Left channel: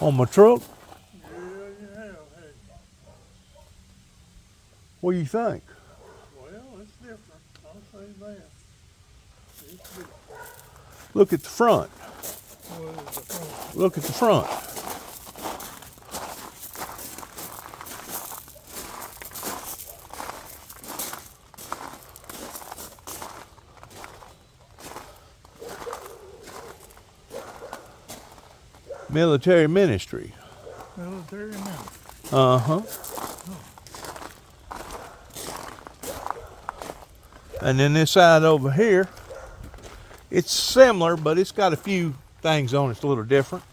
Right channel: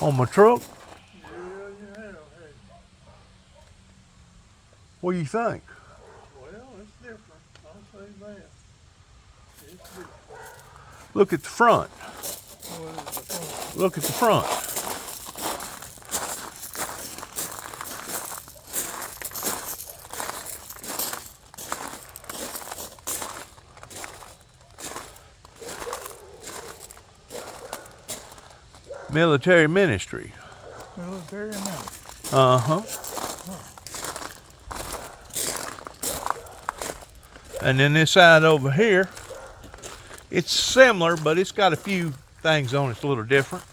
On my truck? Yeah, you have. Hey, What do you think? well, it's different. I'll say that. It's different. Look at the front. What is the phone? Look at the front. Military ministry. Military man. Uh-huh. And then this side over here, it's similar, but it's got a few things on it that's a little different.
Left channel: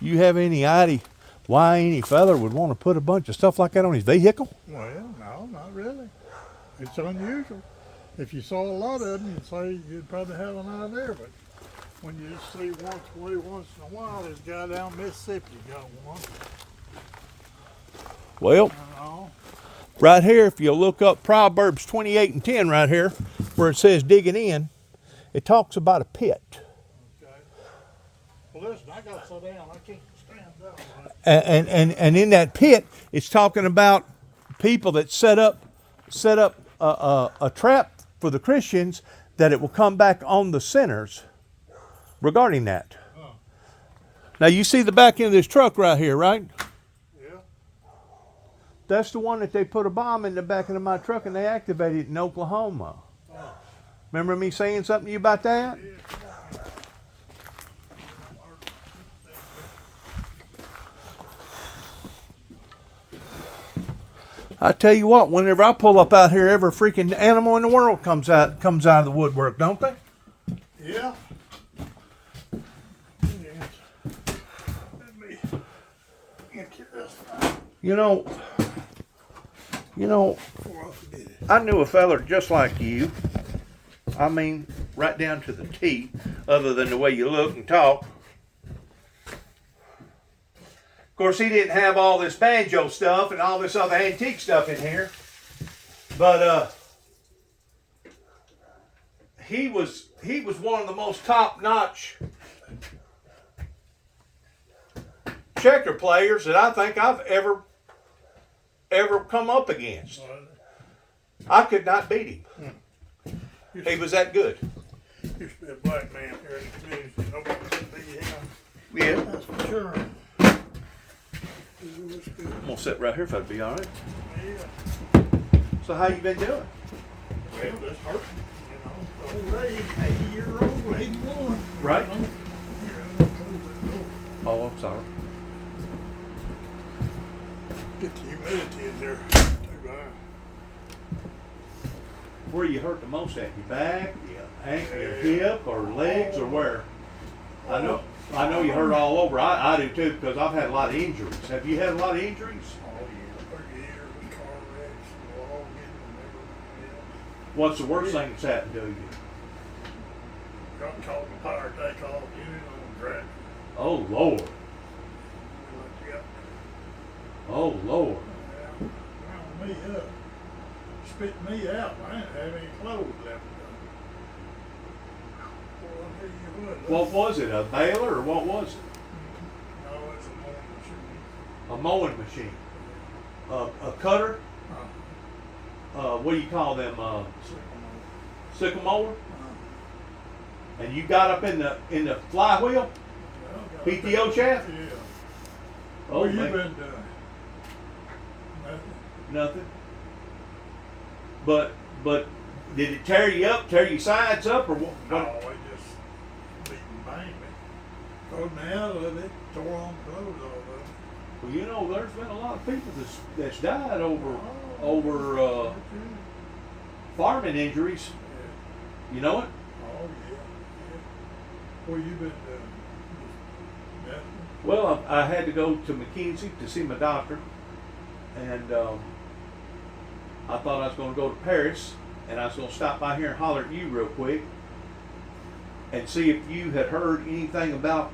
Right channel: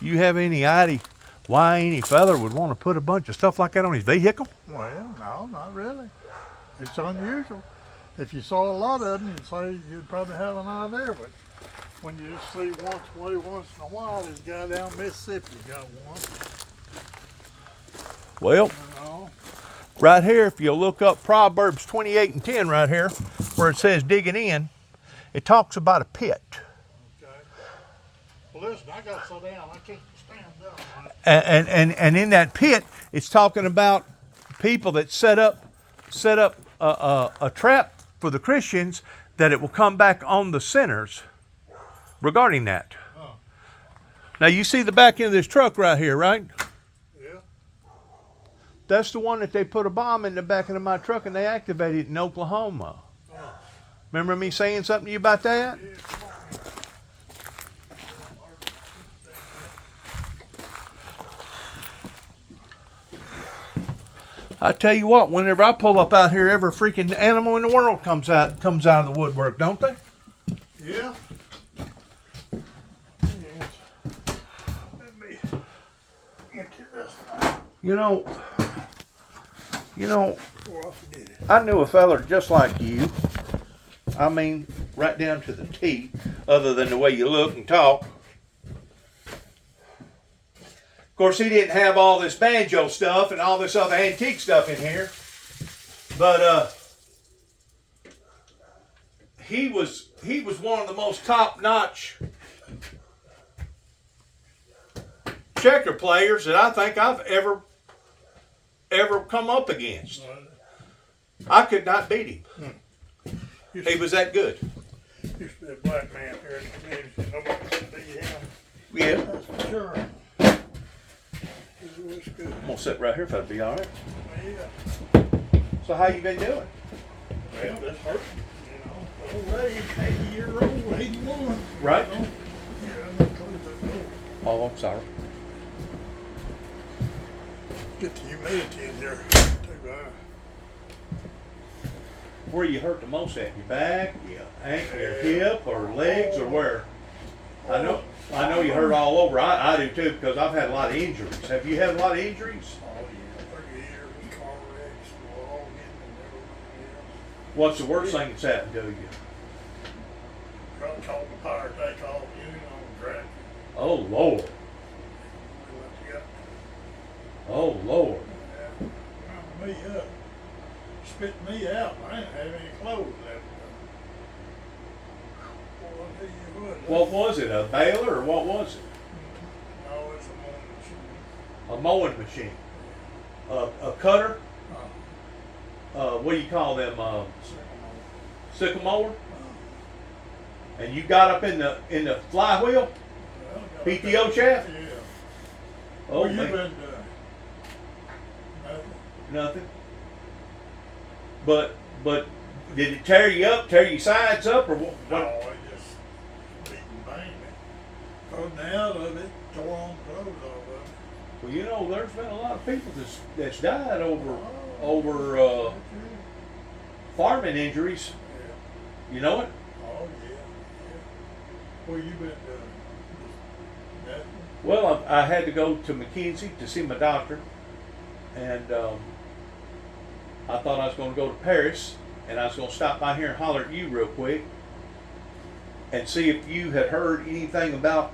You have any idea why any feller would want to put a bunch of stuff like that on his vehicle? Well, no, not really. It's unusual. If you saw a lot of them, you'd say you'd probably have an idea, but when you just see once in a while, this guy down Mississippi got one. Well, You know? right here, if you look up Proverbs 28 and 10 right here, where it says digging in, it talks about a pit. Okay. Well, listen, I got to sit down. I can't stand up. And in that pit, it's talking about people that set up a trap for the Christians, that it will come back on the sinners regarding that. Oh. Now you see the back end of this truck right here, right? Yeah. That's the one that they put a bomb in the back of my truck and they activated it in Oklahoma. Oh. Remember me saying something to you about that? Yeah, come on. I tell you what, whenever I pull up out here, every freaking animal in the world comes out of the woodwork, don't they? Yeah. Yes. Let me empty this out. You know, Before I forget it. I knew a feller just like you. I mean, right down to the T, other than the way you look and talk. Of course, he didn't have all this banjo stuff and all this other antique stuff in here. But he was one of the most top-notch checker players that I think I've ever come up against. I could not beat him. He was that good. Used to be a black man here in the community. Nobody could beat him. Yeah. That's for sure. It was good. I'm gonna sit right here if that'd be all right. Yeah. So how you been doing? Well, that's hurting. You know, old age, 80-year-old, 81. Right. You know? Yeah, I'm gonna close that door. Oh, I'm sorry. Get the humidity in there. Too bad. Where you hurt the most at? Your back, your ankle, your hip, or legs, or where? I know you hurt all over. I do too, because I've had a lot of injuries. Have you had a lot of injuries? Oh, yeah. 30 years of car wrecks, all getting everything What's the worst thing that's happened to you? else. Got caught in a power takeoff unit on track. Oh Lord. Yeah. Oh Lord. Wound me up. Spit me out. I didn't have any clothes left. Boy, I'll tell you What was it? A baler or what was it? No, it's a mowing machine. A mowing machine. A cutter. What do you call them? Sickle mower. And you got up in the flywheel, PTO shaft. Yeah. Oh, What you man. been doing? Nothing. Nothing. But did it tear you up, tear your sides up, or what? No, it just beating bang me. Pulled me out of it, tore on clothes off of it. Well, you know, there's been a lot of people that's died over farming injuries. Yeah. You know it? Oh, yeah. What you been doing? Just nothing? Well, I had to go to McKenzie to see my doctor, and I thought I was going to go to Paris, and I was going to stop by here and holler at you real quick and see if you had heard anything about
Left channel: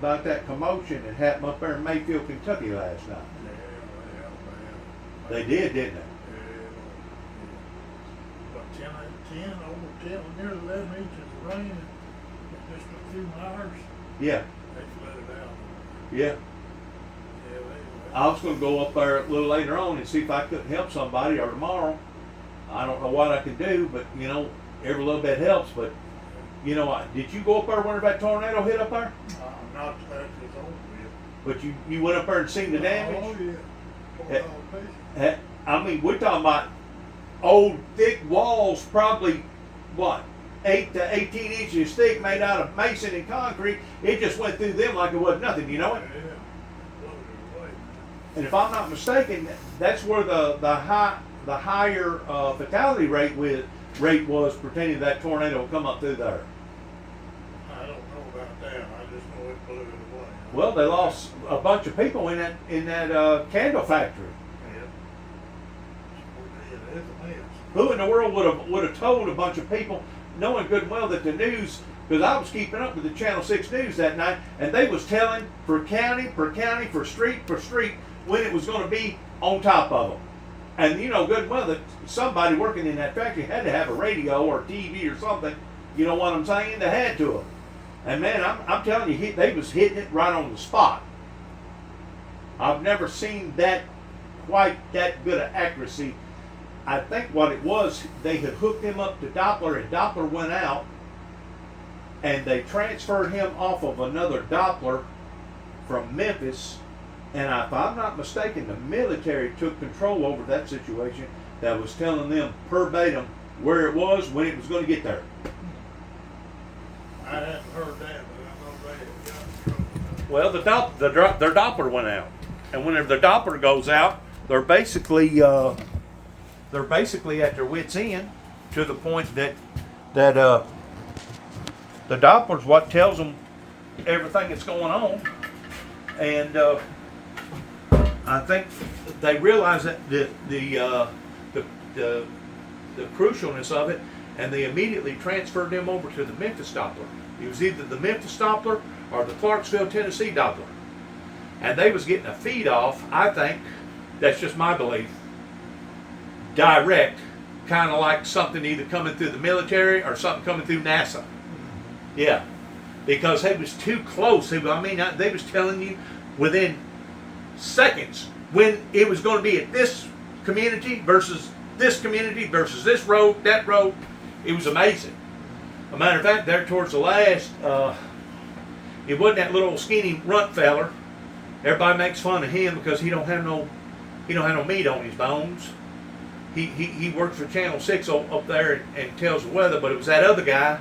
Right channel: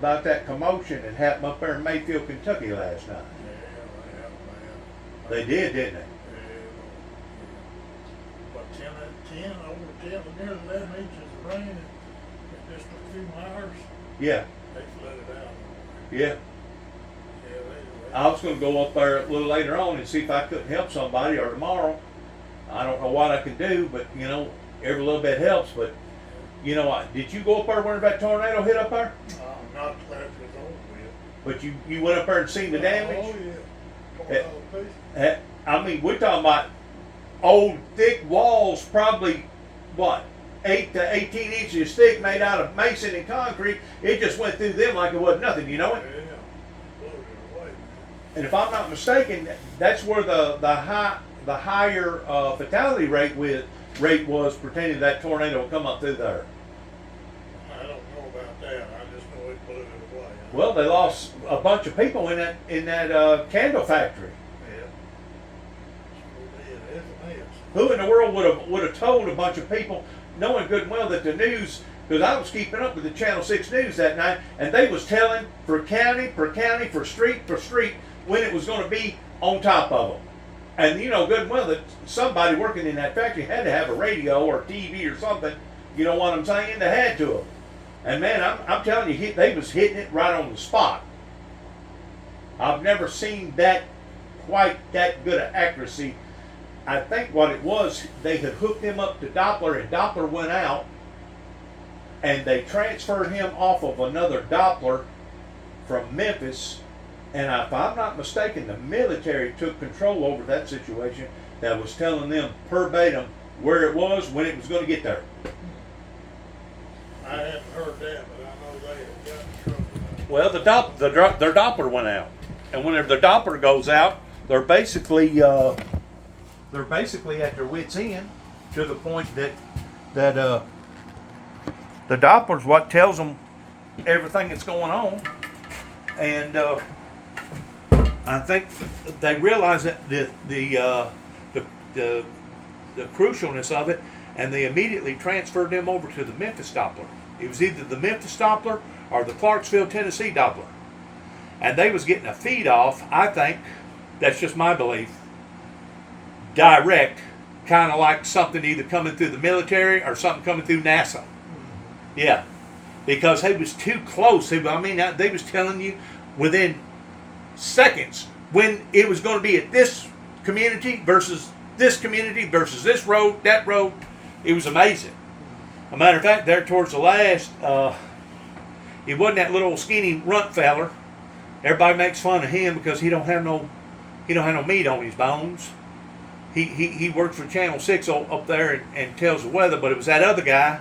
that commotion that happened up there in Mayfield, Kentucky last night. Yeah, They did, didn't they? But 10, over 10, nearly 11 inches of rain in just a few hours. Yeah. They Yeah. I was going to go up there a little later on and see if I couldn't help somebody, or tomorrow. I don't know what I can do, but you know, every little bit helps. But you know, did you go up there whenever that tornado hit up there? Not till after it's over with. But you went up there and seen the damage? Oh, yeah. I mean, we're talking about old thick walls, probably what, 8 to 18 inches thick, made out of mason and concrete. It just went through them like it was nothing. You know it? Yeah. Blew it away, man. And if I'm not mistaken, that's where the higher fatality rate was pertaining to that tornado come up through there. I don't know about that. I just know it blew it away. Well, they lost a bunch of people in that candle factory. Yeah. It is a mess. Who in the world would have told a bunch of people, knowing good and well that the news, because I was keeping up with the Channel 6 news that night, and they was telling for county, for street, when it was going to be on top of them. And you know good and well that somebody working in that factory had to have a radio or TV or something, you know what I'm saying? They had to have. And man, I'm telling you, they was hitting it right on the spot. I've never seen that quite that good of accuracy. I think what it was, they had hooked him up to Doppler, and Doppler went out, and they transferred him off of another Doppler from Memphis. And if I'm not mistaken, the military took control over that situation, that was telling them verbatim where it was, when it was going to get there. I hadn't heard that, but I know they had got in trouble. Well, their Doppler went out, and whenever the Doppler goes out, they're basically at their wits' end, to the point that the Doppler's what tells them everything that's going on, and I think they realize that the crucialness of it, and they immediately transferred them over to the Memphis Doppler. It was either the Memphis Doppler or the Clarksville, Tennessee Doppler, and they was getting a feed off. I think that's just my belief. Direct, kind of like something either coming through the military or something coming through NASA. Yeah, because it was too close. They was telling you within seconds when it was going to be at this community versus this road, that road. It was amazing. A matter of fact, there towards the last, it wasn't that little skinny runt feller. Everybody makes fun of him because he don't have no meat on his bones. He works for Channel 6 up there and tells the weather, but it was that other guy,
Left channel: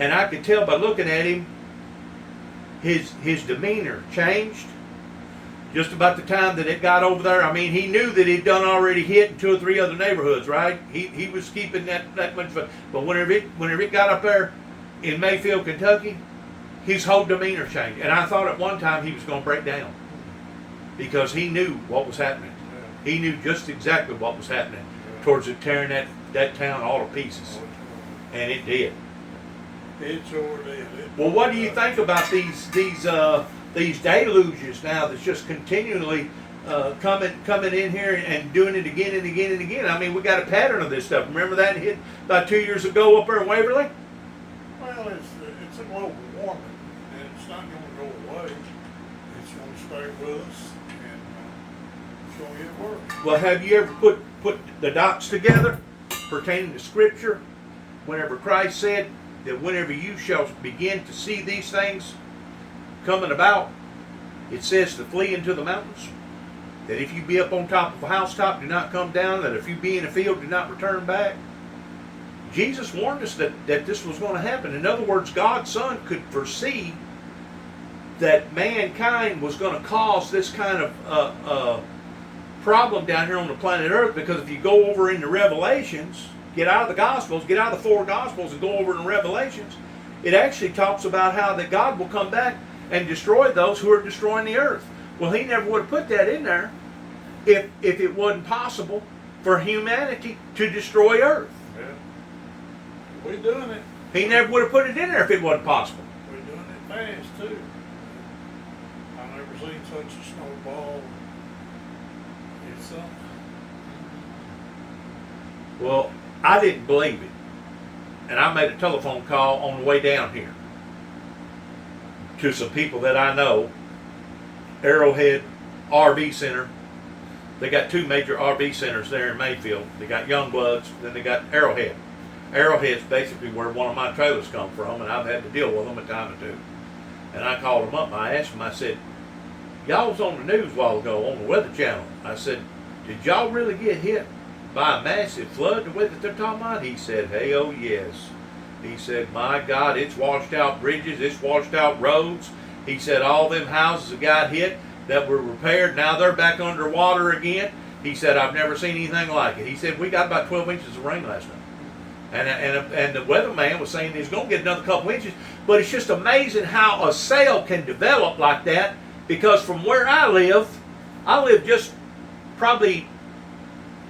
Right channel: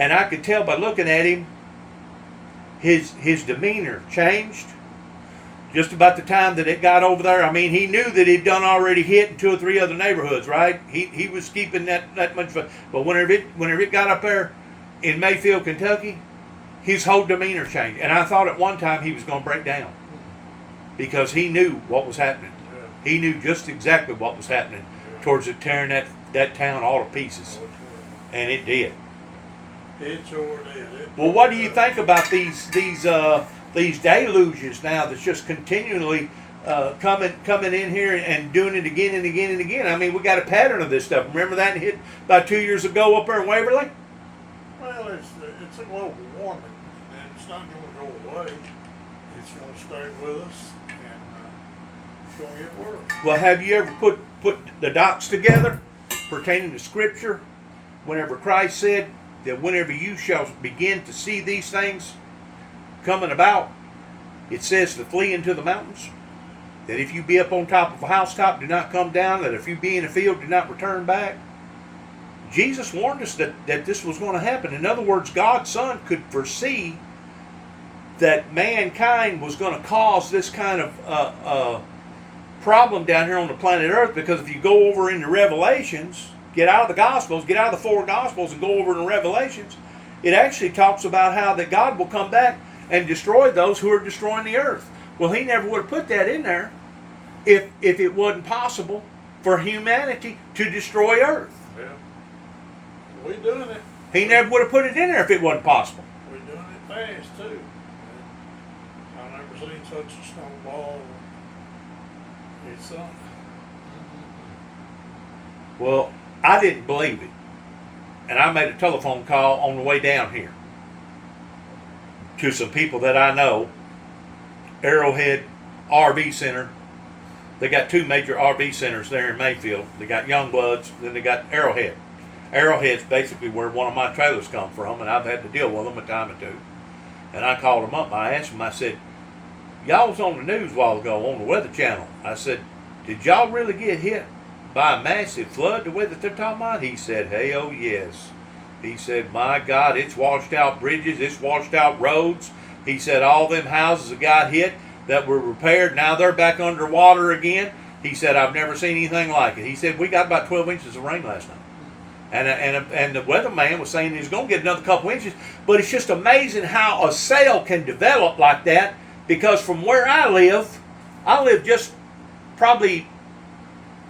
and I could tell by looking at him, his demeanor changed just about the time that it got over there. I mean, he knew that he'd done already hit in 2 or 3 other neighborhoods, right? He was keeping that much fun. But whenever it got up there in Mayfield, Kentucky, his whole demeanor changed. And I thought at one time he was going to break down because he knew what was happening. Yeah. He knew just exactly what was happening towards it tearing that town all to pieces. And it did. It sure did. Well, what do you think about these deluges now that's just continually coming in here and doing it again and again and again? I mean, we got a pattern of this stuff. Remember that hit about 2 years ago up there in Waverly? Well, it's a global warming, and it's not going to go away. It's going to stay with us, and it's going to get worse. Well, have you ever put the dots together pertaining to Scripture? Whenever Christ said that whenever you shall begin to see these things coming about, it says to flee into the mountains. That if you be up on top of a housetop, do not come down. That if you be in a field, do not return back. Jesus warned us that this was going to happen. In other words, God's Son could foresee that mankind was going to cause this kind of problem down here on the planet Earth, because if you go over into Revelations, get out of the Gospels, get out of the 4 Gospels and go over to Revelations, it actually talks about how that God will come back and destroy those who are destroying the earth. Well, he never would have put that in there if it wasn't possible for humanity to destroy earth. Yeah. We're doing it. He never would have put it in there if it wasn't possible. We're doing it fast, too. I've never seen such a snowball. It's something. Well, I didn't believe it. And I made a telephone call on the way down here to some people that I know Arrowhead RV Center. They got two major RV centers there in Mayfield. They got Youngbloods, then they got Arrowhead. Arrowhead's basically where one of my trailers come from, and I've had to deal with them a time or two. And I called them up and I asked them, I said, y'all was on the news a while ago on the Weather Channel. I said, did y'all really get hit by a massive flood the way that they're talking about? He said, hey, oh yes. He said, my God, it's washed out bridges, it's washed out roads. He said, all them houses that got hit that were repaired, now they're back underwater again. He said, I've never seen anything like it. He said, we got about 12 inches of rain last night. And the weatherman was saying he's going to get another couple inches. But it's just amazing how a sale can develop like that, because from where I live just probably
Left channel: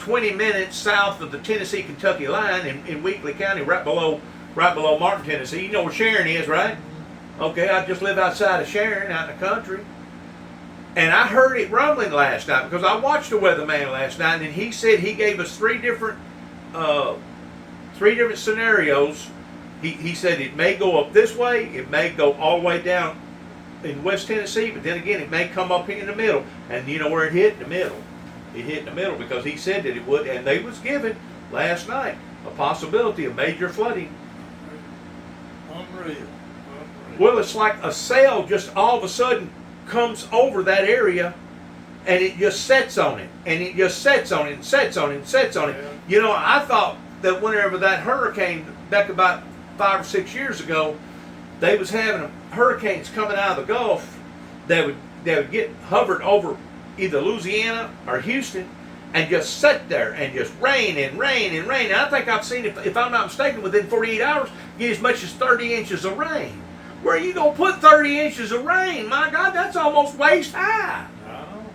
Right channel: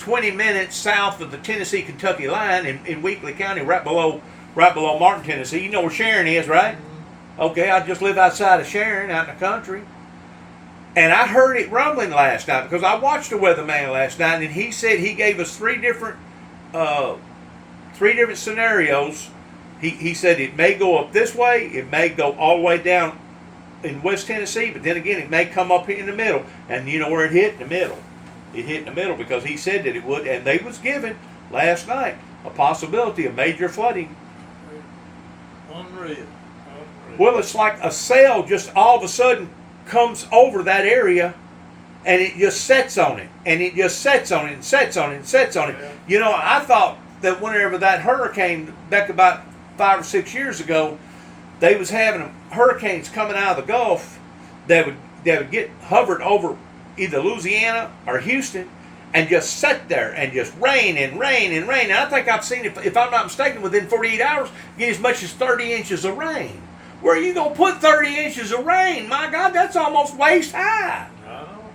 20 minutes south of the Tennessee-Kentucky line in Weakley County, right below Martin, Tennessee. You know where Sharon is, right? Okay, I just live outside of Sharon, out in the country. And I heard it rumbling last night because I watched the weatherman last night, and he said he gave us three different scenarios. He said it may go up this way, it may go all the way down in West Tennessee, but then again it may come up in the middle. And you know where it hit? In the middle. It hit in the middle because he said that it would, and they was given last night a possibility of major flooding. Unreal. Well, it's like a sail just all of a sudden comes over that area, and it just sets on it, and it just sets on it, and sets on it, and sets on it. Yeah. You know, I thought that whenever that hurricane back about 5 or 6 years ago, they was having hurricanes coming out of the Gulf that would get hovered over either Louisiana or Houston and just sit there and just rain and rain and rain. And I think I've seen, if I'm not mistaken, within 48 hours, get as much as 30 inches of rain. Where are you going to put 30 inches of rain? My God, that's almost waist high. I know.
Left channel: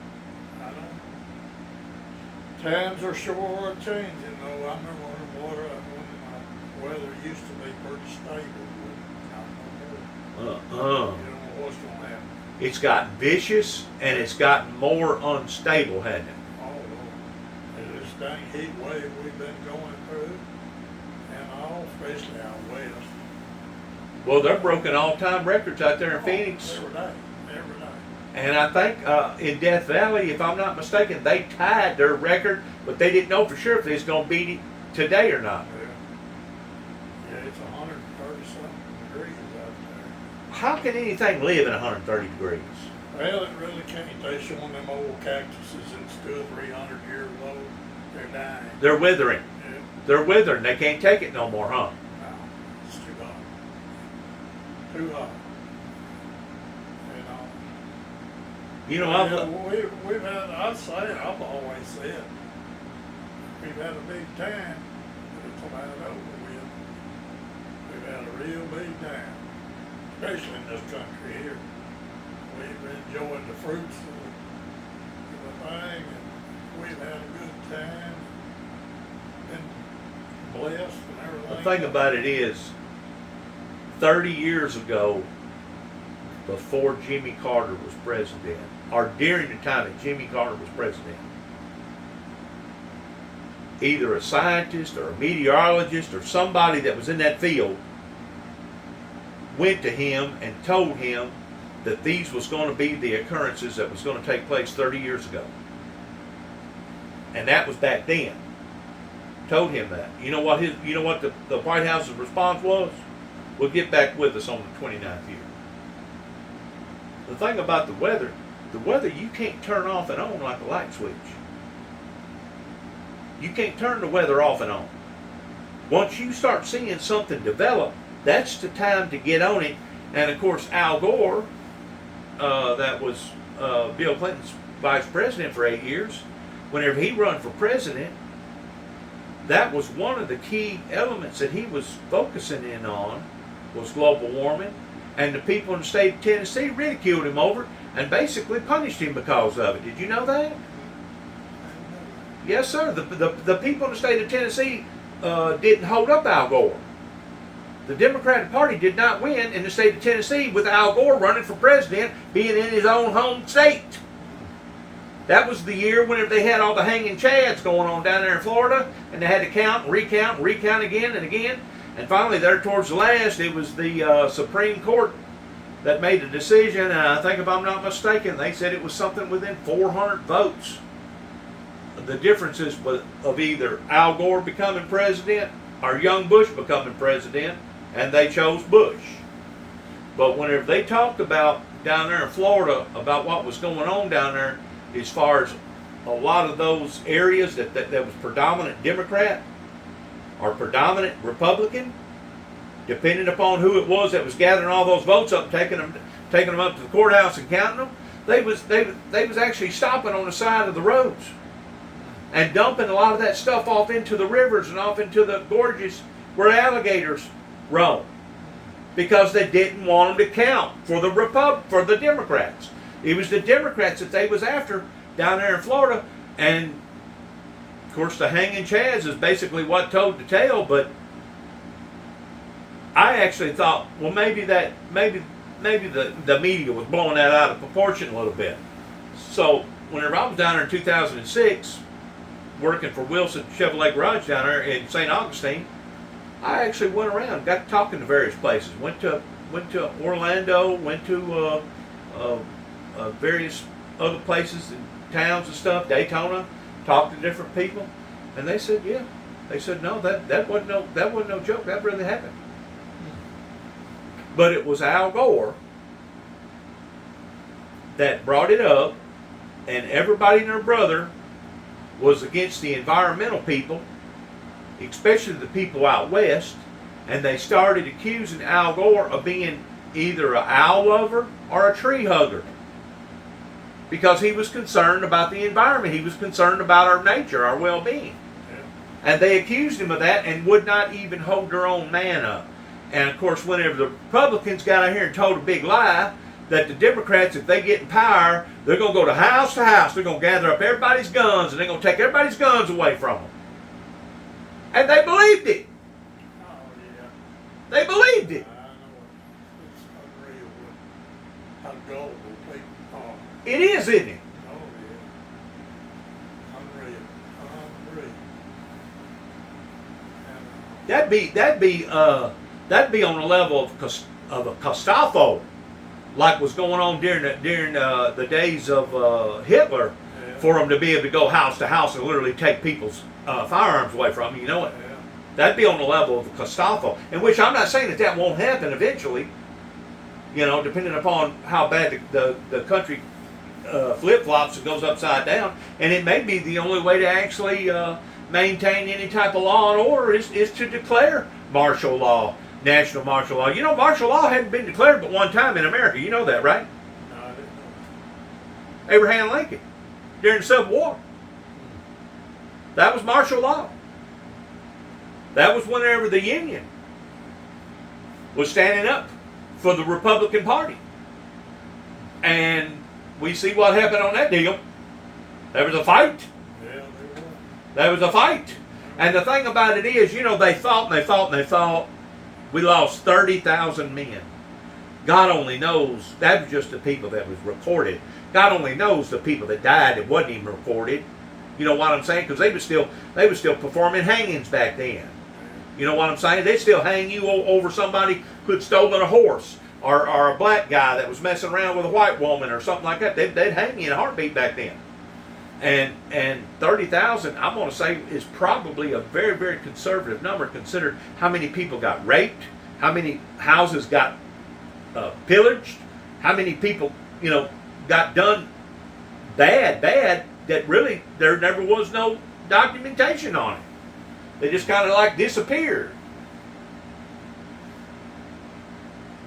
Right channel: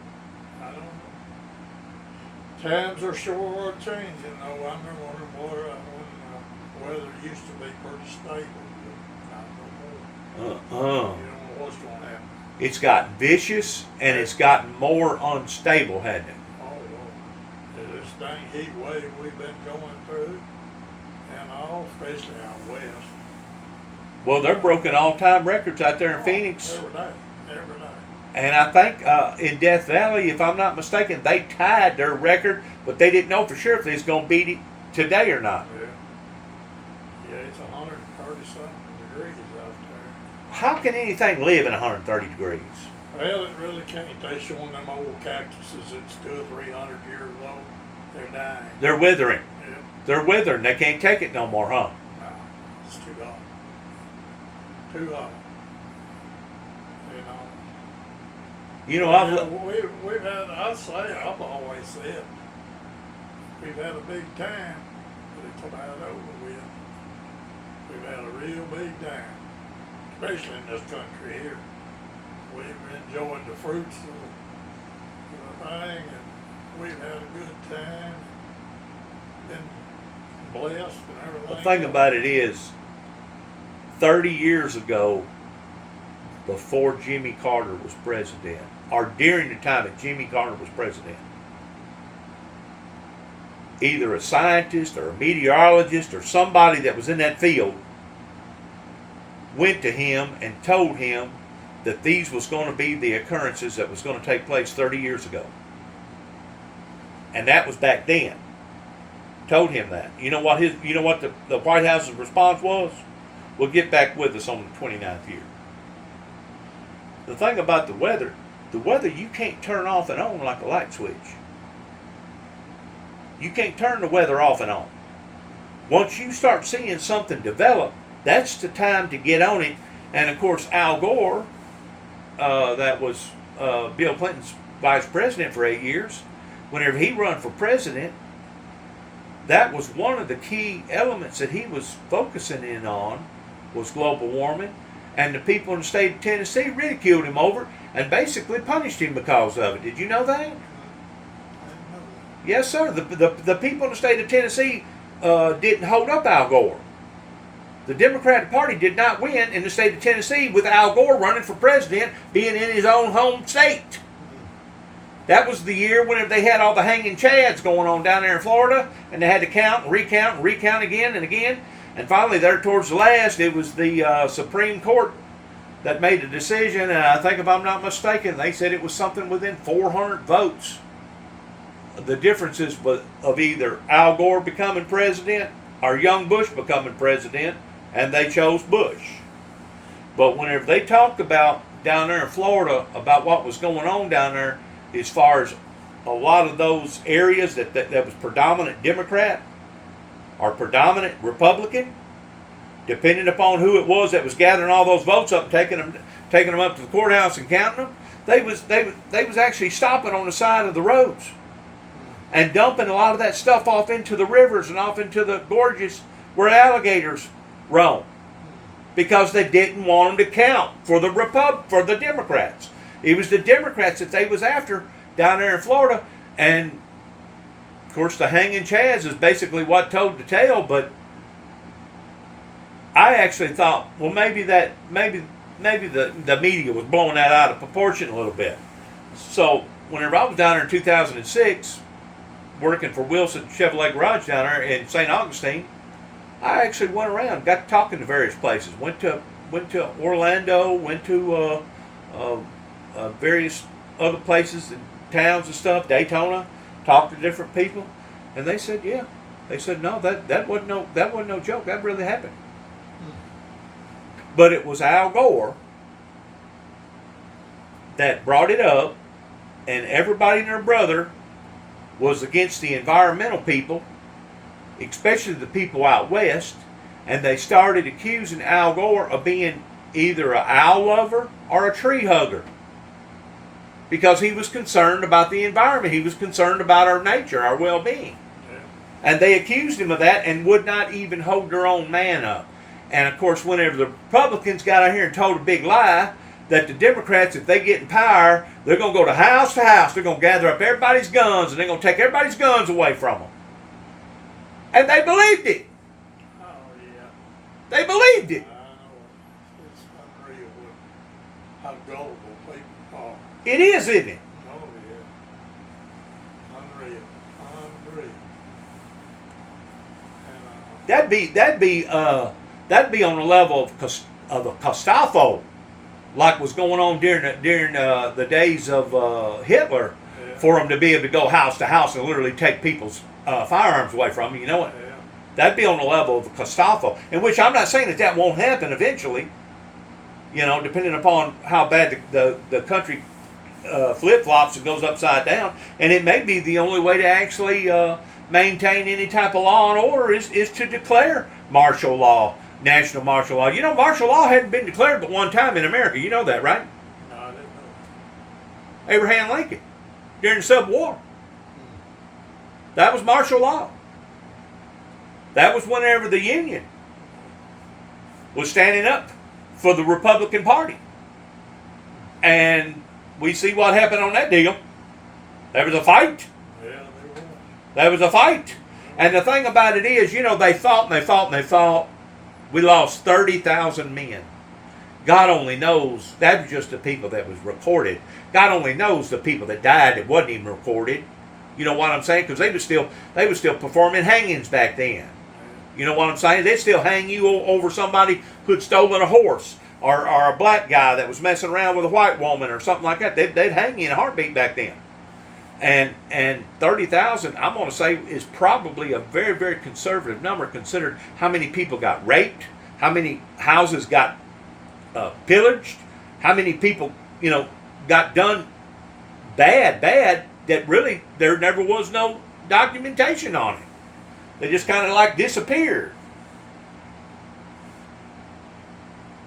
Times are sure changing, though. I remember when the weather used to be pretty stable, but not no more. You don't know what's going to happen. It's gotten vicious, and it's gotten more unstable, hasn't it? Oh, well, this dang heat wave we've been going through, and all, especially out west. Well, they're broken all-time records out there in Phoenix. Every day. And I think in Death Valley, if I'm not mistaken, they tied their record, but they didn't know for sure if they was going to beat it today or not. Yeah, it's 130-something degrees out there. How can anything live in 130 degrees? Well, it really can't. They showing them old cactuses that stood 300 years old. They're dying. They're withering. Yeah. They're withering. They can't take it no more, huh? No, it's too hot. Too hot. You know, we've had, I've always said, we've had a big time, but it's about over with. We've had a real big time, especially in this country here. We've enjoyed the fruits of the thing, and we've had a good time, been blessed and everything. the thing about it is, 30 years ago, before Jimmy Carter was president, or during the time that Jimmy Carter was president, either a scientist or a meteorologist or somebody that was in that field went to him and told him that these was going to be the occurrences that was going to take place 30 years ago. And that was back then. Told him that. You know what the White House's response was? We'll get back with us on the 29th year. The thing about the weather you can't turn off and on like a light switch. You can't turn the weather off and on. Once you start seeing something develop, that's the time to get on it. And of course, Al Gore, that was Bill Clinton's vice president for 8 years, whenever he run for president, that was one of the key elements that he was focusing in on, was global warming. And the people in the state of Tennessee ridiculed him over it and basically punished him because of it. Did you know that? Yes, sir. The people in the state of Tennessee didn't hold up Al Gore. The Democratic Party did not win in the state of Tennessee with Al Gore running for president, being in his own home state. That was the year when they had all the hanging chads going on down there in Florida, and they had to count and recount again and again. And finally, there towards the last, it was the Supreme Court that made a decision, and I think if I'm not mistaken, they said it was something within 400 votes. The differences of either Al Gore becoming president or young Bush becoming president, and they chose Bush. But whenever they talked about down there in Florida about what was going on down there, as far as a lot of those areas that was predominant Democrat or predominant Republican, depending upon who it was that was gathering all those votes up and taking them up to the courthouse and counting them, they was actually stopping on the side of the roads and dumping a lot of that stuff off into the rivers and off into the gorges where alligators roam, because they didn't want them to count for the Democrats. It was the Democrats that they was after down there in Florida, and of course the hanging chads is basically what told the tale. But I actually thought, well, maybe the media was blowing that out of proportion a little bit. So whenever I was down there in 2006, working for Wilson Chevrolet Garage down there in St. Augustine, I actually went around, got talking to various places. Went to Orlando, went to various other places and towns and stuff, Daytona, talked to different people, and they said, yeah. They said, no, that wasn't no joke. That really happened. But it was Al Gore that brought it up, and everybody and their brother was against the environmental people, especially the people out west, and they started accusing Al Gore of being either an owl lover or a tree hugger, because he was concerned about the environment. He was concerned about our nature, our well-being. Yeah. And they accused him of that and would not even hold their own man up. And of course, whenever the Republicans got out here and told a big lie that the Democrats, if they get in power, they're going to go to house, they're going to gather up everybody's guns, and they're going to take everybody's guns away from them. And they believed it. Oh, yeah. They believed it. I know it's unreal how gullible people are. It is, isn't it? Oh, yeah. Unreal. And, That'd be on the level of a Gestapo, like was going on during the days of Hitler, yeah, for them to be able to go house to house and literally take people's firearms away from them. You know what? Yeah. That'd be on the level of a Gestapo, in which I'm not saying that won't happen eventually. You know, depending upon how bad the country flip-flops and goes upside down, and it may be the only way to actually maintain any type of law and order is to declare martial law. National martial law. You know, martial law hadn't been declared but one time in America. You know that, right? No, I didn't know. Abraham Lincoln, during the Civil War. That was martial law. That was whenever the Union was standing up for the Republican Party. And we see what happened on that deal. There was a fight. Yeah, there was. There was a fight. And the thing about it is, you know, they fought and they fought and they fought. We lost 30,000 men. God only knows, that was just the people that was recorded. God only knows the people that died that wasn't even recorded. You know what I'm saying? Because they were still performing hangings back then. You know what I'm saying? They'd still hang you over somebody who'd stolen a horse, or a black guy that was messing around with a white woman or something like that. They'd hang you in a heartbeat back then. And 30,000, I'm going to say, is probably a very, very conservative number, considered how many people got raped, how many houses got pillaged, how many people, you know, got done bad, that really there never was no documentation on it. They just kind of like disappeared.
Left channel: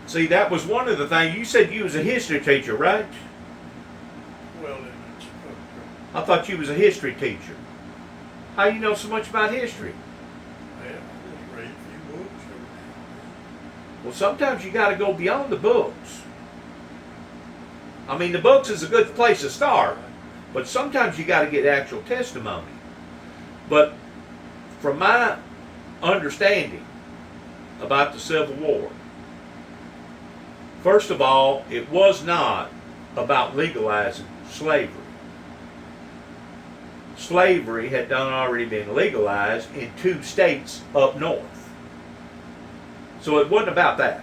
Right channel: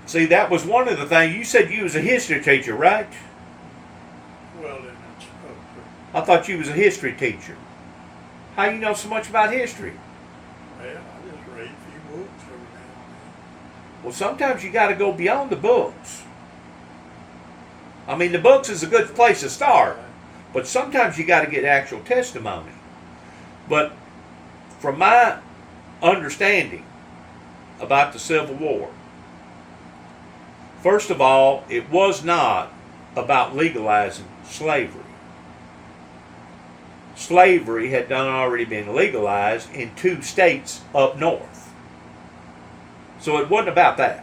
See, that was one of the things. You said you was a history teacher, right? Well, then. I thought you was a history teacher. How you know so much about history? Yeah, I just read a few books every now and then. Well, sometimes you got to go beyond the books. I mean, the books is a good place to start, but sometimes you got to get actual testimony. But from my understanding about the Civil War, first of all, it was not about legalizing slavery. Slavery had already been legalized in 2 states up north. So it wasn't about that.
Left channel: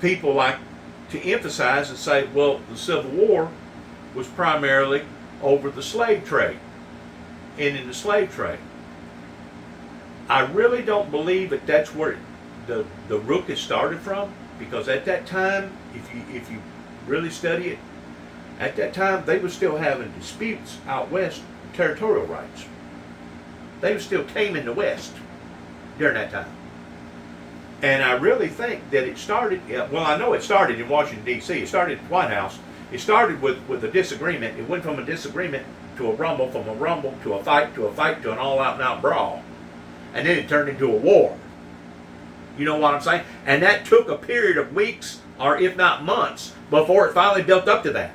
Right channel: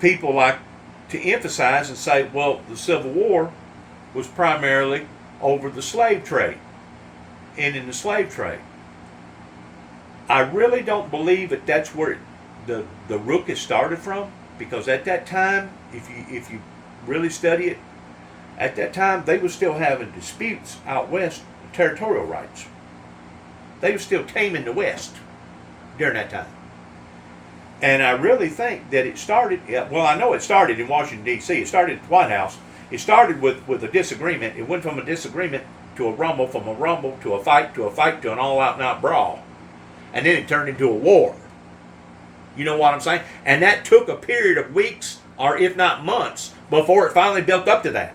people like to emphasize and say, well, the Civil War was primarily over the slave trade, ending the slave trade. I really don't believe that that's where the ruckus started from, because at that time, if you really study it, at that time they were still having disputes out west, territorial rights. They were still taming the West during that time. And I really think that it started, well, I know it started in Washington, D.C. It started at the White House. It started with a disagreement. It went from a disagreement to a rumble, from a rumble to a fight, to an all-out and out brawl. And then it turned into a war. You know what I'm saying? And that took a period of weeks, or if not months, before it finally built up to that.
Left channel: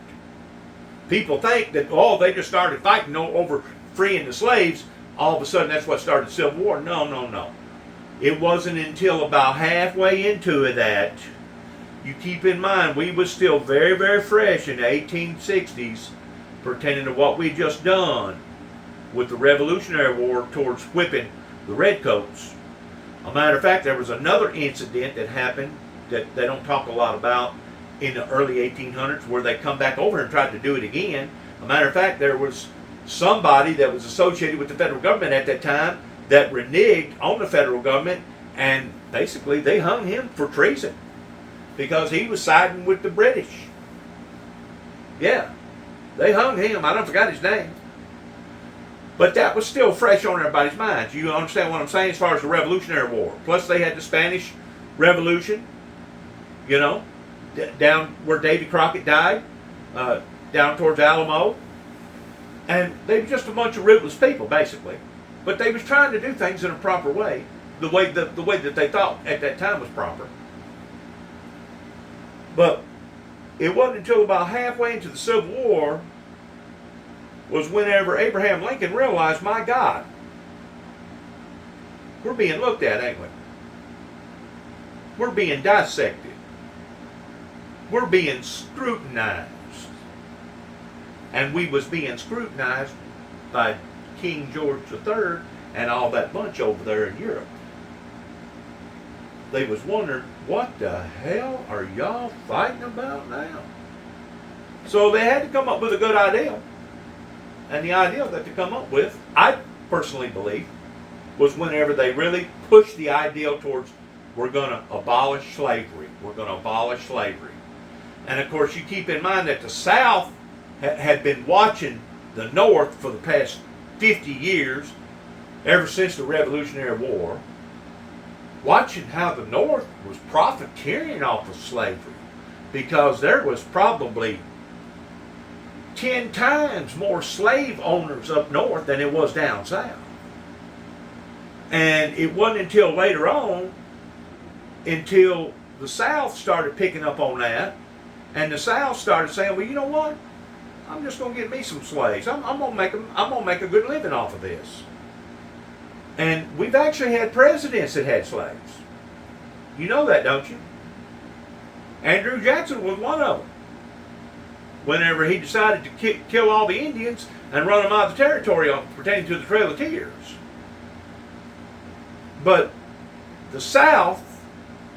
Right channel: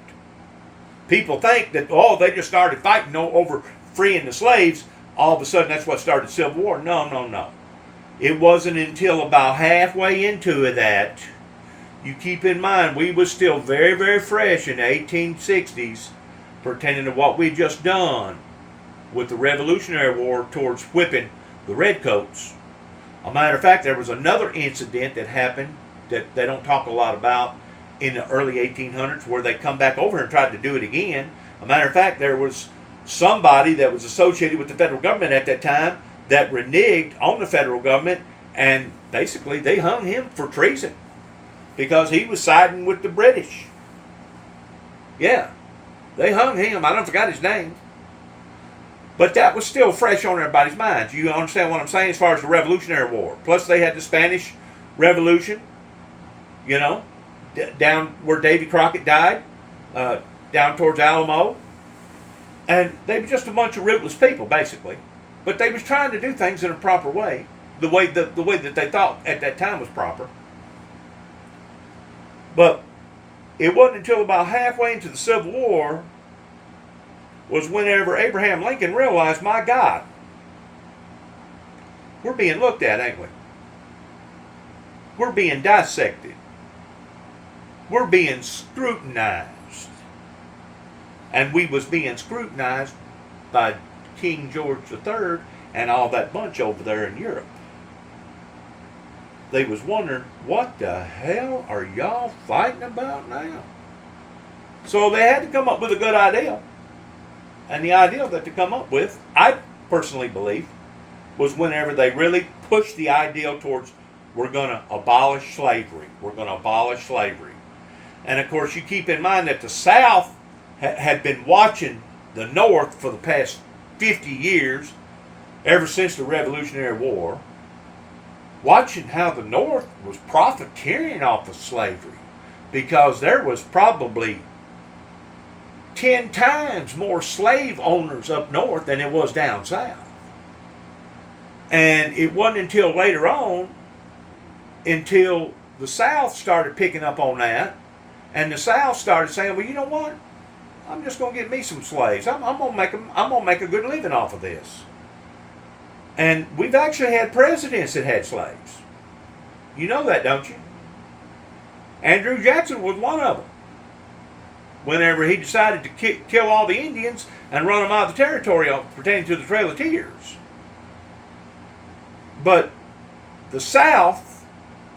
People think that, oh, they just started fighting over freeing the slaves. All of a sudden, that's what started the Civil War. No, no, no. It wasn't until about halfway into that, you keep in mind, we was still very, very fresh in the 1860s, pertaining to what we just done with the Revolutionary War towards whipping the redcoats. A matter of fact, there was another incident that happened that they don't talk a lot about in the early 1800s, where they come back over and tried to do it again. A matter of fact, there was somebody that was associated with the federal government at that time that reneged on the federal government, and basically they hung him for treason because he was siding with the British. Yeah, they hung him. I don't forgot his name. But that was still fresh on everybody's minds. You understand what I'm saying as far as the Revolutionary War. Plus they had the Spanish Revolution, you know, down where Davy Crockett died, down towards Alamo. And they were just a bunch of rootless people, basically. But they was trying to do things in a proper way, the way that they thought at that time was proper. But it wasn't until about halfway into the Civil War was whenever Abraham Lincoln realized, my God, we're being looked at, ain't we? We're being dissected. We're being scrutinized. And we was being scrutinized by King George III and all that bunch over there in Europe. They was wondering, what the hell are y'all fighting about now? So they had to come up with a good idea. And the idea that they come up with, I personally believe, was whenever they really pushed the ideal towards, we're going to abolish slavery. We're going to abolish slavery. And of course, you keep in mind that the South had been watching the North for the past 50 years, ever since the Revolutionary War, watching how the North was profiteering off of slavery, because there was probably 10 times more slave owners up north than it was down south. And it wasn't until later on, until the South started picking up on that, and the South started saying, well, you know what? I'm just going to get me some slaves. I'm going to make a good living off of this. And we've actually had presidents that had slaves. You know that, don't you? Andrew Jackson was one of them. Whenever he decided to kill all the Indians and run them out of the territory pertaining to the Trail of Tears. But the South,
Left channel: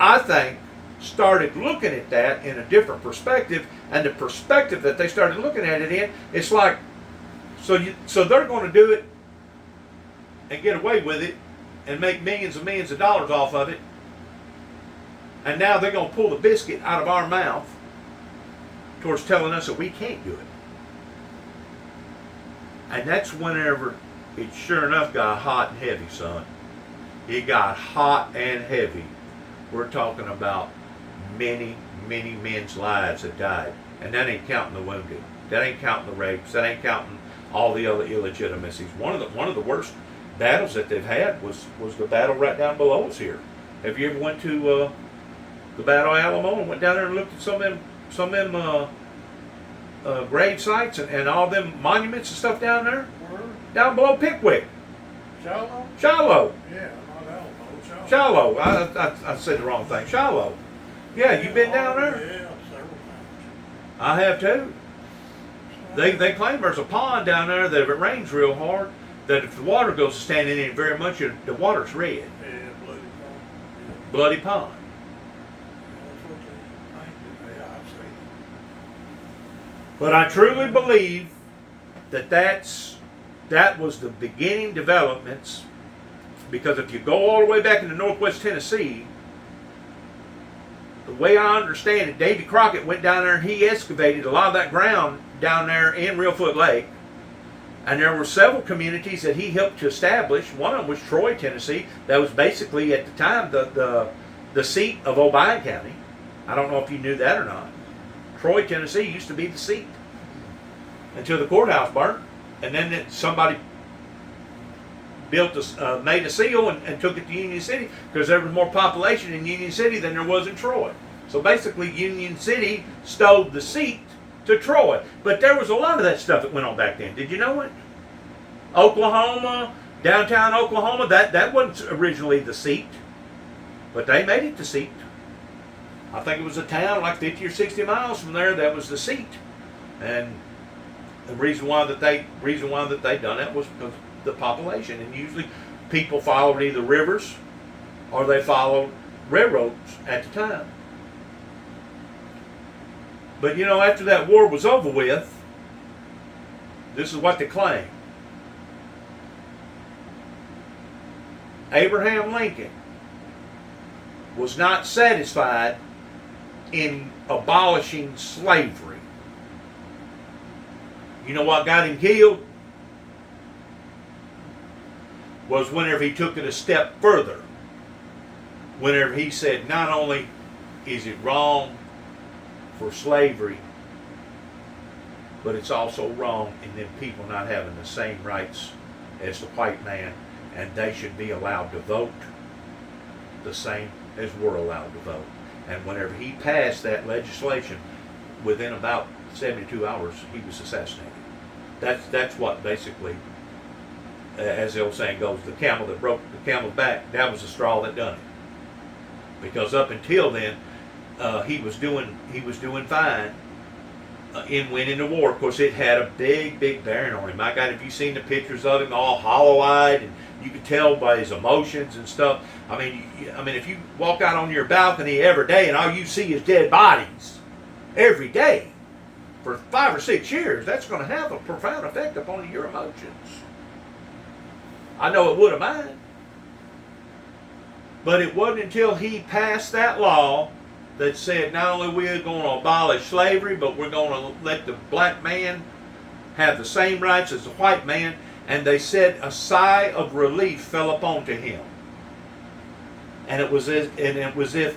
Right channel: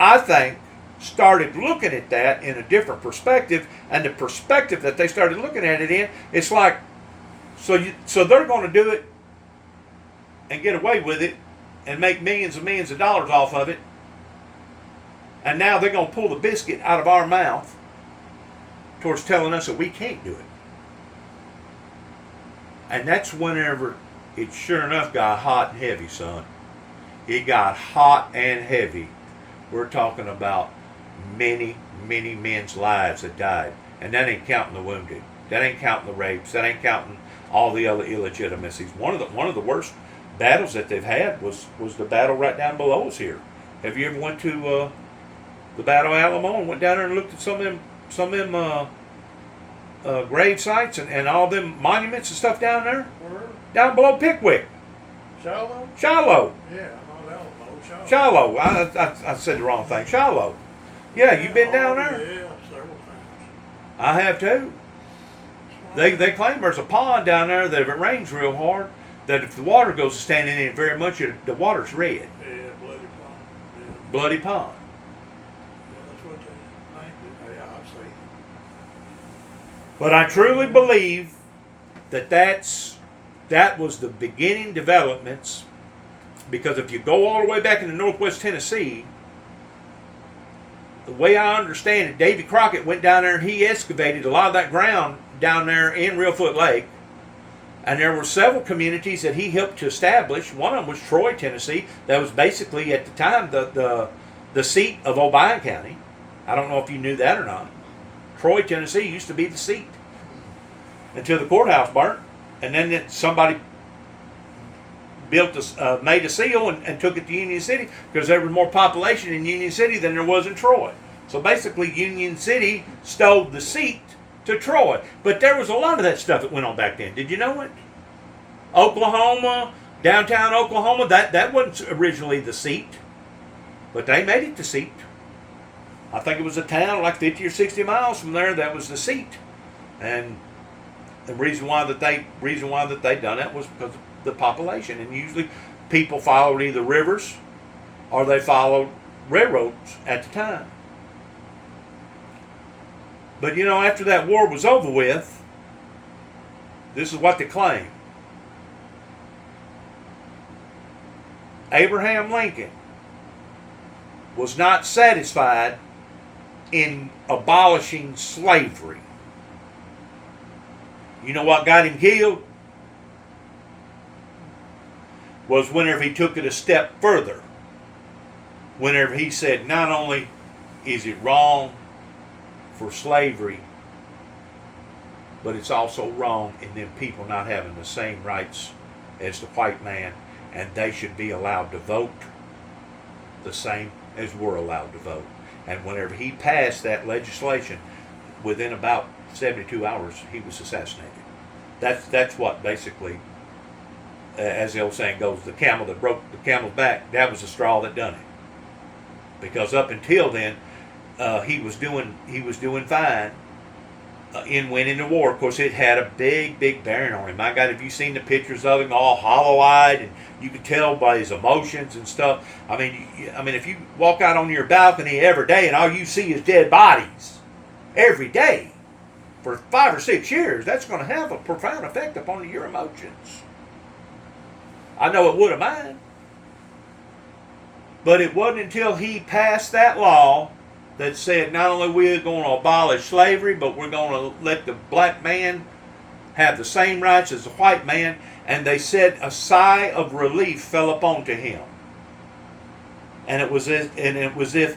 I think, started looking at that in a different perspective, and the perspective that they started looking at it in, it's like, so they're going to do it and get away with it and make millions and millions of dollars off of it, and now they're going to pull the biscuit out of our mouth towards telling us that we can't do it. And that's whenever it sure enough got hot and heavy, son. It got hot and heavy. We're talking about many, many men's lives that died. And that ain't counting the wounded. That ain't counting the rapes. That ain't counting all the other illegitimacies. One of the worst battles that they've had was the battle right down below us here. Have you ever went to the Battle of Alamo and went down there and looked at some of them grave sites and all them monuments and stuff down there? Where? Down below Pickwick. Shiloh? Shiloh. Yeah, not Alamo. Shiloh. I said the wrong thing. Shiloh. Yeah, you been down there? Yeah, several times. I have too. They claim there's a pond down there that if it rains real hard, that if the water goes to standing in it very much, the water's red. Yeah, Bloody Pond. Yeah. Bloody Pond. Yeah, that's what But I truly believe that that was the beginning developments, because if you go all the way back into northwest Tennessee, the way I understand it, Davy Crockett went down there and he excavated a lot of that ground down there in Reelfoot Lake. And there were several communities that he helped to establish. One of them was Troy, Tennessee. That was basically at the time the seat of Obion County. I don't know if you knew that or not. Troy, Tennessee used to be the seat until the courthouse burnt. And then somebody made a seal and took it to Union City because there was more population in Union City than there was in Troy. So basically Union City stole the seat to Troy. But there was a lot of that stuff that went on back then. Did you know it? Oklahoma, downtown Oklahoma, that wasn't originally the seat. But they made it the seat. I think it was a town like 50 or 60 miles from there that was the seat. And the reason why that they done that was because of the population. And usually people followed either rivers or they followed railroads at the time. But you know, after that war was over with, this is what they claim. Abraham Lincoln was not satisfied in abolishing slavery. You know what got him killed? Was whenever he took it a step further. Whenever he said, not only is it wrong for slavery, but it's also wrong in them people not having the same rights as the white man, and they should be allowed to vote the same as we're allowed to vote. And whenever he passed that legislation, within about 72 hours, he was assassinated. That's what basically, as the old saying goes, the camel that broke the camel's back, that was the straw that done it. Because up until then, he was doing fine in winning the war. Of course, it had a big bearing on him. My God, have you seen the pictures of him all hollow-eyed, and you could tell by his emotions and stuff. I mean, if you walk out on your balcony every day and all you see is dead bodies every day for 5 or 6 years, that's going to have a profound effect upon your emotions. I know it would have mine. But it wasn't until he passed that law that said not only we're going to abolish slavery, but we're going to let the black man have the same rights as the white man. And they said a sigh of relief fell upon to him. And it was if,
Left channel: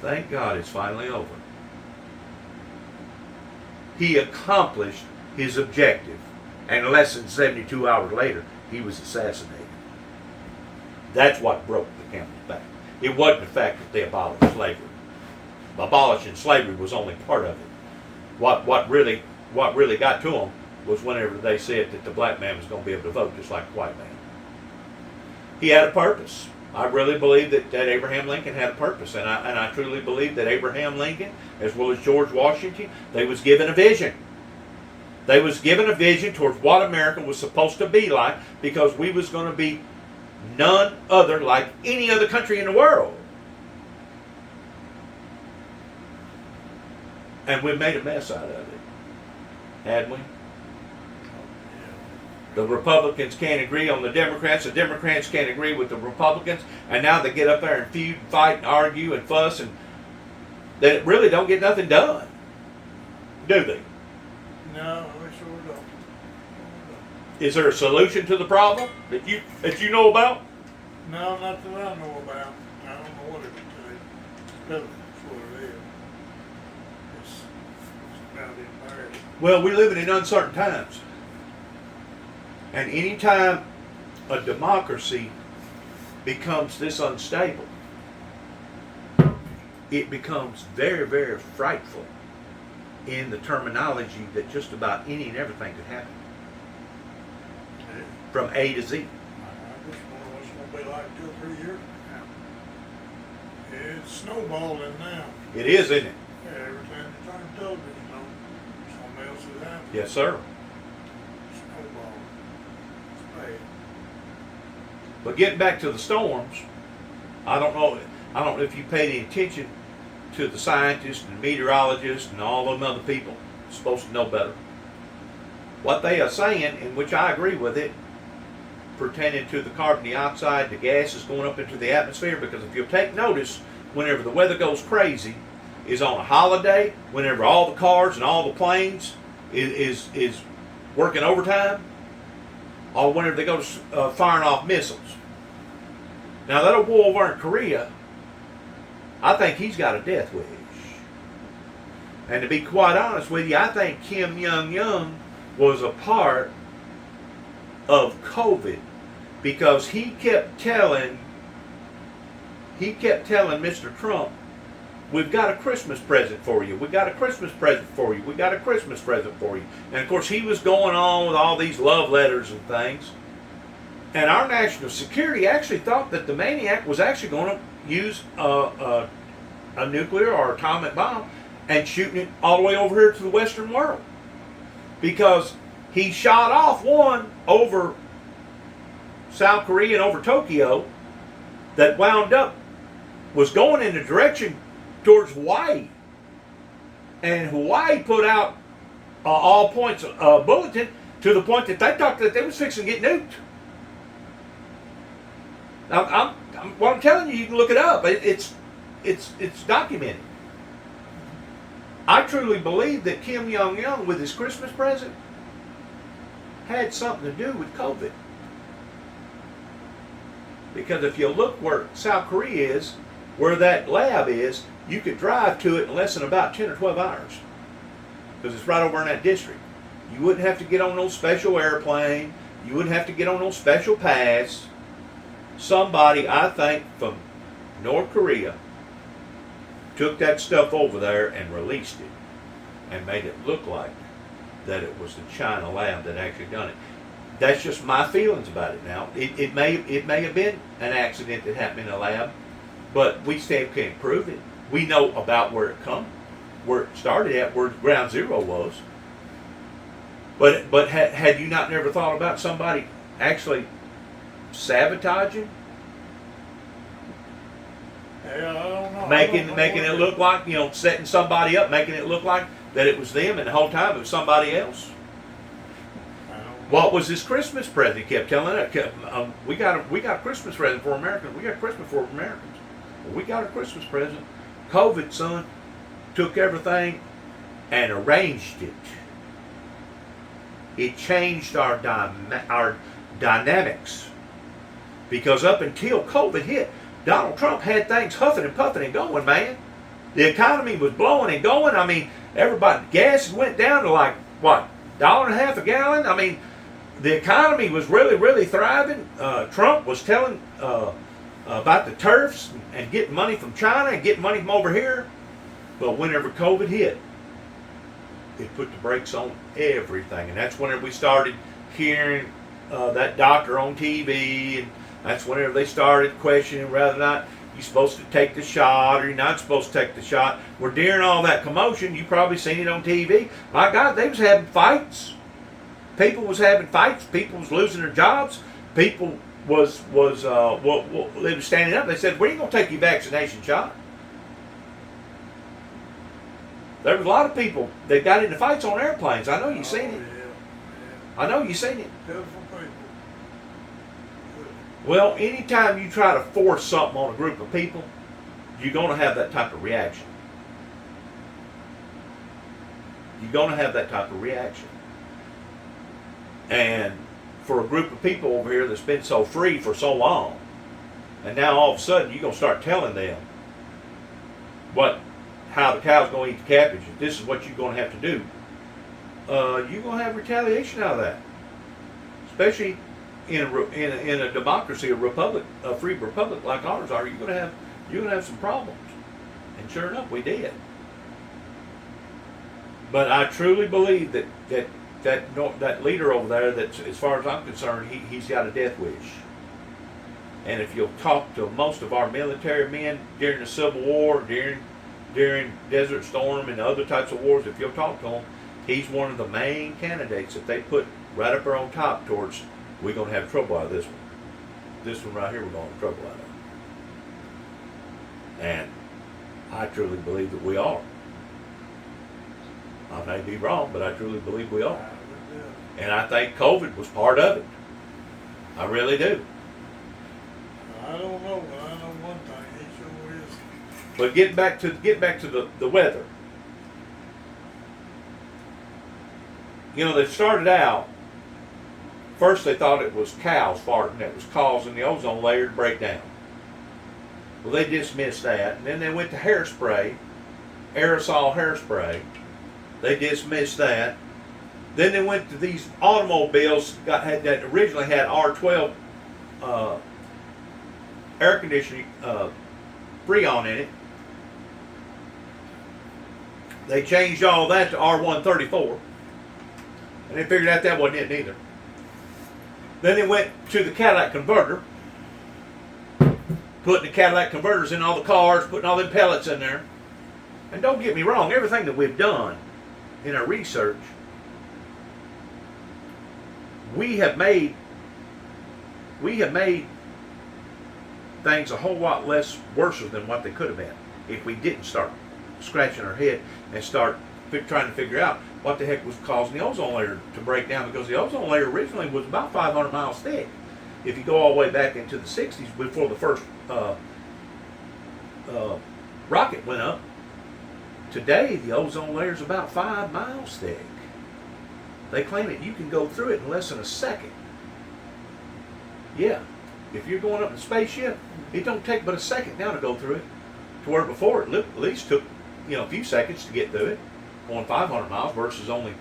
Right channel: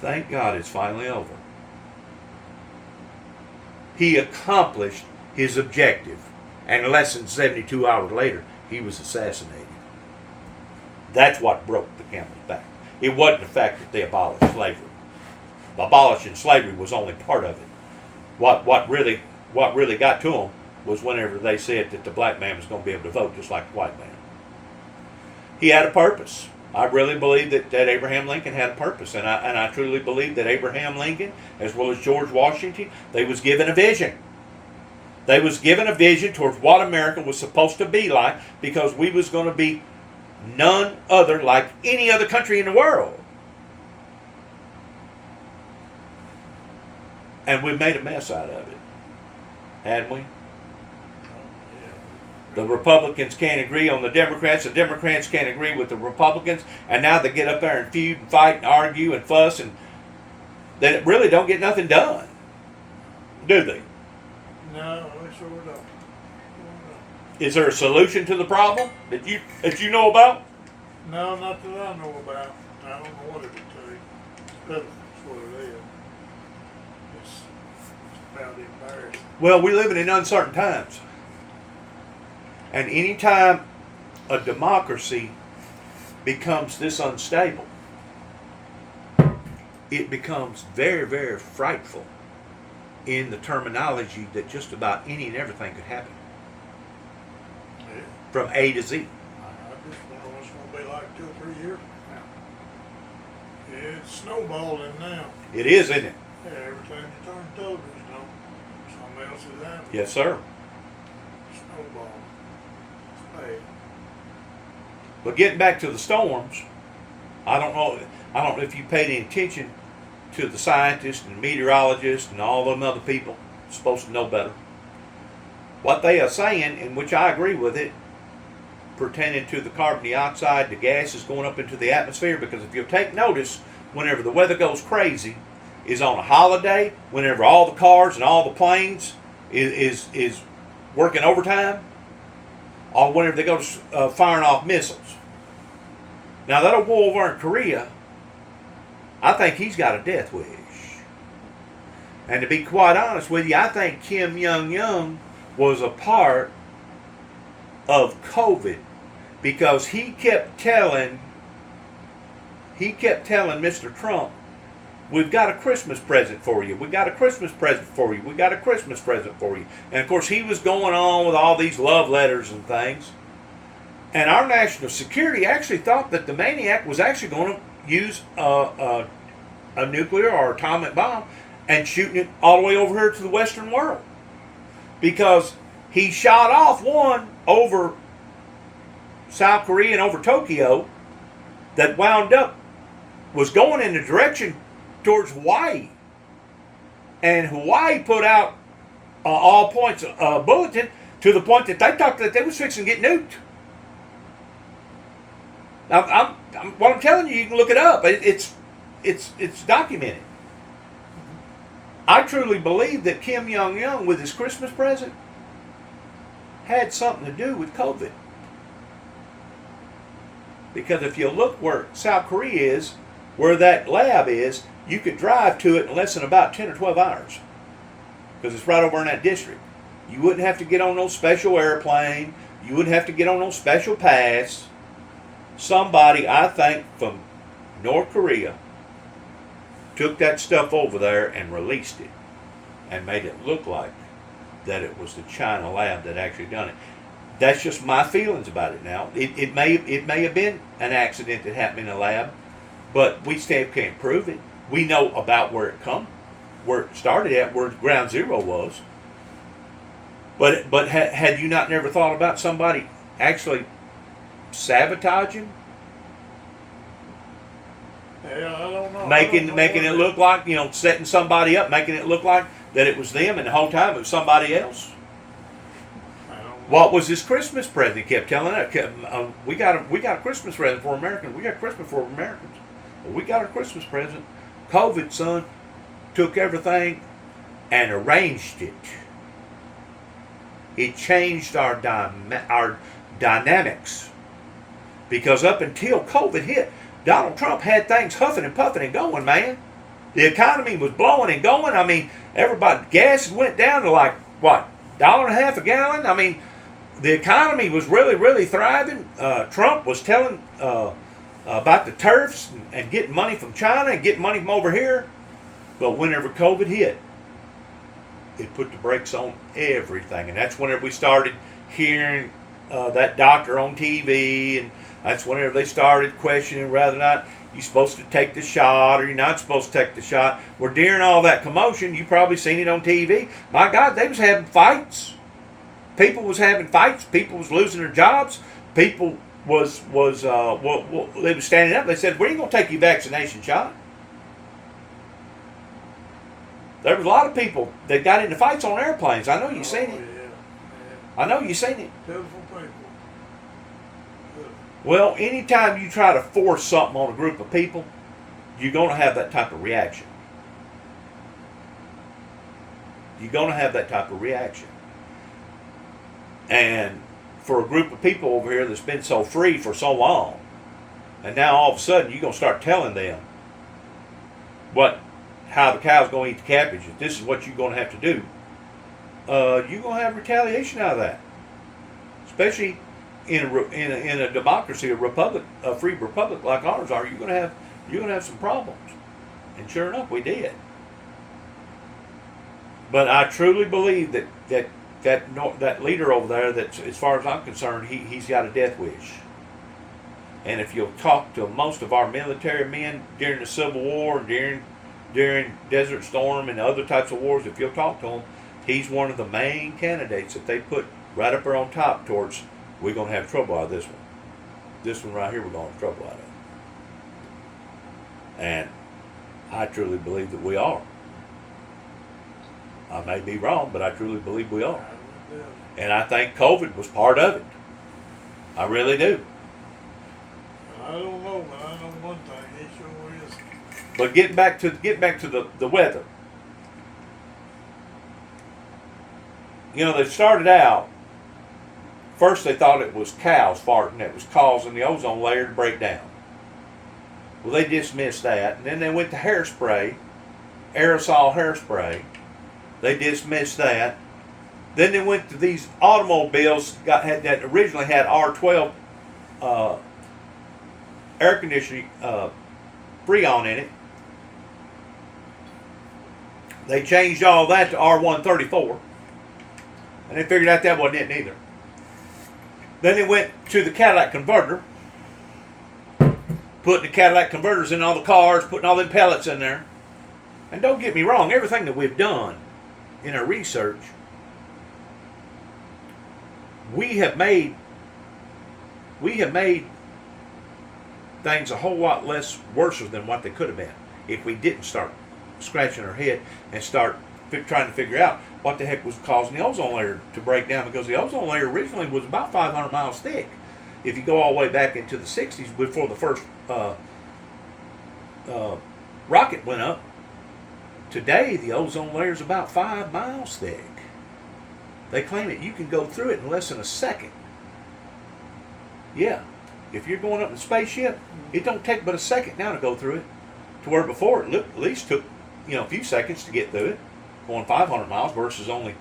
thank God it's finally over. He accomplished his objective. And less than 72 hours later, he was assassinated. That's what broke the camel's back. It wasn't the fact that they abolished slavery. Abolishing slavery was only part of it. What really got to them was whenever they said that the black man was going to be able to vote just like the white man. He had a purpose. I really believe that Abraham Lincoln had a purpose, and I truly believe that Abraham Lincoln, as well as George Washington, they was given a vision. They was given a vision towards what America was supposed to be like, because we was going to be none other like any other country in the world. And we made a mess out of it, hadn't we? The Republicans can't agree on the Democrats can't agree with the Republicans, and now they get up there and feud and fight and argue and fuss, and they really don't get nothing done, do they? No, we sure don't. Is there a solution to the problem that you know about? No, not that I know about. I don't know what it would take. It's pitiful, that's what it is. It's about embarrassing. Well, we're living in uncertain times. And anytime a democracy becomes this unstable, it becomes very frightful in the terminology that just about any and everything could happen. Yeah. From A to Z. I just wonder what's going to be like 2 or 3 years from now. It's snowballing now. It is, isn't it? Yeah, every time you turn the television on, something else is happening. Yes, sir. Snowballing. It's bad. But getting back to the storms, I don't know if you paid any attention to the scientists and the meteorologists and all them other people supposed to know better. What they are saying, in which I agree with it, pertaining to the carbon dioxide, the gases going up into the atmosphere, because if you'll take notice, whenever the weather goes crazy, is on a holiday, whenever all the cars and all the planes is working overtime, or whenever they go to firing off missiles. Now that old boy over in Korea, I think he's got a death wish. And to be quite honest with you, I think Kim Jong-un was a part of COVID, because he kept telling Mr. Trump, we've got a Christmas present for you. We got a Christmas present for you. We got a Christmas present for you. And of course, he was going on with all these love letters and things. And our national security actually thought that the maniac was actually going to use a nuclear or atomic bomb and shooting it all the way over here to the Western world. Because he shot off one over South Korea and over Tokyo that wound up, was going in the direction towards Hawaii. And Hawaii put out all points bulletin to the point that they thought that they was fixing to get nuked. Now, what I'm telling you, you can look it up. It's documented. I truly believe that Kim Jong-un, with his Christmas present, had something to do with COVID. Because if you look where South Korea is, where that lab is, you could drive to it in less than about 10 or 12 hours. Because it's right over in that district. You wouldn't have to get on no special airplane. You wouldn't have to get on no special pass. Somebody, I think, from North Korea took that stuff over there and released it and made it look like that it was the China lab that actually done it. That's just my feelings about it now. It may have been an accident that happened in a lab, but we still can't prove it. We know about where it started at, where ground zero was. But had you not never thought about somebody actually sabotaging? Yeah, I don't know. Making it look like, setting somebody up, making it look like that it was them, and the whole time it was somebody else. What was this Christmas present? He kept telling us, we got a Christmas present for Americans. We got Christmas for Americans. Well, we got a Christmas present. COVID, son, took everything and arranged it. It changed our dynamics. Because up until COVID hit, Donald Trump had things huffing and puffing and going, man. The economy was blowing and going. I mean, gas went down to like, what, $1.50 a gallon? I mean, the economy was really, really thriving. Trump was telling about the turfs and getting money from China and getting money from over here. But whenever COVID hit, it put the brakes on everything. And that's whenever we started hearing that doctor on TV, and that's whenever they started questioning whether or not you're supposed to take the shot or you're not supposed to take the shot. Well, during all that commotion, you probably seen it on TV. My God, they was having fights. People was having fights. People was losing their jobs. People they was standing up. They said, "We ain't gonna take your vaccination shot." There was a lot of people that got into fights on airplanes. I know you seen it. Yeah. I know you seen it. Beautiful people. Well, anytime you try to force something on a group of people, you're going to have that type of reaction. You're going to have that type of reaction. And for a group of people over here that's been so free for so long, and now all of a sudden you're going to start telling them how the cow's going to eat the cabbage, if this is what you're going to have to do, you're going to have retaliation out of that. Especially in a democracy, a republic, a free republic like ours are, you're going to have some problems. And sure enough, we did. But I truly believe that leader over there, that as far as I'm concerned, he's got a death wish. And if you'll talk to most of our military men during the Civil War, during Desert Storm and other types of wars, if you'll talk to him, he's one of the main candidates that they put right up there on top towards, we're going to have trouble out of this one. This one right here, we're going to have trouble out of. And I truly believe that we are. I may be wrong, but I truly believe we are. And I think COVID was part of it. I really do. I don't know, but I know one thing, he sure is. But getting back to the weather. You know, they started out, first they thought it was cows farting that was causing the ozone layer to break down. Well, they dismissed that, and then they went to hairspray, aerosol hairspray. They dismissed that. Then they went to these automobiles that originally had R12 air conditioning Freon in it. They changed all that to R134. And they figured out that wasn't it either. Then they went to the catalytic converter, putting the catalytic converters in all the cars, putting all them pellets in there. And don't get me wrong, everything that we've done in our research, we have made things a whole lot less worse than what they could have been if we didn't start scratching our head and start trying to figure out what the heck was causing the ozone layer to break down, because the ozone layer originally was about 500 miles thick. If you go all the way back into the 60s, before the first rocket went up, today the ozone layer is about 5 miles thick. They claim that you can go through it in less than a second. Yeah, if you're going up in a spaceship, it don't take but a second now to go through it. To where before it at least took, a few seconds to get through it, going 500 miles versus only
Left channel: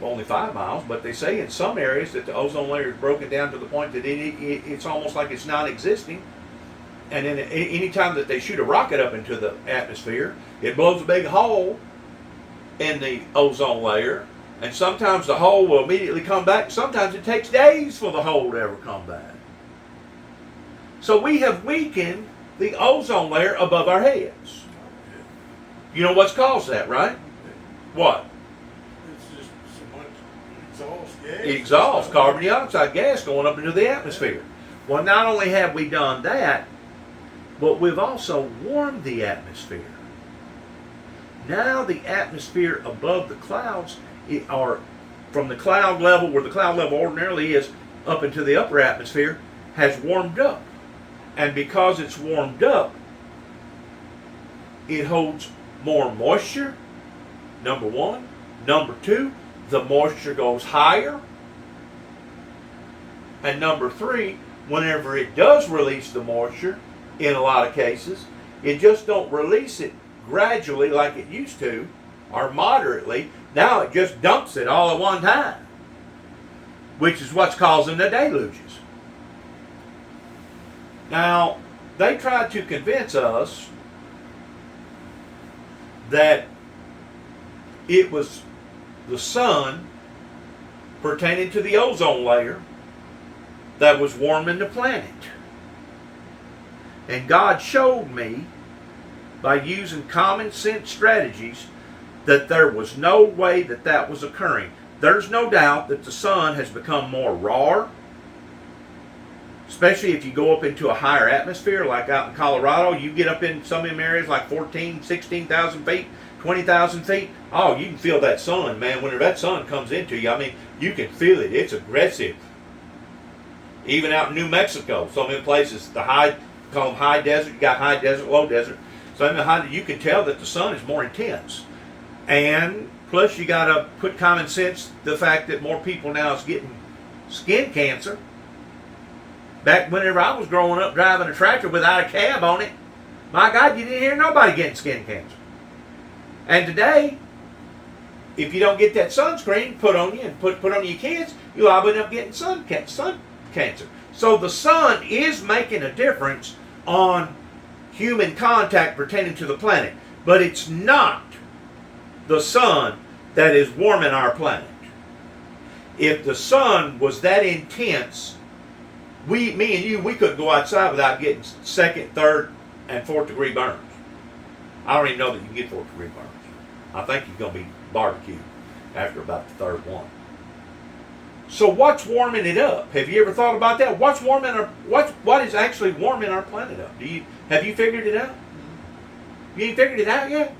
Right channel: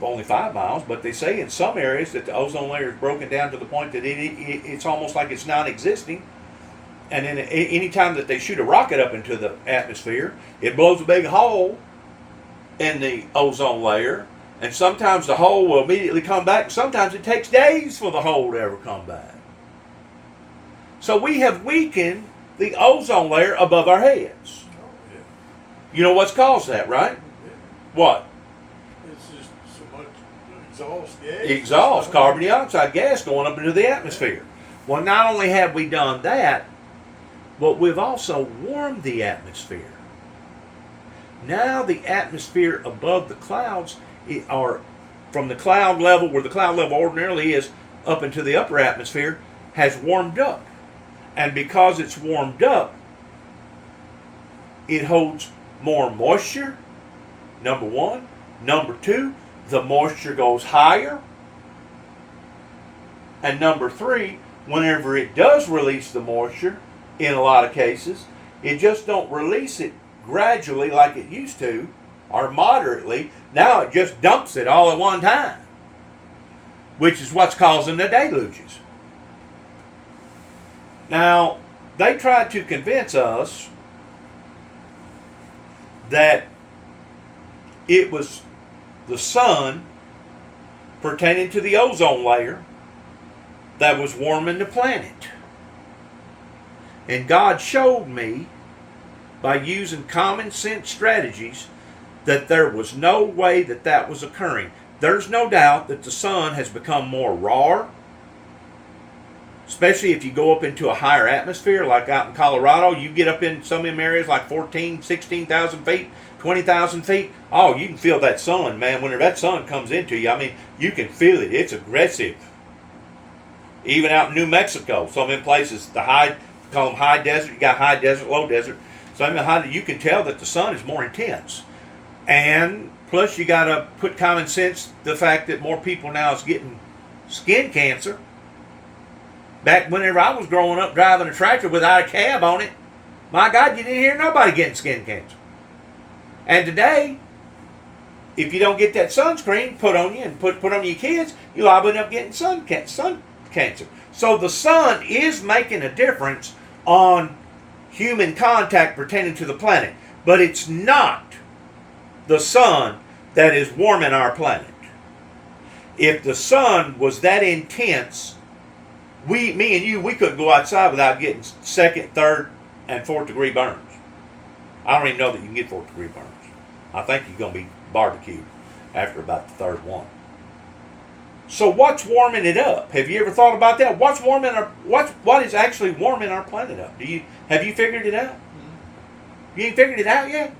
5 miles. But they say in some areas that the ozone layer is broken down to the point that it's almost like it's non-existing. And then any time that they shoot a rocket up into the atmosphere, it blows a big hole in the ozone layer. And sometimes the hole will immediately come back. Sometimes it takes days for the hole to ever come back. So we have weakened the ozone layer above our heads. You know what's caused that, right? What? It's just so much exhaust gas. Exhaust, carbon dioxide gas going up into the atmosphere. Well, not only have we done that, but we've also warmed the atmosphere. Now the atmosphere above the clouds are from the cloud level, where the cloud level ordinarily is, up into the upper atmosphere, has warmed up. And because it's warmed up, it holds more moisture, number one. Number two, the moisture goes higher. And number three, whenever it does release the moisture, in a lot of cases, it just don't release it gradually like it used to, or moderately. Now it just dumps it all at one time, which is what's causing the deluges. Now, they tried to convince us that it was the sun pertaining to the ozone layer that was warming the planet. And God showed me, by using common sense strategies, that there was no way that that was occurring. There's no doubt that the sun has become more raw, especially if you go up into a higher atmosphere, like out in Colorado. You get up in some of them areas like 14, 16,000 feet, 20,000 feet. Oh, you can feel that sun, man. Whenever that sun comes into you, I mean, you can feel it. It's aggressive. Even out in New Mexico, some of them places, call them high desert. You got high desert, low desert. So you can tell that the sun is more intense. And plus you got to put common sense, the fact that more people now is getting skin cancer. Back whenever I was growing up driving a tractor without a cab on it, my God, you didn't hear nobody getting skin cancer. And today, if you don't get that sunscreen put on you and put on your kids, you're liable to end up getting sun cancer. So the sun is making a difference on human contact pertaining to the planet. But it's not the sun that is warming our planet. If the sun was that intense, me and you, we couldn't go outside without getting second, third, and fourth degree burns. I don't even know that you can get fourth degree burns. I think you're going to be barbecued after about the third one. So what's warming it up? Have you ever thought about that? What is actually warming our planet up? Have you figured it out? You ain't figured it out yet?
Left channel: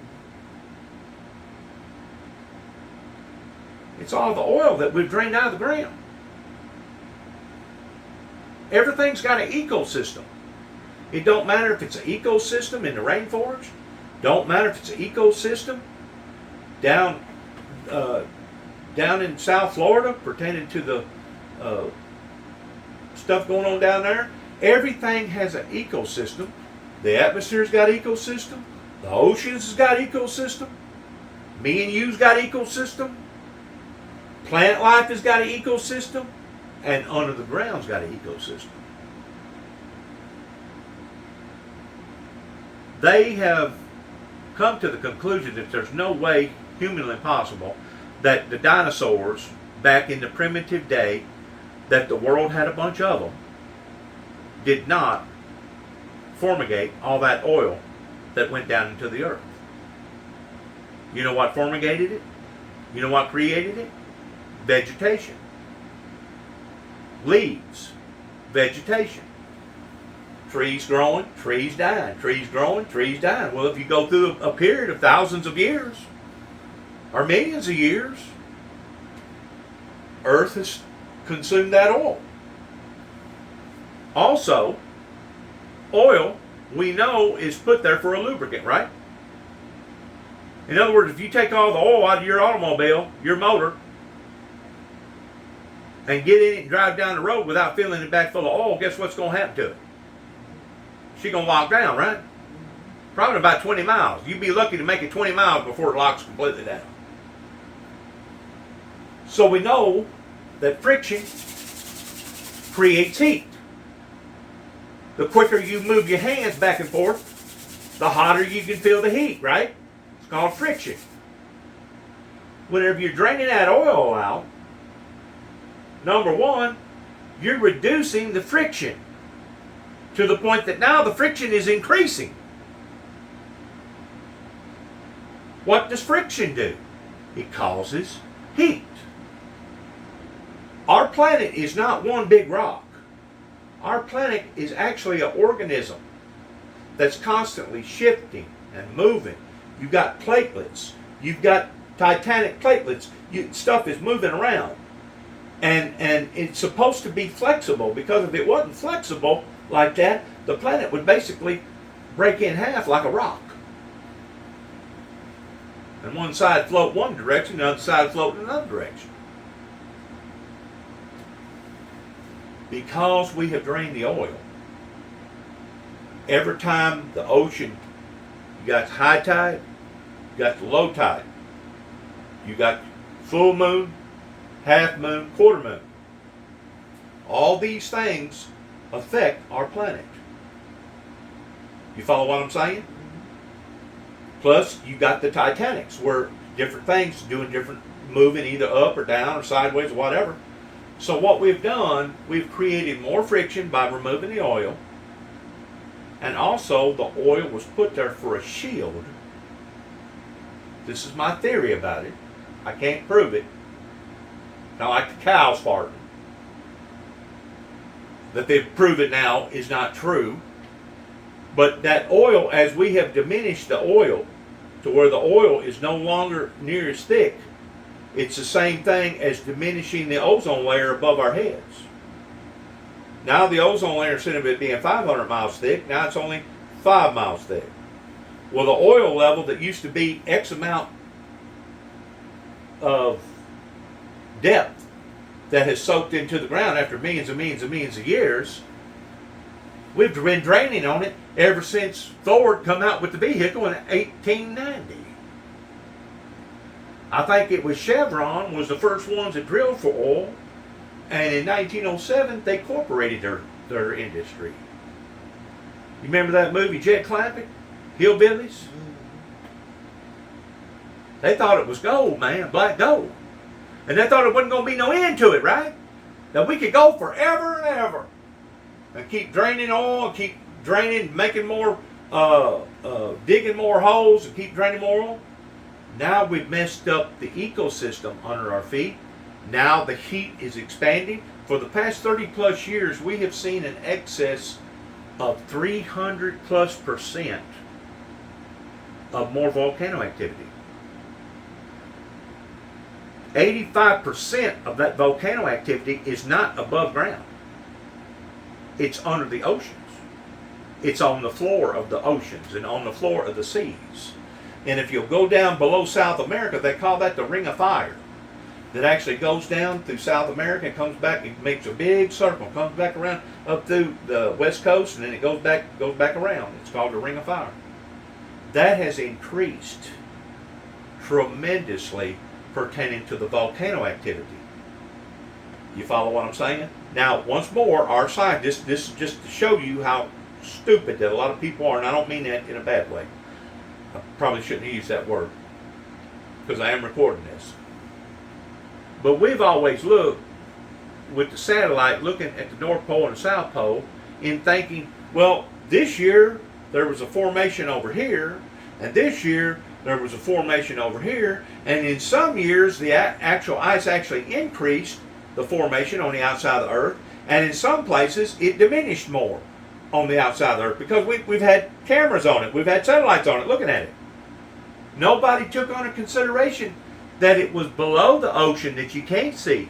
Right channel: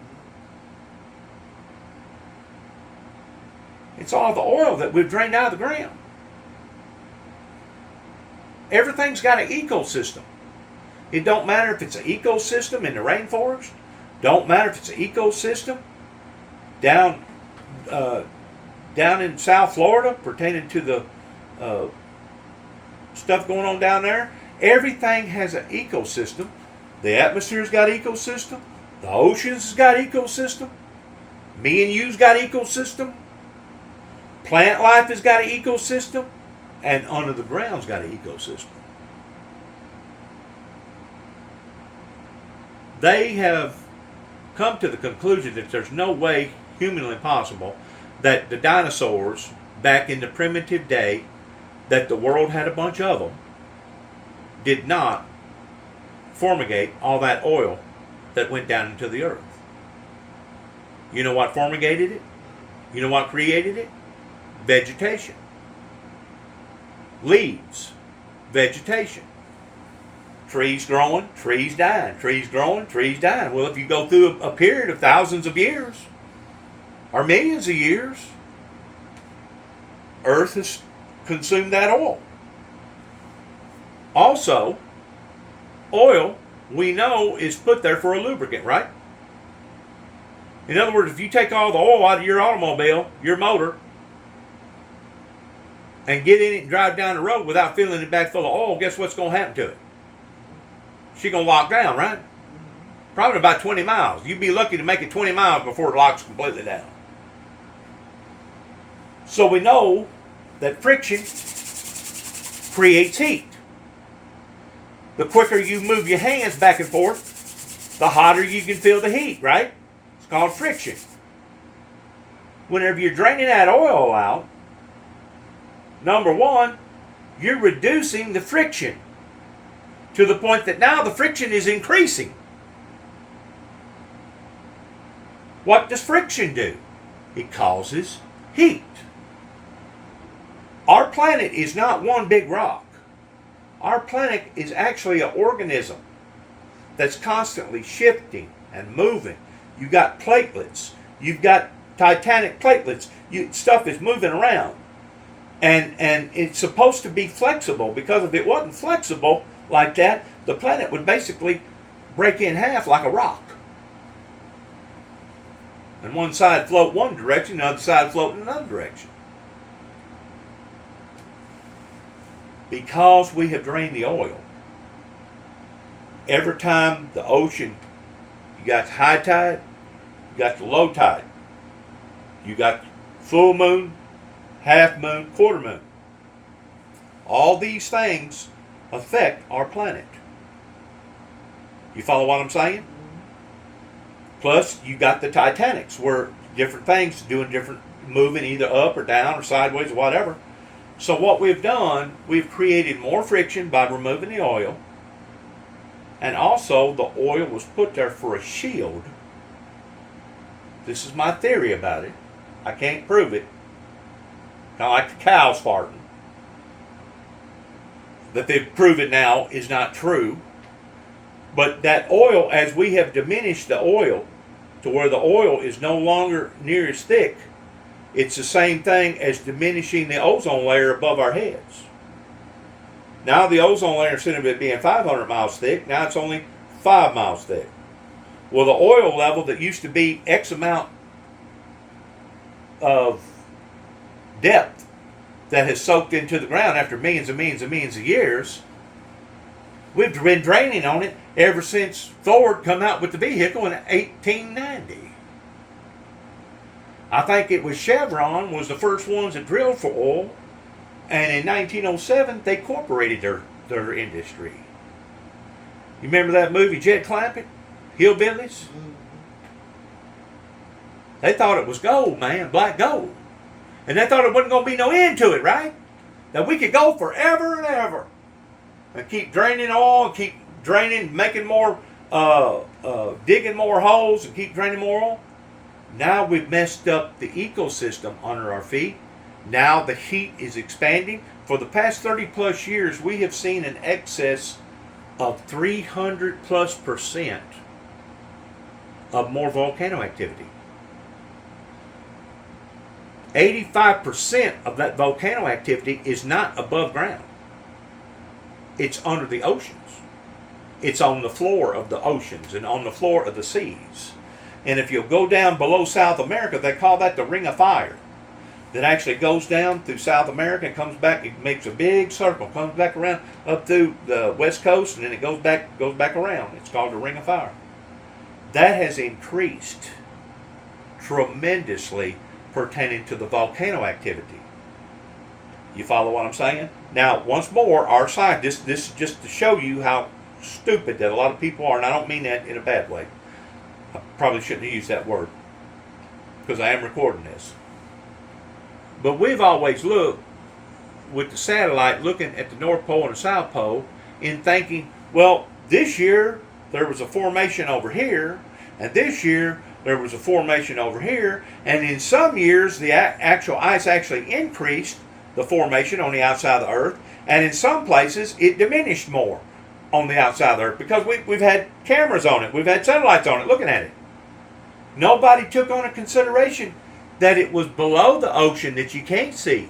It's all the oil that we've drained out of the ground. Everything's got an ecosystem. It don't matter if it's an ecosystem in the rainforest. Don't matter if it's an ecosystem down in South Florida pertaining to the stuff going on down there. Everything has an ecosystem. The atmosphere's got ecosystem. The oceans has got ecosystem. Me and you's got ecosystem. Plant life has got an ecosystem. And under the ground's got an ecosystem. They have come to the conclusion that there's no way humanly possible that the dinosaurs back in the primitive day, that the world had a bunch of them, did not fumigate all that oil that went down into the earth. You know what fumigated it? You know what created it? Vegetation. Leaves. Vegetation. Trees growing, trees dying. Trees growing, trees dying. Well, if you go through a period of thousands of years, or millions of years, Earth has consumed that oil. Also, oil, we know, is put there for a lubricant, right? In other words, if you take all the oil out of your automobile, your motor, and get in it and drive down the road without filling it back full of oil, guess what's going to happen to it? She's going to lock down, right? Probably about 20 miles. You'd be lucky to make it 20 miles before it locks completely down. So we know that friction creates heat. The quicker you move your hands back and forth, the hotter you can feel the heat, right? It's called friction. Whenever you're draining that oil out, number one, you're reducing the friction to the point that now the friction is increasing. What does friction do? It causes heat. Our planet is not one big rock. Our planet is actually an organism that's constantly shifting and moving. You've got platelets. You've got titanic platelets. Stuff is moving around. And it's supposed to be flexible, because if it wasn't flexible like that, the planet would basically break in half like a rock. And one side float one direction, the other side float in another direction. Because we have drained the oil. Every time the ocean, you got high tide, you got the low tide, you got full moon, half moon, quarter moon. All these things affect our planet. You follow what I'm saying? Plus, you got the Titanics, where different things doing different, moving either up or down or sideways or whatever. So what we've done, we've created more friction by removing the oil. And also, the oil was put there for a shield. This is my theory about it. I can't prove it. Kind of like the cows farting. That they've proven now is not true. But that oil, as we have diminished the oil to where the oil is no longer near as thick, it's the same thing as diminishing the ozone layer above our heads. Now the ozone layer, instead of it being 500 miles thick, now it's only 5 miles thick. Well, the oil level that used to be X amount of depth that has soaked into the ground after millions and millions and millions of years, we've been draining on it ever since Ford come out with the vehicle in 1890. I think it was Chevron was the first ones that drilled for oil, and in 1907 they incorporated their industry. You remember that movie Jed Clampett, Hillbillies? They thought it was gold, man, black gold. And they thought it wasn't going to be no end to it, right? That we could go forever and ever and keep draining oil and keep draining, making more, digging more holes and keep draining more oil. Now we've messed up the ecosystem under our feet. Now the heat is expanding. For the past 30 plus years, we have seen an excess of 300+% of more volcano activity. 85% of that volcano activity is not above ground. It's under the oceans. It's on the floor of the oceans and on the floor of the seas. And if you'll go down below South America, they call that the Ring of Fire. That actually goes down through South America and comes back. It makes a big circle, comes back around up through the west coast, and then it goes back around. It's called the Ring of Fire. That has increased tremendously pertaining to the volcano activity. You follow what I'm saying? Now, once more, our scientists, this is just to show you how stupid that a lot of people are, and I don't mean that in a bad way. I probably shouldn't have used that word, because I am recording this. But we've always looked with the satellite looking at the North Pole and the South Pole in thinking, well, this year there was a formation over here, and this year there was a formation over here, and in some years the actual ice actually increased the formation on the outside of the Earth, and in some places it diminished more on the outside of the Earth because we've had cameras on it, we've had satellites on it looking at it. Nobody took on a consideration that it was below the ocean that you can't see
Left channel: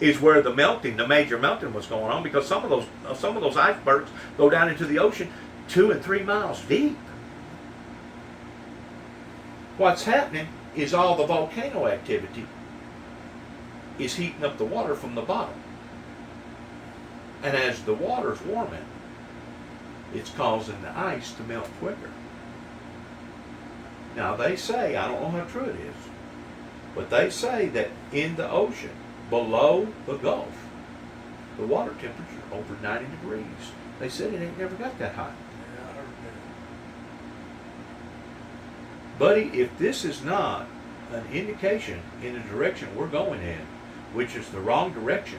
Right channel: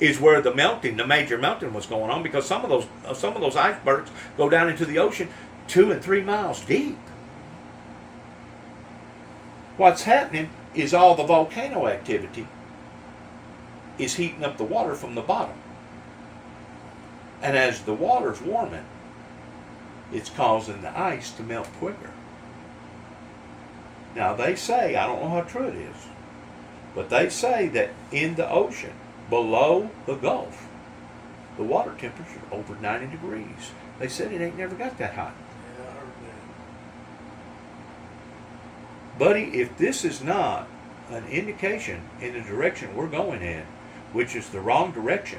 is where the major melting was going on, because some of those icebergs go down into the ocean 2 and 3 miles deep. What's happening is all the volcano activity is heating up the water from the bottom. And as the water's warming, it's causing the ice to melt quicker. Now they say, I don't know how true it is, but they say that in the ocean, below the Gulf, the water temperature is over 90 degrees. They said it ain't never got that hot. Yeah, I heard that. Buddy, if this is not an indication in the direction we're going in, which is the wrong direction,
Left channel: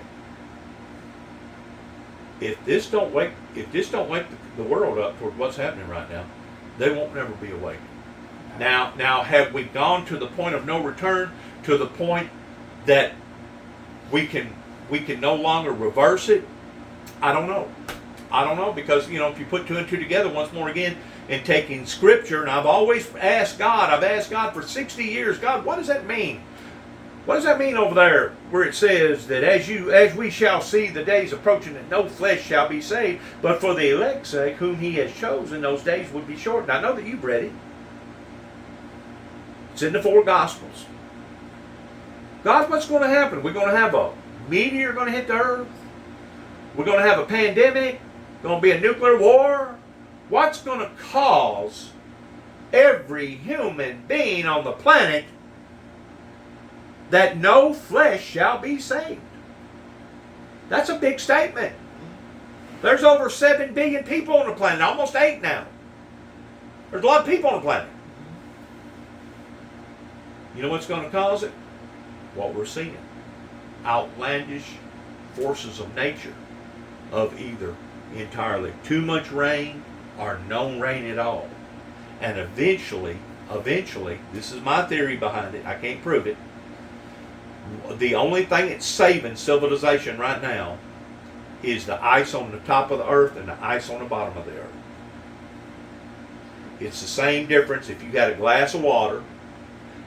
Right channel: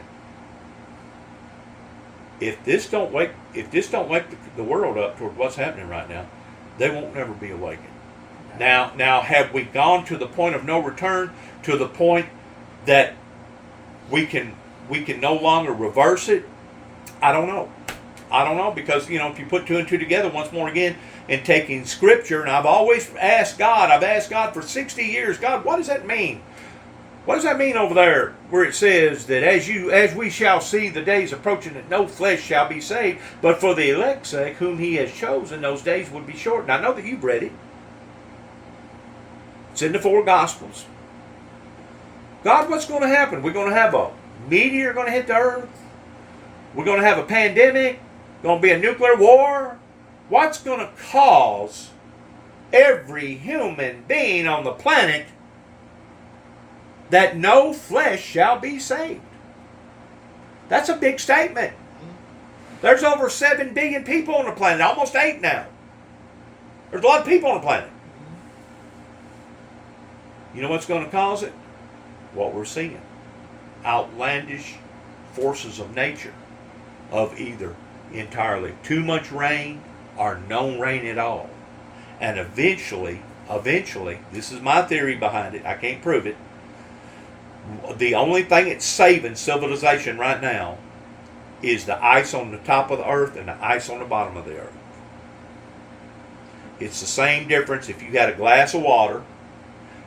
if this don't wake the world up toward what's happening right now, they won't never be awakened. Now, have we gone to the point of no return, to the point that we can no longer reverse it? I don't know, because if you put 2 and 2 together once more again, and taking Scripture, and I've always asked God for 60 years, God, what does that mean? What does that mean over there where it says that as we shall see the days approaching, that no flesh shall be saved, but for the elect's sake, whom He has chosen, those days would be shortened. I know that you've read it. It's in the 4 Gospels. God, what's going to happen? We're going to have a meteor going to hit the earth? We're going to have a pandemic? Going to be a nuclear war? What's going to cause every human being on the planet that no flesh shall be saved? That's a big statement. There's over 7 billion people on the planet, almost 8 now. There's a lot of people on the planet. You know what's going to cause it? What we're seeing. Outlandish forces of nature, of either entirely too much rain or no rain at all. And eventually, this is my theory behind it, I can't prove it, the only thing that's saving civilization right now is the ice on the top of the earth and the ice on the bottom of the earth. It's the same difference if you had a glass of water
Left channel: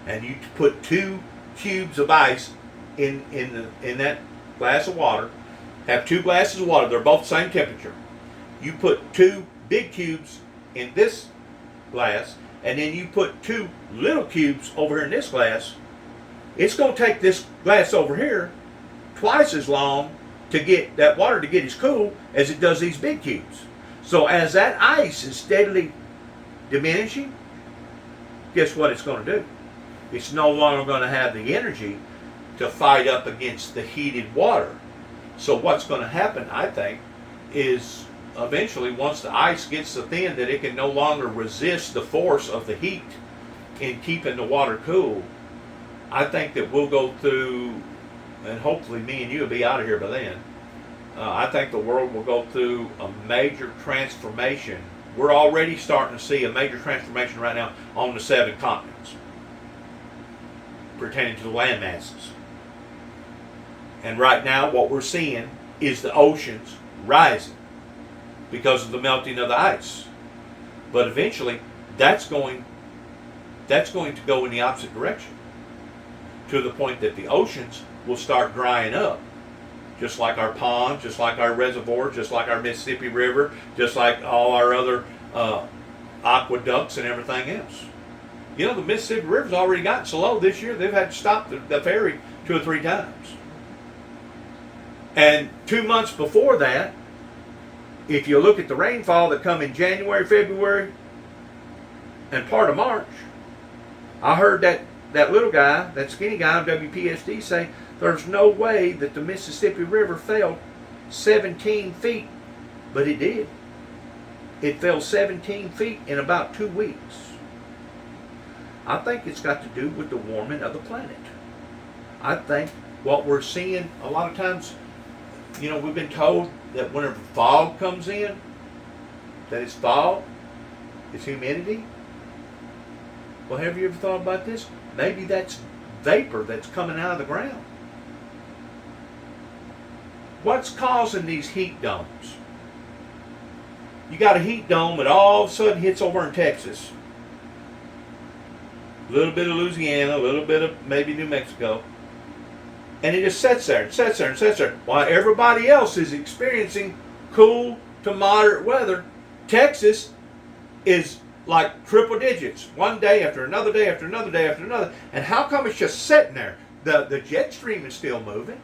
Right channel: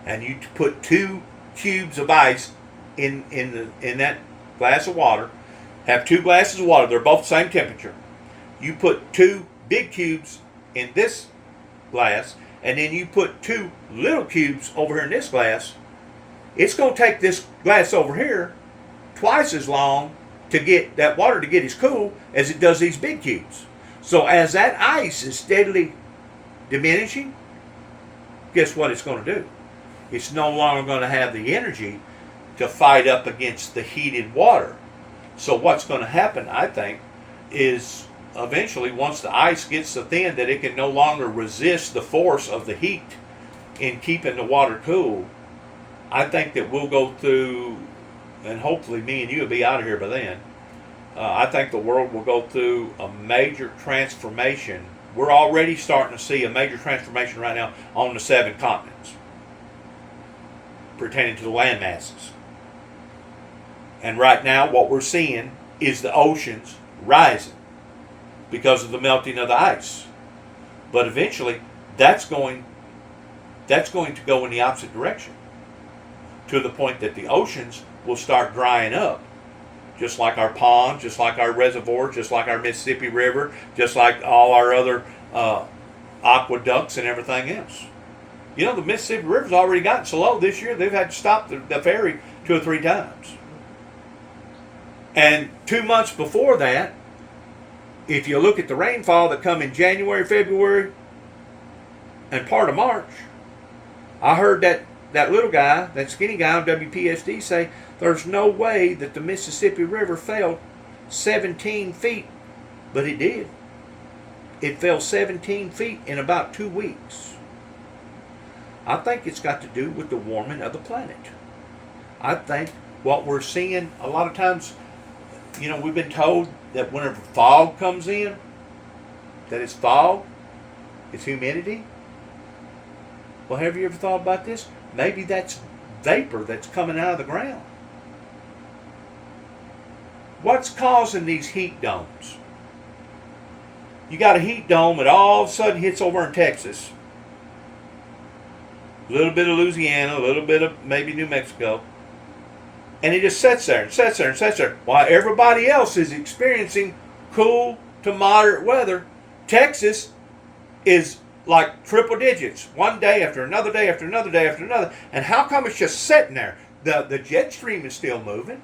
and you put 2 cubes of ice in that glass of water, have 2 glasses of water, they're both the same temperature. You put 2 big cubes in this glass, and then you put 2 little cubes over here in this glass. It's going to take this glass over here twice as long to get that water to get as cool as it does these big cubes. So as that ice is steadily diminishing, guess what it's going to do? It's no longer going to have the energy to fight up against the heated water. So what's going to happen, I think, is eventually, once the ice gets so thin that it can no longer resist the force of the heat in keeping the water cool, I think that we'll go through, and hopefully me and you will be out of here by then, I think the world will go through a major transformation. We're already starting to see a major transformation right now on the 7 continents pertaining to the land masses. And right now what we're seeing is the oceans rising because of the melting of the ice. But eventually that's going that's going to go in the opposite direction, to the point that the oceans will start drying up, just like our ponds, just like our reservoirs, just like our Mississippi River, just like all our other aqueducts and everything else. You know, the Mississippi River's already gotten so low this year, they've had to stop the ferry 2 or 3 times. And 2 months before that, if you look at the rainfall that come in January, February, and part of March, I heard that little guy, that skinny guy on WPSD say there's no way that the Mississippi River fell 17 feet, but it did. It fell 17 feet in about 2 weeks. I think it's got to do with the warming of the planet. I think what we're seeing a lot of times, you know, we've been told that whenever fog comes in, that it's fog, it's humidity. Well, have you ever thought about this? Maybe that's vapor that's coming out of the ground. What's causing these heat domes? You got a heat dome that all of a sudden hits over in Texas. A little bit of Louisiana, a little bit of maybe New Mexico. And it just sits there and sits there and sits there. While everybody else is experiencing cool to moderate weather, Texas is like triple digits. One day after another day after another day after another. And how come it's just sitting there? The jet stream is still moving.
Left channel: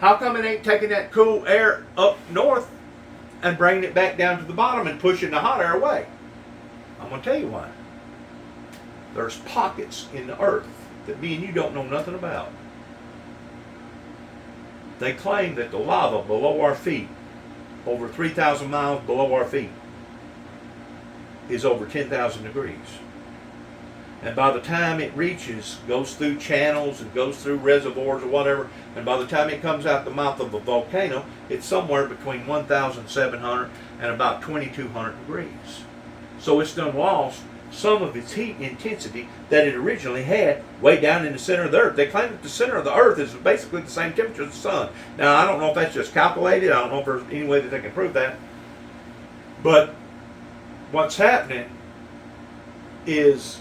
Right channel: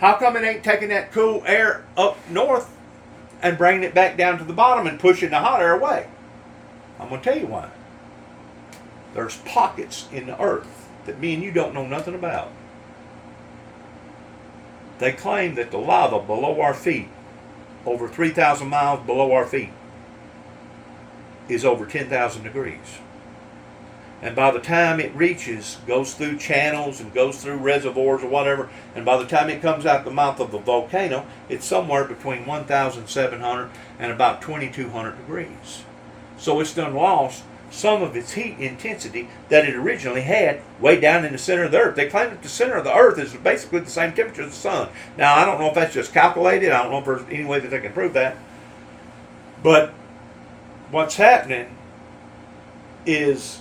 How come it ain't taking that cool air up north and bringing it back down to the bottom and pushing the hot air away? I'm going to tell you why. There's pockets in the earth that me and you don't know nothing about. They claim that the lava below our feet, over 3,000 miles below our feet, is over 10,000 degrees. And by the time it reaches, goes through channels and goes through reservoirs or whatever, and by the time it comes out the mouth of the volcano, it's somewhere between 1,700 and about 2,200 degrees. So it's done lost some of its heat intensity that it originally had way down in the center of the earth. They claim that the center of the earth is basically the same temperature as the sun. Now, I don't know if that's just calculated. I don't know if there's any way that they can prove that. But what's happening is,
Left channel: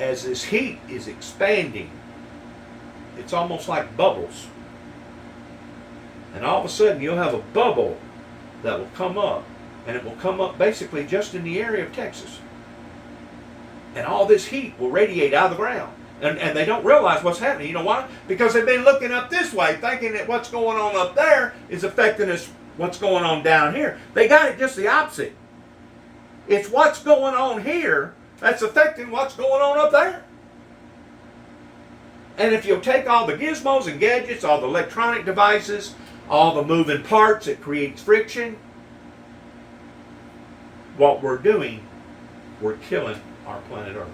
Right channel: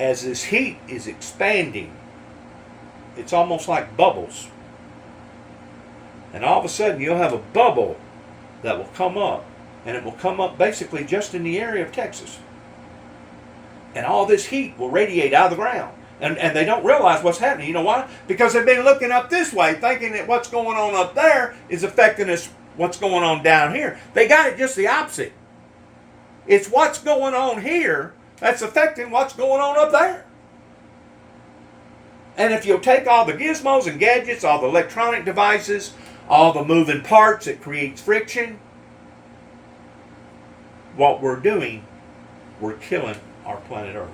as this heat is expanding, it's almost like bubbles. And all of a sudden you'll have a bubble that will come up, and it will come up basically just in the area of Texas. And all this heat will radiate out of the ground. And they don't realize what's happening. You know why? Because they've been looking up this way, thinking that what's going on up there is affecting us, what's going on down here. They got it just the opposite. It's what's going on here that's affecting what's going on up there. And if you'll take all the gizmos and gadgets, all the electronic devices, all the moving parts that creates friction, what we're doing, we're killing our planet Earth.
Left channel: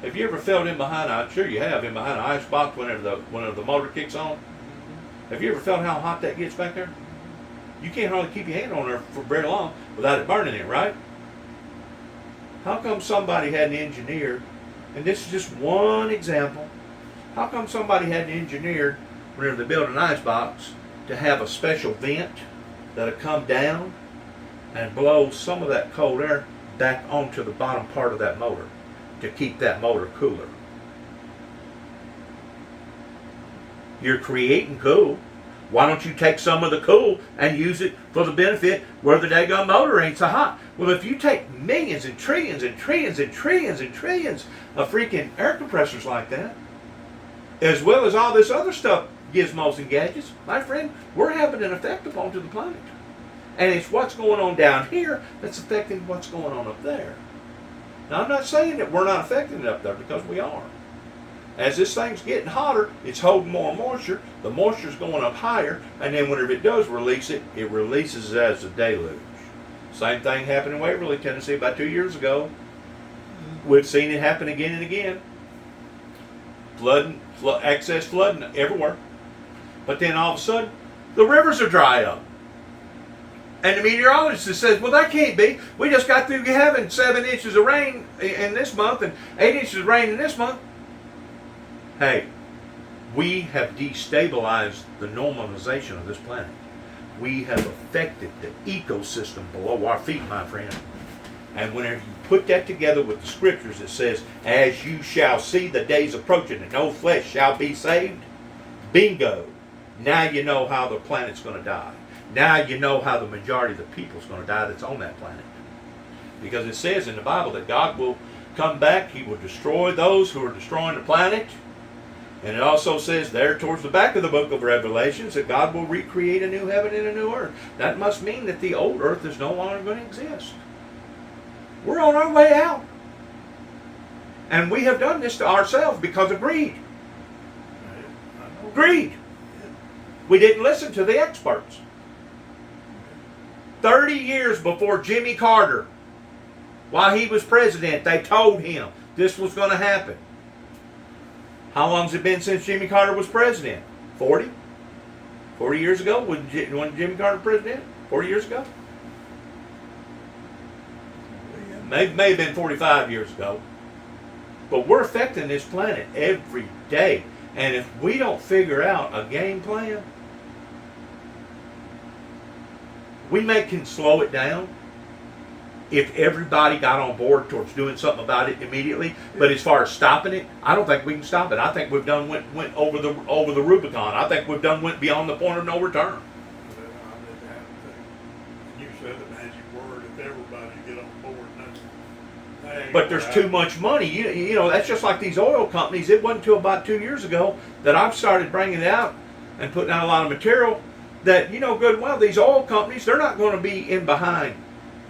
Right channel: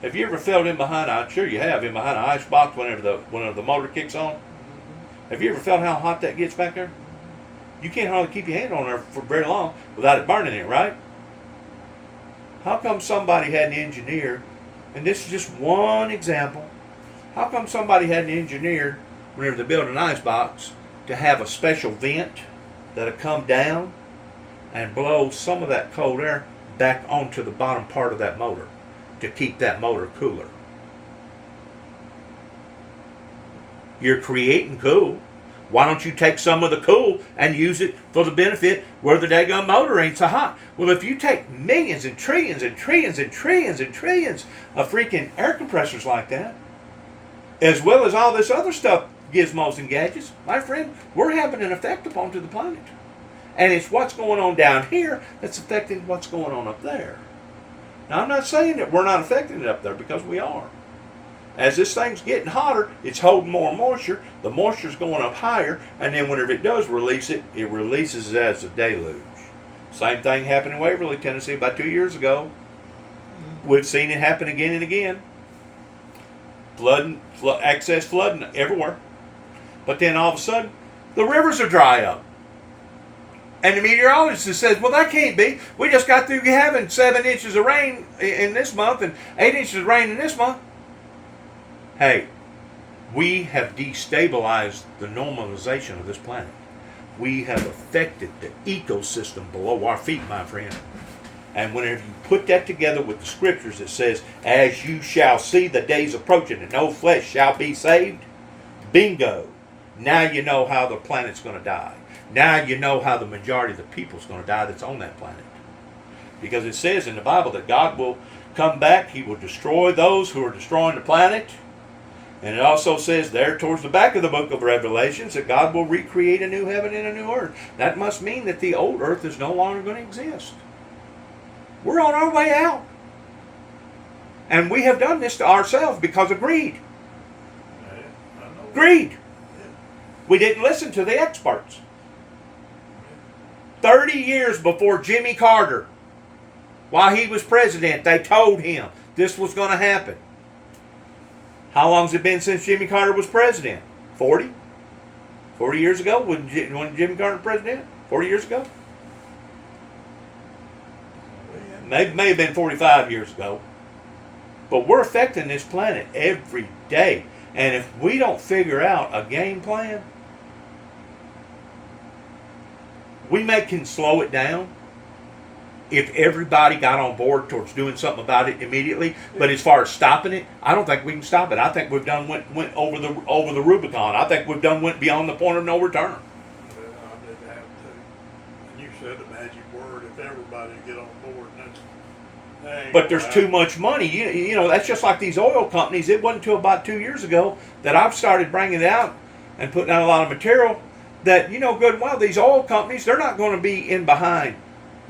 Have you ever felt in behind, I'm sure you have, in behind an ice box whenever the motor kicks on? Have you ever felt how hot that gets back there? You can't hardly keep your hand on there for very long without it burning it, right? How come somebody hadn't engineered, and this is just one example, how come somebody hadn't engineered, whenever they build an ice box, to have a special vent that'll come down and blow some of that cold air back onto the bottom part of that motor to keep that motor cooler? You're creating cool. Why don't you take some of the cool and use it for the benefit where the daggone motor ain't so hot? Well, if you take millions and trillions and trillions and trillions and trillions of freaking air compressors like that, as well as all this other stuff, gizmos and gadgets, my friend, we're having an effect upon to the planet. And it's what's going on down here that's affecting what's going on up there. Now, I'm not saying that we're not affecting it up there, because we are. As this thing's getting hotter, it's holding more moisture. The moisture's going up higher, and then whenever it does release it, it releases it as a deluge. Same thing happened in Waverly, Tennessee about 2 years ago. We've seen it happen again and again. Excess flooding everywhere. But then all of a sudden, the rivers are dry up. And the meteorologist says, well, that can't be. We just got through having 7 inches of rain in this month and 8 inches of rain in this month. Hey, we have destabilized the normalization of this planet. We have affected the ecosystem below our feet, my friend. And whenever you put that together with the scriptures that says, as you shall see the days approaching and no flesh shall be saved, bingo. Now you know how the planet's going to die. Now you know how the majority of the people's going to die that's on that planet. Because it says in the Bible that God will come back, he will destroy those who are destroying the planet. And it also says there towards the back of the book of Revelations that God will recreate a new heaven and a new earth. That must mean that the old earth is no longer going to exist. We're on our way out. And we have done this to ourselves because of greed. Greed. We didn't listen to the experts. 30 years before Jimmy Carter, while he was president, they told him this was going to happen. How long has it been since Jimmy Carter was president? 40? 40 years ago? When Jimmy Carter was president? 40 years ago? May have been 45 years ago. But we're affecting this planet every day. And if we don't figure out a game plan, we can slow it down if everybody got on board towards doing something about it immediately. But as far as stopping it, I don't think we can stop it. I think we've done went over the Rubicon. I think we've went beyond the point of no return. Well, I didn't have to. You said the magic word. If everybody get on board, but there's too much money. You know, that's just like these oil companies. It wasn't until about 2 years ago that I've started bringing it out and putting out a lot of material that, you know, good and well, these oil companies, they're not going to be in behind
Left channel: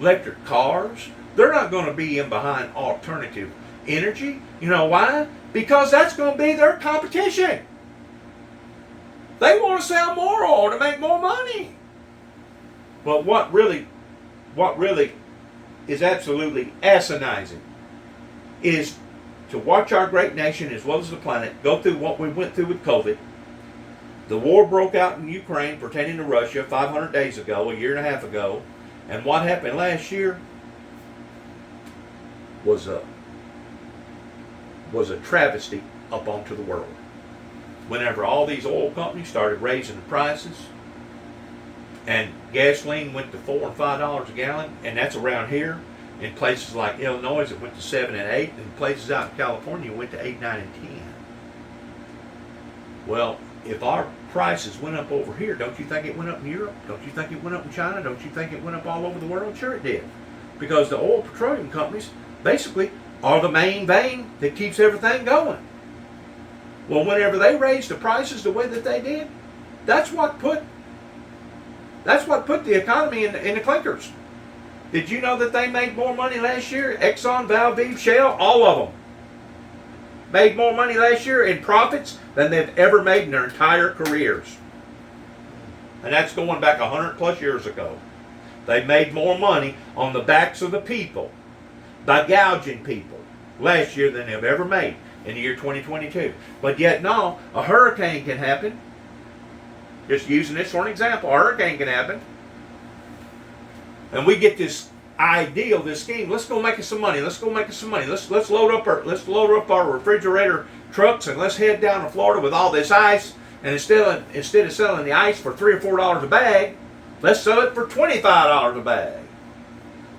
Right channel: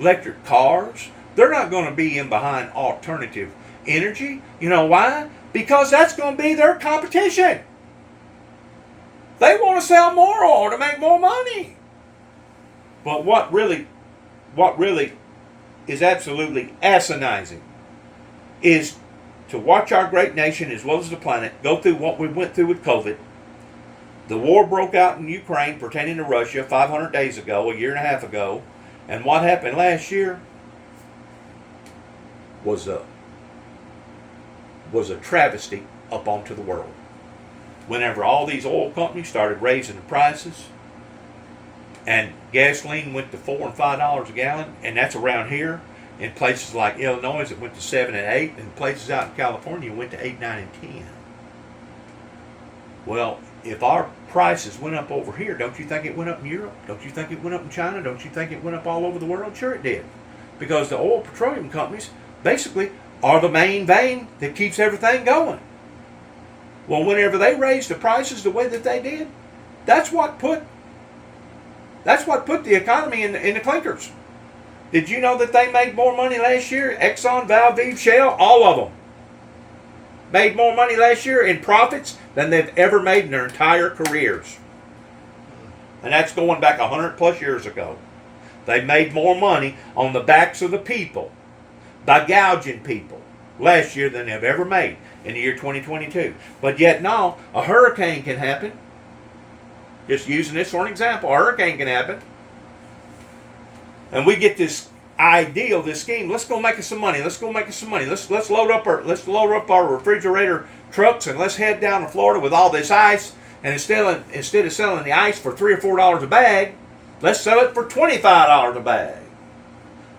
electric cars. They're not going to be in behind alternative energy. You know why? Because that's going to be their competition. They want to sell more oil to make more money. But what really is absolutely asinizing is to watch our great nation as well as the planet go through what we went through with COVID. The war broke out in Ukraine pertaining to Russia 500 days ago, a year and a half ago. And what happened last year was a travesty up onto the world. Whenever all these oil companies started raising the prices, and gasoline went to $4 and $5 a gallon, and that's around here. In places like Illinois, it went to 7 and 8, and places out in California went to 8, 9, and 10. Well, if our prices went up over here, don't you think it went up in Europe? Don't you think it went up in China? Don't you think it went up all over the world? Sure it did. Because the oil petroleum companies basically are the main vein that keeps everything going. Well, whenever they raised the prices the way that they did, that's what put the economy in the clinkers. Did you know that they made more money last year? Exxon, Valdez, Shell, all of them made more money last year in profits than they've ever made in their entire careers. And that's going back 100 plus years ago. They made more money on the backs of the people by gouging people last year than they've ever made in the year 2022. But yet now, a hurricane can happen. Just using this for an example, a hurricane can happen. And we get this ideal, this scheme. Let's go make us some money. Let's load up our refrigerator trucks and let's head down to Florida with all this ice. And instead of selling the ice for $3 or $4 a bag, let's sell it for $25 a bag.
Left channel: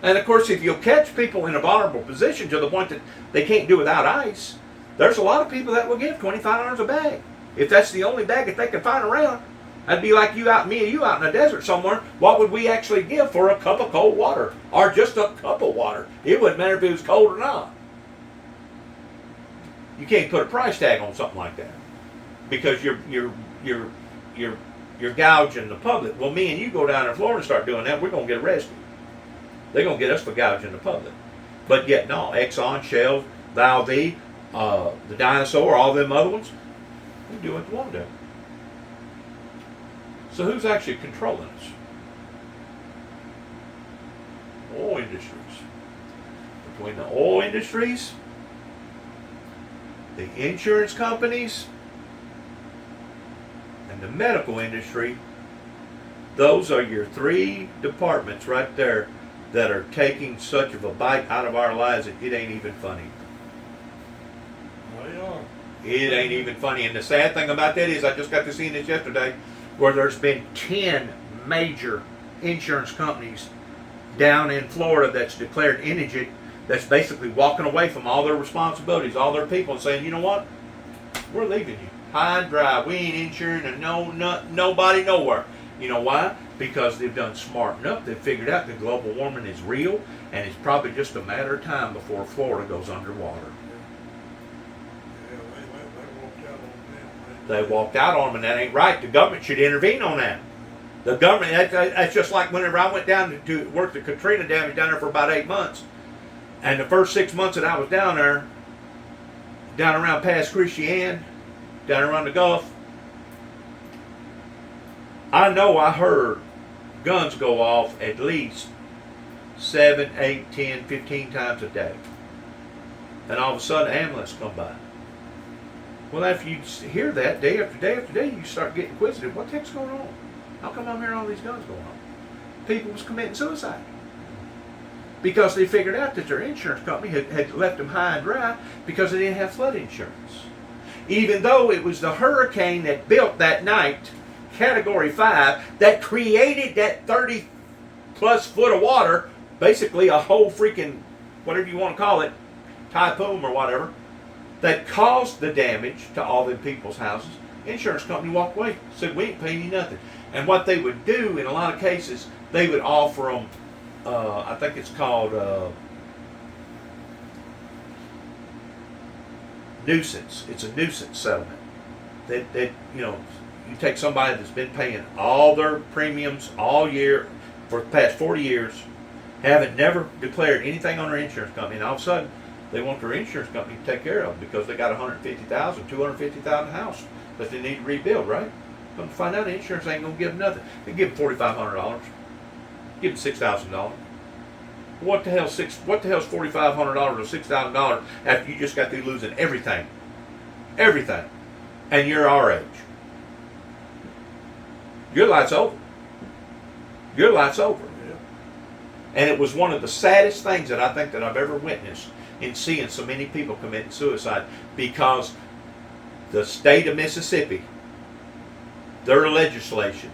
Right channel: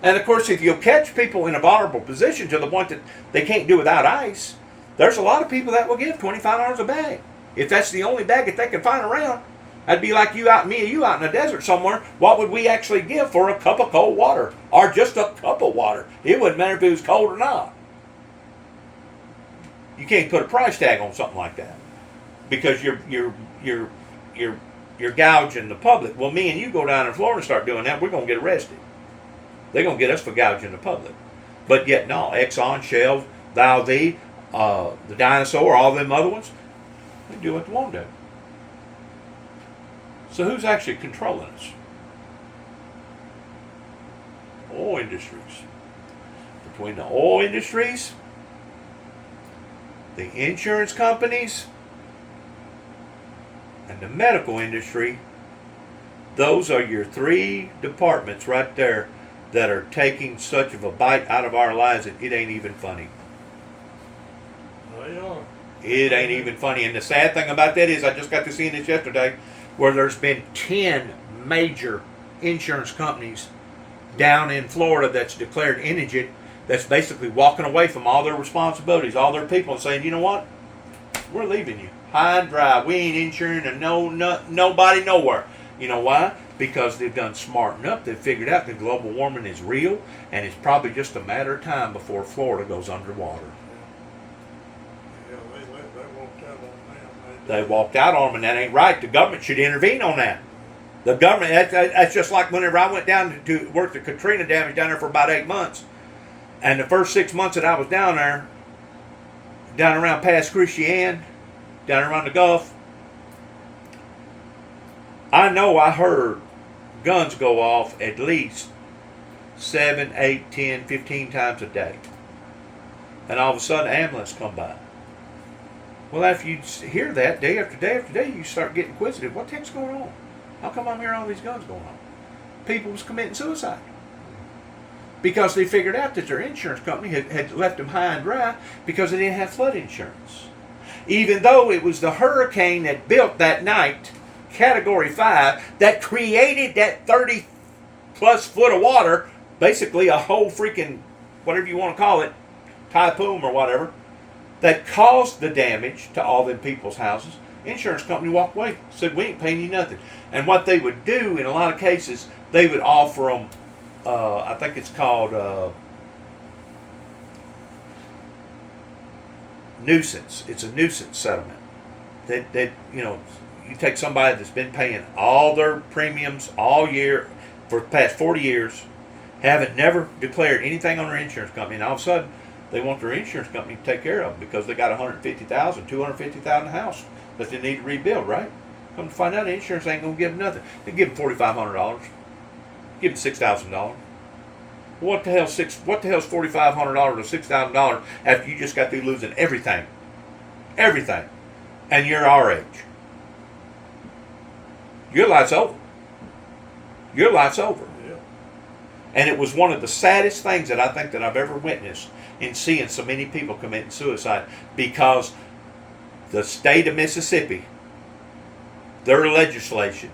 And of course, if you'll catch people in a vulnerable position to the point that they can't do without ice, there's a lot of people that will give $25 a bag. If that's the only bag that they can find around, that'd be like you out in the desert somewhere. What would we actually give for a cup of cold water? Or just a cup of water? It wouldn't matter if it was cold or not. You can't put a price tag on something like that because you're gouging the public. Well, me and you go down in Florida and start doing that, we're going to get arrested. They're going to get us for gouging the public. But yet, no, Exxon, Shell, Valdez, the Dinosaur, all them other ones, they do what they want to do. So who's actually controlling us? Oil industries. Between the oil industries, the insurance companies, and the medical industry, those are your three departments right there that are taking such of a bite out of our lives that it ain't even funny. They are. It ain't even funny. And the sad thing about that is I just got to see this yesterday where there's been 10 major insurance companies down in Florida that's declared indigent, that's basically walking away from all their responsibilities, all their people, and saying, you know what, we're leaving you high and dry. We ain't insuring and nobody nowhere. You know why? Because they've done smart enough. They've figured out that global warming is real, and it's probably just a matter of time before Florida goes underwater. Yeah, they walked out on them. They walked out on them, and that ain't right. The government should intervene on that. The government, that's just like whenever I went down to work the Katrina damage down there for about 8 months. And the first 6 months that I was down there, down around past Christian, down around the Gulf, I know I heard guns go off at least 7, 8, 10, 15 times a day. And all of a sudden, ambulance come by. Well, after you hear that day after day after day, you start getting inquisitive. What the heck's going on? How come I'm hearing all these guns going on? People was committing suicide. Because they figured out that their insurance company had left them high and dry because they didn't have flood insurance. Even though it was the hurricane that built that night, Category 5, that created that 30 plus foot of water, basically a whole freaking, whatever you want to call it, typhoon or whatever, that caused the damage to all them people's houses. Insurance company walked away, said, we ain't paying you nothing. And what they would do in a lot of cases, they would offer them, I think it's called nuisance. It's a nuisance settlement. That you know, you take somebody that's been paying all their premiums all year for the past 40 years, haven't never declared anything on their insurance company, and all of a sudden they want their insurance company to take care of them because they got $150,000, $250,000 house that they need to rebuild, right? Come to find out, the insurance ain't gonna give them nothing. They give them $4,500, give them $6,000. What the hell's $4,500 or $6,000 after you just got through losing everything, and you're our age? Your life's over. Your life's over. Yeah. And it was one of the saddest things that I think that I've ever witnessed in seeing so many people committing suicide, because the state of Mississippi, their legislation,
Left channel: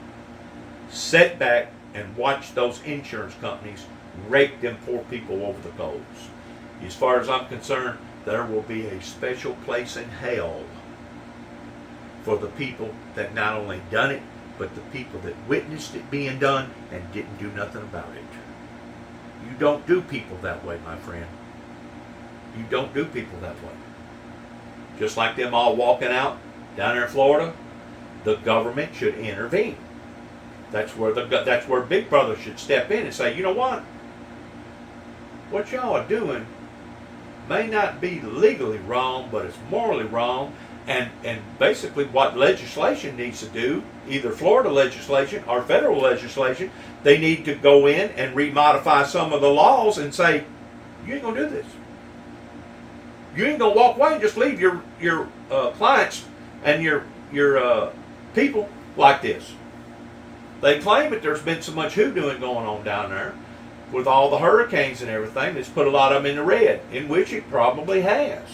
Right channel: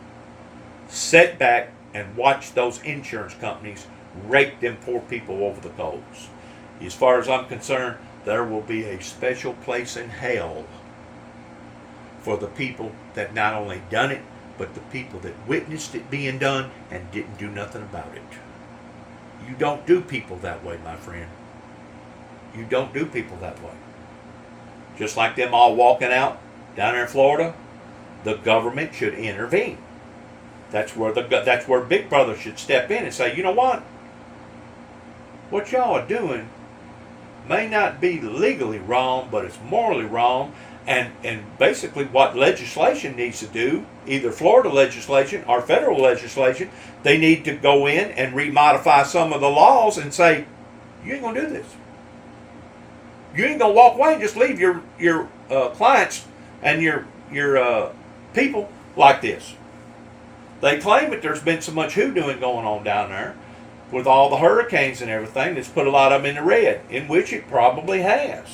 sat back and watched those insurance companies rake them poor people over the coals. As far as I'm concerned, there will be a special place in hell for the people that not only done it, but the people that witnessed it being done and didn't do nothing about it. You don't do people that way, my friend. You don't do people that way. Just like them all walking out down there in Florida, the government should intervene. That's where Big Brother should step in and say, you know what y'all are doing may not be legally wrong, but it's morally wrong. And basically what legislation needs to do, either Florida legislation or federal legislation, they need to go in and remodify some of the laws and say, you ain't gonna do this. You ain't gonna walk away and just leave your clients and your people like this. They claim that there's been so much hoodooing going on down there with all the hurricanes and everything that's put a lot of them in the red, in which it probably has.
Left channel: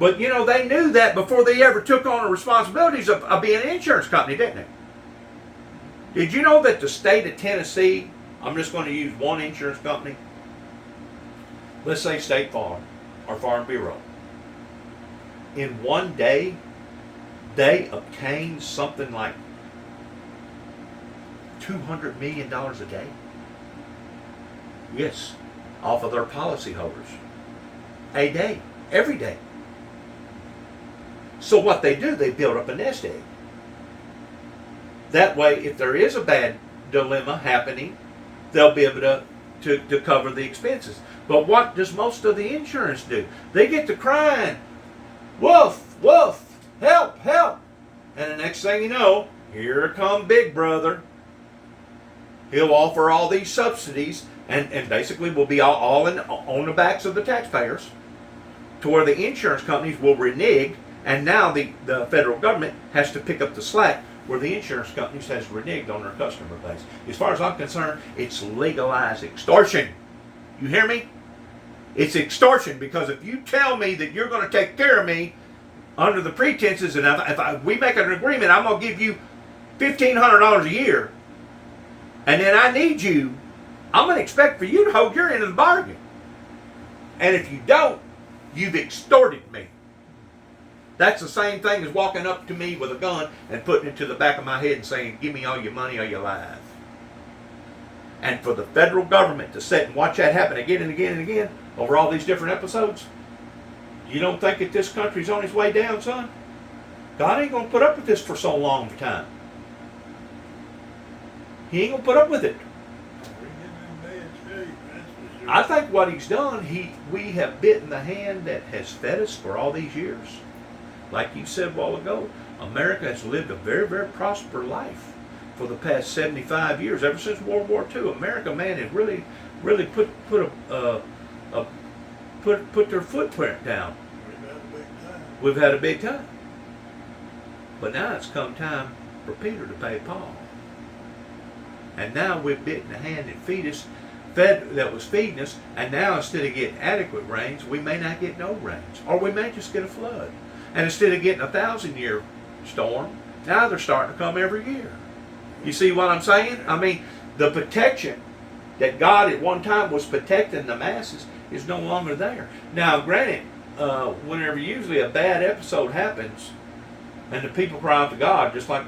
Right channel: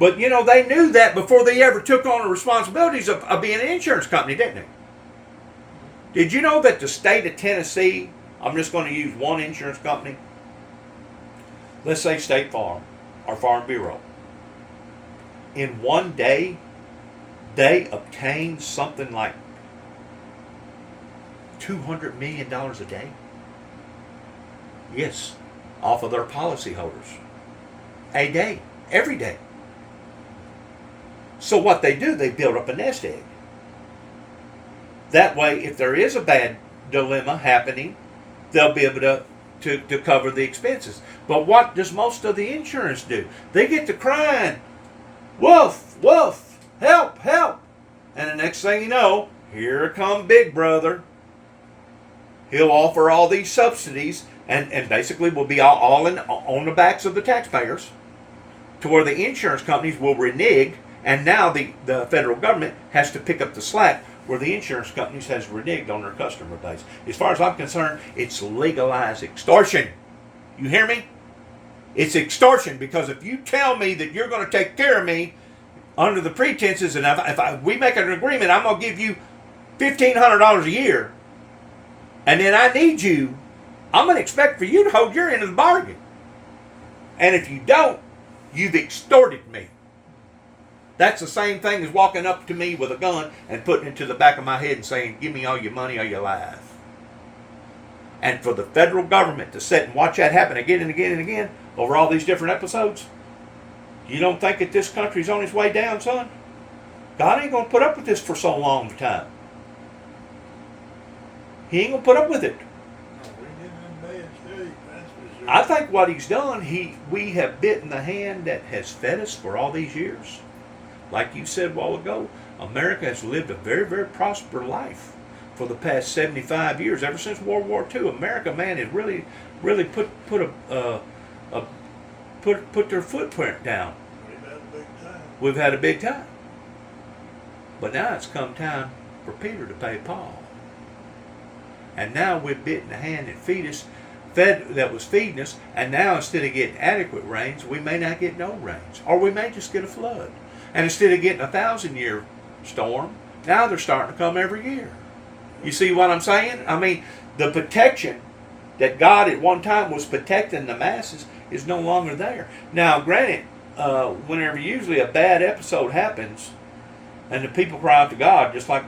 But, you know, they knew that before they ever took on the responsibilities of being an insurance company, didn't they? Did you know that the state of Tennessee, I'm just going to use one insurance company, let's say State Farm or Farm Bureau, in one day, they obtained something like $200 million a day? Yes, off of their policyholders. A day, every day. So what they do, they build up a nest egg. That way, if there is a bad dilemma happening, they'll be able to cover the expenses. But what does most of the insurance do? They get to crying, woof, woof, help, help. And the next thing you know, here come Big Brother. He'll offer all these subsidies and basically will be all on the backs of the taxpayers, to where the insurance companies will renege. And now the federal government has to pick up the slack where the insurance companies has reneged on their customer base. As far as I'm concerned, it's legalized extortion. You hear me? It's extortion, because if you tell me that you're going to take care of me under the pretenses, and if we make an agreement, I'm going to give you $1,500 a year, and then I need you I'm going to expect for you to hold your end of the bargain. And if you don't, you've extorted me. That's the same thing as walking up to me with a gun and putting it to the back of my head and saying, give me all your money or your life. And for the federal government to sit and watch that happen again and again and again over all these different episodes, you don't think that this country's on its way down, son? God ain't going to put up with this for so long of a time. He ain't going to put up with it. I think what he's done, we have bitten the hand that has fed us for all these years. Like you said a while ago, America has lived a very, very prosperous life for the past 75 years. Ever since World War II, America, man, has really put their footprint down. We've had a big time. But now it's come time for Peter to pay Paul. And now we've bitten the hand that was feeding us, and now instead of getting adequate rains, we may not get no rains. Or we may just get a flood. And instead of getting a 1,000-year storm, now they're starting to come every year. You see what I'm saying? I mean, the protection that God at one time was protecting the masses is no longer there. Now, granted, whenever usually a bad episode happens, and the people cry out to God, just like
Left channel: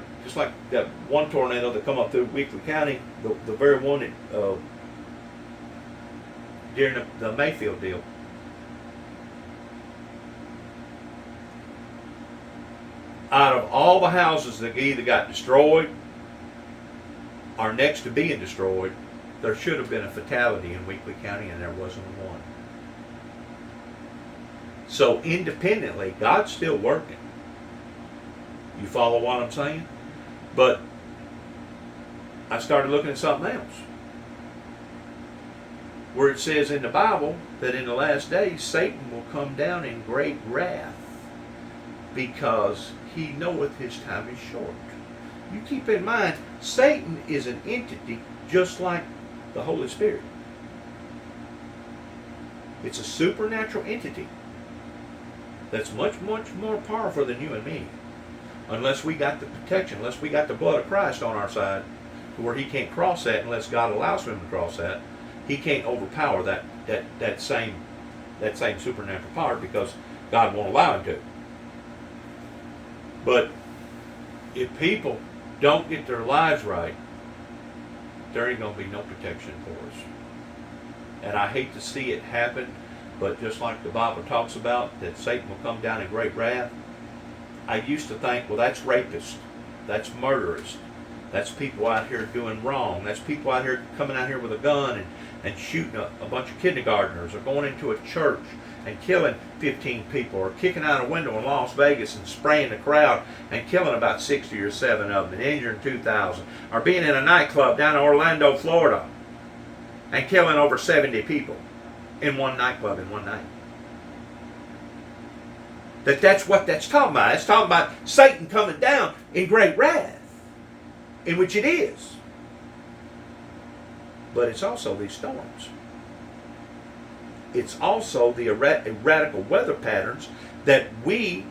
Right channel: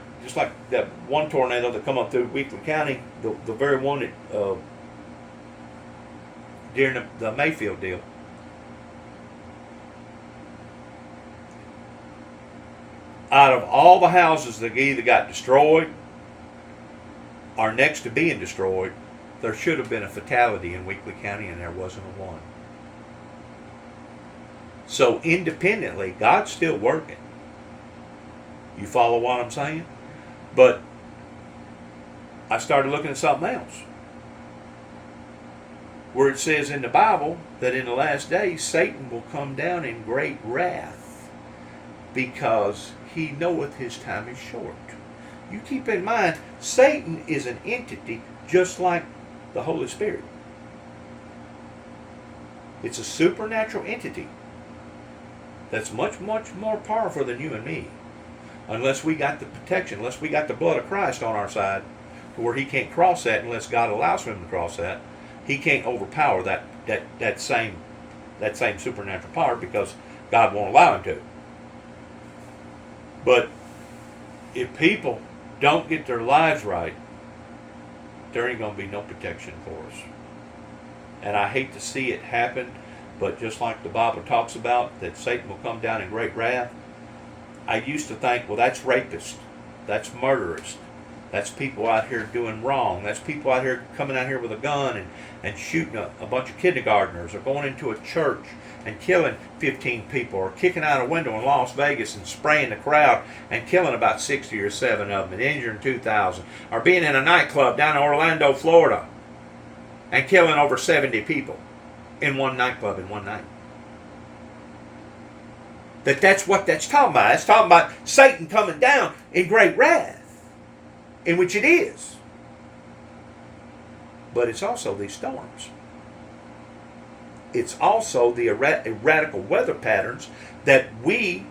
that one tornado that come up through Weakley County, the very one that during the Mayfield deal. Out of all the houses that either got destroyed or next to being destroyed, there should have been a fatality in Weakley County, and there wasn't one. So independently, God's still working. You follow what I'm saying? But I started looking at something else, where it says in the Bible that in the last days Satan will come down in great wrath, because he knoweth his time is short. You keep in mind, Satan is an entity just like the Holy Spirit. It's a supernatural entity that's much, much more powerful than you and me. Unless we got the protection, unless we got the blood of Christ on our side, to where he can't cross that unless God allows him to cross that. He can't overpower that same supernatural power, because God won't allow him to. But if people don't get their lives right, there ain't going to be no protection for us. And I hate to see it happen, but just like the Bible talks about, that Satan will come down in great wrath, I used to think, well, that's rapists, that's murderers, that's people out here doing wrong, that's people out here coming out here with a gun and shooting a bunch of kindergartners, or going into a church and killing 15 people, or kicking out a window in Las Vegas and spraying the crowd and killing about 60 or 7 of them and injuring 2,000, or being in a nightclub down in Orlando, Florida, and killing over 70 people in one nightclub in one night. That's what that's talking about. It's talking about Satan coming down in great wrath, in which it is. But it's also these storms. It's also the erratical weather patterns that we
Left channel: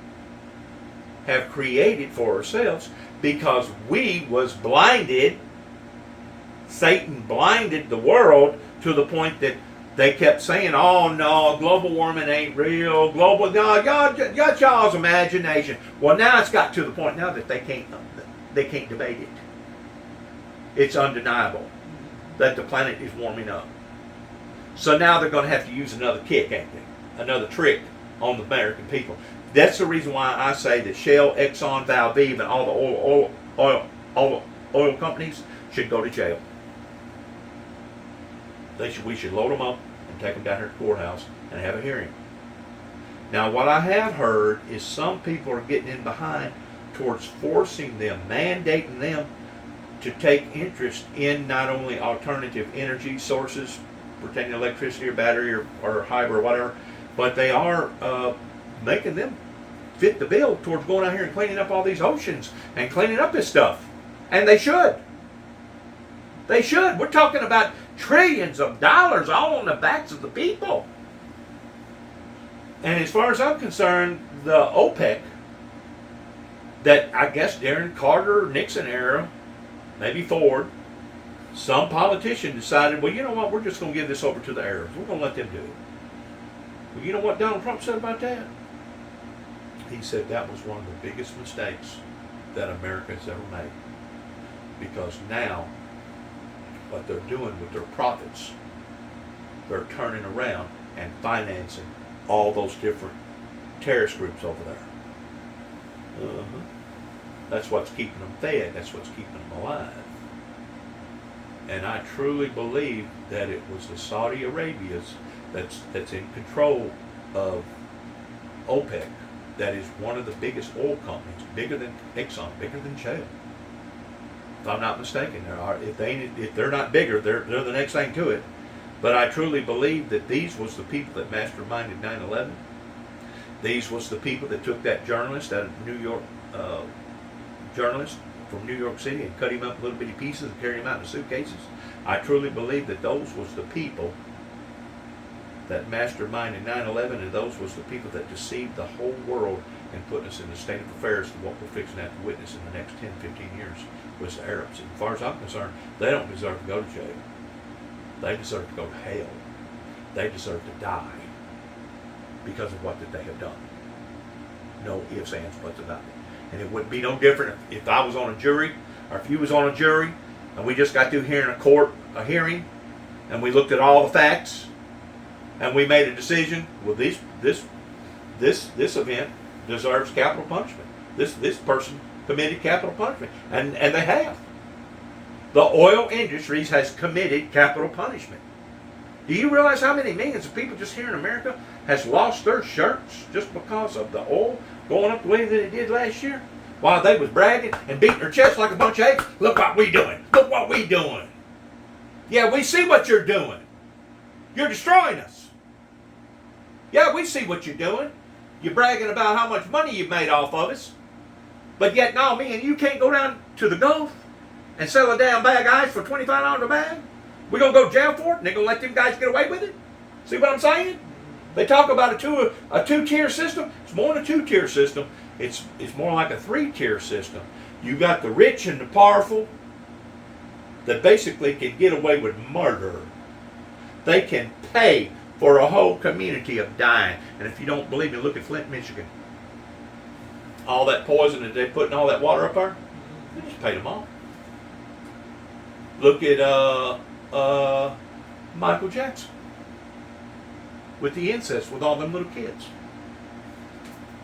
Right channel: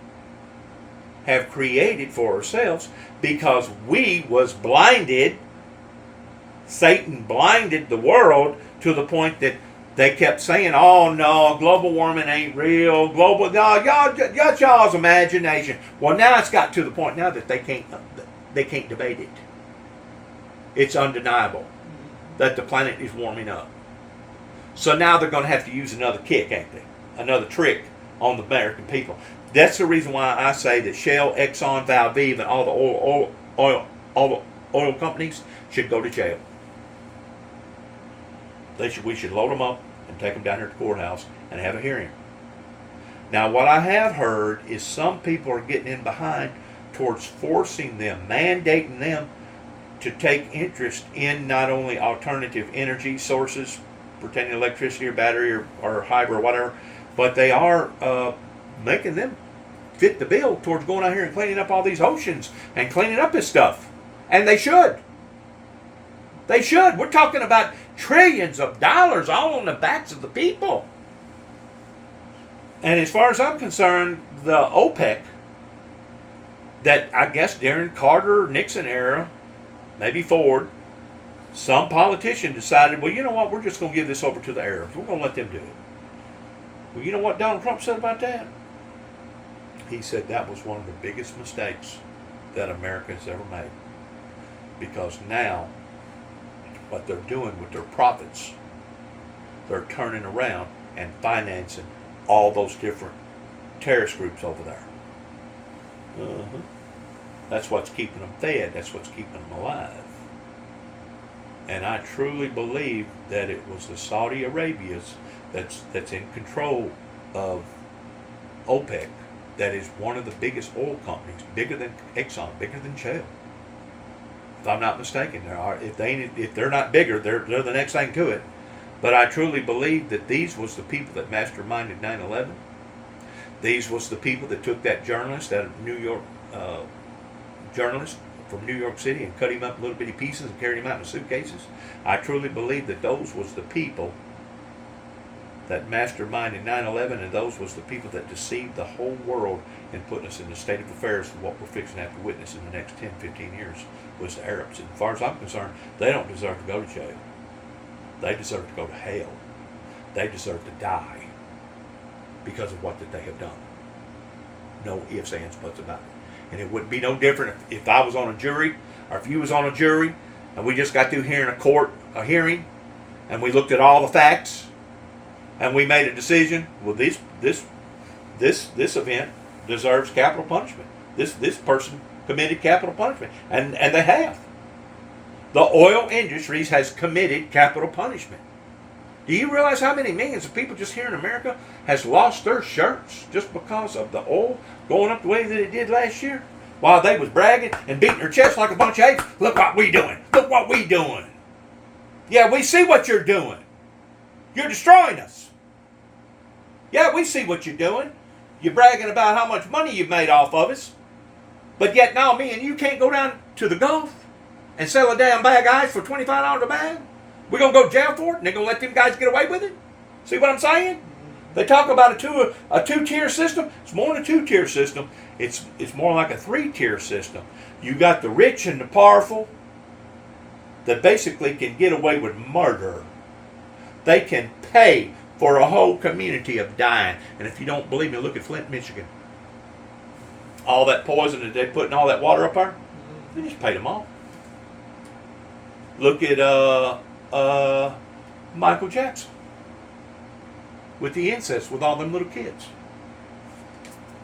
have created for ourselves, because we was blinded. Satan blinded the world to the point that they kept saying, oh no, global warming ain't real. That's y'all's imagination. Well, now it's got to the point now that they can't debate it. It's undeniable that the planet is warming up. So now they're going to have to use another kick, ain't they? Another trick on the American people. That's the reason why I say that Shell, Exxon, Valviv, and all the oil companies should go to jail. We should load them up and take them down here to the courthouse and have a hearing. Now, what I have heard is some people are getting in behind towards forcing them, mandating them to take interest in not only alternative energy sources, pertaining to electricity or battery or hybrid or whatever, but they are making them fit the bill towards going out here and cleaning up all these oceans and cleaning up this stuff. And they should. They should. We're talking about trillions of dollars all on the backs of the people. And as far as I'm concerned, the OPEC, that I guess during Carter, Nixon era, maybe Ford, Some politician decided, well, you know what, we're just going to give this over to the Arabs. We're going to let them do it. Well, you know what Donald Trump said about that? He said that was one of the biggest mistakes that America has ever made. Because now, what they're doing with their profits, they're turning around and financing all those different terrorist groups over there. That's what's keeping them fed. That's what's keeping them alive. And I truly believe that it was the Saudi Arabias that's in control of OPEC, that is one of the biggest oil companies, bigger than Exxon, bigger than Shell. If I'm not mistaken, if they're not bigger, they're the next thing to it. But I truly believe that these was the people that masterminded 9/11. These was the people that took that journalist, that New York journalist from New York City, and cut him up in little bitty pieces and carried him out in suitcases. I truly believe that those was the people that masterminded 9/11, and those was the people that deceived the whole world and put us in the state of affairs to what we're fixing to have to witness in the next 10, 15 years was the Arabs. And as far as I'm concerned, they don't deserve to go to jail. They deserve to go to hell. They deserve to die because of what that they have done. No ifs, ands, buts about it. And it wouldn't be no different if I was on a jury, or if you was on a jury, and we just got through hearing a hearing, and we looked at all the facts, and we made a decision. Well, this event deserves capital punishment. This person committed capital punishment, and they have. The oil industry has committed capital punishment. Do you realize how many millions of people just here in America has lost their shirts just because of the oil going up the way that it did last year? While they was bragging and beating their chest like a bunch of apes. Look what we doing. Look what we doing. Yeah, we see what you're doing. You're destroying us. Yeah, we see what you're doing. You're bragging about how much money you've made off of us. But yet now me and you can't go down to the Gulf and sell a damn bag of ice for $25 a bag. We're going to go to jail for it, and they're going to let them guys get away with it? See what I'm saying? They talk about a two-tier system. It's more than a two-tier system. It's more like a three-tier system. You got the rich and the powerful that basically can get away with murder. They can pay for a whole community of dying. And if you don't believe me, look at Flint, Michigan. All that poison that they put in all that water up there, they just paid them off. Look at Michael Jackson with the incest with all them little kids.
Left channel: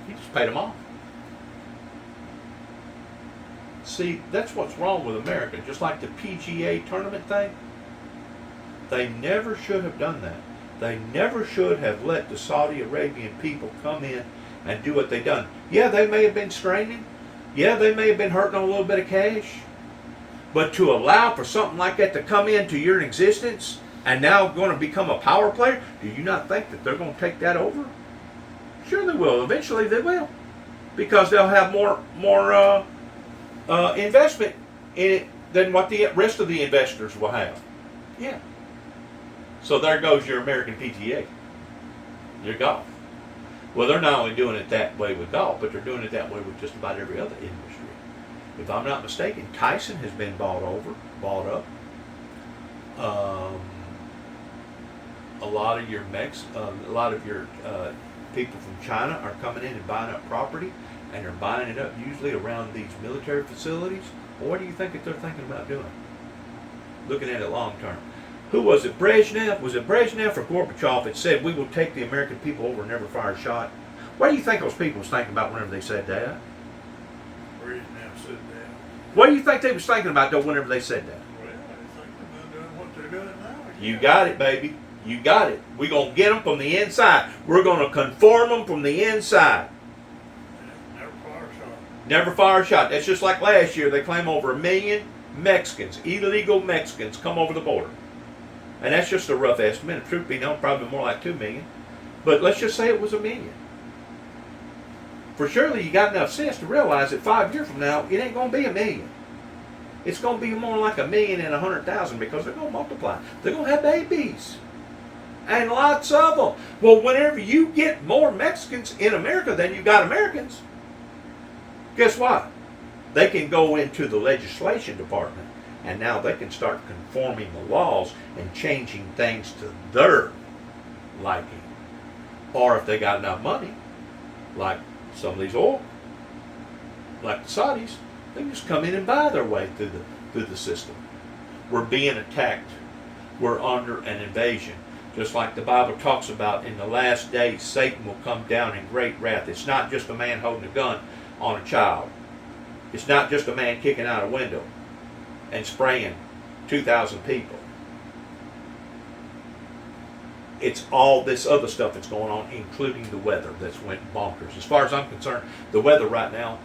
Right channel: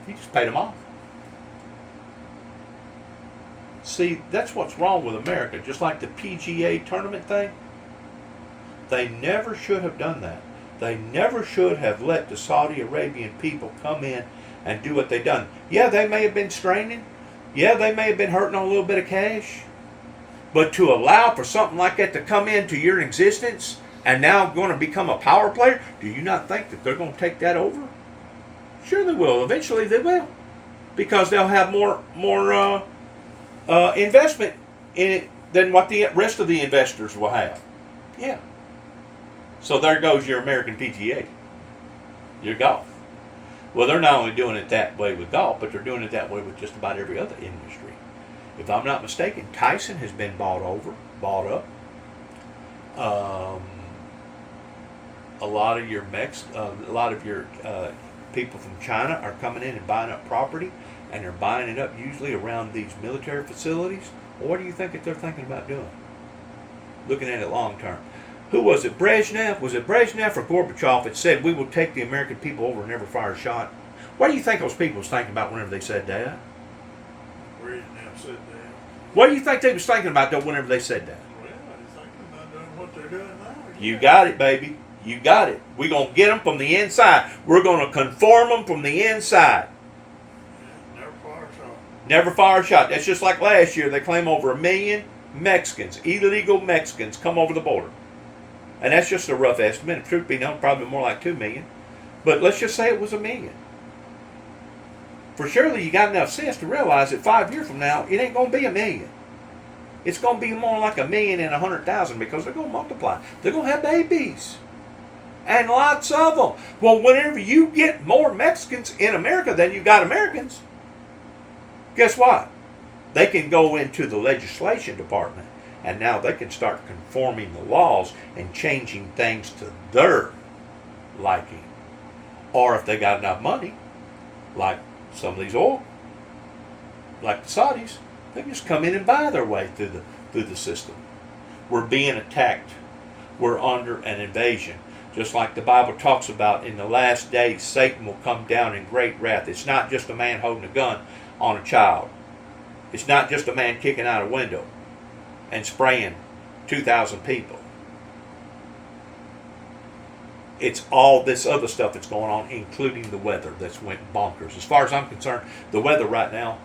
He just paid them off. See, that's what's wrong with America. Just like the PGA tournament thing, they never should have done that. They never should have let the Saudi Arabian people come in and do what they done. Yeah, they may have been straining. Yeah, they may have been hurting on a little bit of cash. But to allow for something like that to come into your existence and now going to become a power player, do you not think that they're going to take that over? Sure they will. Eventually they will. Because they'll have more investment in it than what the rest of the investors will have. Yeah. So there goes your American PGA. Your golf. Well, they're not only doing it that way with golf, but they're doing it that way with just about every other industry. If I'm not mistaken, Tyson has been bought up. A lot of your people from China are coming in and buying up property, and they're buying it up usually around these military facilities. Well, what do you think that they're thinking about doing? Looking at it long term. Who was it? Brezhnev? Was it Brezhnev or Gorbachev that said we will take the American people over and never fire a shot? What do you think those people was thinking about whenever they said that? Brezhnev said that. What do you think they was thinking about though whenever they said that? Well, they're thinking about doing what they're doing now. You got it, baby. You got it. We're going to get them from the inside. We're going to conform them from the inside. Yeah, never fire a shot. Never fire a shot. That's just like last year. They claim over 1 million Mexicans, illegal Mexicans, come over the border. And that's just a rough estimate. If truth be known, probably more like 2 million. But let's just say it was 1 million. For surely you got enough sense to realize that 5 years from now, it ain't going to be 1 million. It's going to be more like 1,100,000 because they're going to multiply. They're going to have babies. And lots of them. Well, whenever you get more Mexicans in America than you got Americans, guess what? They can go into the legislation department and now they can start conforming the laws and changing things to their liking. Or if they got enough money, like some of these oil, like the Saudis, they can just come in and buy their way through the system. We're being attacked. We're under an invasion. Just like the Bible talks about, in the last days, Satan will come down in great wrath. It's not just a man holding a gun on a child. It's not just a man kicking out a window and spraying 2,000 people. It's all this other stuff that's going on, including the weather that's went bonkers. As far as I'm concerned, the weather right now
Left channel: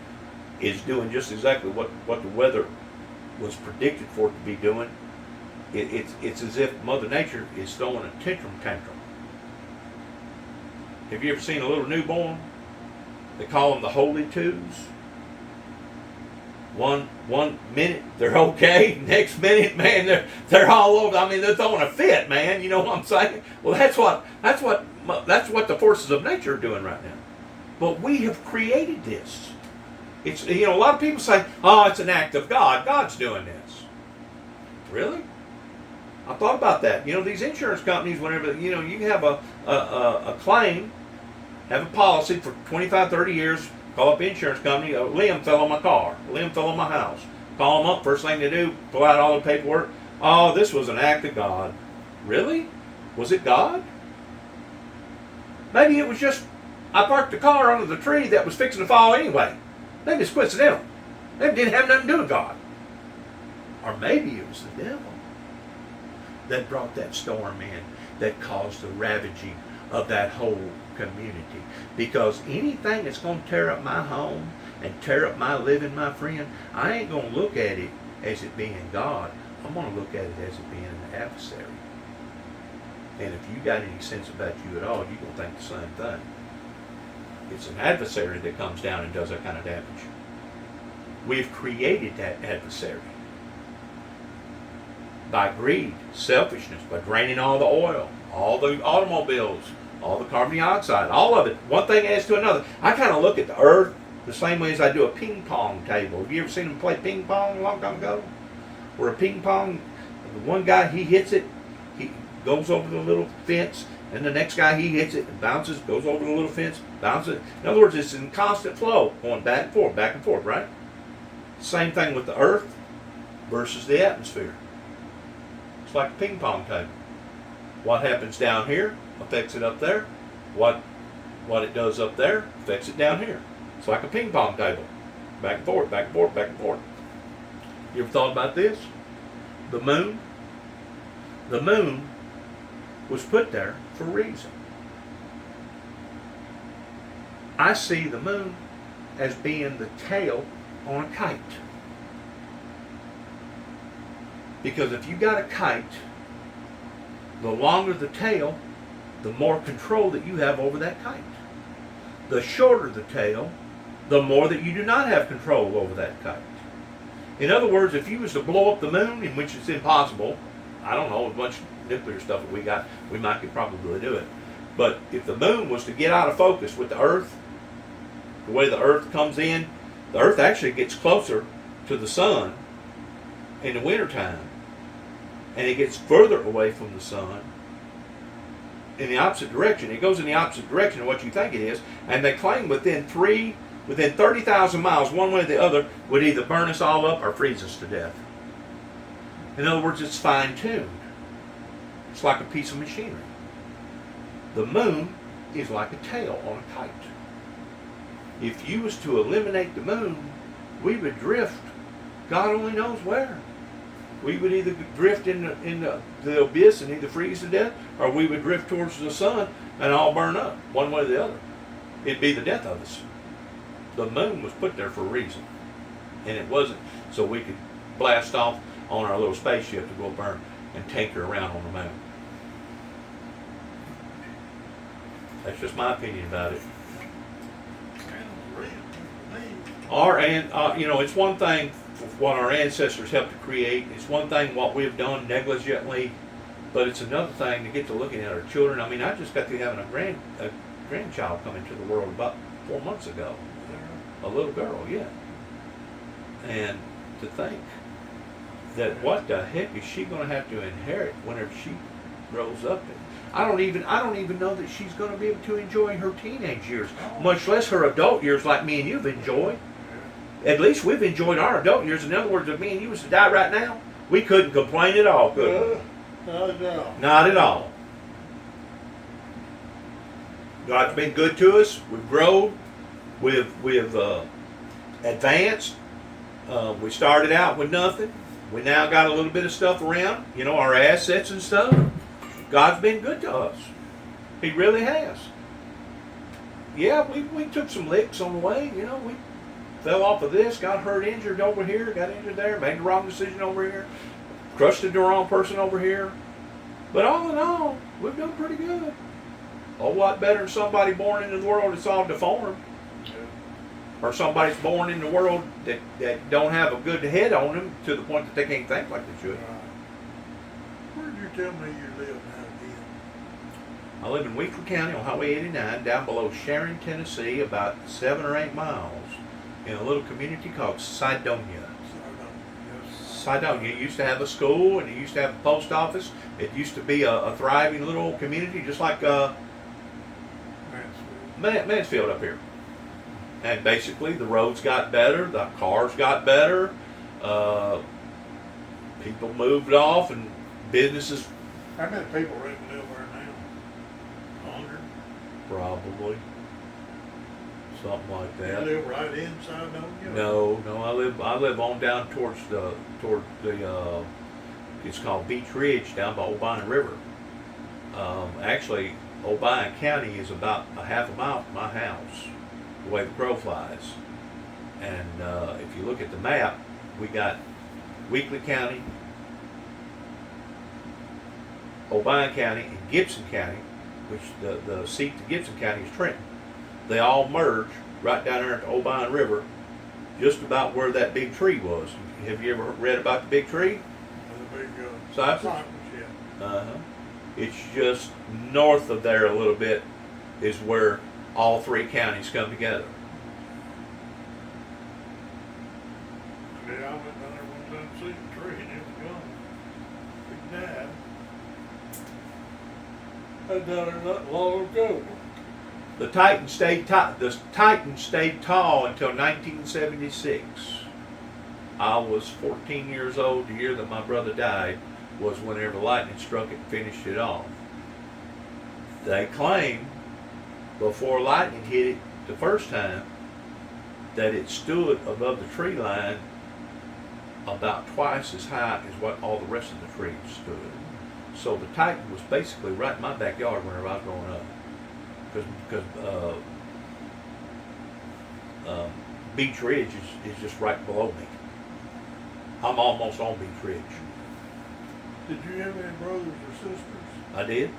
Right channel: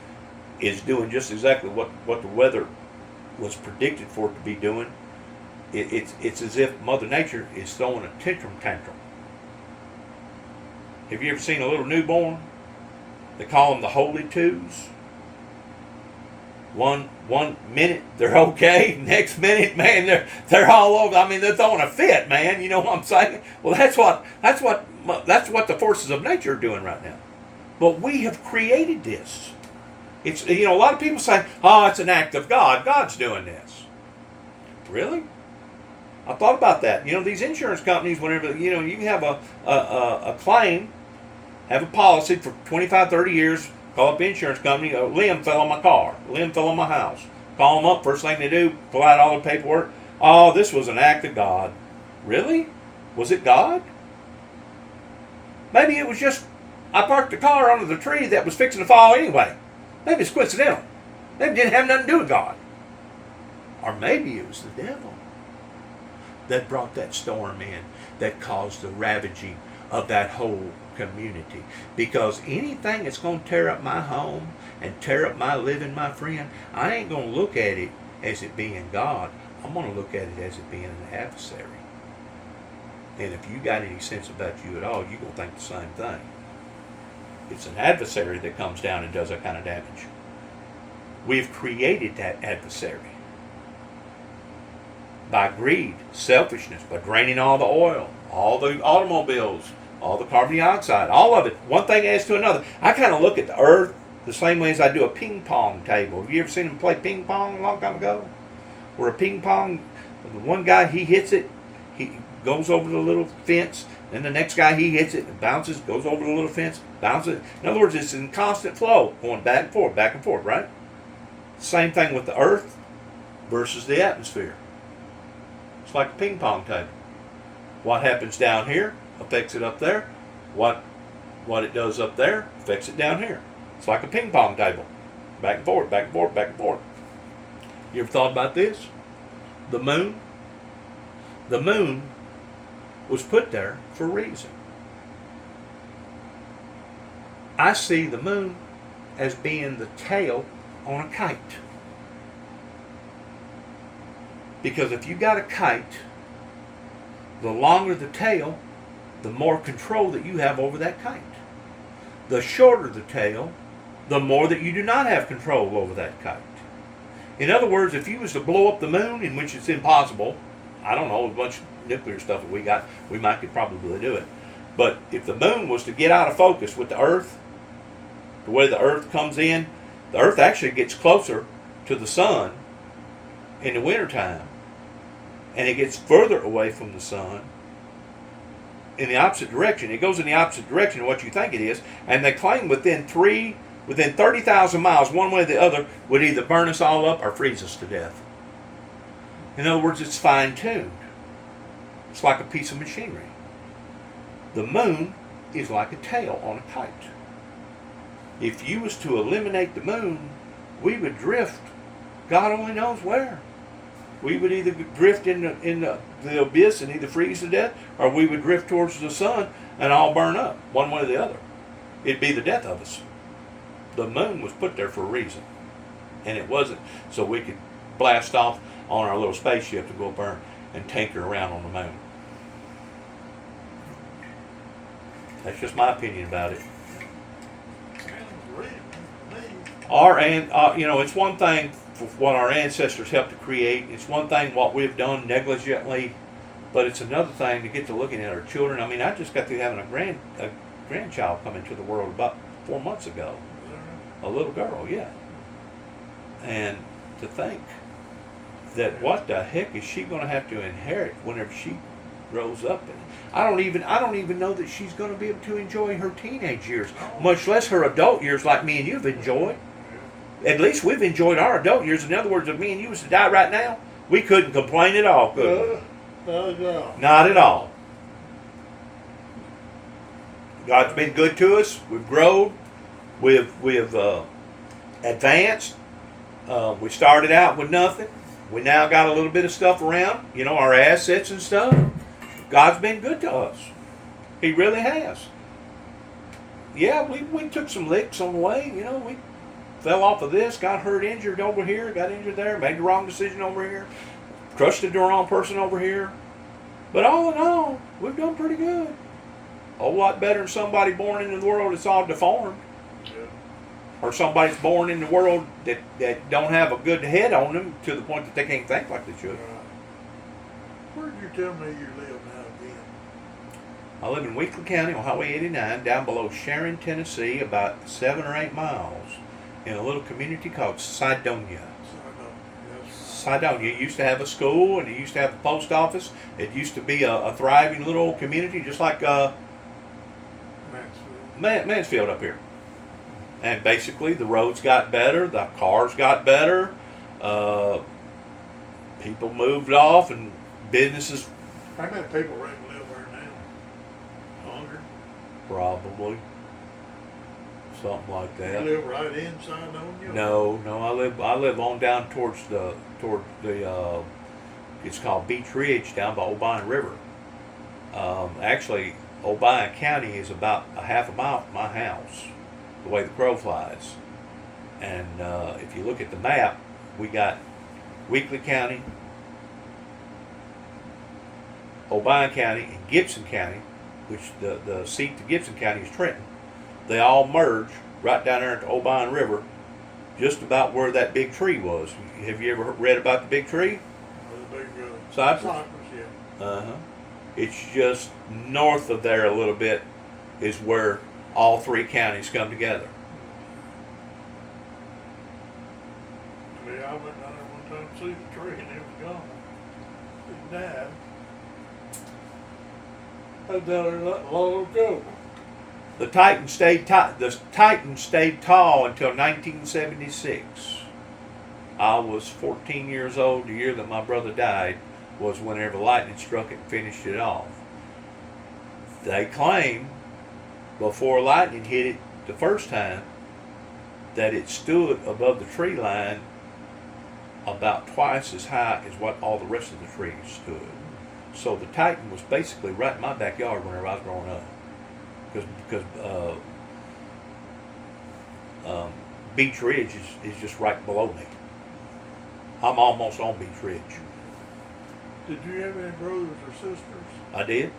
is doing just exactly what the weather was predicted for it to be doing. It's as if Mother Nature is throwing a tantrum. Have you ever seen a little newborn? They call them the Holy Twos. One minute they're okay, next minute, man, they're all over. I mean, they're throwing a fit, man. You know what I'm saying? Well, that's what the forces of nature are doing right now. But we have created this. It's, a lot of people say, "Oh, it's an act of God. God's doing this." Really? I thought about that. These insurance companies, whenever, you can have a claim, have a policy for 25, 30 years, call up the insurance company, a limb fell on my car, a limb fell on my house. Call them up, first thing they do, pull out all the paperwork. "Oh, this was an act of God." Really? Was it God? Maybe it was just, I parked the car under the tree that was fixing to fall anyway. Maybe it's coincidental. Maybe it didn't have nothing to do with God. Or maybe it was the devil that brought that storm in, that caused the ravaging of that whole community. Because anything that's going to tear up my home and tear up my living, my friend, I ain't going to look at it as it being God. I'm going to look at it as it being an adversary. And if you got any sense about you at all, you're going to think the same thing. It's an adversary that comes down and does that kind of damage. We've created that adversary by greed, selfishness, by draining all the oil, all the automobiles, all the carbon dioxide, all of it. One thing adds to another. I kind of look at the earth the same way as I do a ping pong table. Have you ever seen them play ping pong a long time ago? Where a ping pong, the one guy, he hits it, he goes over the little fence, and the next guy, he hits it, and bounces, goes over the little fence, bounces. In other words, it's in constant flow, going back and forth, right? Same thing with the earth versus the atmosphere. It's like a ping pong table. What happens down here affects it up there. What it does up there affects it down here. It's like a ping pong table. Back and forth, back and forth, back and forth. You ever thought about this? The moon? The moon was put there for a reason. I see the moon as being the tail on a kite. Because if you got a kite, the longer the tail, the more control that you have over that kite. The shorter the tail, the more that you do not have control over that kite. In other words, if you was to blow up the moon, in which it's impossible, I don't know, a bunch of nuclear stuff that we got, we could probably do it. But if the moon was to get out of focus with the earth, the way the earth comes in, the earth actually gets closer to the sun in the wintertime. And it gets further away from the sun in the opposite direction. It goes in the opposite direction of what you think it is. And they claim within 30,000 miles, one way or the other, would either burn us all up or freeze us to death. In other words, it's fine-tuned. It's like a piece of machinery. The moon is like a tail on a kite. If you was to eliminate the moon, we would drift God only knows where. We would either drift in the abyss and either freeze to death, or we would drift towards the sun and all burn up, one way or the other. It'd be the death of us. The moon was put there for a reason. And it wasn't so we could blast off on our little spaceship to go burn and tinker around on the moon. That's just my opinion about it. It's one thing for what our ancestors helped to create. It's one thing what we've done negligently, but it's another thing to get to looking at our children. I mean, I just got through having a grandchild come into the world about 4 months ago. A little girl, yeah. And to think that what the heck is she going to have to inherit whenever she grows up? I don't even know that she's going to be able to enjoy her teenage years, much less her adult years like me and you've enjoyed. At least we've enjoyed our adult years. In other words, if me and you was to die right now, we couldn't complain at all, could we? Not at all. God's been good to us. We've grown. We've advanced. We started out with nothing. We now got a little bit of stuff around, our assets and stuff. God's been good to us. He really has. Yeah, we took some licks on the way. We fell off of this, got hurt, injured over here, got injured there, made the wrong decision over here, trusted the wrong person over here. But all in all, we've done pretty good. A whole lot better than somebody born into the world that's all deformed. Or somebody's born in the world that don't have a good head on them to the point that they can't think like they should. Where did you tell me you live now again? I live in Weakley County on Highway 89, down below Sharon, Tennessee, about 7 or 8 miles, in a little community called Sidonia. Sidonia used to have a school, and it used to have a post office. It used to be a thriving little community, just like Mansfield up here. And basically, the roads got better, the cars got better, people moved off, and businesses. How many people live there now? 100? Probably. Something like that. You live right inside Sidonia? No, I live on down toward the it's called Beach Ridge down by O'Brien River. Actually, O'Brien County is about a half a mile from my house, the way the crow flies. And if you look at the map, we got Weakley County, O'Brien County, and Gibson County, which the seat to Gibson County is Trenton. They all merge right down there at the O'Brien River, just about where that big tree was. Have you ever read about the big tree? The big Cypress? Yeah. Uh-huh. It's just north of there a little bit is where all 3 counties come together. Yeah, I went down there one time to see the tree and it was gone. It died. I was down there not long ago. The Titan stayed tall until 1976. I was 14 years old. The year that my brother died was whenever lightning struck it and finished it off. They claim before lightning hit it the first time that it stood above the tree line about twice as high as what all the rest of the trees stood. So the Titan was basically right in my backyard whenever I was growing up. Because Beach Ridge is just right below me. I'm almost on Beach Ridge. Did you have any brothers or sisters? I did.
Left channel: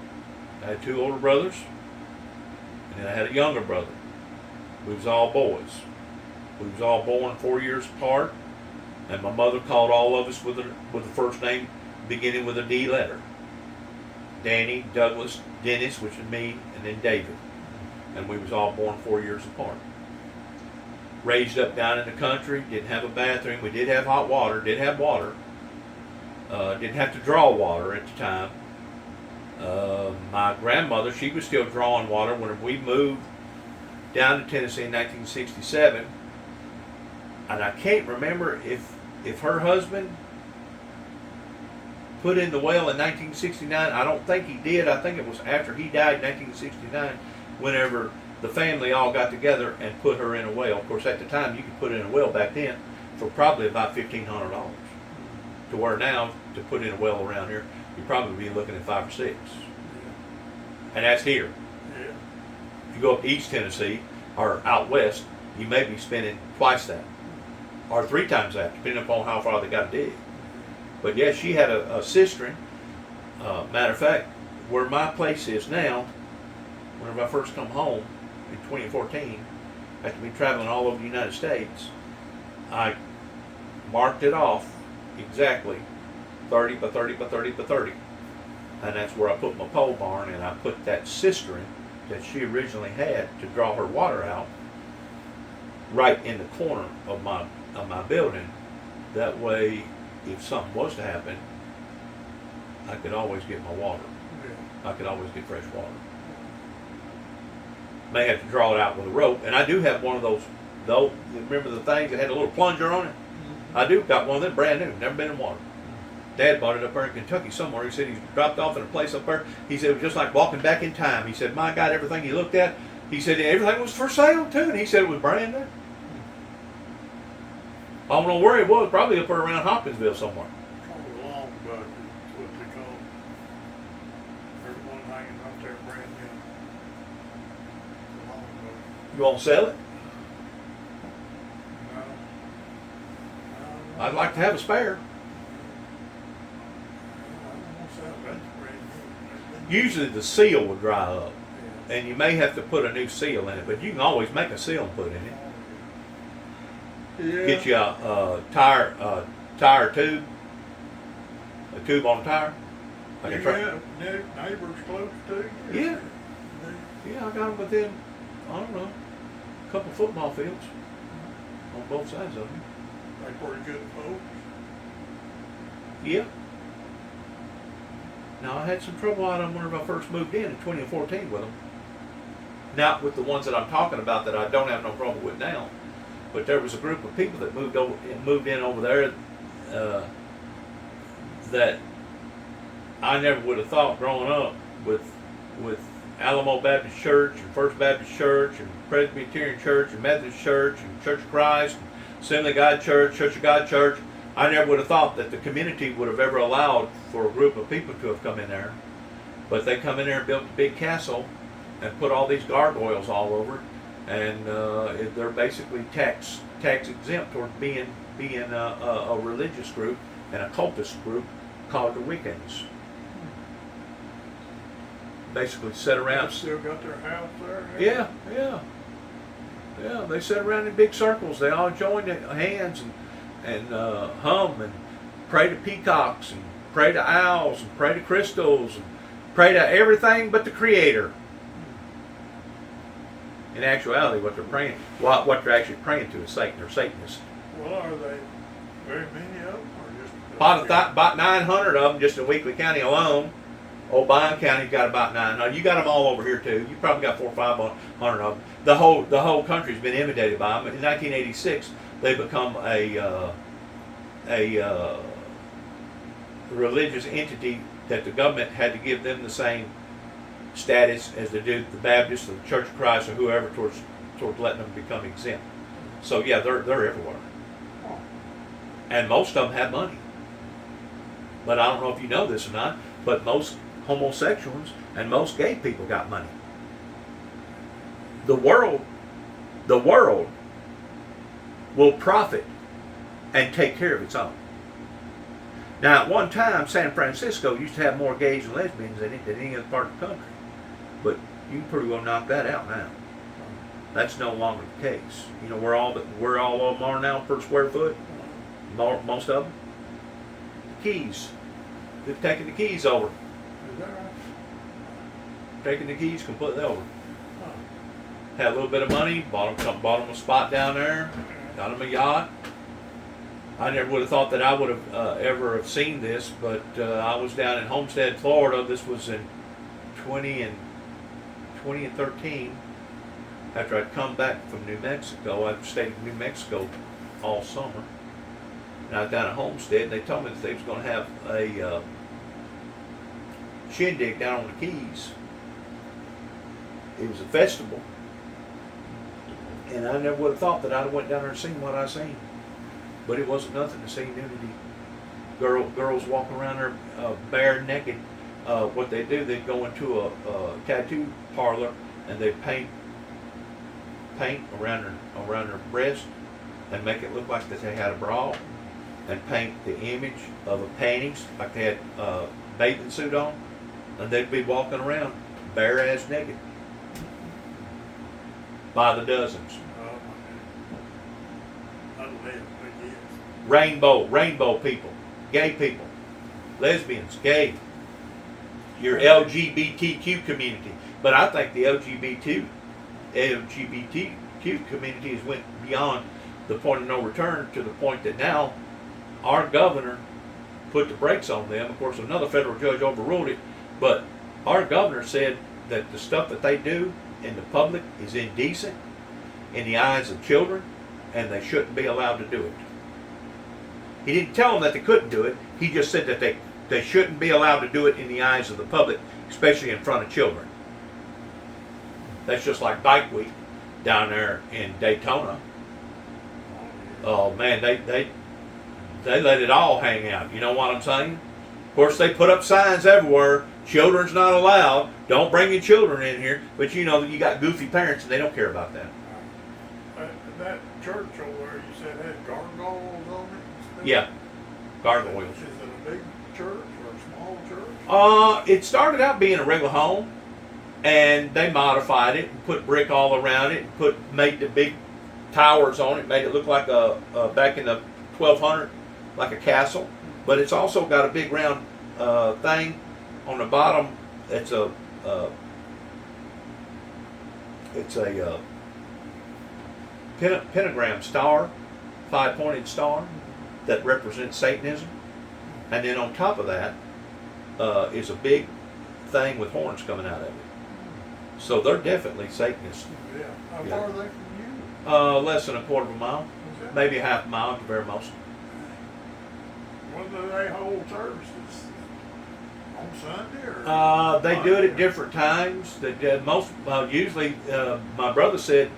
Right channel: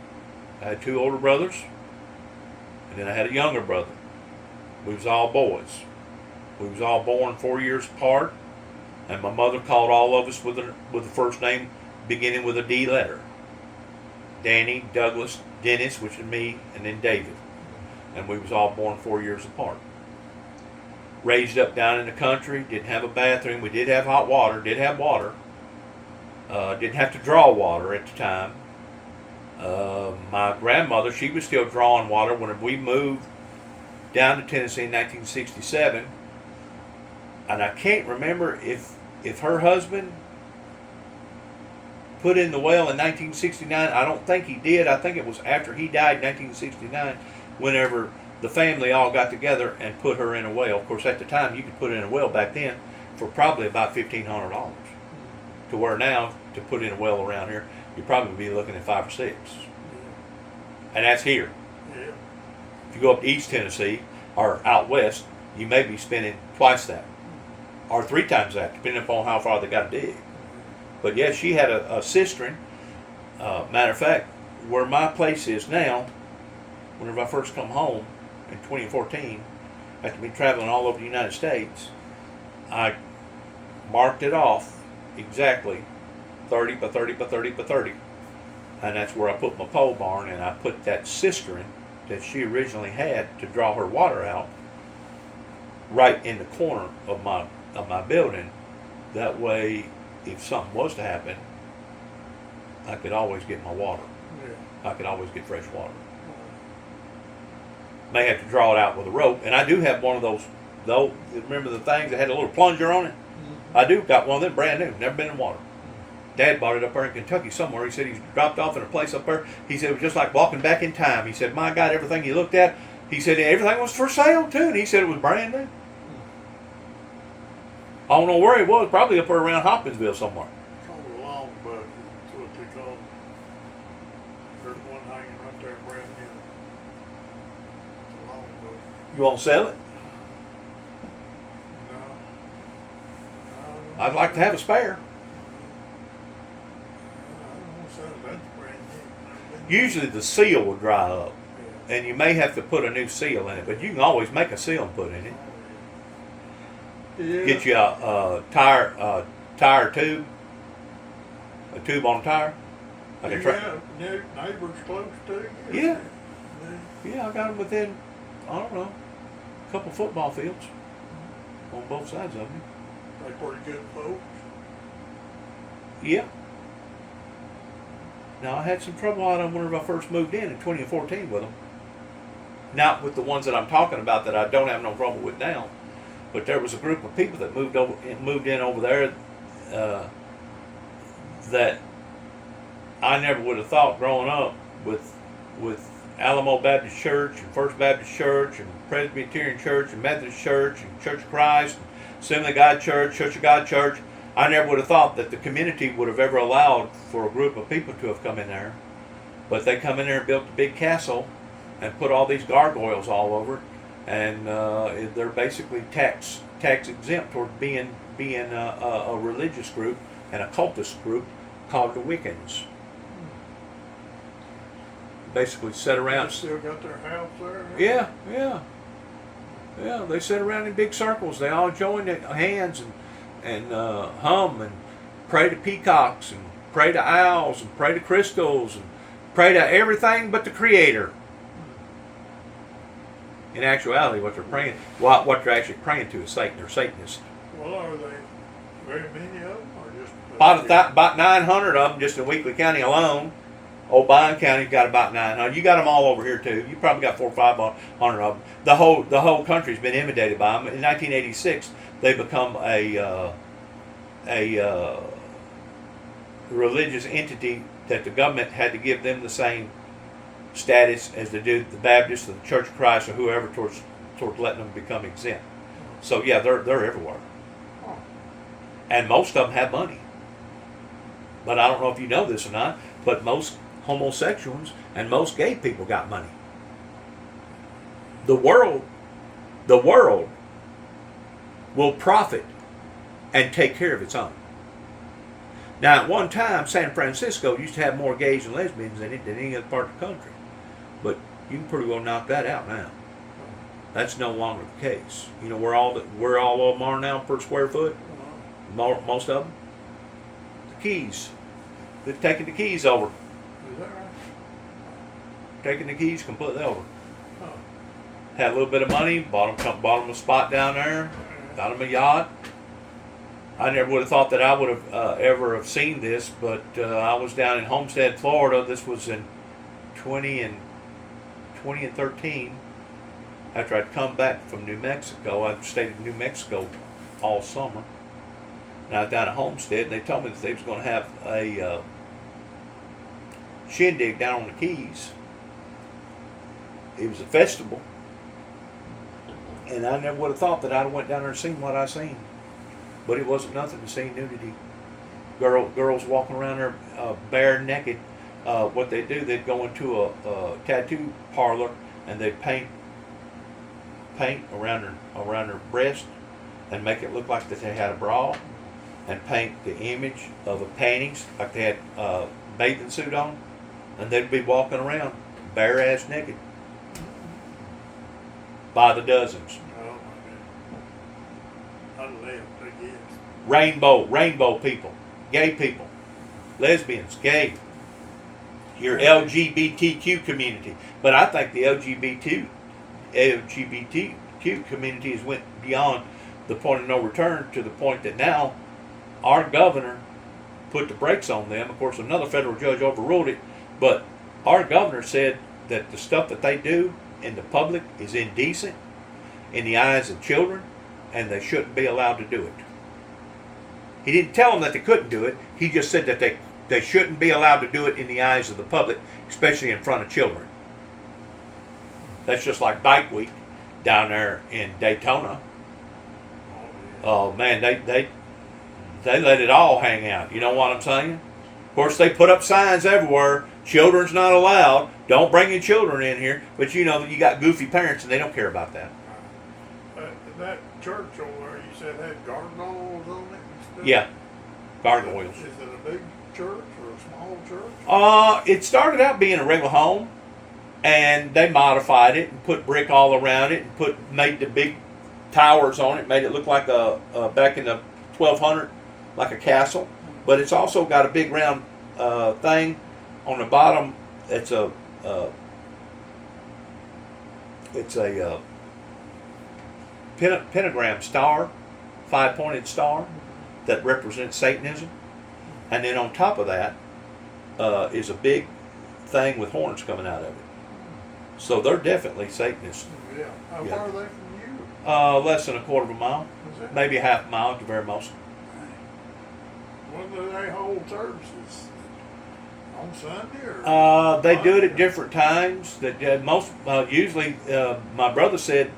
I had 2 older brothers, and then I had a younger brother. We was all boys. We was all born 4 years apart, and my mother called all of us with the first name beginning with a D letter. Danny, Douglas, Dennis, which is me, and then David. And we was all born 4 years apart. Raised up down in the country, didn't have a bathroom. We did have hot water, did have water. Didn't have to draw water at the time. My grandmother, she was still drawing water when we moved down to Tennessee in 1967. And I can't remember if her husband put in the well in 1969. I don't think he did. I think it was after he died in 1969 whenever the family all got together and put her in a well. Of course, at the time, you could put in a well back then for probably about $1,500. To where now, to put in a well around here, you'd probably be looking at 5 or 6. Yeah. And that's here. Yeah. If you go up to East Tennessee or out west, you may be spending twice that or 3 times that, depending upon how far they got to dig. But yeah, she had a cistern. Matter of fact, where my place is now, whenever I first come home in 2014, after me traveling all over the United States, I marked it off exactly 30 by 30 by 30 by 30. And that's where I put my pole barn, and I put that cistern that she originally had to draw her water out right in the corner of my building. That way, if something was to happen, I could always get my water. Yeah. I could always get fresh water. May have to draw it out with a rope, and I do have one of those. Though, remember the things that had a little plunger on it? Mm-hmm. I do got one of them, brand new, never been in water. Dad bought it up there in Kentucky somewhere. He said he dropped off in a place up there. He said it was just like walking back in time. He said, my God, everything you looked at, he said everything was for sale too, and he said it was brand new. I don't know where it was, probably up there around Hopkinsville somewhere. Called a long bucket, that's what they call it. There's one hanging right there, brand new. A long bucket. You want to sell it? No. I'd like to have a spare. Usually the seal will dry up, and you may have to put a new seal in it, but you can always make a seal and put in it. Yeah. Get you a tire tube, a tube on a tire. Like a You truck. have neighbors close to you? Yeah. Yeah, I got them within, I don't know, a couple football fields on both sides of me. They pretty good folks. Yeah. Now, I had some trouble out on when I first moved in 2014 with them. Not with the ones that I'm talking about that I don't have no trouble with now. But there was a group of people that moved in over there that I never would have thought growing up with Alamo Baptist Church and First Baptist Church and Presbyterian Church and Methodist Church and Church of Christ and Assembly of God Church, Church of God Church. I never would have thought that the community would have ever allowed for a group of people to have come in there. But they come in there and built a big castle and put all these gargoyles all over, and they're basically tax exempt toward being a religious group and a cultist group called the Wiccans. Basically sit around. They still got their house there? Yeah. They sit around in big circles. They all join hands and hum and pray to peacocks and pray to owls and pray to crystals and pray to everything but the Creator. In actuality, what they're actually praying to is Satan. They're Satanists. Well, are they very many of them, or just? About 900 of them just in Weakley County alone. O'Brien County's got about 900. You got them all over here too. You probably got 400 or 500 of them. The whole country's been imitated by them. In 1986, they become a religious entity that the government had to give them the same status as they do the Baptists, the Church of Christ, or whoever towards letting them become exempt. So yeah, they're everywhere, and most of them have money. But I don't know if you know this or not, but most homosexuals and most gay people got money. The world will profit and take care of its own. Now, at one time, San Francisco used to have more gays and lesbians in it than any other part of the country. But you can pretty well knock that out now. That's no longer the case. You know where all of them are now per square foot? Most of them? The Keys. They've taken the Keys over. Is that right? Taking the Keys completely over. Oh. Had a little bit of money, bought them a spot down there, got them a yacht. I never would have thought that I would have ever have seen this, but I was down in Homestead, Florida. This was in 2013. After I'd come back from New Mexico, I stayed in New Mexico all summer. And I was down at Homestead, and they told me that they was going to have a shindig down on the Keys. It was a festival. And I never would have thought that I'd have went down there and seen what I seen. But it wasn't nothing to see nudity. Girls walking around there bare naked. What they do, they'd go into a tattoo parlor and they'd paint around their breast and make it look like that they had a bra, and paint the image of a panties like they had a bathing suit on, and they'd be walking around bare ass naked by the dozens. Oh my God. I'd live, but yes. Rainbow people, gay people, lesbians, gay, your LGBTQ community. But I think the LGBTQ community has went beyond the point of no return to the point that now our governor put the brakes on them. Of course, another federal judge overruled it, but our governor said that the stuff that they do in the public is indecent in the eyes of children, and they shouldn't be allowed to do it. He didn't tell them that they couldn't do it. He just said that they shouldn't be allowed to do it in the eyes of the public, especially in front of children. That's just like Bike Week down there in Daytona. Oh man, they let it all hang out. You know what I'm saying? Of course, they put up signs everywhere. Children's not allowed. Don't bring your children in here. But you know, you got goofy parents and they don't care about that. That church over there, you said had gargoyles on it and stuff? Yeah, gargoyles. Is it a big church or a small church? It started out being a regular home, and they modified it and put brick all around it and made the big towers on it, made it look like a back in the 1200, like a castle. But it's also got a big round thing on the bottom. It's a pentagram star, 5-pointed star that represents Satanism, and then on top of that is a big thing with horns coming out of it. So they're definitely Satanists. Yeah. How far are they from you? Less than a quarter of a mile, maybe a half a mile at the very most. When do they hold services? On Sunday or? They do it at different times. Usually, my brother said,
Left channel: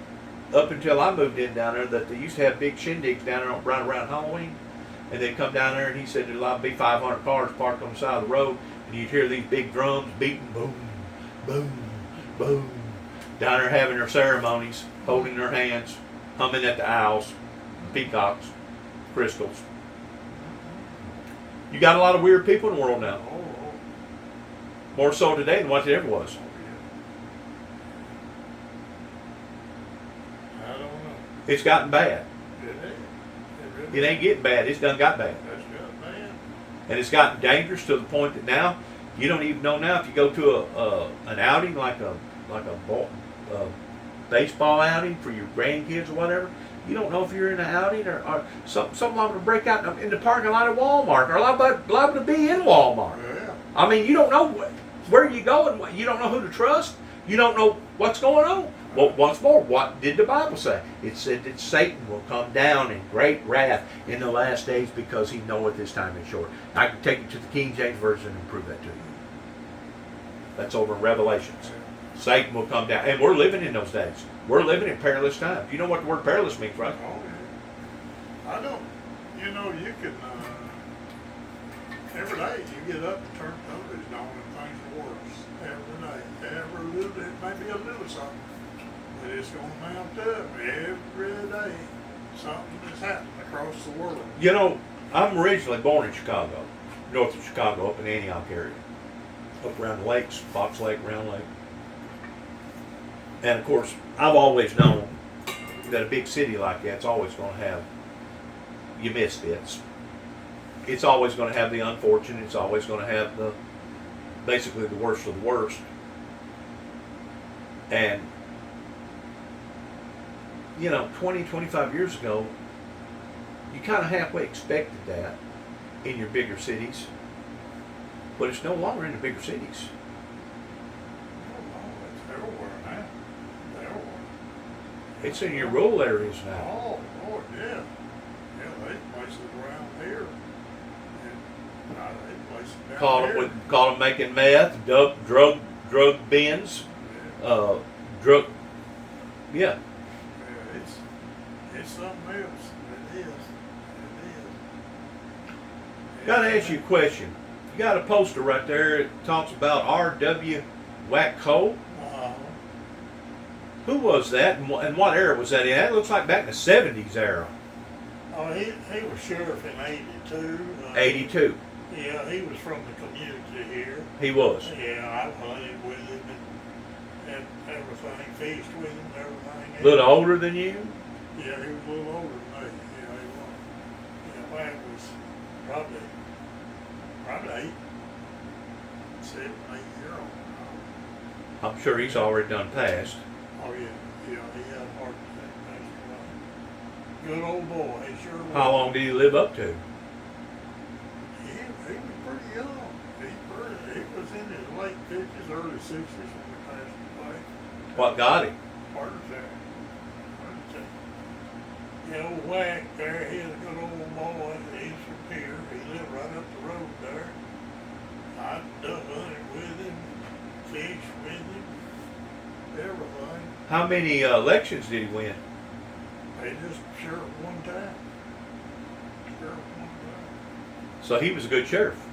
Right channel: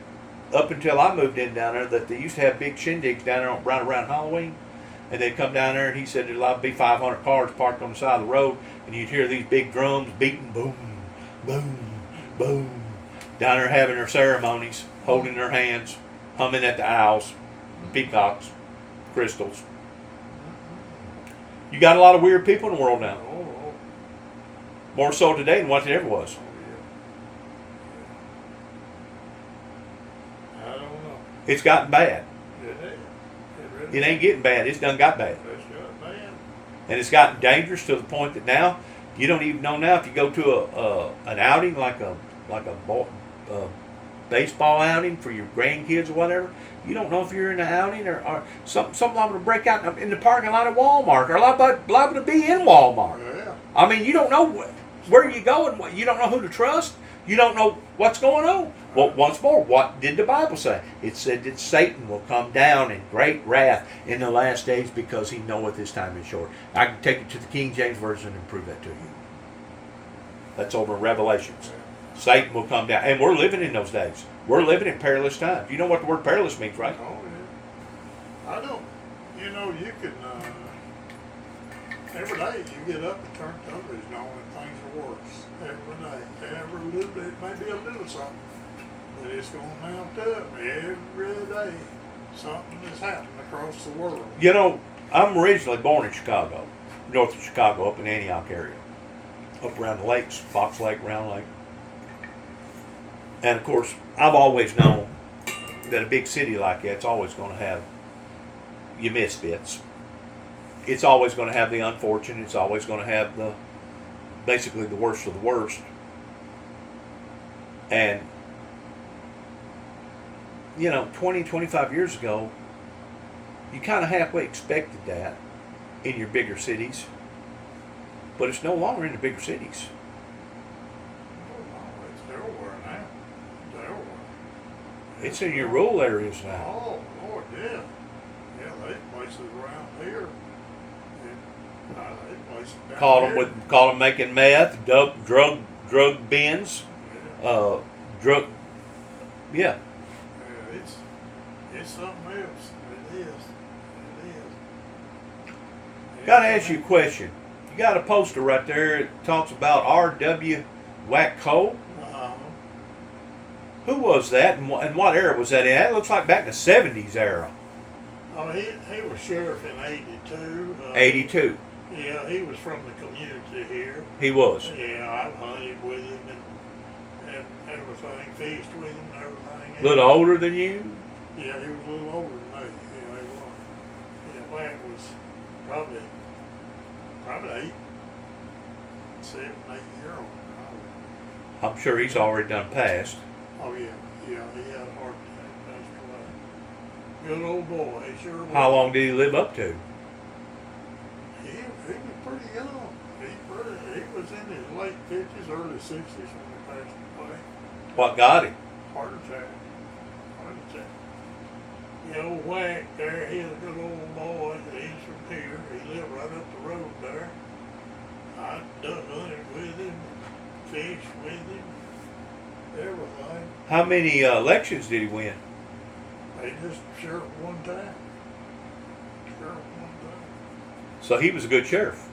up until I moved in down there, that they used to have big shindigs down there right around Halloween, and they'd come down there, and he said there'd be 500 cars parked on the side of the road, and you'd hear these big drums beating, boom, boom, boom, down there having their ceremonies, holding their hands, humming at the owls, peacocks, crystals. You got a lot of weird people in the world now. Oh. More so today than what it ever was. I don't know. It's gotten bad. It It ain't getting bad. It's done got bad. That's just bad. And it's gotten dangerous to the point that now you don't even know now if you go to an outing like a baseball outing for your grandkids or whatever. You don't know if you're in an outing or something liable to break out in the parking lot of Walmart or liable to be in Walmart. Yeah. I mean, you don't know where you go and you don't know who to trust. You don't know what's going on. Well, once more, what did the Bible say? It said that Satan will come down in great wrath in the last days because he knoweth his time is short. I can take you to the King James Version and prove that to you. That's over in Revelations. Satan will come down. And we're living in those days. We're living in perilous times. You know what the word perilous means, right? Oh, yeah. I don't. You know, you can, every day you get up and turn television on and things are worse. Every day. Every little bit, maybe a little something. But it's going to mount up every day. Something is happening across the world. You know, I'm originally born in Chicago, north of Chicago, up in Antioch area. Up around the lakes, Fox Lake, Round Lake. And of course, I've always known that a big city like that's always going to have your misfits. It's always going to have the unfortunate. It's always going to have basically the worst of the worst. And, you know, 20, 25 years ago, you kind of halfway expected that in your bigger cities. But it's no longer in the bigger cities. It's everywhere now. It's everywhere. It's in your rural areas now. Oh, Lord, yeah. Yeah, there's places around here. And there's places down here. Call them making meth, drug bins, Yeah. drug. Yeah. Yeah, it's something else. It is. It is. Got to ask you a question. You got a poster right there. It talks about R.W. Wack-Cole. Who was that, and what era was that in? That looks like back in the 70s era. Oh, he was sheriff in 82. 82. Yeah, he was from the community here. He was. Yeah, I hunted with him and everything, feast with him and everything. A little older than you? Yeah, he was a little older than me. Yeah, he was. Yeah, Wack was probably 7, 8 years old. I'm sure he's already done passed. Oh yeah, he had a heart attack. Good old boy, he sure was. How long did he live up to? He He was pretty young. He was in his late 50s, early 60s when he passed away. What got him? Heart attack. Heart attack. The old Whack there, he's a good old boy. He's from here. He lived right up the road there. I done hunted with him, fished with him, everything. How many elections did he win? They just sheriff one time. Sheriff one time. So he was a good sheriff.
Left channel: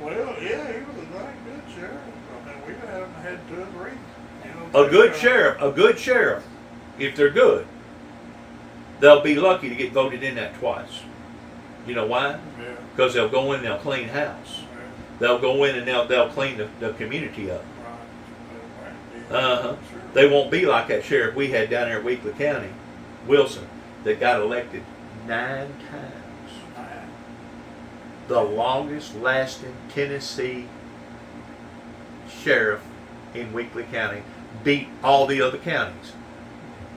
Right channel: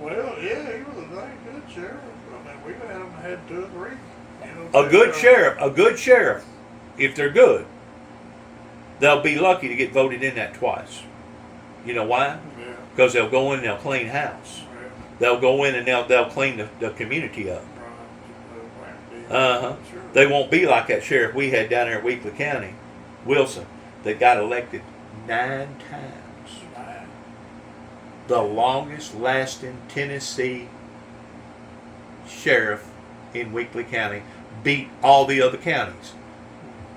Well, yeah, he was a dang good sheriff. I mean, we haven't had 2 or 3. You know, A good sheriff, if they're good, they'll be lucky to get voted in that twice. You know why? Yeah. Because they'll go in and they'll clean house. Yeah. They'll go in and they'll clean the community up. Right. Uh-huh. Sure. They won't be like that sheriff we had down there at Weakley County, Wilson, that got elected 9 times. The longest lasting Tennessee sheriff in Weakley County beat all the other counties.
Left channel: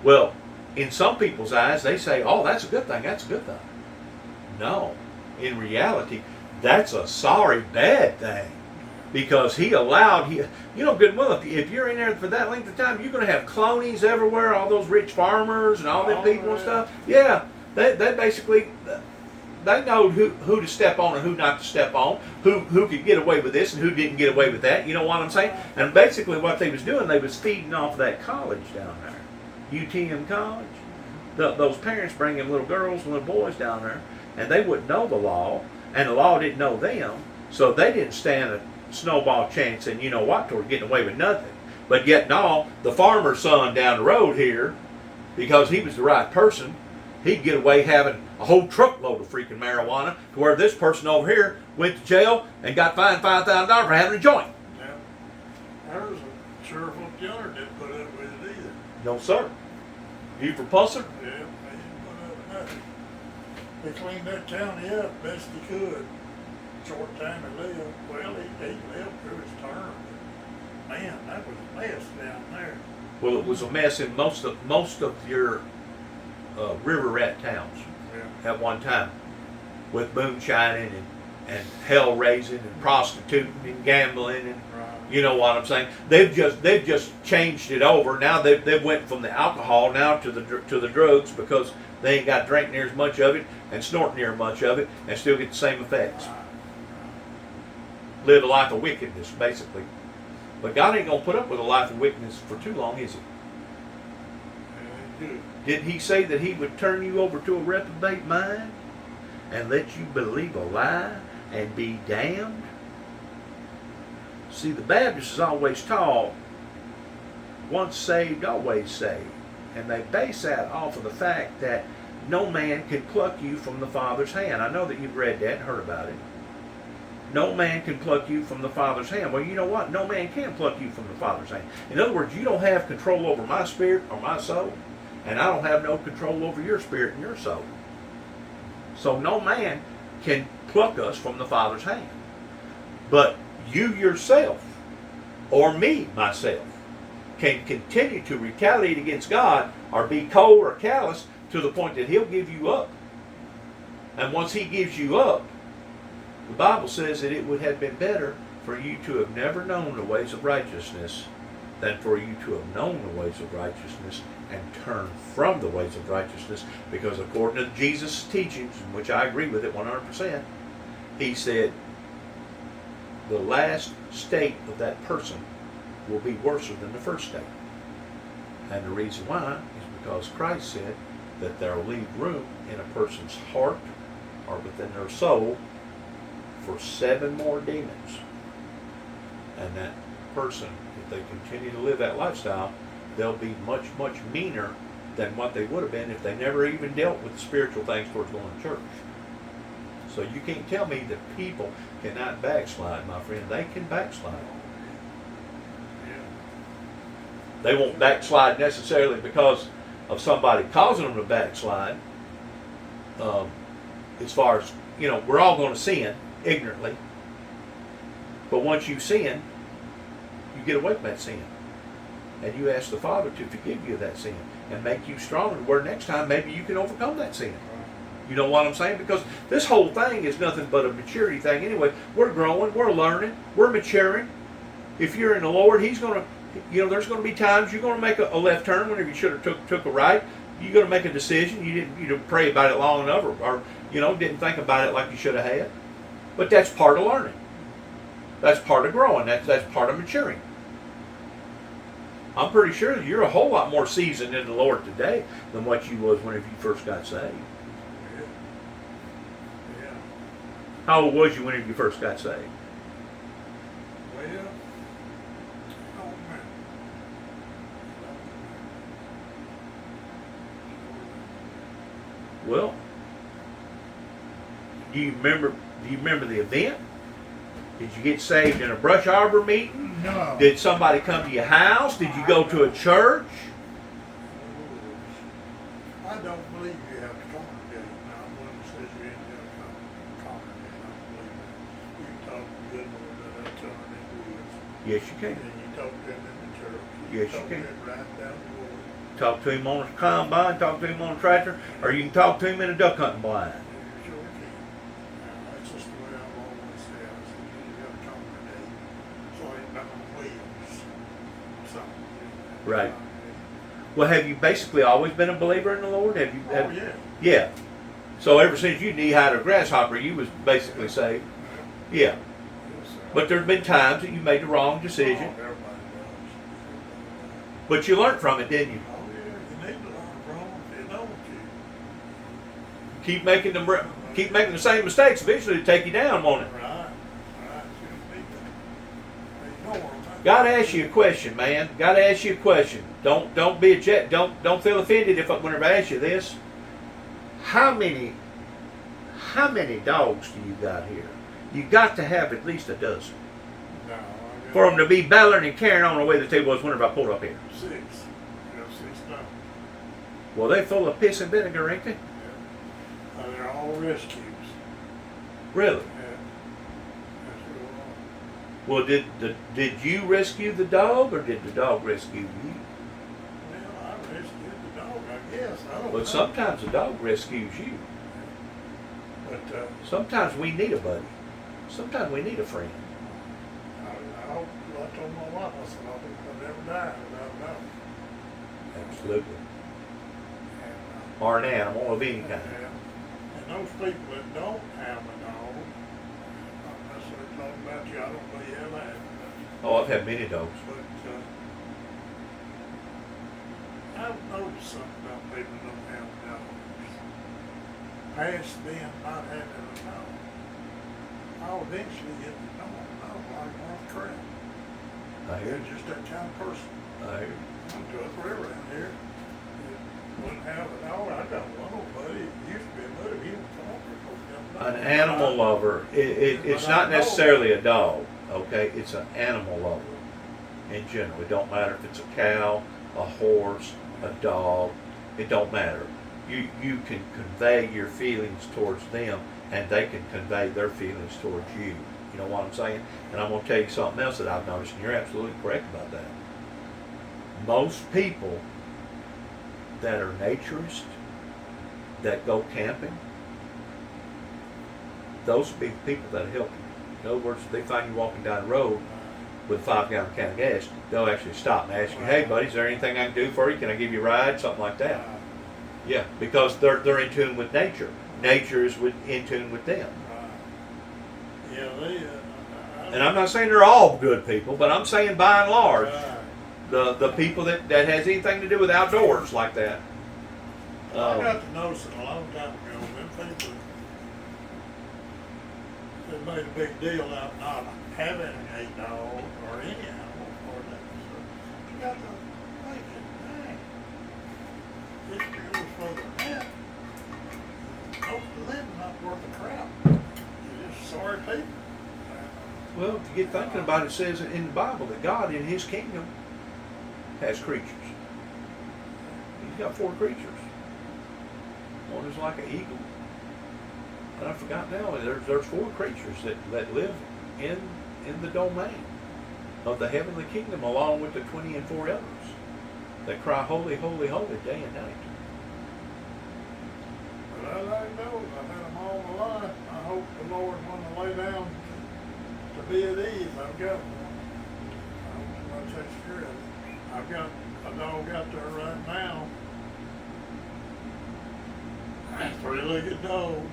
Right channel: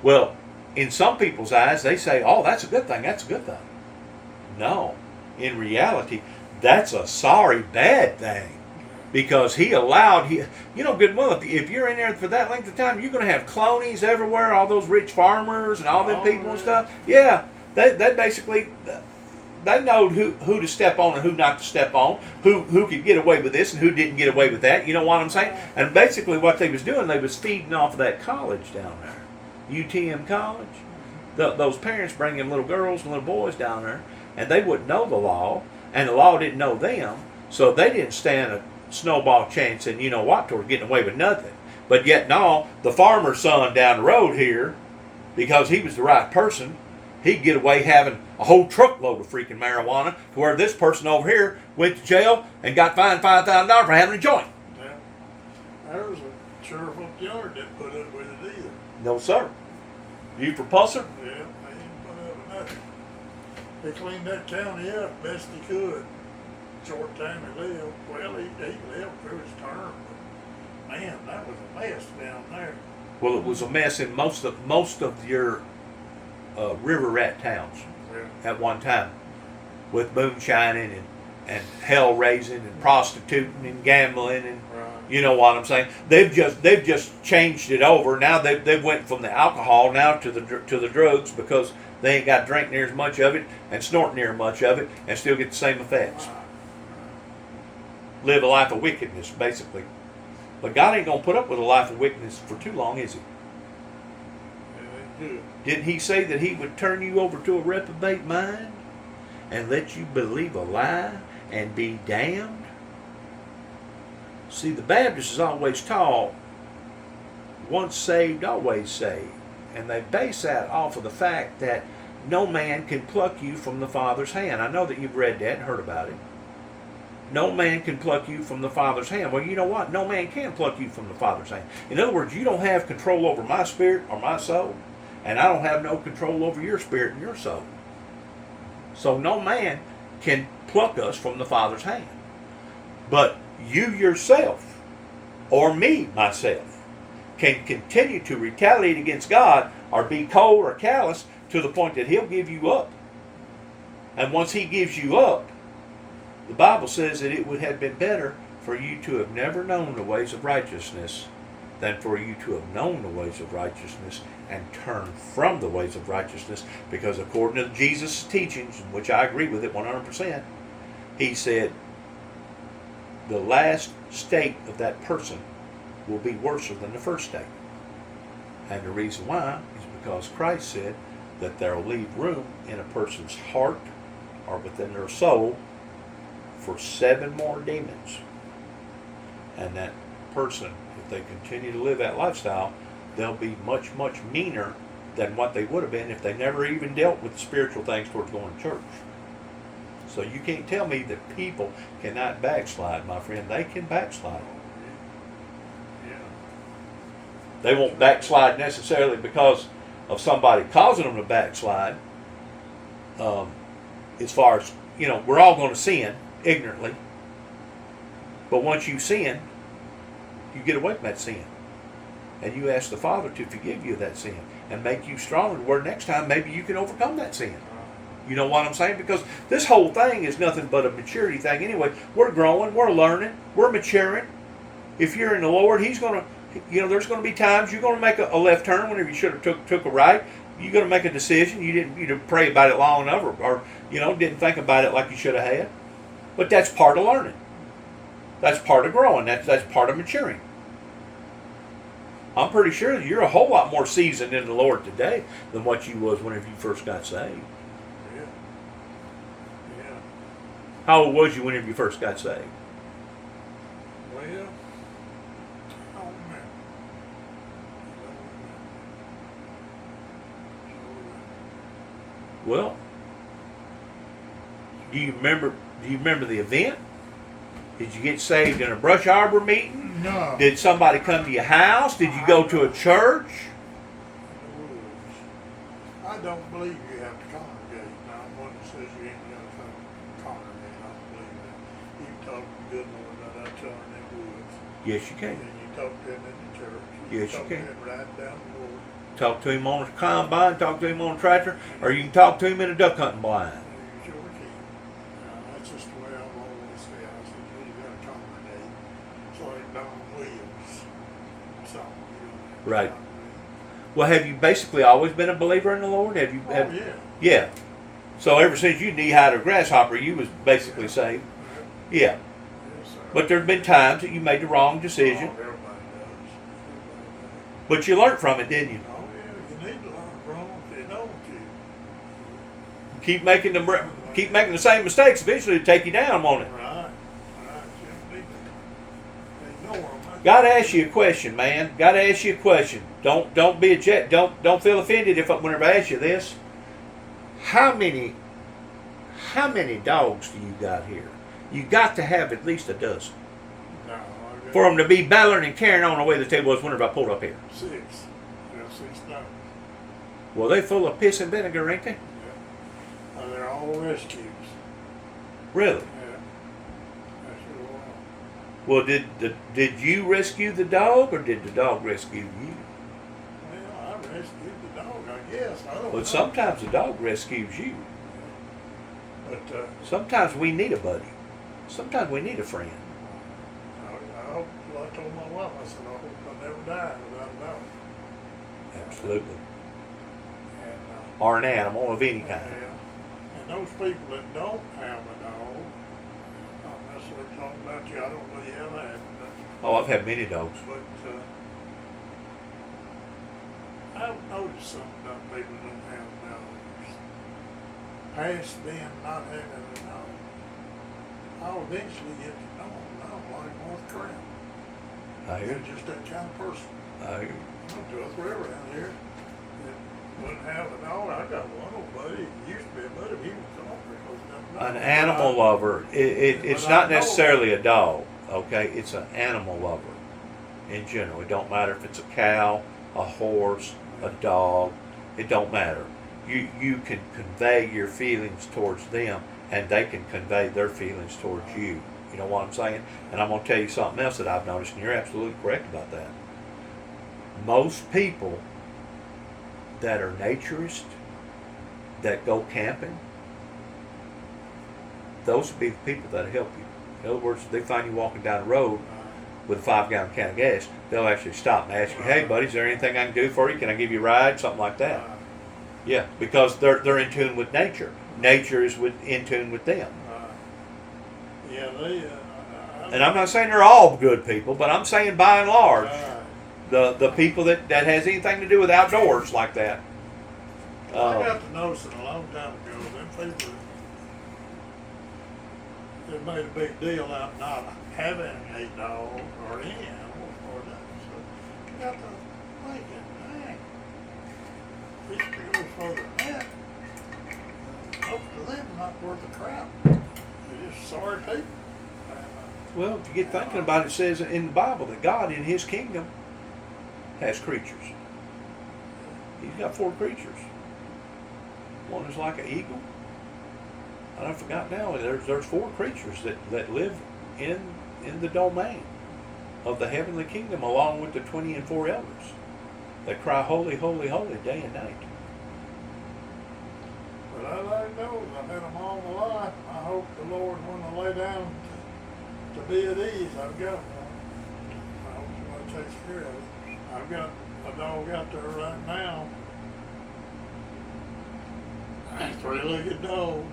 Well, in some people's eyes, they say, oh, that's a good thing, that's a good thing. No, in reality, that's a sorry, bad thing. Because he allowed, good well, if you're in there for that length of time, you're going to have clonies everywhere, all those rich farmers and all them people and stuff. Yeah, they basically, they know who to step on and who not to step on, who could get away with this and who didn't get away with that. You know what I'm saying? And basically what they was doing, they was feeding off of that college down there, UTM College. Those parents bringing little girls and little boys down there, and they wouldn't know the law, and the law didn't know them, so they didn't stand a snowball chance and toward getting away with nothing. But yet no, the farmer's son down the road here, because he was the right person, he'd get away having a whole truckload of freaking marijuana, to where this person over here went to jail and got fined $5,000 for having a joint. Yeah. There was a sheriff up yard didn't put up with it either. No sir. You for pusser? Yeah, they didn't put up with nothing. They cleaned that county up best he could. Short time he lived. Well, he lived through his term. But man, that was a mess down there. Well, it was a mess in most of your river rat towns Yeah. at one time, with moonshining and hell raising and prostituting and gambling and Right. you know what I'm saying. They've just changed it over. Now they went from the alcohol now to the drugs, because they ain't got to drink near as much of it and snort near as much of it and still get the same effects. Live a life of wickedness, basically. But God ain't gonna put up with a life of wickedness for too long, is he? Yeah, Didn't he say that he would turn you over to a reprobate mind and let you believe a lie and be damned? See, the Baptists is always taught, once saved, always saved. And they base that off of the fact that no man can pluck you from the Father's hand. I know that you've read that and heard about it. No man can pluck you from the Father's hand. Well, you know what? No man can pluck you from the Father's hand. In other words, you don't have control over my spirit or my soul, and I don't have no control over your spirit and your soul. So no man can pluck us from the Father's hand. But you yourself, or me, myself, can continue to retaliate against God or be cold or callous to the point that he'll give you up. And once he gives you up, the Bible says that it would have been better for you to have never known the ways of righteousness than for you to have known the ways of righteousness and turn from the ways of righteousness. Because according to Jesus' teachings, in which I agree with it 100%, he said the last state of that person will be worse than the first state. And the reason why is because Christ said that there will leave room in a person's heart or within their soul for 7 more demons. And that person, if they continue to live that lifestyle, they'll be much, much meaner than what they would have been if they never even dealt with spiritual things towards going to church. So you can't tell me that people cannot backslide, my friend. They can backslide. Yeah. They won't backslide necessarily because of somebody causing them to backslide. As far as, we're all going to sin ignorantly. But once you sin, you get away from that sin. And you ask the Father to forgive you of that sin and make you stronger, where next time maybe you can overcome that sin. You know what I'm saying? Because this whole thing is nothing but a maturity thing anyway. We're growing, we're learning, we're maturing. If you're in the Lord, He's going to, there's going to be times you're going to make a left turn whenever you should have took a right. You're going to make a decision. You didn't pray about it long enough, or didn't think about it like you should have had. But that's part of learning. That's part of growing. That's part of maturing. I'm pretty sure that you're a whole lot more seasoned in the Lord today than what you was whenever you first got saved. Yeah. Yeah. How old was you whenever you first got saved? Well, oh man. Well, do you remember the event? Did you get saved in a brush arbor meeting? No. Did somebody come to your house? Did you go to a church? I don't believe you have to congregate. Now, one that says you ain't got to congregate, I don't believe that. You can talk to the good Lord that I tell her in the woods. Yes, you can. And you talk to him in the church. Yes, you talk can. to him right down the road. Talk to him on a combine, talk to him on a tractor, or you can talk to him in a duck hunting blind. You sure can. That's just the way I've always said. I said, you ain't got to congregate. So ain't Don Williams. So, Right. Well, have you basically always been a believer in the Lord? Have you? Oh, yeah. Yeah. So ever since you knee-high to a grasshopper, you was basically saved. Yeah. Yes, sir. But there's been times that you made the wrong decision, Oh, everybody does. but you learned from it, didn't you? Oh, yeah, you need to learn from if you don't. Keep making the same mistakes. Eventually, it'll take you down, won't it? Right. You need to ignore them. Got to ask you a question, man. Got to ask you a question. Don't be a jet. Don't feel offended whenever I ask you this. How many dogs do you got here? You got to have at least a dozen No, I got for them to be battling and carrying on the way the table was whenever I pulled up here. 6. I got 6 dogs. Well, they full of piss and vinegar, ain't they? Yeah. They're all rescues. Really? Yeah. That's what we're on. Well, did you rescue the dog, or did the dog rescue you? Well, I rescued the dog, I guess. I don't know. Well, sometimes the dog rescues you. But Sometimes we need a buddy. Sometimes we need a friend. I told my wife, I said, I hope I never die without a dog. Absolutely. And, Or an animal of any kind. yeah. And those people that don't have a dog, I'm not necessarily talking about you, I don't know you have that. Oh, I've had many dogs. But I've noticed something about people that don't have dogs. Past them not having a dog, I'll eventually get to know them. I don't like North Crab. I hear They're just that kind of person. you. I hear you. I'm to a three around here that wouldn't have a dog. I got one old buddy. He used to be a buddy. He was talking. An animal lover. It's not necessarily a dog. Okay, it's an animal lover in general. It don't matter if it's a cow, a horse, a dog. It don't matter. You can convey your feelings towards them, and they can convey their feelings towards you. You know what I'm saying? And I'm going to tell you something else that I've noticed, and you're absolutely correct about that. Most people that are naturists, that go camping, those will be the people that help you. In other words, if they find you walking down the road with a 5-gallon can of gas, they'll actually stop and ask you, "Hey, buddy, is there anything I can do for you? Can I give you a ride?" Something like that. Yeah, because they're in tune with nature. Nature is in tune with them. Yeah, And I'm not saying they're all good people, but I'm saying by and large, the people that has anything to do with outdoors like that. I got to notice it a long time ago. Them people that made a big deal out not having a dog or any animal or nothing. So you got to thinking, dang, history goes further than that. Most of them not worth a crap. They're just sorry people. Well, if you get thinking about it, it says in the Bible that God in His kingdom has creatures. He's got 4 creatures. One is like an eagle. And I forgot now, there's 4 creatures that live in the domain of the heavenly kingdom, along with the 24 elders that cry, "Holy, holy, holy," day and night. But I let him know, I've had them all my life. I hope the Lord, when I lay down to be at ease, I've got one. I hope somebody takes care of it. I've got a dog out there right now. A three-legged dog.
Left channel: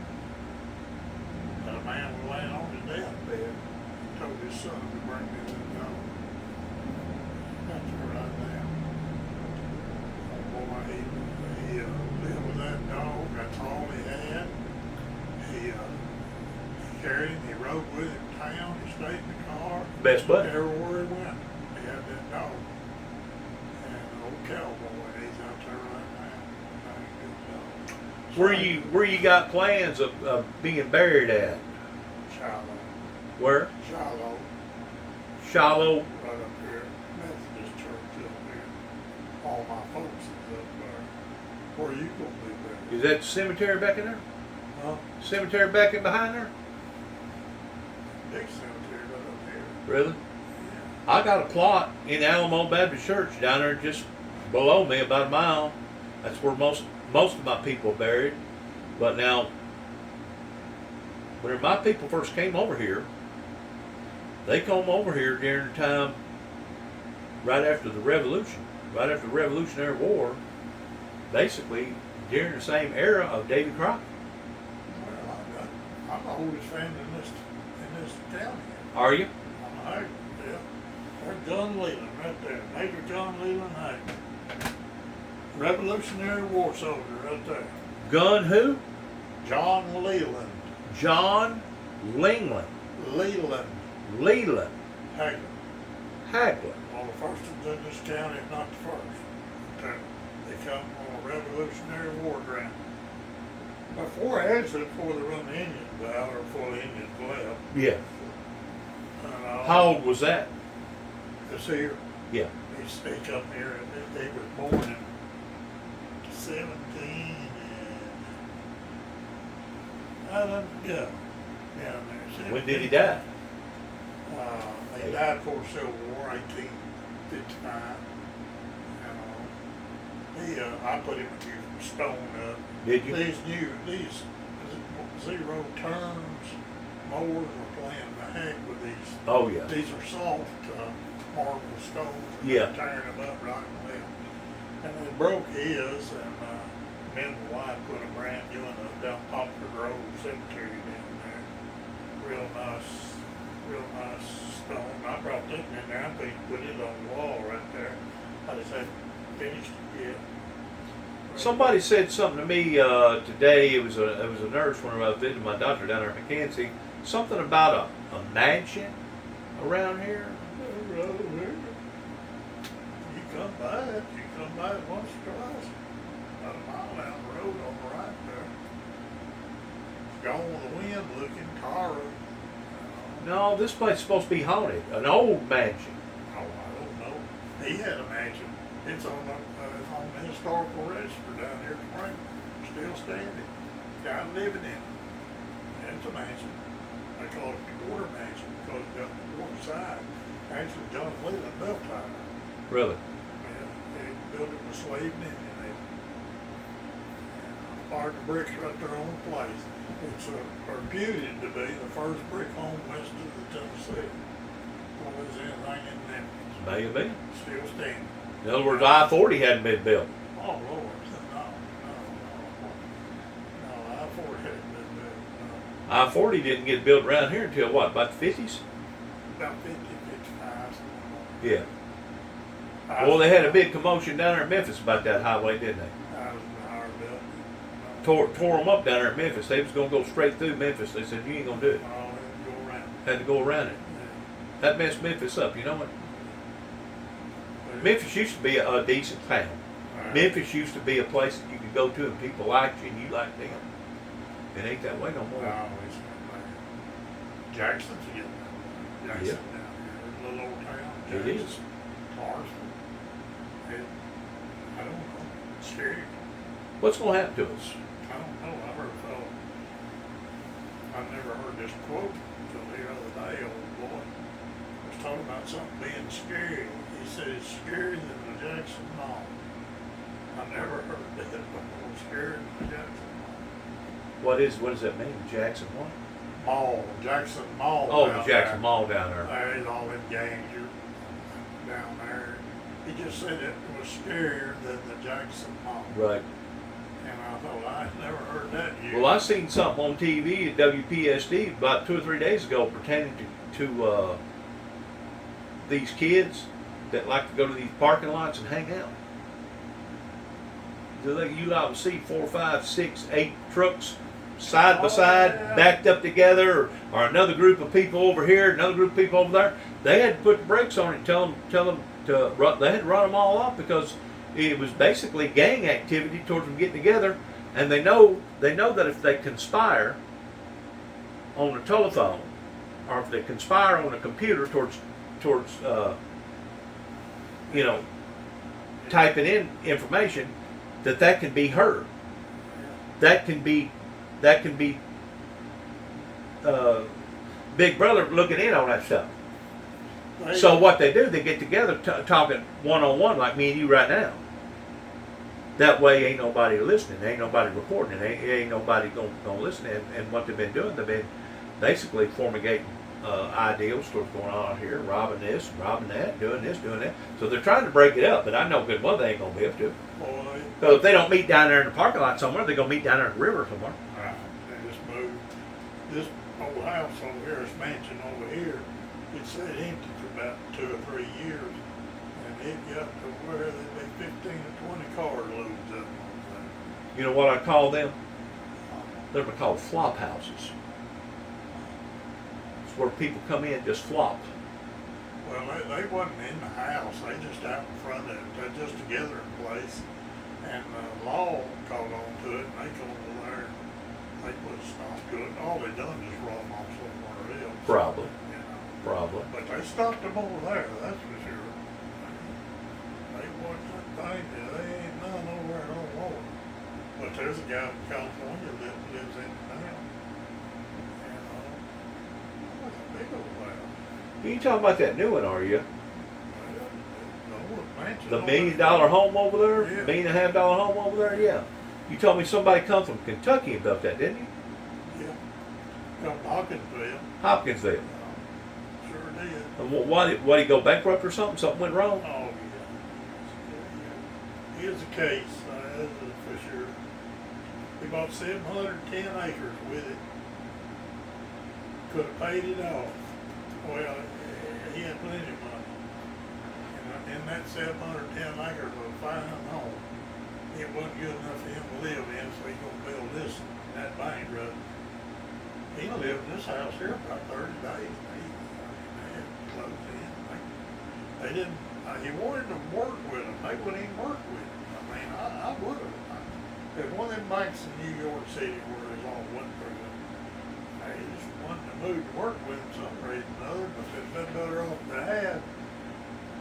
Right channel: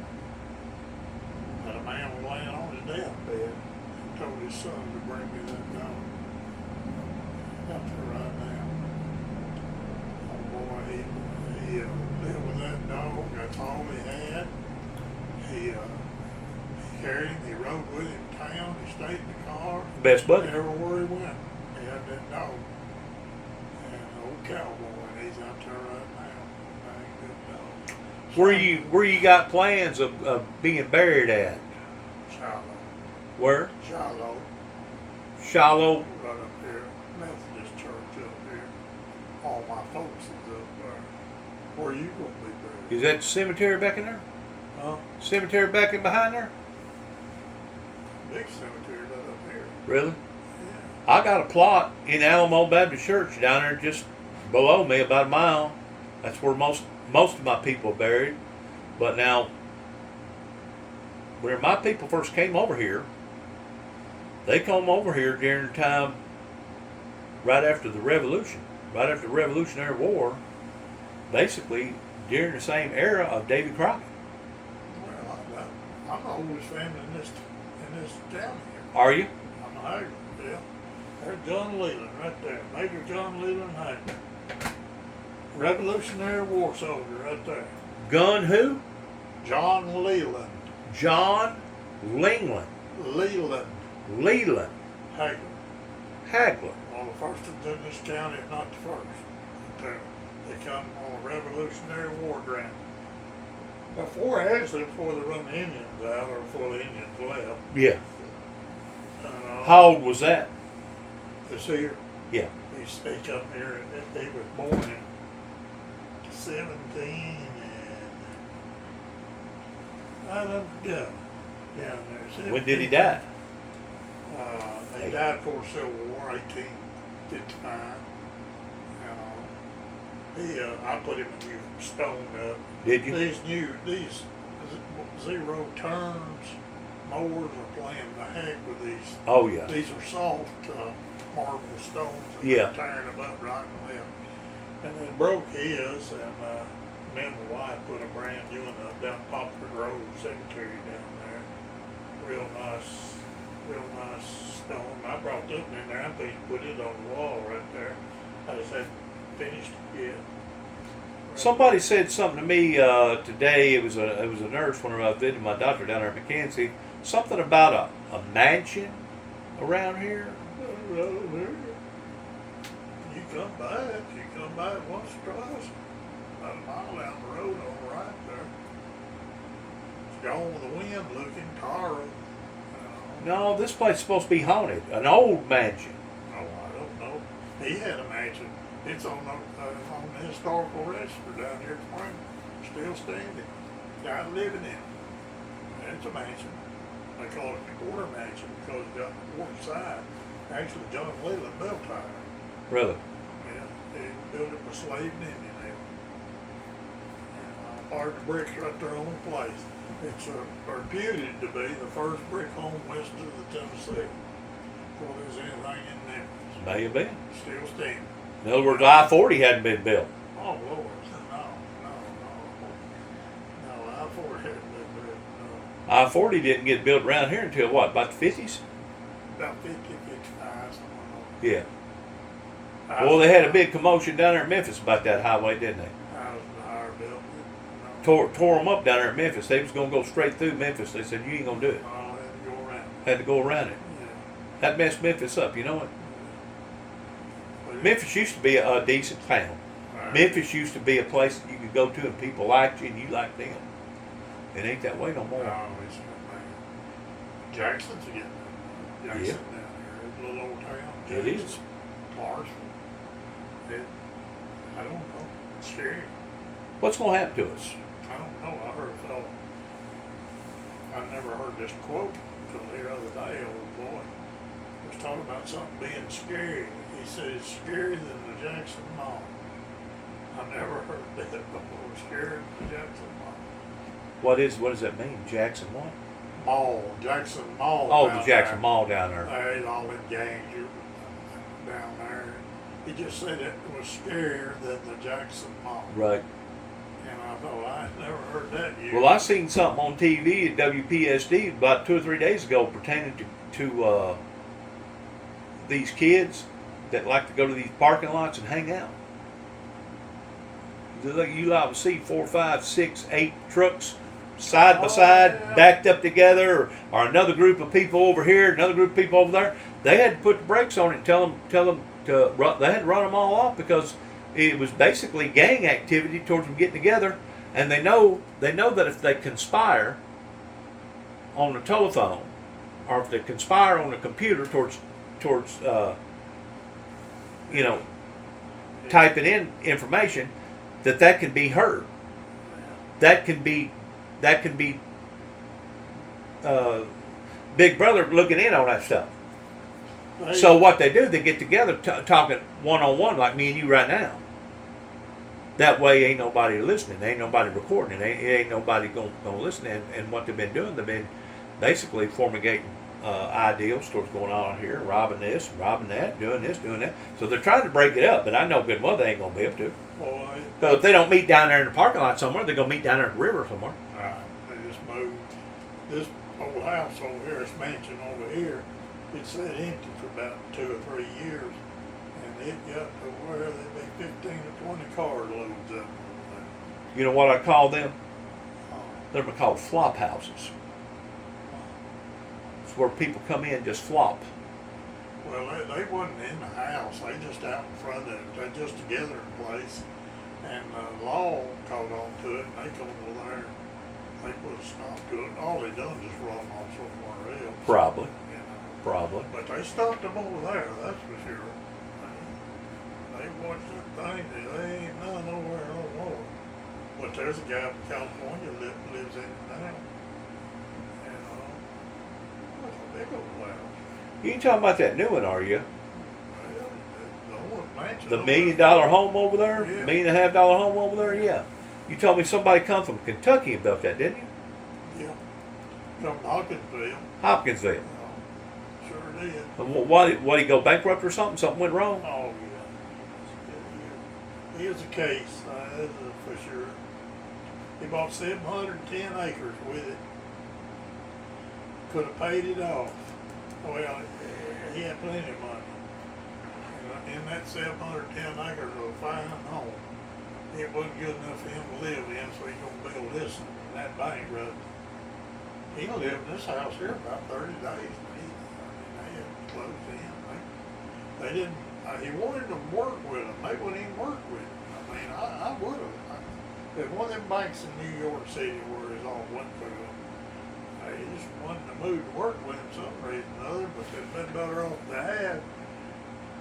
That a man was laying on his deathbed. He told his son to bring me that dog. Out there right now. Oh boy, he lived with that dog. That's all he had. He carried him. He rode with him to town. He stayed in the car. Best buddy. Everywhere he went, he had that dog. And an old cowboy, and he's out there right now. Very good dog. Where you got plans of being buried at? Shiloh. Where? Shiloh. Shiloh. Right up here. Methodist church up here. All my folks is up there. Where you gonna be buried? Is that the cemetery back in there? Huh? Cemetery back in behind there? Big cemetery right up here. Really? Yeah. I got a plot in Alamo Baptist Church down there just below me, about a mile. That's where most of my people are buried. But now, when my people first came over here, they come over here during the time right after the Revolution, right after the Revolutionary War, basically during the same era of Davy Crockett. Well, I'm the oldest family in this town here. Are you? I'm a Hager, yeah. There's John Leland right there. Major John Leland Hager. Revolutionary War soldier right there. Gun who? John Leland. John Lingland. Leland. Leland. Hager. Hagler. One of the first in this town, if not the first. Right there. They come on a Revolutionary War grant. Before they run the Indians out, or before the Indians left. Yeah. How old was that? This here. Yeah. He come here, and he was born in 17, and I don't know, down there. When did he die? He died before the Civil War, 1855. I put him a new stone up. Did you? These zero turns mowers were playing the heck with these. Oh yeah. These are soft marble stones. And Yeah. they're tearing them up right and left. And they broke his, and me and my wife put a brand new one up down Poplar Grove Cemetery down there. Real nice stone. I brought that in there. I'm going to put it on the wall right there. I just haven't finished it yet. Somebody said something to me today. It was a nurse when I was visiting my doctor down there in McKenzie. Something about a mansion around here. You come by it. You come by it once or twice. About a mile down the road on the right there. It's gone with the wind looking, Tara. No, this place is supposed to be haunted. An old mansion. Oh, I don't know. He had a mansion. It's on the historical register down here at Frankfurt. Still standing. Guy living in it. It's a mansion. They call it the quarter mansion because it got the quarter side. Actually, John Leland built that. Really? Yeah, they built it with slave and Indian. Hard the bricks right there on the place. It's reputed to be the first brick home west of the Tennessee. Before there's anything in there. May have been. Still standing. In other words, I-40 hadn't been built. Oh, Lord. No, I-4 hadn't been built, no. I-40 didn't get built around here until what, about the 50s? About 50, 55, something like that. Yeah. Well, they had a big commotion down there in Memphis about that highway, didn't they? I was in higher built. Tore them up down there in Memphis. They was going to go straight through Memphis. They said, you ain't going to do it. Oh, had to go around. Had to go around it. Yeah. That messed Memphis up, you know what? But Memphis used to be a decent town. Right. Memphis used to be a place that you could go to and people liked you and you liked them. It ain't that way no more. No, it's not bad. Jackson's getting up. Jackson Yeah. down here. It's a little old town. It Jackson. is. Marshall. I don't know. It's scary. What's going to happen to us? I don't know. I heard a fellow. I never heard this quote until the other day. Old boy was talking about something being scary. He said it's scarier than the Jackson Mall. I never heard that before. Scarier than the Jackson Mall. What does that mean? Jackson what? Mall, Jackson Mall. Oh, down the Jackson there. Mall down there. There's all them gangs down there. He just said it was scarier than the Jackson Mall. Right. And I thought, I never heard that yet. Well, I seen something on TV at WPSD about 2 or 3 days ago pertaining to these kids that like to go to these parking lots and hang out. You like to see 4, 5, 6, 8 trucks side by side, yeah. backed up together, or another group of people over here, another group of people over there. They had to put the brakes on it and tell them to run. They had to run them all off because it was basically gang activity towards them getting together, and they know that if they conspire on the telephone, or if they conspire on the computer towards typing in information, that can be heard. That can be Big Brother looking in on that stuff. So what they do, they get together talking one-on-one like me and you right now. That way ain't nobody listening, ain't nobody recording it, ain't nobody gonna listen. And what they've been doing, they've been basically formulating ideals towards going on here, robbing this, robbing that, doing this, doing that. So they're trying to break it up, but I know good well they ain't gonna be able to. So if they don't meet down there in the parking lot somewhere, they're gonna meet down there at the river somewhere. They just moved this old house over here, this mansion over here. It sat empty for about 2 or 3 years, and it got to where there'd be 15 or 20 car loads of them. You know what I call them? They're called flop houses. It's where people come in and just flop. Well, they wasn't in the house. They just out in front of it. They're just together in place. And the law caught on to it, and they come over there and they put a stop to it. And all they done is run off somewhere else. Probably. You know. Probably. But they stopped them over there, that's for sure. They watched that thing, they ain't none nowhere no more. But there's a guy from California lives in now. And look how big old house. You ain't talking about that new one, are you? The old mansion. The $1 million home over there? Yeah. $1.5 million home over there? Yeah. You told me somebody come from Kentucky and built that, didn't you? Yeah. From Hawkinsville. Hopkinsville. Sure did. What, he go bankrupt or something? Something went wrong? Oh, yeah. Here's a case, this is for sure. He bought 710 acres with it. Could have paid it off. Well, he had plenty of money. And in that 710 acres of a fine home, it wasn't good enough for him to live in, so he's gonna build this in that bankrupt. He lived in this house here about 30 days. They had closed in. They didn't. He wanted to work with them. They wouldn't even work with him. I mean, I would have. There's one of them banks in New York City where it's all went through it. They just wanted to move to work with him for some reason or other, but they'd been better off to have,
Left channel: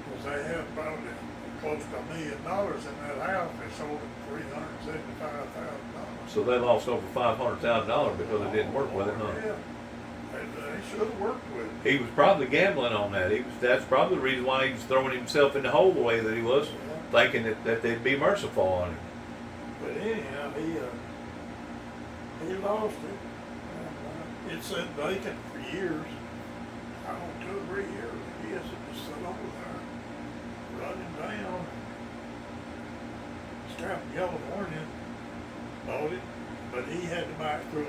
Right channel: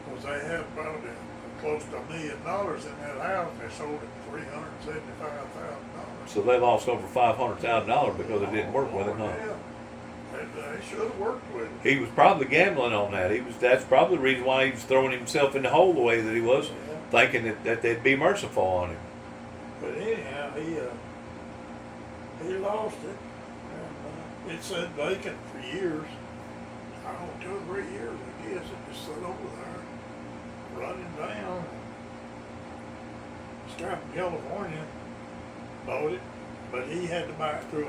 because they had probably close to $1 million in that house. They sold it for $375,000. So they lost over $500,000 because they didn't work with him, huh? Yeah. They should have worked with him. He was probably gambling on that. That's probably the reason why he was throwing himself in the hole the way that he was, thinking that they'd be merciful on him. But anyhow, he lost it. And, it sat vacant for years. I don't know, 2 or 3 years, I guess. It just sat over there, running down. This guy from California bought it, but he had to buy it through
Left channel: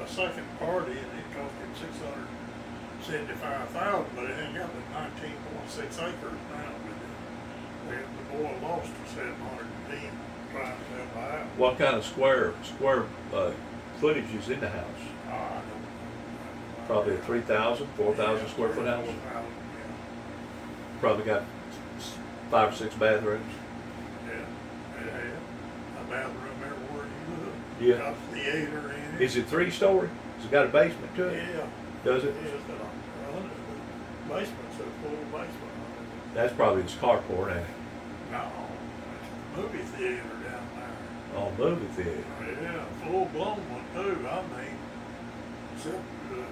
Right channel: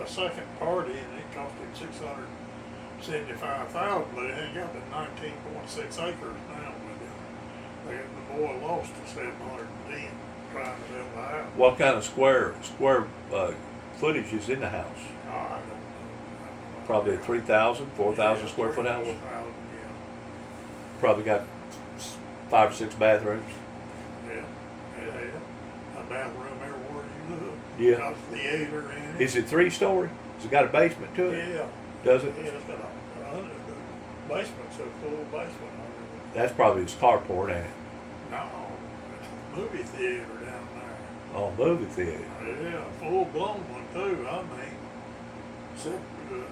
a second party, and it cost him $675,000. But it ain't got the 19.6 acres now with it. The boy lost to 710 trying to build the house. What kind of square footage is in the house? I don't know. Probably a 3,000, 4,000 square foot house. 4,000, Probably got 5 or 6 bathrooms. yeah. It had a bathroom everywhere you look. Yeah. Got a theater in it. Is it 3-story? Has it got a basement to it? Yeah. Does it? Yeah, it's got the basement's a full basement. That's probably his carport, ain't it? No, it's a movie theater down there. Oh, movie theater. Yeah, full blown one too. I mean, except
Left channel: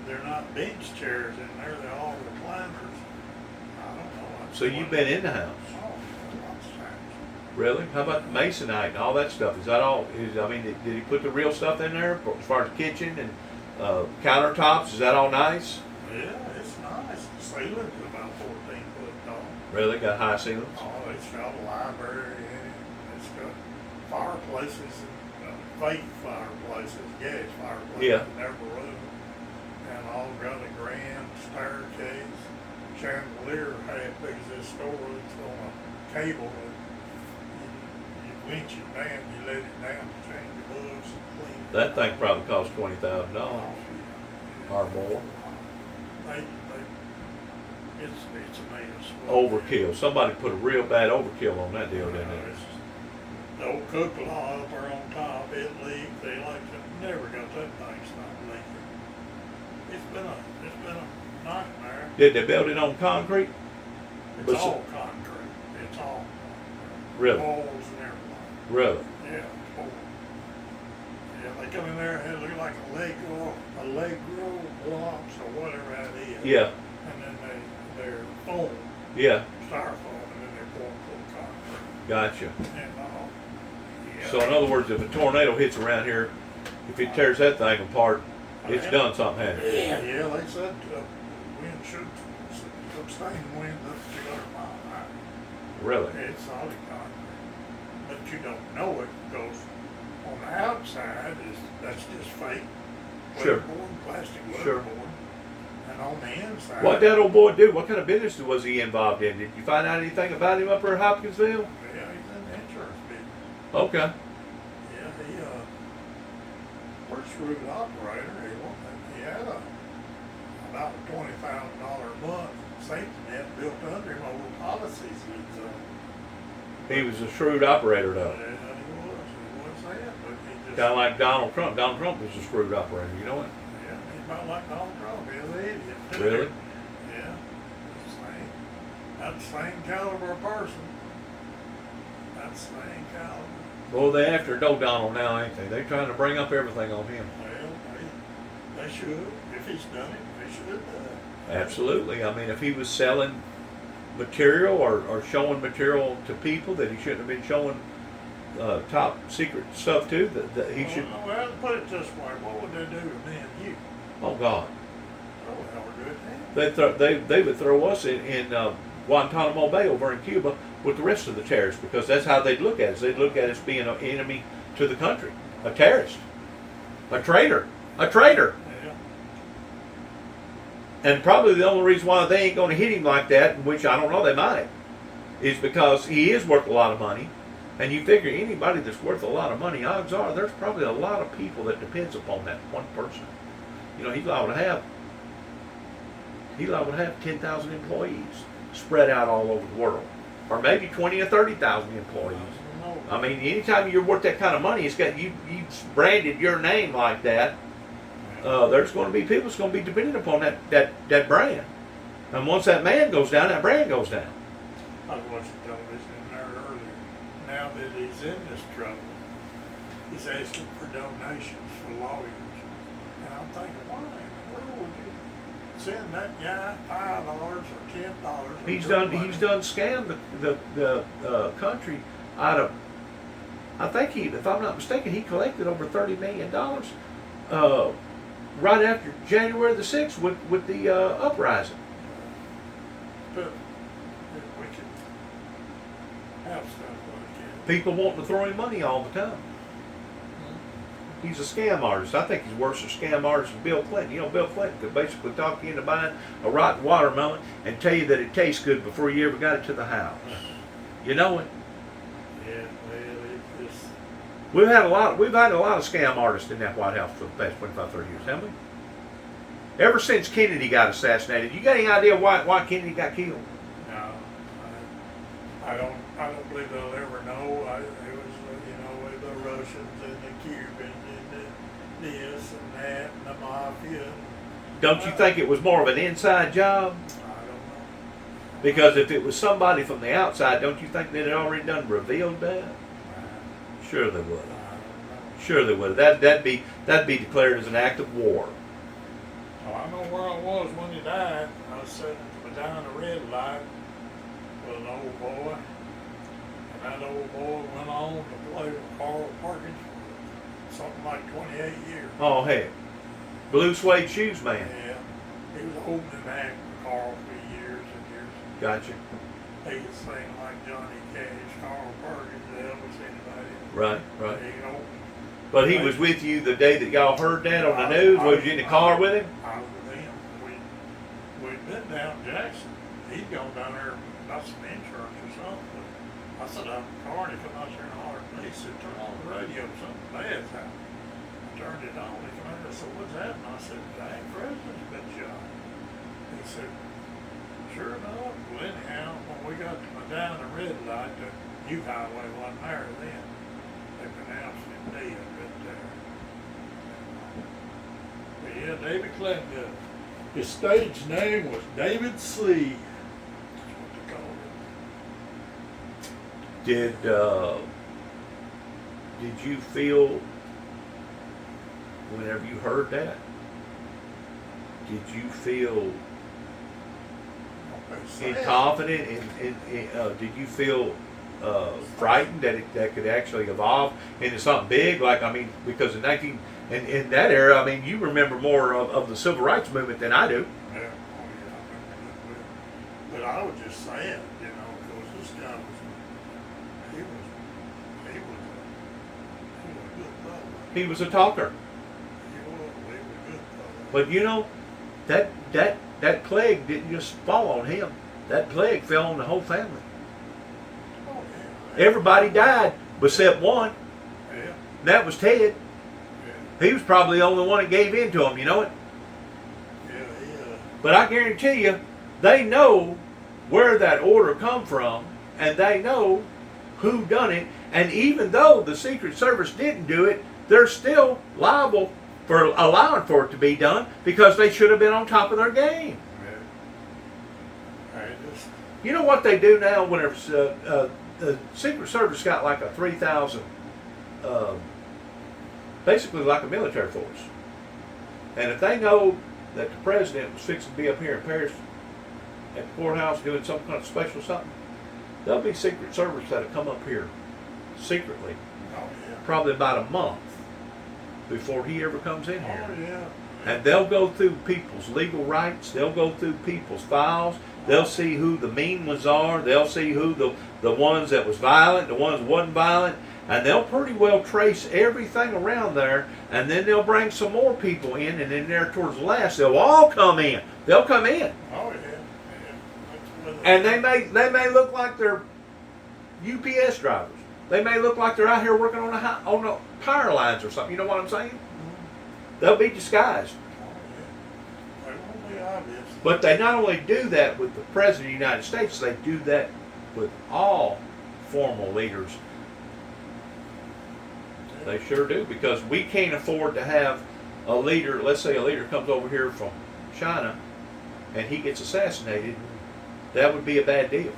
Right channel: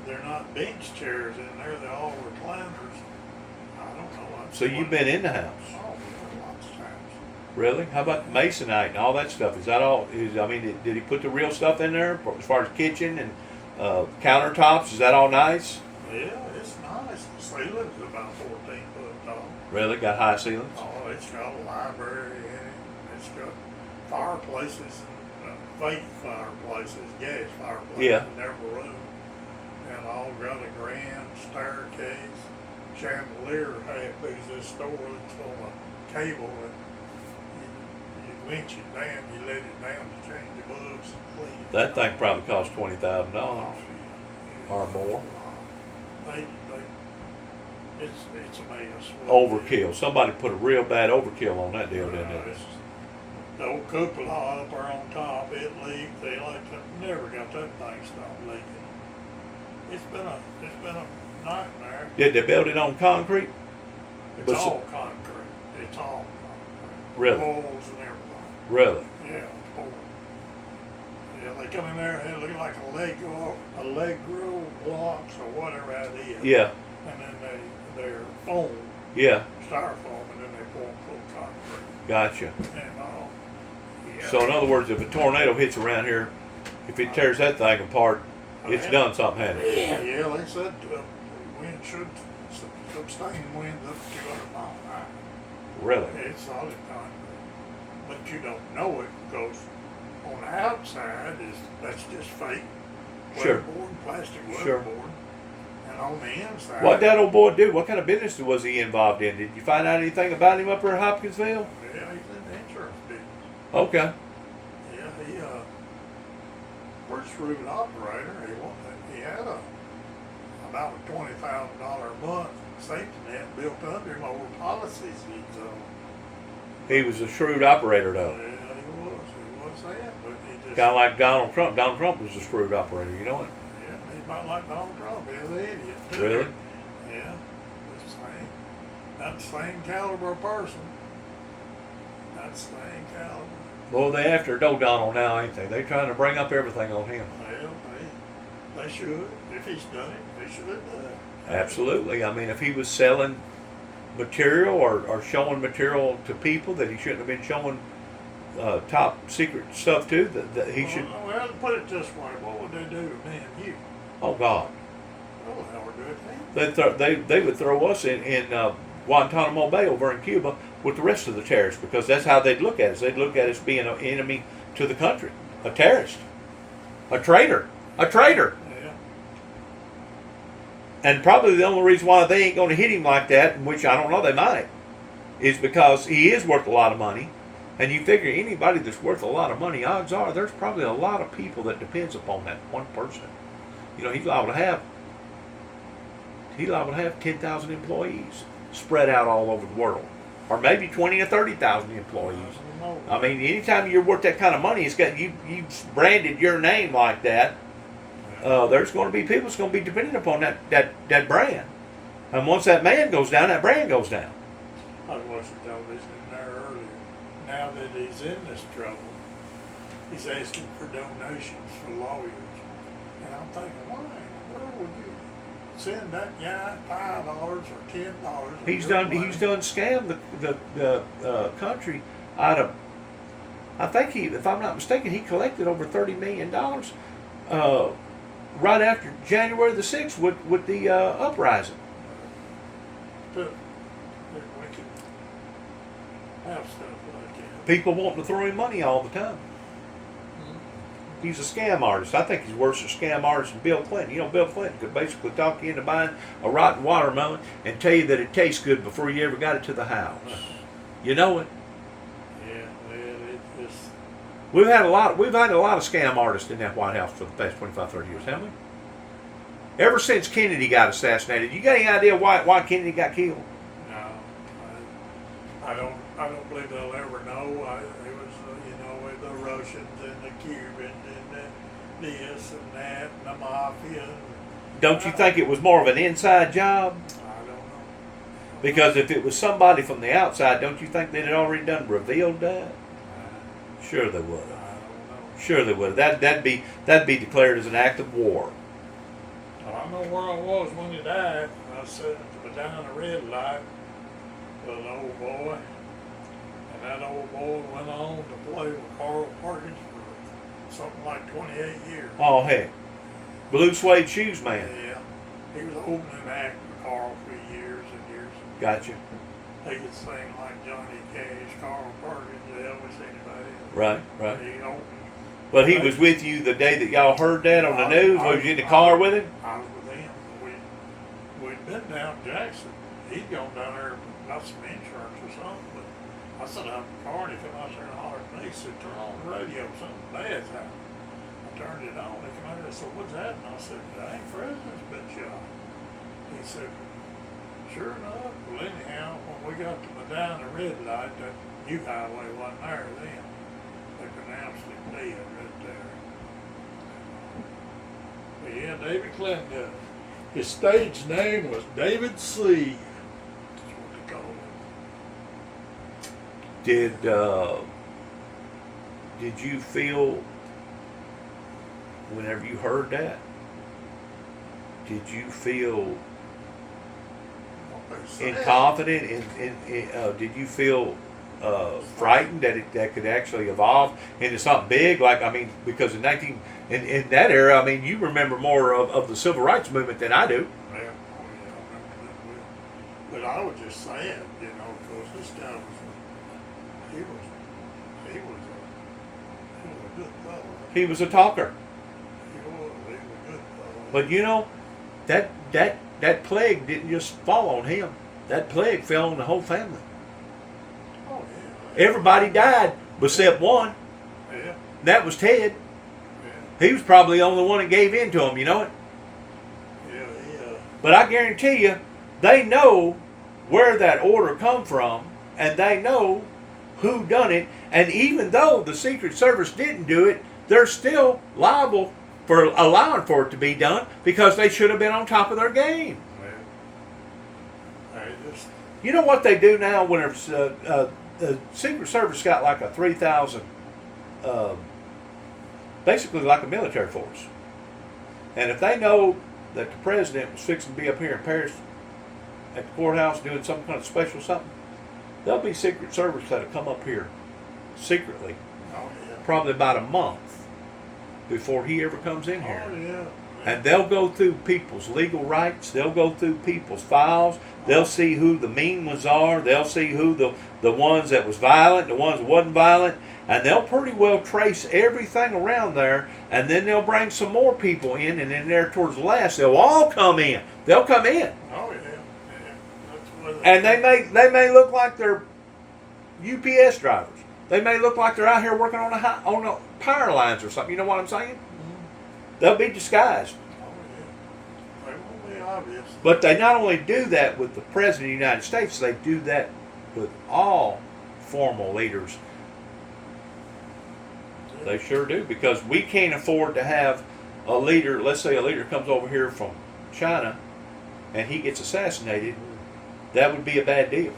they're not bench chairs in there; they're all recliners. I don't know. So you've been in the house? Oh, yeah, lots of times. Really? How about the masonite and all that stuff? Is that all? I mean, did he put the real stuff in there as far as kitchen and countertops? Is that all nice? Yeah, it's nice. The ceiling's about 14 foot tall. Really? Got high ceilings? Oh, it's got a library in it. It's got fireplaces and fake fireplaces, gas fireplaces Yeah. in every room. And all got a grand staircase, chandelier half big as this store. It's on a cable, and you winch it down, you let it down to change the books and clean it. That thing probably cost $20,000 or more. It's a mess. Overkill. Somebody put a real bad overkill on that deal, didn't they? The old cupola up there on top, it leaked. They never got that thing stopped leaking. It's been a nightmare. Did they build it on concrete? It's all concrete. It's all concrete. Really? Walls and everything. Really? Yeah, it's horrible. Yeah, they come in there and it look like a Lego blocks or whatever that is. Yeah. And then they're foam, Yeah. styrofoam, and then they pour full concrete. Gotcha. And yeah. So in other words, if a tornado hits around here, if it tears that thing apart, it's done something, hasn't it? Yeah, they said wind should sustain wind up to 200 miles an hour. Really? It's solid concrete. But you don't know it because on the outside that's just fake Sure. weatherboard, plastic Sure. weatherboard. And on the inside. What that old boy do? What kind of business was he involved in? Did you find out anything about him up here in Hopkinsville? Yeah, he's in the insurance business. Okay. Yeah, he works for an operator. He had about a $20,000 a month safety net built under him over policies he's on. He was a shrewd operator, though. Yeah, he was that, but he just. Kind of like Donald Trump. Donald Trump was a shrewd operator. You know it? Yeah, he's about like Donald Trump. He's an idiot too. Really? Yeah, the same. Not the same caliber of person. Not the same caliber. Well, they after Donald now, ain't they? They trying to bring up everything on him. Well, they should. If he's done it, they should have done it. Absolutely. I mean, if he was selling material or showing material to people that he shouldn't have been showing top secret stuff to, that he should. Well, put it this way: what would they do to me and you? Oh God. They would never do it to him. They would throw us in Guantanamo Bay over in Cuba with the rest of the terrorists, because that's how they'd look at us. They'd look at us being an enemy to the country, a terrorist, a traitor. Yeah. And probably the only reason why they ain't going to hit him like that, which I don't know, they might, is because he is worth a lot of money. And you figure anybody that's worth a lot of money, odds are there's probably a lot of people that depends upon that one person. You know, he's liable to have 10,000 employees spread out all over the world, or maybe 20 or 30,000 employees. I mean, anytime you're worth that kind of money, it's got you branded your name like that. There's going to be people that's going to be dependent upon that brand, and once that man goes down, that brand goes down. I was watching television in there earlier. Now that he's in this trouble, he's asking for donations for lawyers, and I'm thinking, why in the world would you send that guy $5 or $10? He's done scammed the country out of. I think if I'm not mistaken, he collected over $30 million right after January the 6th with the uprising. But we could have stuff like that. People wanting to throw him money all the time. He's a scam artist. I think he's worse a scam artist than Bill Clinton. You know, Bill Clinton could basically talk you into buying a rotten watermelon and tell you that it tastes good before you ever got it to the house. You know it. Yeah, well, it just. We've had a lot of scam artists in that White House for the past 25, 30 years, haven't we? Ever since Kennedy got assassinated. You got any idea why Kennedy got killed? No, I don't believe they'll ever know. It was, with the Russians and the Cubans and this and that and the mafia. Don't you think it was more of an inside job? I don't know. Because if it was somebody from the outside, don't you think they'd had already done revealed that? Sure they would. I don't know. Sure they would. That'd be declared as an act of war. Well, I know where I was when he died. I was sitting down the red light with an old boy, and that old boy on the play with Carl Perkins for something like 28 years. Oh, heck. Blue suede shoes, man. Yeah. He was opening act for Carl for years and years. Gotcha. He could sing like Johnny Cash, Carl Perkins, Elvis, anybody. Right, right. He opened. But he was with you the day that y'all heard that on the news? Was you in the car with him? I was with him. We'd been down Jackson. He'd gone down there about some insurance or something. But I sat out in the car and he come out there and hollered at me. He said, turn on the radio, something bad's happened. I turned it on. He came out and said, what's that? And I said, dang, president's been shot. He said, sure enough. Well, anyhow, when we got to down the red light, that new highway wasn't there then. They pronounced him dead right there. But yeah, David Clinton. His stage name was David C. That's what they called him. Did you feel whenever you heard that? Did you feel confident? Did you feel frightened that could actually evolve into something big? Like, I mean, because in that era, I mean, you remember more of the civil rights movement than I do. Yeah, oh yeah, I remember that well. But I was just saying, you know, because this guy was a good fellow. He was a talker. He was a good fellow. But you know, that plague didn't just fall on him. That plague fell on the whole family. Oh yeah. Everybody died except one. Yeah. That was Ted. He was probably the only one that gave in to him, you know it? Yeah. But I guarantee you, they know where that order come from, and they know who done it. And even though the Secret Service didn't do it, they're still liable for allowing for it to be done because they should have been on top of their game. You know what they do now when the Secret Service got like a 3,000, basically like a military force. And if they know that the president was fixing to be up here in Paris at the courthouse doing some kind of special something, there'll be Secret Service that'll come up here secretly, probably about a month before he ever comes in here. Oh, yeah. And they'll go through people's legal rights. They'll go through people's files. They'll see who the mean ones are. They'll see who the ones that was violent, the ones that wasn't violent. And they'll pretty well trace everything around there. And then they'll bring some more people in. And then there towards the last, they'll all come in. They'll come in. Oh, yeah. And they may look like they're UPS drivers. They may look like they're out here working on the power lines or something. You know what I'm saying? Mm-hmm. They'll be disguised. Oh, yeah. They won't be obvious. But they not only do that with the President of the United States, they do that with all formal leaders. Yeah. They sure do, because we can't afford to have a leader, let's say a leader comes over here from China and he gets assassinated. That would be a bad deal.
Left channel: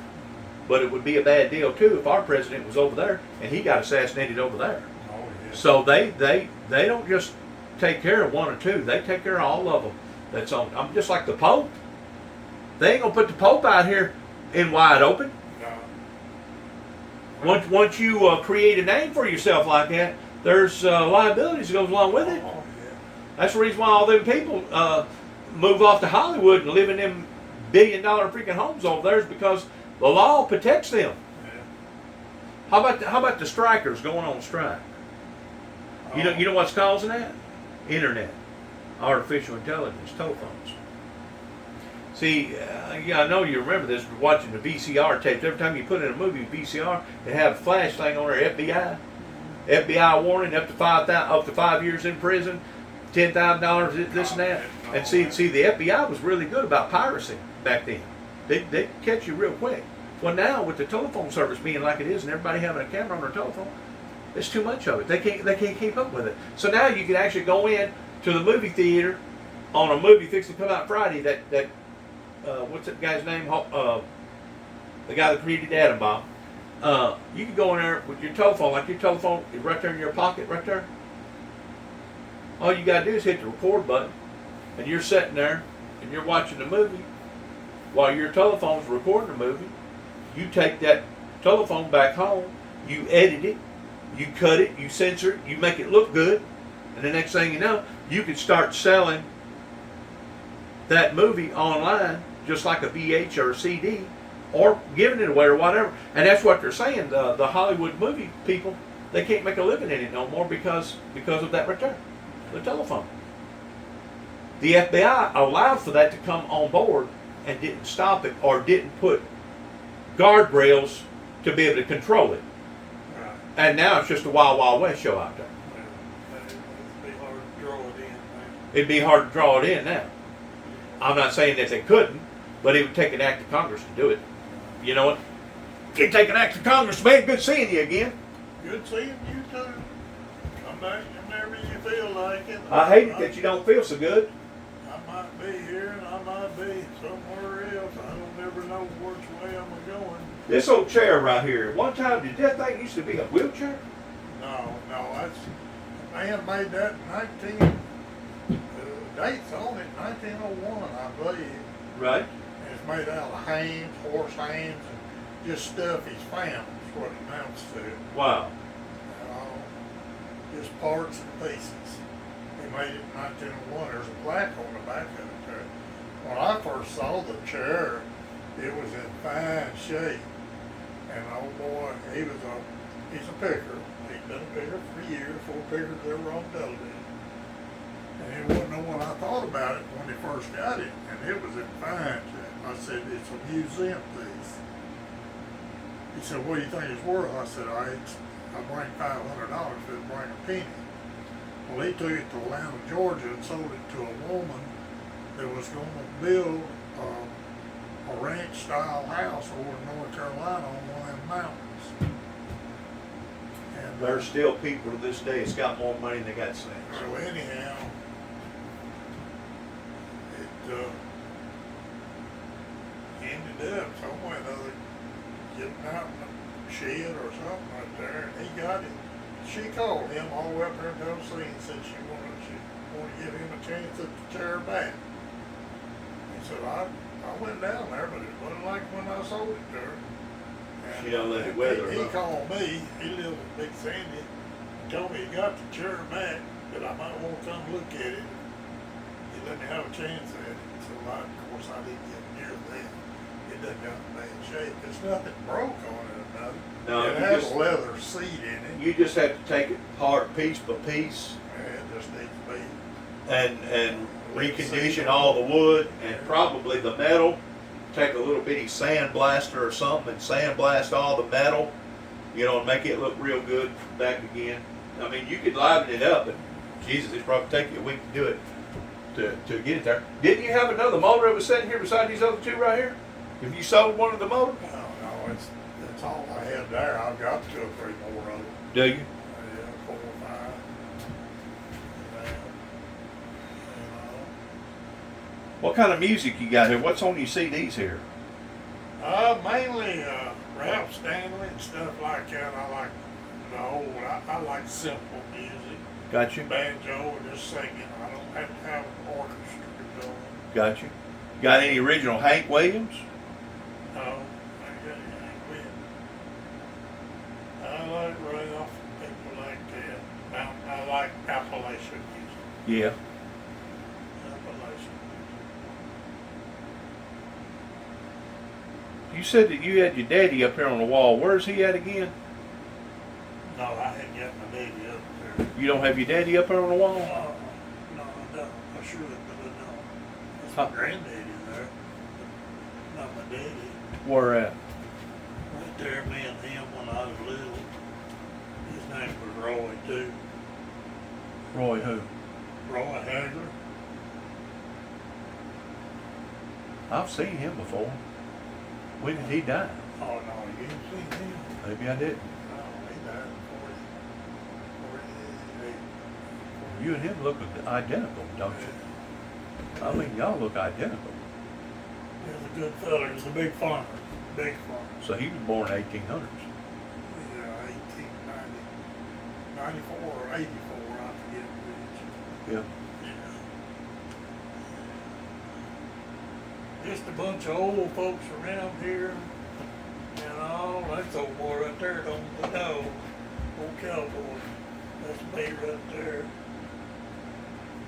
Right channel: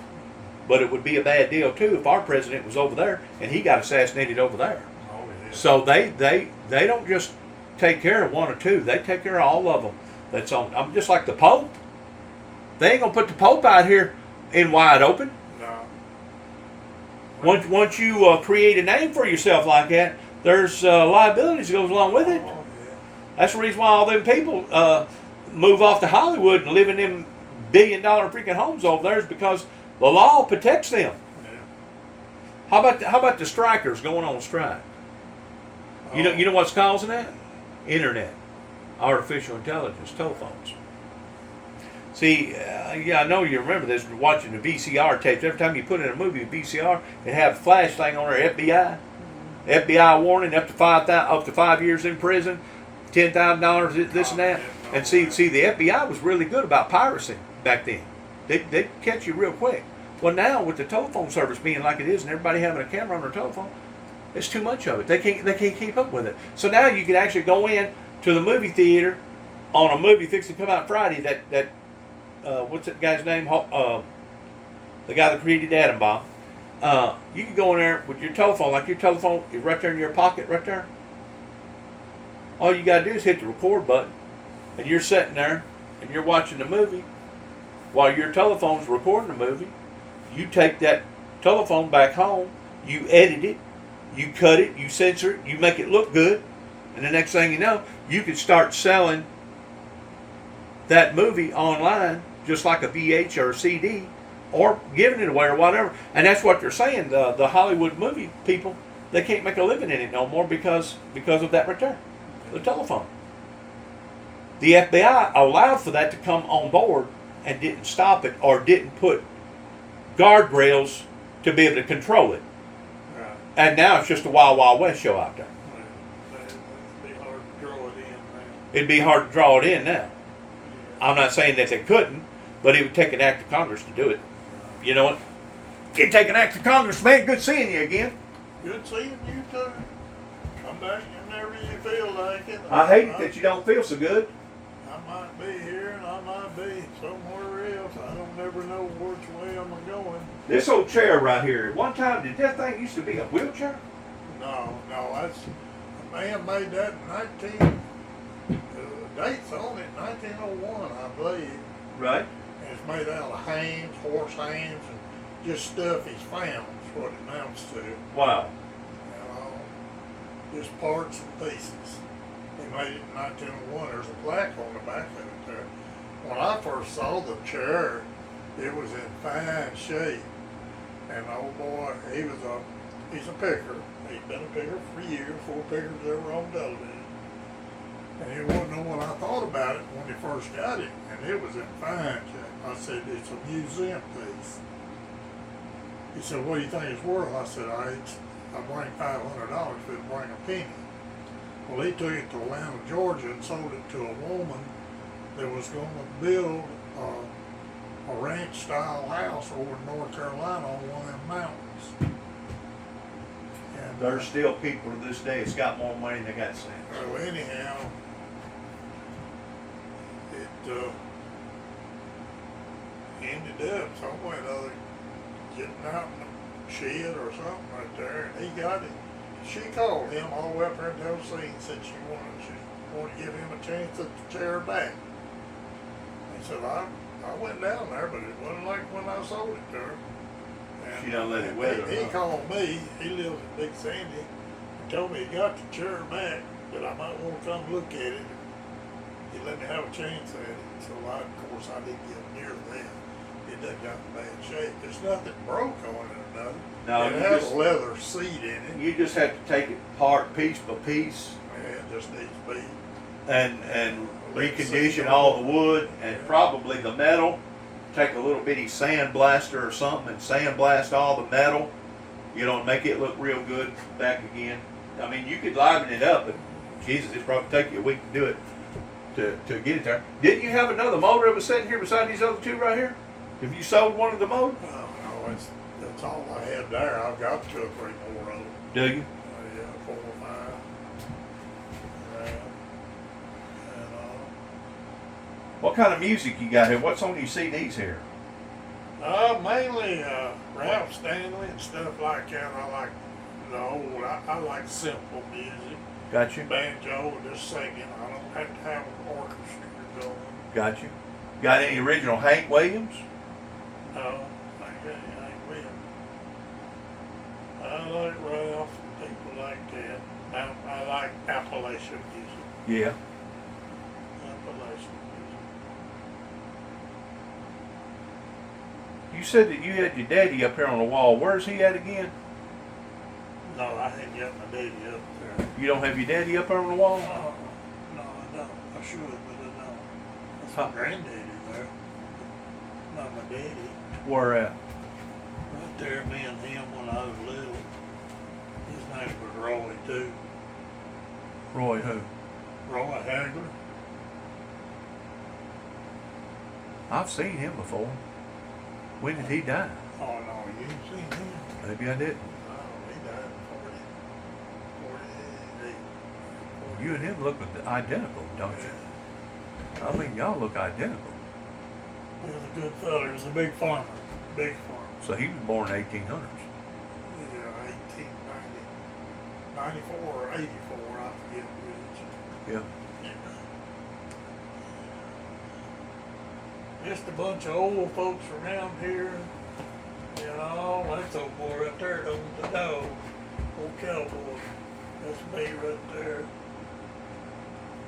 But it would be a bad deal too if our president was over there and he got assassinated over there. Oh, yeah. So they don't just take care of one or two. They take care of all of them. That's on. I'm just like the Pope. They ain't gonna put the Pope out here in wide open. No. Once you create a name for yourself like that, there's liabilities that goes along with it. Oh, yeah. That's the reason why all them people move off to Hollywood and live in them billion-dollar freaking homes over there, is because the law protects them. Yeah. How about the strikers going on strike? You know what's causing that? Internet, artificial intelligence, telephones. See, I know you remember this. Watching the VCR tapes. Every time you put in a movie VCR, it had a flash thing on there. FBI, FBI warning up to 5 years in prison, $10,000, this and that. And see, the FBI was really good about piracy back then. They'd catch you real quick. Well, now with the telephone service being like it is, and everybody having a camera on their telephone, it's too much of it. They can't keep up with it. So now you can actually go in to the movie theater on a movie fixing to come out Friday. That what's that guy's name? The guy that created the atom bomb. You can go in there with your telephone, like your telephone is right there in your pocket, right there. All you gotta do is hit the record button, and you're sitting there and you're watching the movie while your telephone's recording the movie. You take that telephone back home, you edit it, You cut it, you censor it, you make it look good, and the next thing you know, you can start selling that movie online just like a VH or a CD, or giving it away or whatever. And that's what they're saying. The Hollywood movie people, they can't make a living in it no more because of that return, the telephone. The FBI allowed for that to come on board and didn't stop it or didn't put guardrails to be able to control it. Right. And now it's just a Wild Wild West show out there. It'd be hard to draw it in, man. It'd be hard to draw it in now. I'm not saying that they couldn't, but it would take an act of Congress to do it. You know what? It'd take an act of Congress, man. Good seeing you again. Good seeing you too. Come back whenever you feel like it. I hate it that you don't feel so good. I might be here and I might be somewhere else. I don't ever know which way I'm going. This old chair right here, at one time, did that thing used to be a wheelchair? No, that's a man made that in 19. Dates on it, 1901, I believe. Right. And it's made out of hams, horse hams, and just stuff he's found. Is what it amounts to. Wow. And all, just parts and pieces. They made it in 1901. There's a plaque on the back of it there. When I first saw the chair, it was in fine shape. And oh boy, he's a picker. He'd been a picker for years, 4 pickers ever on television. And it wasn't no when I thought about it when he first got it, and it was in fine shape. I said, it's a museum piece. He said, what do you think it's worth? I said, I bring $500 if it'll bring a penny. Well, he took it to Atlanta, Georgia, and sold it to a woman that was going to build a ranch-style house over in North Carolina on one of them mountains. And There's still people to this day that's got more money than they got sense. so anyhow, it ended up some way or another getting out in the shed or something right there, and he got it. She called him all the way up there in Tennessee and said she wanted to give him a chance at the chair back. He said, I went down there, but it wasn't like when I sold it to her. And She don't let it weather, He huh? called me. He lived in Big Sandy. He told me he got the chair back, but I might want to come look at it. He let me have a chance at it. So of course I didn't get near that. It doesn't got in bad shape. There's nothing broke on it or nothing. No, it you has just- a leather seat in it. You just have to take it apart piece by piece It just needs to be. and recondition all the wood and probably the metal. Take a little bitty sand blaster or something and sandblast all the metal, you know, and make it look real good back again. I mean, you could liven it up, but Jesus, it'd probably take you a week to do it, to get it there. Didn't you have another motor that was sitting here beside these other two right here? Have you sold one of the motors? No, it's all I had there. I've got 2 or 3 more of them. Do you? Yeah, 4 or 5. And, What kind of music you got here? What's on your CDs here? mainly Ralph Stanley and stuff like that. I like the old. I like simple music. Got you? Banjo and just singing. I don't have to have an orchestra going. Got you? Got any original Hank Williams? No, I got anything with it. I like Ralph and people like that. I like Appalachian music. Yeah. Appalachian You said that you had your daddy up here on the wall. Where's he at again? music. No, I hadn't got my daddy up there. You don't have your daddy up here on the wall? No, I don't. I should, but I don't. That's Huh. my granddaddy there. Not my daddy. Where at? Right there, me and him when I was little. His name was Roy too. Roy who? Roy Hagler. I've seen him before. When did he die? Oh no, you didn't see him. Maybe I didn't. No, he died in 48. You and him look identical, don't you? I mean, y'all look identical. He was a good fella. He was a big farmer. Big farmer. So he was born in 1800s. Yeah, 1890. 94 or 84, I forget which. Yeah. Just a bunch of old folks around here, you know, that's old boy right there, don't the dog. Old California. That's me right there.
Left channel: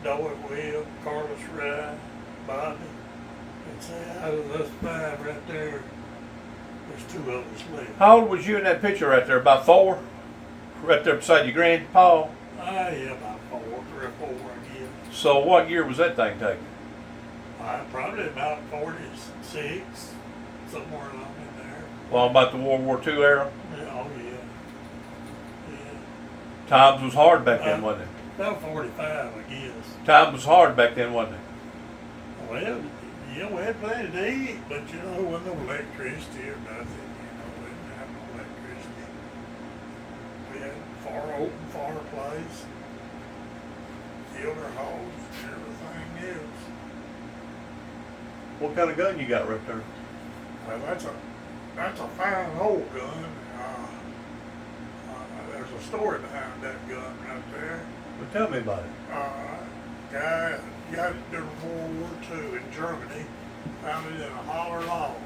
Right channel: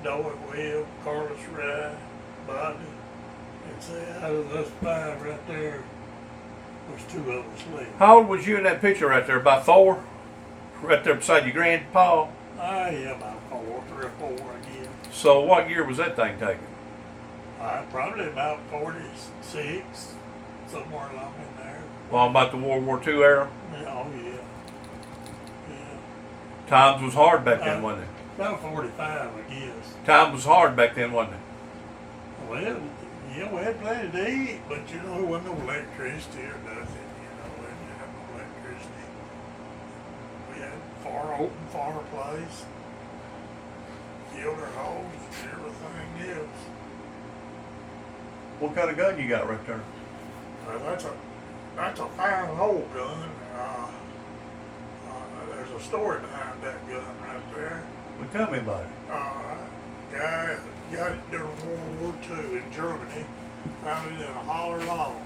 Noah Will, Carlos Rye, Bobby. And say out of us five right there, there's two of us left. How old was you in that picture right there? About 4? Right there beside your grandpa? Yeah, about 3 or 4, I guess. So what year was that thing taken? Probably about 46, somewhere along in there. Well, about the World War II era? Yeah, oh yeah. Yeah. Times was hard back then, wasn't it? About 45, I guess. Time was hard back then, wasn't it? Well, yeah, we had plenty to eat, but you know, there wasn't no electricity or nothing. You know, we didn't have no electricity. We had open fireplace, filter hose, and everything else. What kind of gun you got right there? Well, that's a fine old gun. There's a story behind that gun right there. Well, tell me about it. Guy got it during World War II in Germany, found it in a holler log,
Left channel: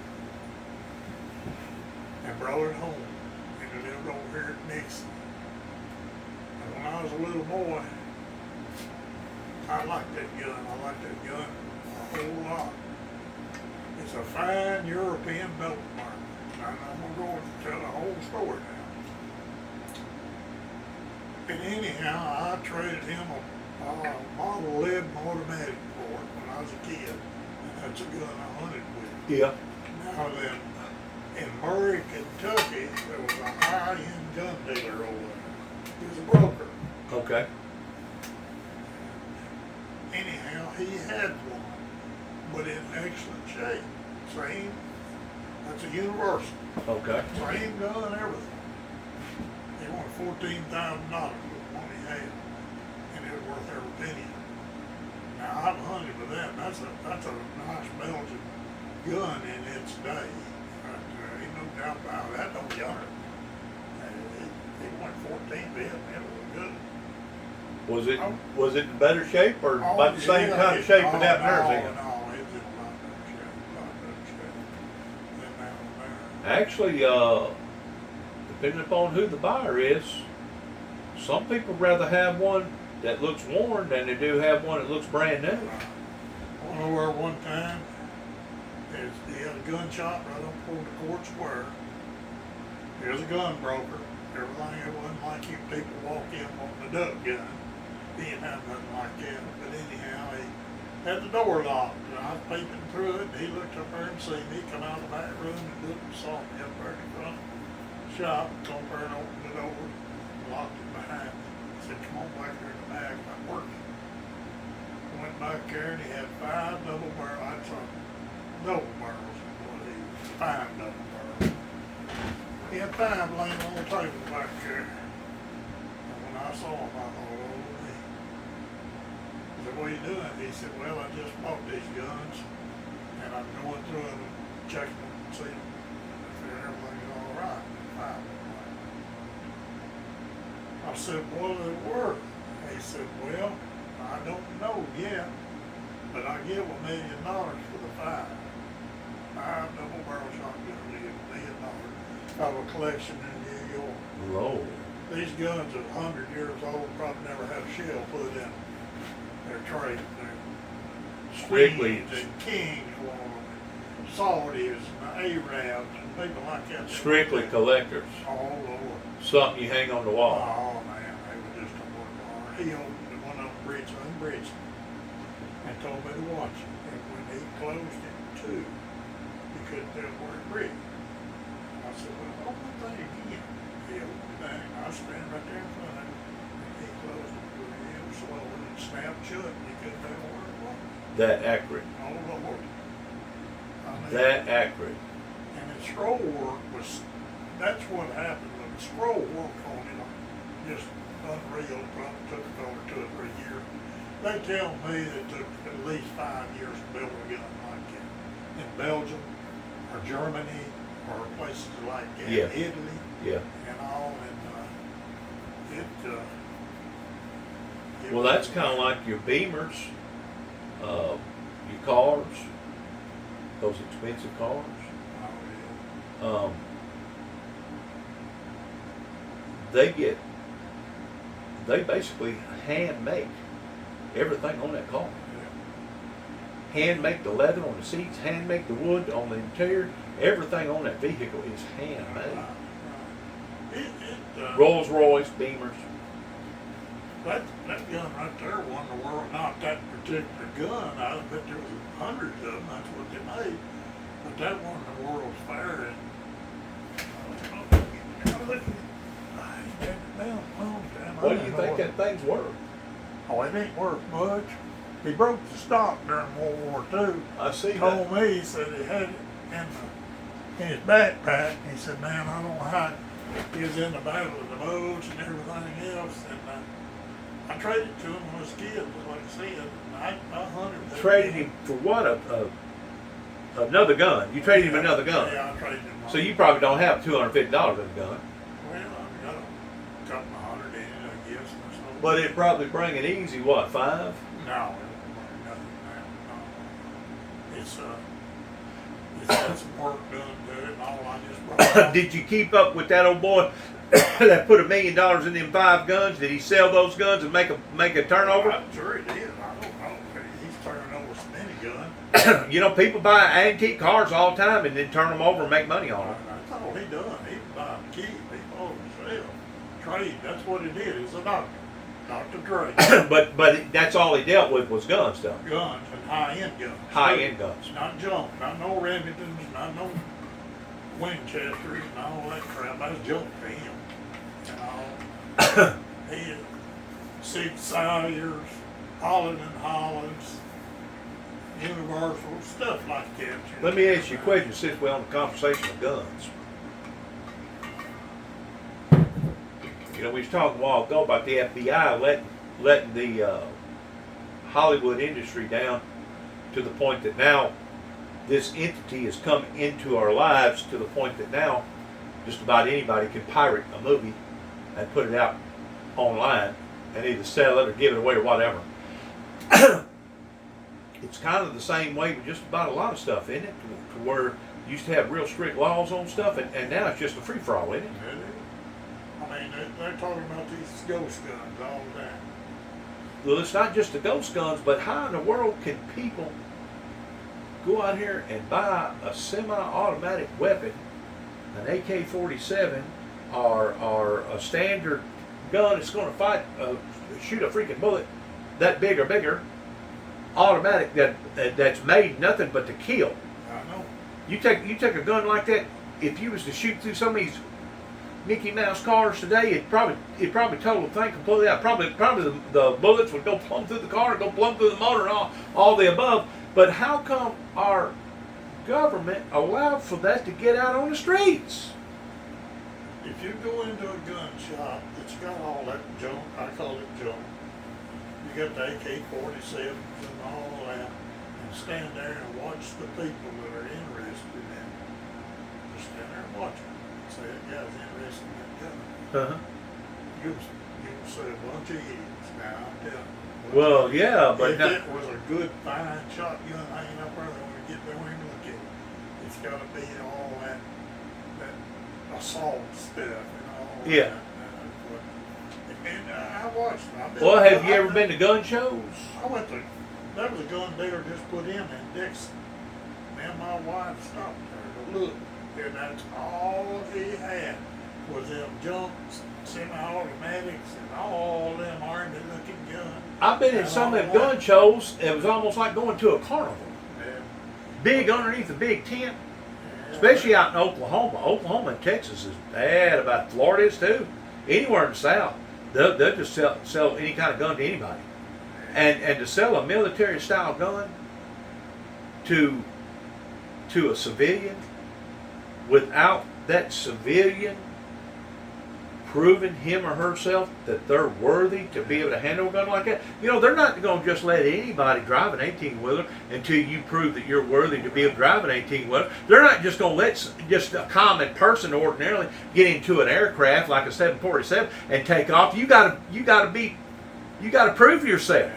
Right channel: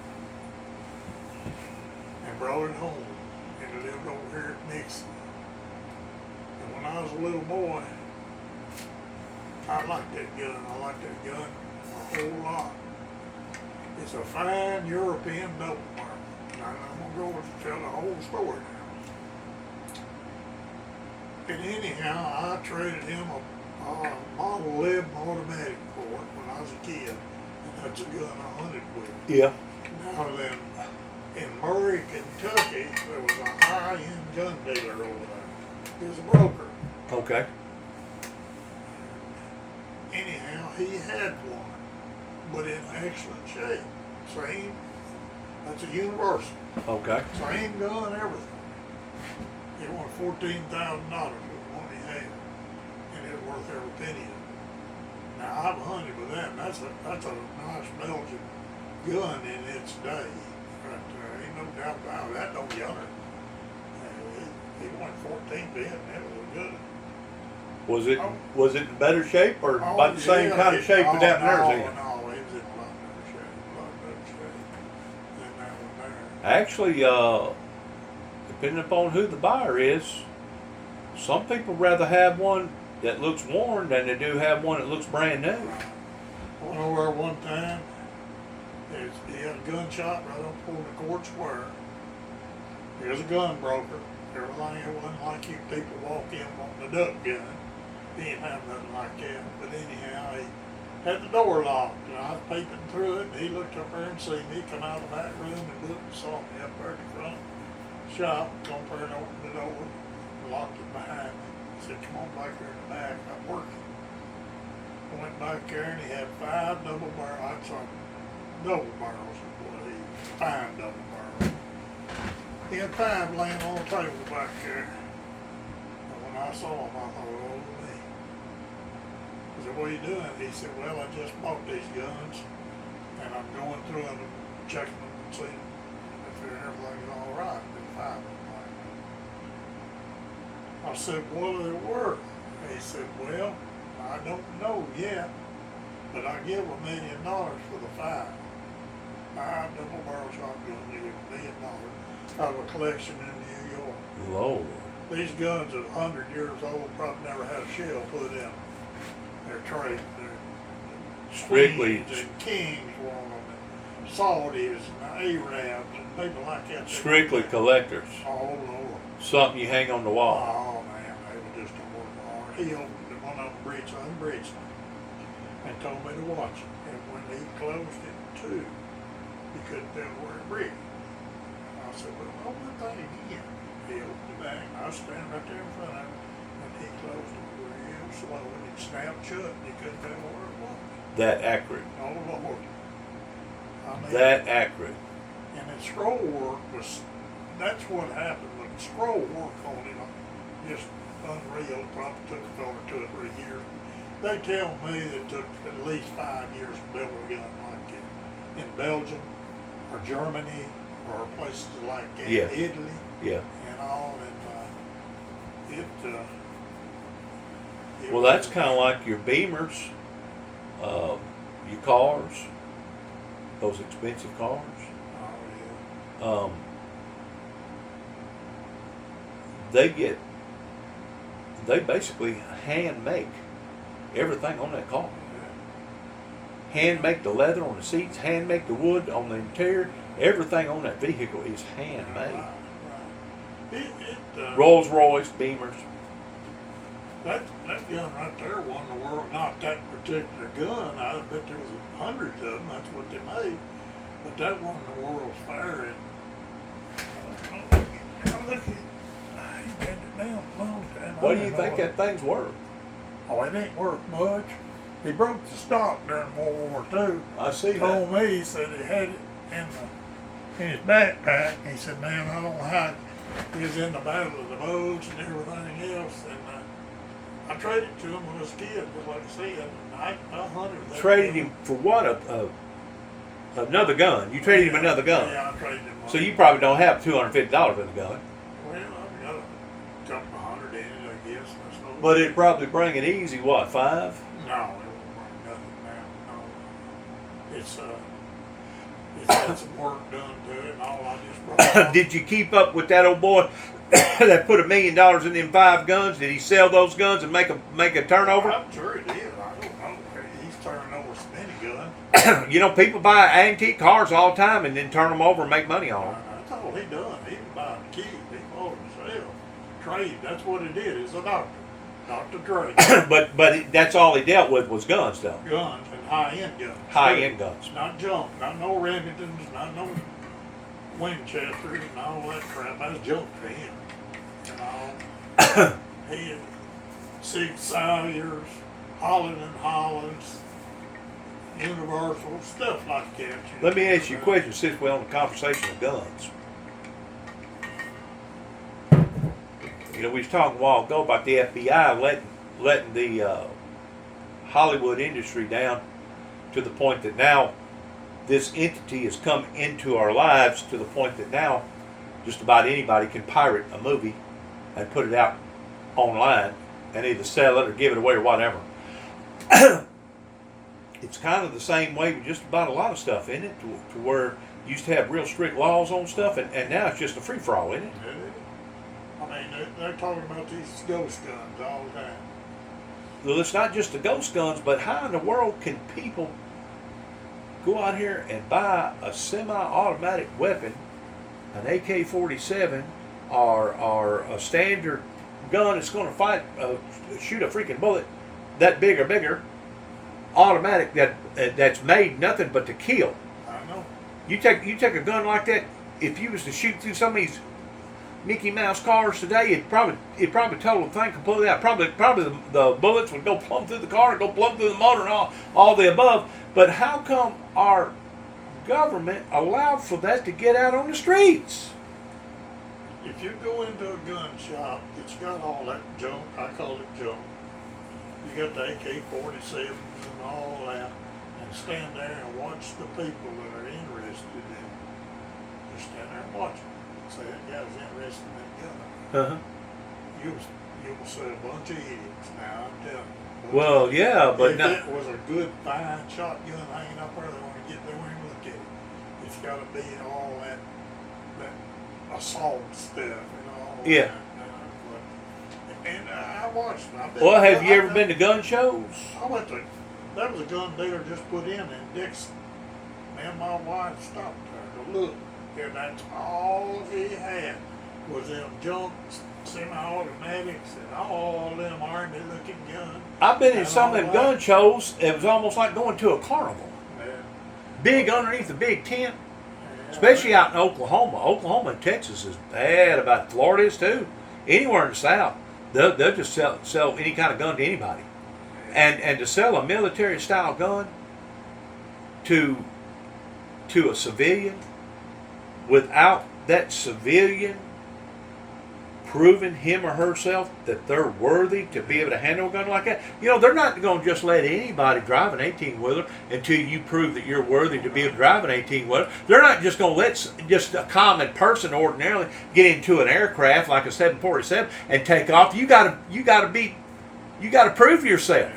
and brought it home, and it lived over here at Nixon. And when I was a little boy, I liked that gun. I liked that gun a whole lot. It's a fine European built mark. I'm gonna go and tell the whole story now. And anyhow, I traded him a Model 11 automatic for it when I was a kid, and that's a gun I hunted with. Yeah. Now then, in Murray, Kentucky, there was a high-end gun dealer over there. He was a broker. Okay. Anyhow, he had one, but in excellent shape. That's a Universal. Okay. Same gun, everything. He wanted $14,000 for the one he had, and it was worth every penny. Now I've hunted with that, and that's a nice Belgian gun in its day. But ain't no doubt about that. No younger. He wanted 14 bit, and it was good. Was it in better shape or about the same kind of shape without nerves in it? No, it was in a lot better shape than that one there. Actually, depending upon who the buyer is, some people rather have one that looks worn than they do have one that looks brand new. I went over one time. He had a gun shop right up on the court square. He was a gun broker. Everything, it wasn't like you people walk in wanting a duck gun. He didn't have nothing like that. But anyhow, he had the door locked. And I was peeping through it, and he looked up there and seen me come out of the back room and looked and saw me up there at the front shop. Come up there and opened the door, locked it behind me. He said, "Come on back here in the back, I'm working." I went back there and he had 5 double barrel. I saw double barrels. Fine double barrels. He had 5 laying on the table back there. And when I saw him, I thought, oh me. I said, "What are you doing?" He said, "Well, I just bought these guns, and I'm going through them, checking them, seeing if everything's all right." And 5 of them. I said, "What are they worth?" He said, "Well, I don't know yet, but I give $1 million for the 5. 5 double barrel shotguns, you get $1 million out of a collection in New York. Lord. These guns are 100 years old, probably never had a shell put in them. They're trading. They're Strictly. Queens and Kings want them, and Saudis and Arabs and people like that. Strictly collectors. Oh, Lord. Something you hang on the wall. Oh, man, they were just a work hard. He opened one of them, unbreached it, and told me to watch it. And when he closed it, too, he couldn't tell where it breached. I said, "Well, open the thing again." He opened it back, and I was standing right there in front of him, and he closed it real slow, and it snapped shut, and he couldn't tell where it was. That accurate. Oh, Lord. I mean, That accurate. and the scroll work was, that's what happened. The scroll work on it, just unreal. It probably took over 2 or 3 years. They tell me that it took at least 5 years to build a gun like it in Belgium or Germany or places like that, Yeah. Italy Yeah. and all. And it Well, that's kind of like your Beamers, your cars, those expensive cars. Oh, They get they basically hand make everything on that car. Hand make the leather on the seats, hand make the wood on the interior. Everything on that vehicle is handmade. Rolls Royce, Beamers. That gun right there won the world. Not that particular gun. I bet there was hundreds of them. That's what they made. But that won the World's Fair. He bent it down a long time. What do you think that thing's worth? Oh, it ain't worth much. He broke the stock during World War II. I see He that. told me, he said he had it in his backpack. He said, man, I don't know how he was in the Battle of the Bulge and everything else. And I traded to him when I was a kid, just like I said. I hunted with Traded him for what? Another gun. You traded him another gun. Yeah, I traded him. So you probably don't have $250 in the gun. Well, I've got a couple of hundred in it, I guess. And so. But it probably bring it easy, what, 5? No, it won't bring nothing now. No. It's got some work done to it and all. I just brought it. Did you keep up with that old boy that put $1 million in them 5 guns? Did he sell those guns and make a turnover? I'm sure he did. I don't know. He's turning over so many guns. You know, people buy antique cars all the time and then turn them over and make money on them. That's all he done. He didn't buy a key. He bought himself. Trade. That's what he did. He's a doctor. Dr. Trade. but that's all he dealt with was gun stuff. Guns and high-end guns. High-end guns. Not junk. Not no Remingtons. Not no Winchesters and all that crap. That's junk to him. You know. He had Sig Sauers, Holland and Hollands, Universal, stuff like that. Let me ask you a question since we're on the conversation of guns. You know, we was talking a while ago about the FBI letting the Hollywood industry down to the point that now this entity has come into our lives to the point that now just about anybody can pirate a movie and put it out online and either sell it or give it away or whatever. It's kind of the same way with just about a lot of stuff, isn't it? To where you used to have real strict laws on stuff, and now it's just a free-for-all, isn't it? It is. I mean, they're talking about these ghost guns all the time. Well, it's not just the ghost guns, but how in the world can people go out here and buy a semi-automatic weapon, an AK-47, or a standard gun that's going to shoot a freaking bullet that big or bigger, automatic that's made nothing but to kill? I know. You take a gun like that, if you was to shoot through some of these Mickey Mouse cars today, it probably total the thing completely out. Probably the bullets would go plumb through the car and go plumb through the motor and all the above. But how come our government allowed for that to get out on the streets? If you go into a gun shop that's got all that junk, I call it junk. You got the AK-47s and all that, and stand there and watch the people that are interested in them. Just stand there and watch them. Say that guy's interested in that gun. Uh-huh. You'll see a bunch of idiots now, I'm telling you. Well, yeah, but if now, it was a good, fine shotgun hanging up there, they want to get there and look at it. It's got to be all that assault stuff and all Yeah. that. And I watched it. well, have you ever been to gun shows? I went to, there was a gun dealer just put in Dixon. Me and my wife stopped there to look. And that's all he had was them junk semi-automatics and all them army-looking guns. I've been in And some of all them that. gun shows. It was almost like going to a carnival. Yeah. Big underneath the big tent, Yeah. especially out in Oklahoma. Oklahoma and Texas is bad. About Florida is too. Anywhere in the South, they'll just sell any kind of gun to anybody. And to sell a military-style gun to a civilian without that civilian proving him or herself that they're worthy to be able to handle a gun like that. You know, they're not going to just let anybody drive an 18-wheeler until you prove that you're worthy to be able to drive an 18-wheeler. They're not just going to let just a common person ordinarily get into an aircraft like a 747 and take off. You got to prove yourself.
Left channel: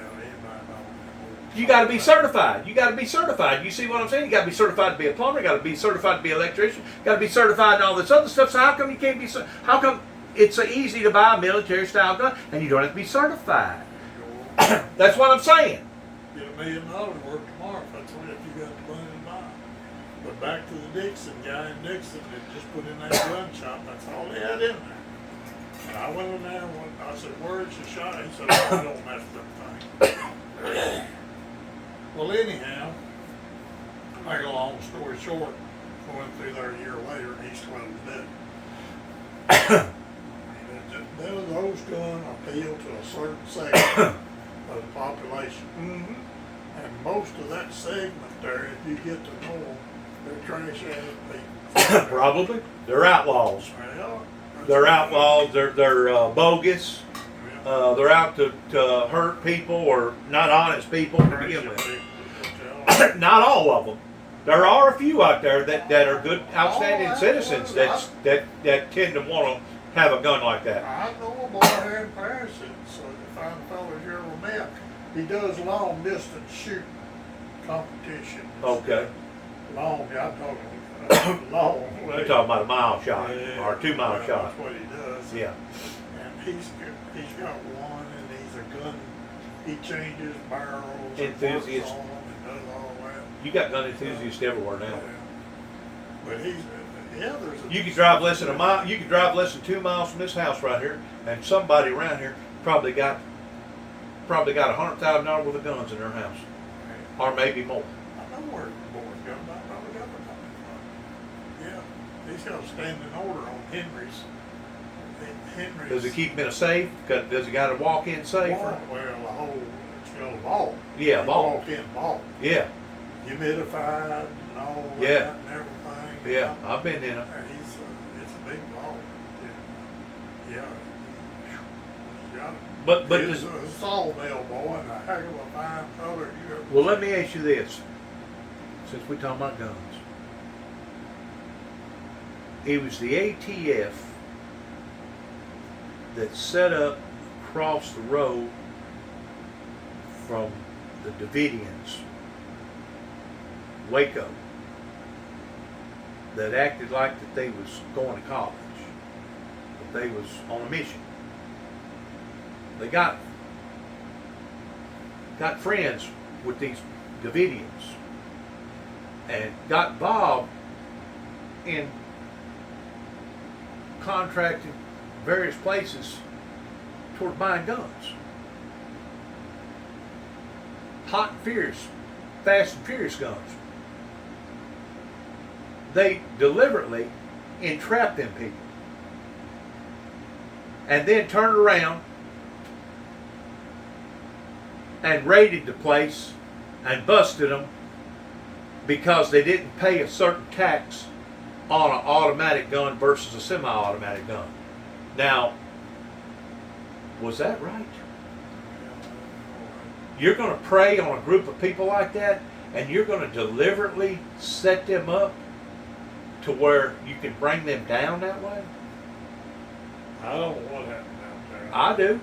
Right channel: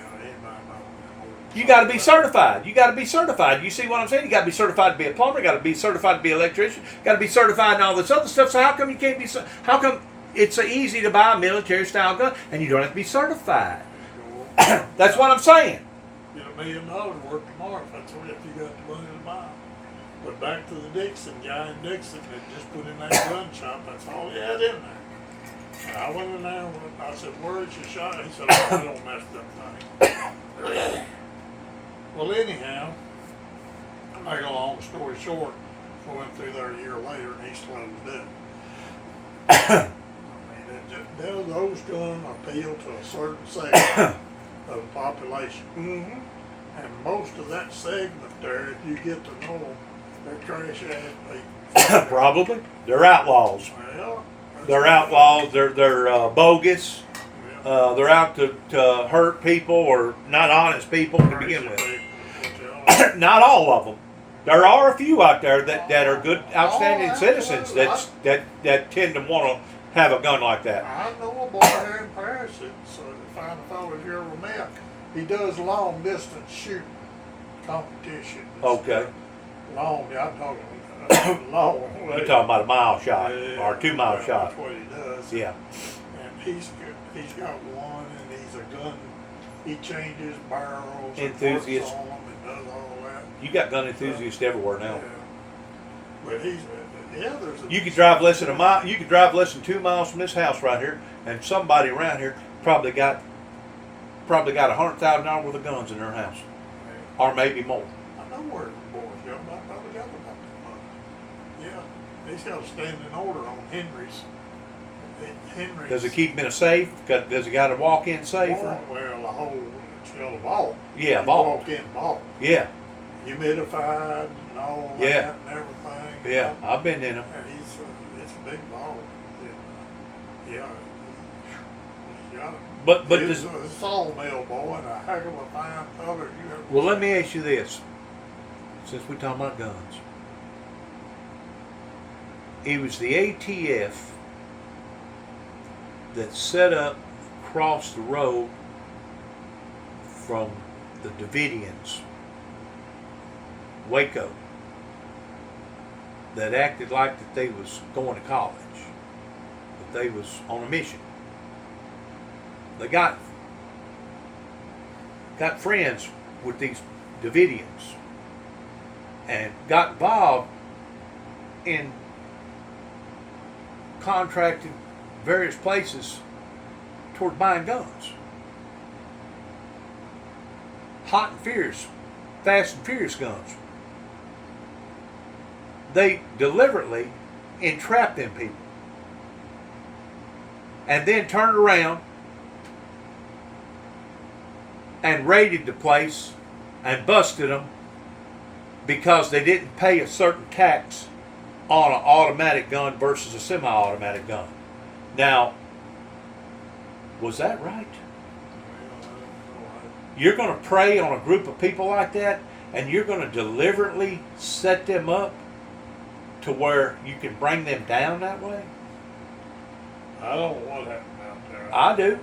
You got to be certified. You got to be certified. You see what I'm saying? You got to be certified to be a plumber. You got to be certified to be an electrician. You got to be certified and all this other stuff. So how come you can't be? How come it's a easy to buy military style gun, and you don't have to be certified. Sure. That's what I'm saying. Get $1 million worth tomorrow if that's what you got the money to buy. But back to the Dixon guy in Dixon that just put in that gun shop, that's all he had in there. And I went in there and I said, "Where's your shot?" He said, "Oh, I don't mess with that thing." Well, anyhow, to make a long story short, I went through there a year later and he's closed it. Those guns appeal to a certain segment of the population. Mm-hmm. And most of that segment there, if you get to know them, they're trash ass people. Probably. They're outlaws. Well, They're outlaws. They're bogus. They're out to hurt people or not honest people to begin with. Not all of them. There are a few out there that are good, outstanding citizens that tend to want to have a gun like that. I know a boy here in Paris that's the fine fellow you ever met. He does long distance shooting competition. Okay. Long, yeah, I'm talking long. You're talking about a mile shot or 2 mile shot. That's what he does. Yeah. And he's got one, and he's a gun. He changes barrels. Enthusiast. And works on them and does all that. You got gun enthusiasts everywhere now. Yeah. But he's there's a. You could drive less than a mile. You could drive less than 2 miles from this house right here, and somebody around here probably got $100,000 worth of guns in their house, or maybe more. I know where the boy's got. I probably got the money. Yeah, he's got a standing order on Henry's. Henry's. Does it keep him in a safe? Does he got a walk-in safe? Well, the whole it's got a vault. Yeah, You vault. Walk in vault. Yeah, Humidified and all Yeah. that and everything. yeah. I've been in them. And it's a big vault. Yeah. He's got it. But He's a sawmill boy and a heck of a fine color. well, let me ask you this: since we're talking about guns, it was the ATF that set up across the road from the Davidians, Waco, that acted like that they was going to college, that they was on a mission. They got friends with these Davidians and got involved in contracting various places toward buying guns. Hot and furious, fast and furious guns. They deliberately entrapped them people and then turned around and raided the place and busted them because they didn't pay a certain tax on an automatic gun versus a semi-automatic gun. Now, was that right? You're going to prey on a group of people like that, and you're going to deliberately set them up to where you can bring them down that way? I don't know what happened out there. I do.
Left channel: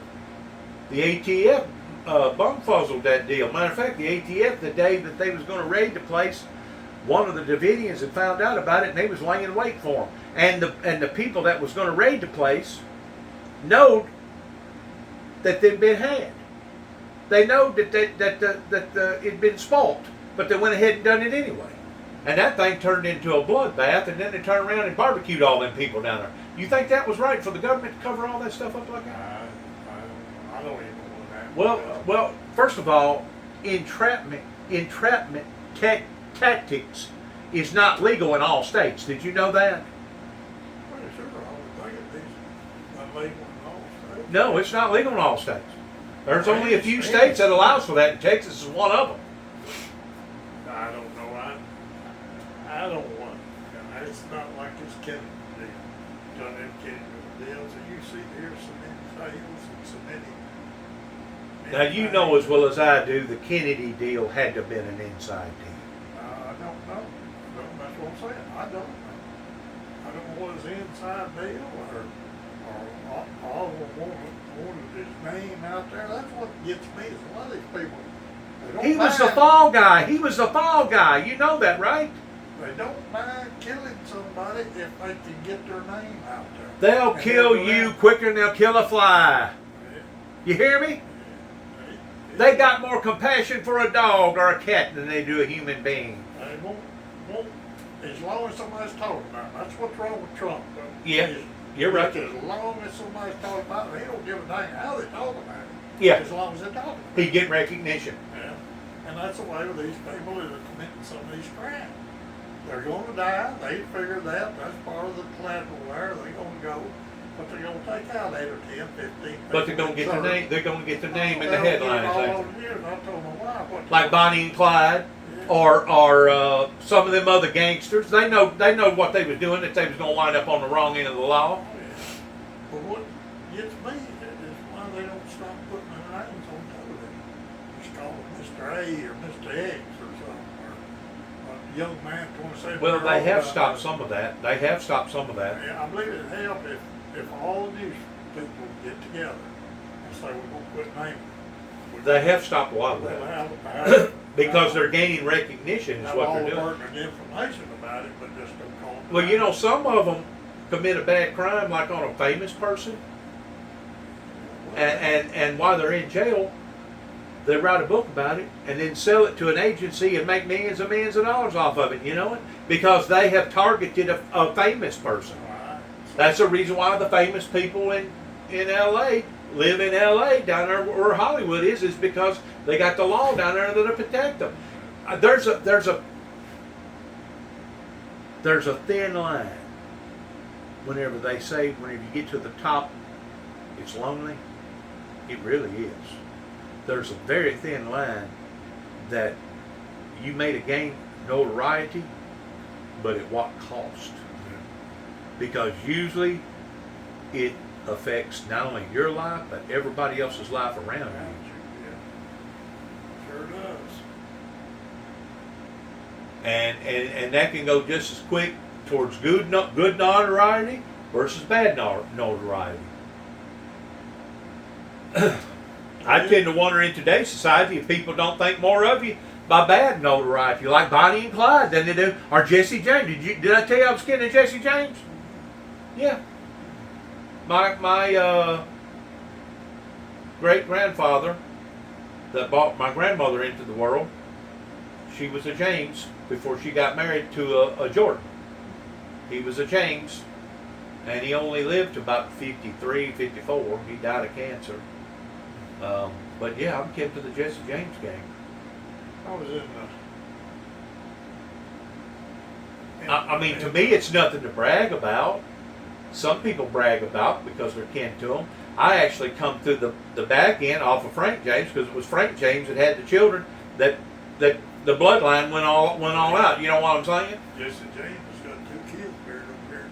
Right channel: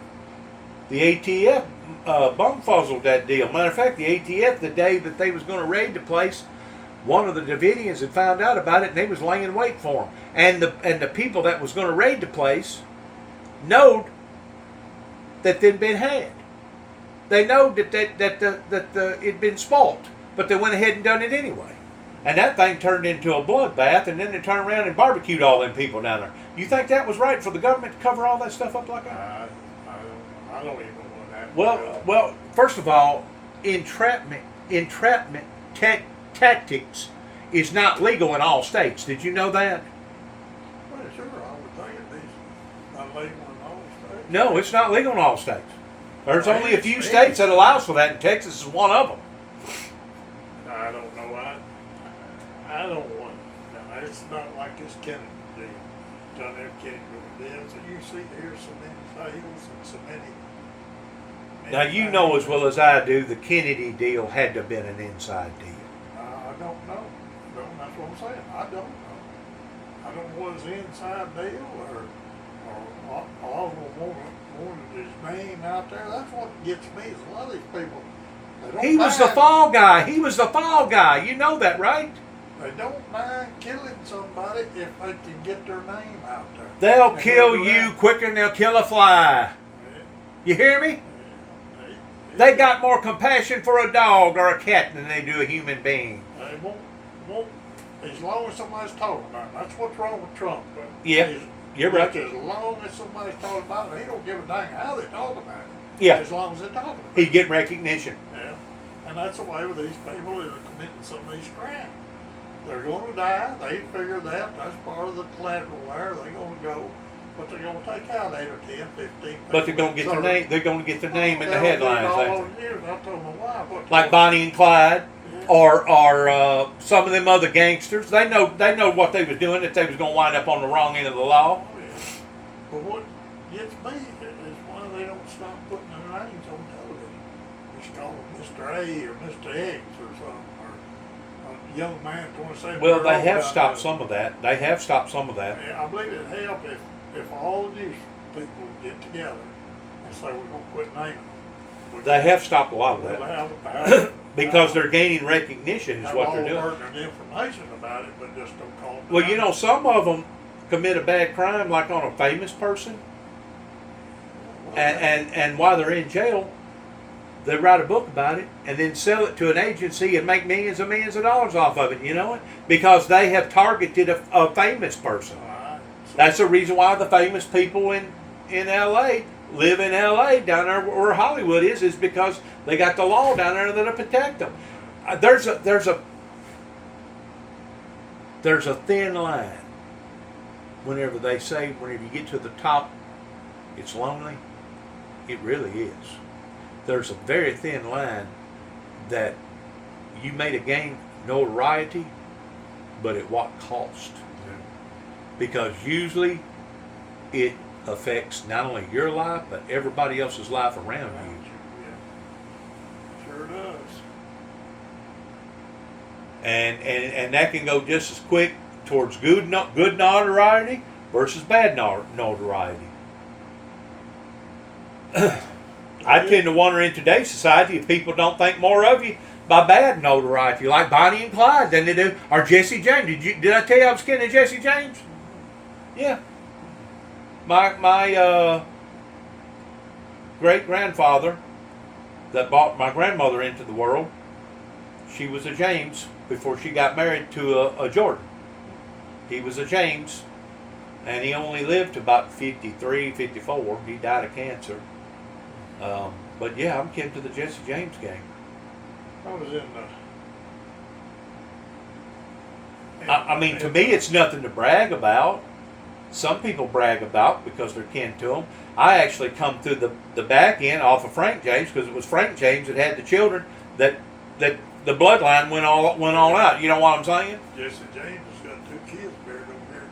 The ATF bumfuzzled that deal. Matter of fact, the ATF, the day that they was going to raid the place, one of the Davidians had found out about it, and they was laying in wait for them. And the people that was going to raid the place knowed that they'd been had. They know that it'd been spoilt, but they went ahead and done it anyway. And that thing turned into a bloodbath, and then they turned around and barbecued all them people down there. You think that was right for the government to cover all that stuff up like that? I don't even know that. Well, first of all, entrapment tactics is not legal in all states. Did you know that? Well, sure, I would think it's not legal in all states. No, it's not legal in all states. There's only a few states that allows for that, and Texas is one of them. I don't know. I don't want. It's not like this Kennedy deal. John F. Kennedy deals. You see, there's so many fails and so many. Now you know as well as I do, the Kennedy deal had to have been an inside deal. I don't know. That's what I'm saying. I don't know. I don't know what his inside deal or all of them wanted his name out there. That's what gets me. Is a lot of these people. He was the fall guy. He was the fall guy. You know that, right? They don't mind killing somebody if they can get their name out there. They'll And kill go you around. quicker than they'll kill a fly. Yeah, You hear me? yeah. They got more compassion for a dog or a cat than they do a human being. They won't, as long as somebody's talking about it. That's what's wrong with Trump. But Yeah, you're right. As long as somebody's talking about it, he don't give a dang how they talk about it. Yeah. As long as they're talking about He's it. getting recognition. Yeah. And that's the way with these people that are committing some of these crimes. They're going to die. They figure that. That's part of the collateral there. They're going to go. But they're going to take out 8 or 10, 15 people. But they're gonna get their name. They're gonna get their name in the They'll get it headlines. all ain't over the news. I told them why. But they? Like Bonnie and Clyde, Yeah. or some of them other gangsters. They know what they was doing. That they was gonna wind up on the wrong end of the law. Oh, yeah. But what gets me is why they don't stop putting their names on television. Just call them Mr. A or Mr. X or something, or a young man 27. Well, they have stopped some of that. They have stopped some of that. I believe it'd help if all the news people get together and say we're gonna quit naming. They have stopped a lot of We'll that have the power. because they're gaining recognition. Is have what all they're the doing. pertinent information about it, but just don't call them. Well, you know, some of them commit a bad crime, like on a famous person, and while they're in jail, they write a book about it and then sell it to an agency and make millions and millions of dollars off of it. You know it because they have targeted a famous person. That's the reason why the famous people in LA live in LA down there where Hollywood is because they got the law down there that'll protect them. There's a thin line. Whenever they say whenever you get to the top, it's lonely. It really is. There's a very thin line that you may have gained notoriety, but at what cost? Because usually it affects not only your life, but everybody else's life around you. Yeah. Sure does. And that can go just as quick towards good notoriety versus bad notoriety. I tend to wonder in today's society if people don't think more of you by bad notoriety, like Bonnie and Clyde, than they do, or Jesse James. Did I tell you I was kidding Jesse James? Yeah. My great grandfather that brought my grandmother into the world, she was a James before she got married to a Jordan. He was a James, and he only lived to about 53, 54. He died of cancer. But yeah, I'm kin to the Jesse James gang. I was in the. I mean, to me, it's nothing to brag about. Some people brag about because they're kin to them. I actually come through the back end off of Frank James because it was Frank James that had the children that the bloodline went all out. You know what I'm saying? Jesse James has got 2 kids buried over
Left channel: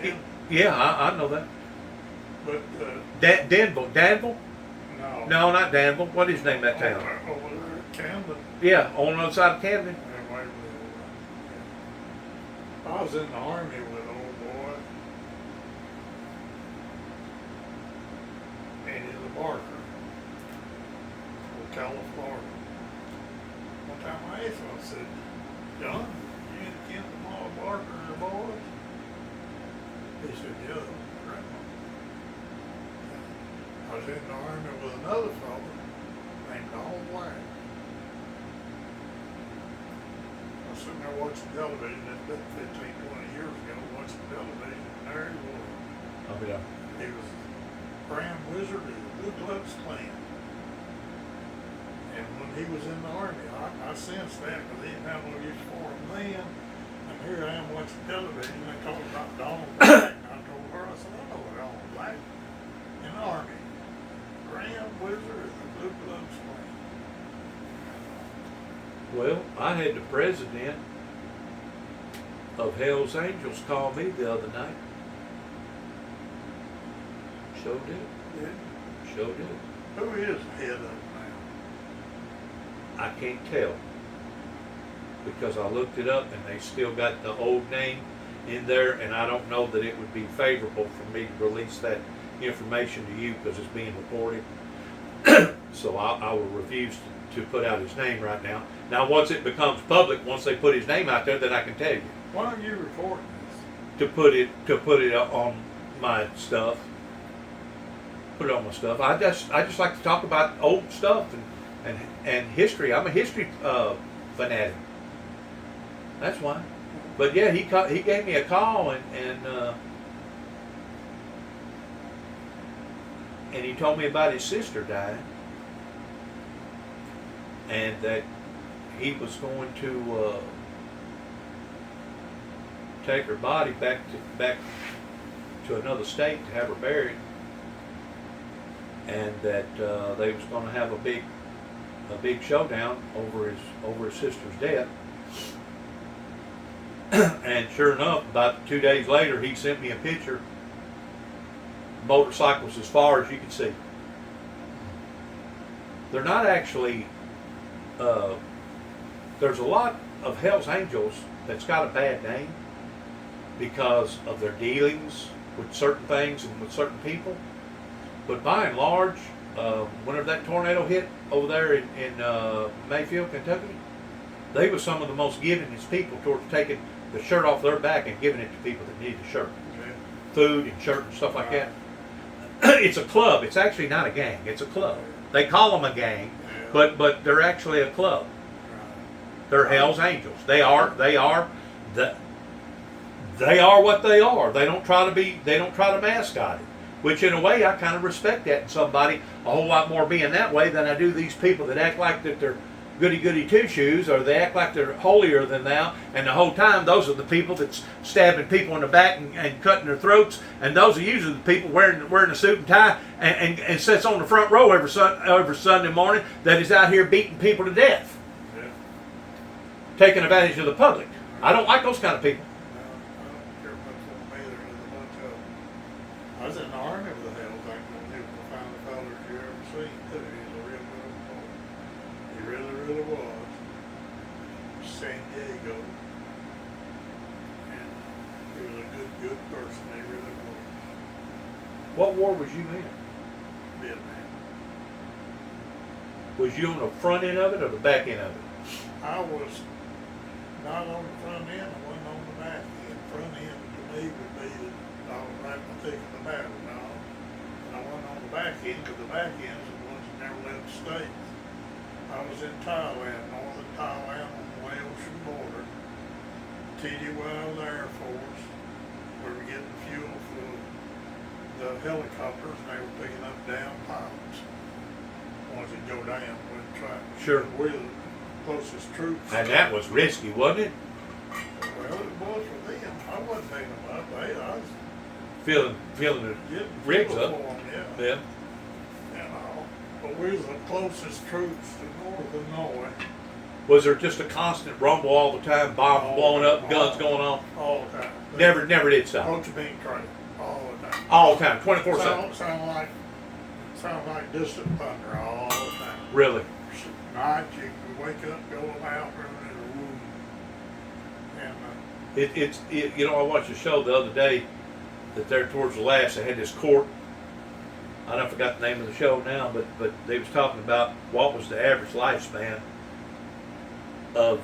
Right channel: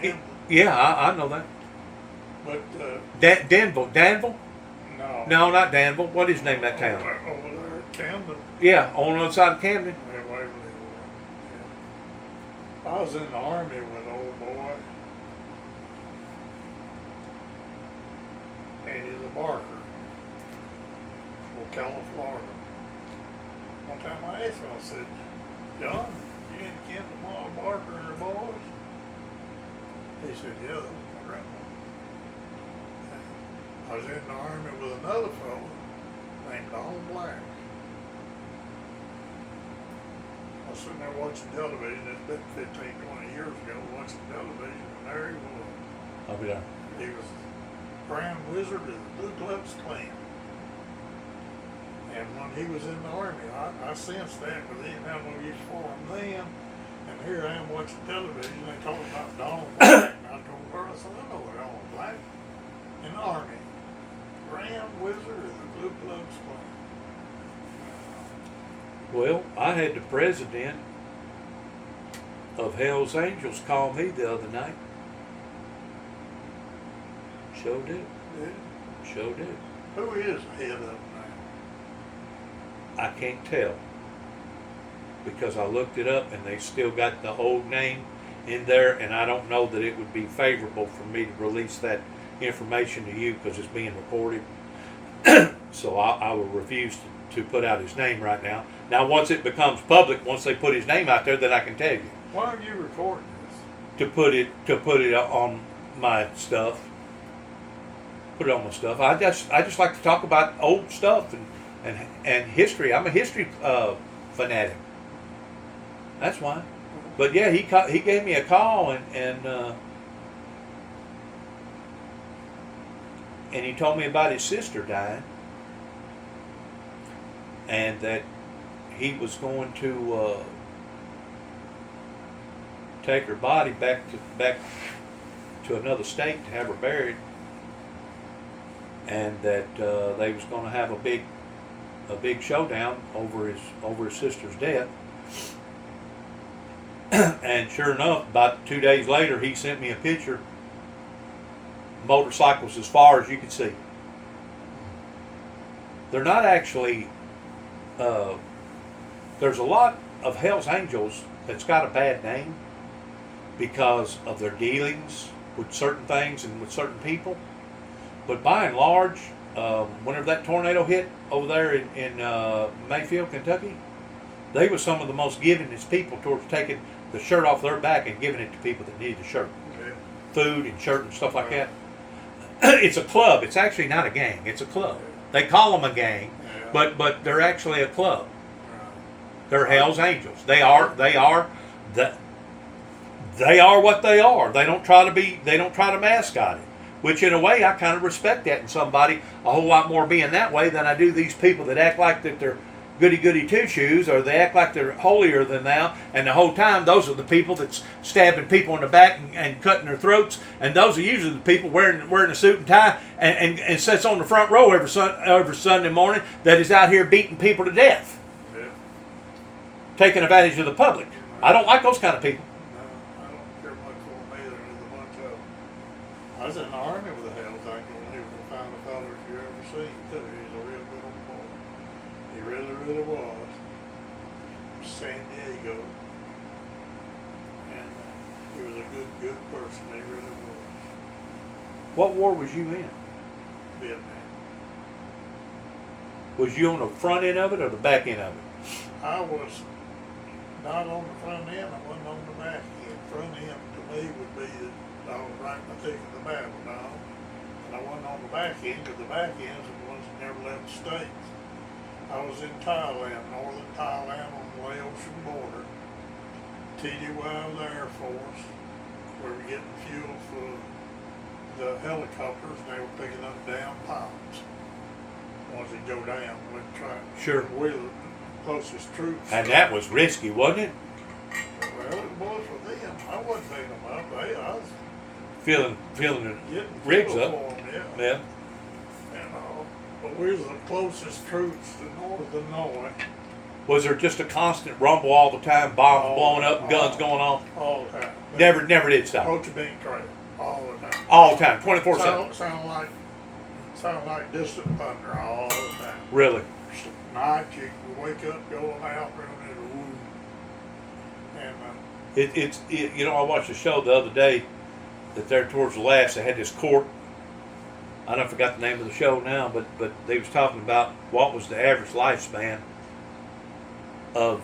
here. Yeah, I know that. But Danville? no. No, not Danville. What is his name? That town? Over there at Camden. Yeah, on the other side of Camden. Yeah, Waverly, yeah. I was in the Army with an old boy. And he's a Barker. Ocala, Florida. One time I asked him, I said, John, you ain't kin to Marlon Barker and the boys? He said, yeah, that was my grandma. I was in the Army with another fellow named Donald Black. I was sitting there watching television, it's been 15, 20 years ago, watching television, and there he was. I'll be there. He was Grand Wizard of the Blue Gloves Clan. And when he was in the Army, I sensed that, but they didn't have no use for him then. And here I am watching television, they talking about Donald Black. And I told her, I said, I know Donald Black in the Army. Grand Wizard of the Blue Gloves Clan. Well, I had the president of Hell's Angels call me the other night. Sure did. Yeah. Sure did. Who is head of it now? I can't tell because I looked it up and they still got the old name in there, and I don't know that it would be favorable for me to release that information to you because it's being recorded. So I will refuse to put out his name right now. Now, once it becomes public, once they put his name out there, then I can tell you Why are you recording this? to put it on my stuff. Put it on my stuff. I just like to talk about old stuff and history. I'm a history fanatic. That's why. But yeah, he gave me a call and he told me about his sister dying, and that he was going to take her body back to another state to have her buried, and that they was going to have a big showdown over his sister's death. And sure enough, about 2 days later, he sent me a picture. Motorcycles as far as you can see. They're not actually. There's a lot of Hell's Angels that's got a bad name because of their dealings with certain things and with certain people. But by and large, whenever that tornado hit over there in Mayfield, Kentucky, they were some of the most givingest people towards taking the shirt off their back and giving it to people that needed the shirt. Okay. Food and shirt and stuff like that. It's a club. It's actually not a gang. It's a club. They call them a gang, but they're actually a club. They're Hell's Angels. They are what they are. They don't try to mascot it. Which in a way I kind of respect that in somebody a whole lot more being that way than I do these people that act like that they're goody two shoes, or they act like they're holier than thou, and the whole time those are the people that's stabbing people in the back and cutting their throats, and those are usually the people wearing a suit and tie and sits on the front row every Sunday morning that is out here beating people to death, taking advantage of the public. I don't like those kind of people. No, I don't care much for them either. There's a bunch of them. I was in the army with the Hells Angels, and he was the finest fellows you ever seen too. He's a real good old boy. He really was. San Diego. And he was a good person. He really was. What war was you in? Vietnam. Was you on the front end of it or the back end of it? I was not on the front end, I wasn't on the back end. Front end to me would be that I was right in the thick of the battle now. And I wasn't on the back end, because the back ends are the ones that never left the States. I was in Thailand, northern Thailand on the Laotian border. TD Wild Air Force. We were getting fuel for the helicopters, and they were picking up down pilots. Once it go down, we'd try. Sure. We're the closest troops. And that was risky, wasn't it? Well, it was for them. I wasn't picking them up. I was Feeling the getting rigs fuel up. for them, yeah. Yeah. And all. But we was the closest troops to northern Norway Was there just a constant rumble all the time, bombs blowing up, and guns going off? all the time. Never did stop. Ho Chi Minh trail all the time. All the time, 24/7. Sound like distant thunder all the time. Really? Night you wake up, go out, and it'll woo. And You know, I watched a show the other day that there towards the last, they had this court. I forgot the name of the show now, but they was talking about what was the average lifespan of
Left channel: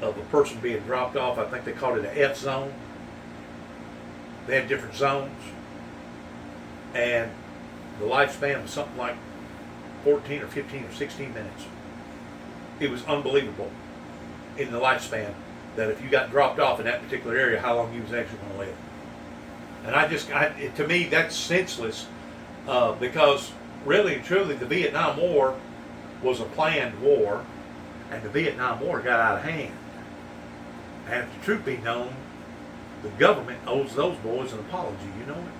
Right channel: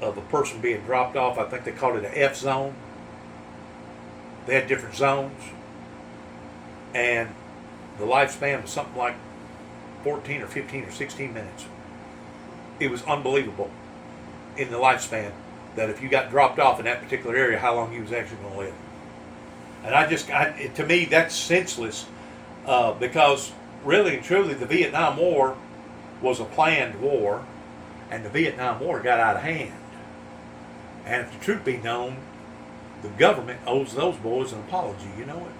a person being dropped off. I think they called it an F zone. They had different zones, and the lifespan was something like 14 or 15 or 16 minutes. It was unbelievable in the lifespan that if you got dropped off in that particular area, how long you was actually going to live. And to me, that's senseless, because really and truly the Vietnam War was a planned war, and the Vietnam War got out of hand. And if the truth be known, the government owes those boys an apology, you know it.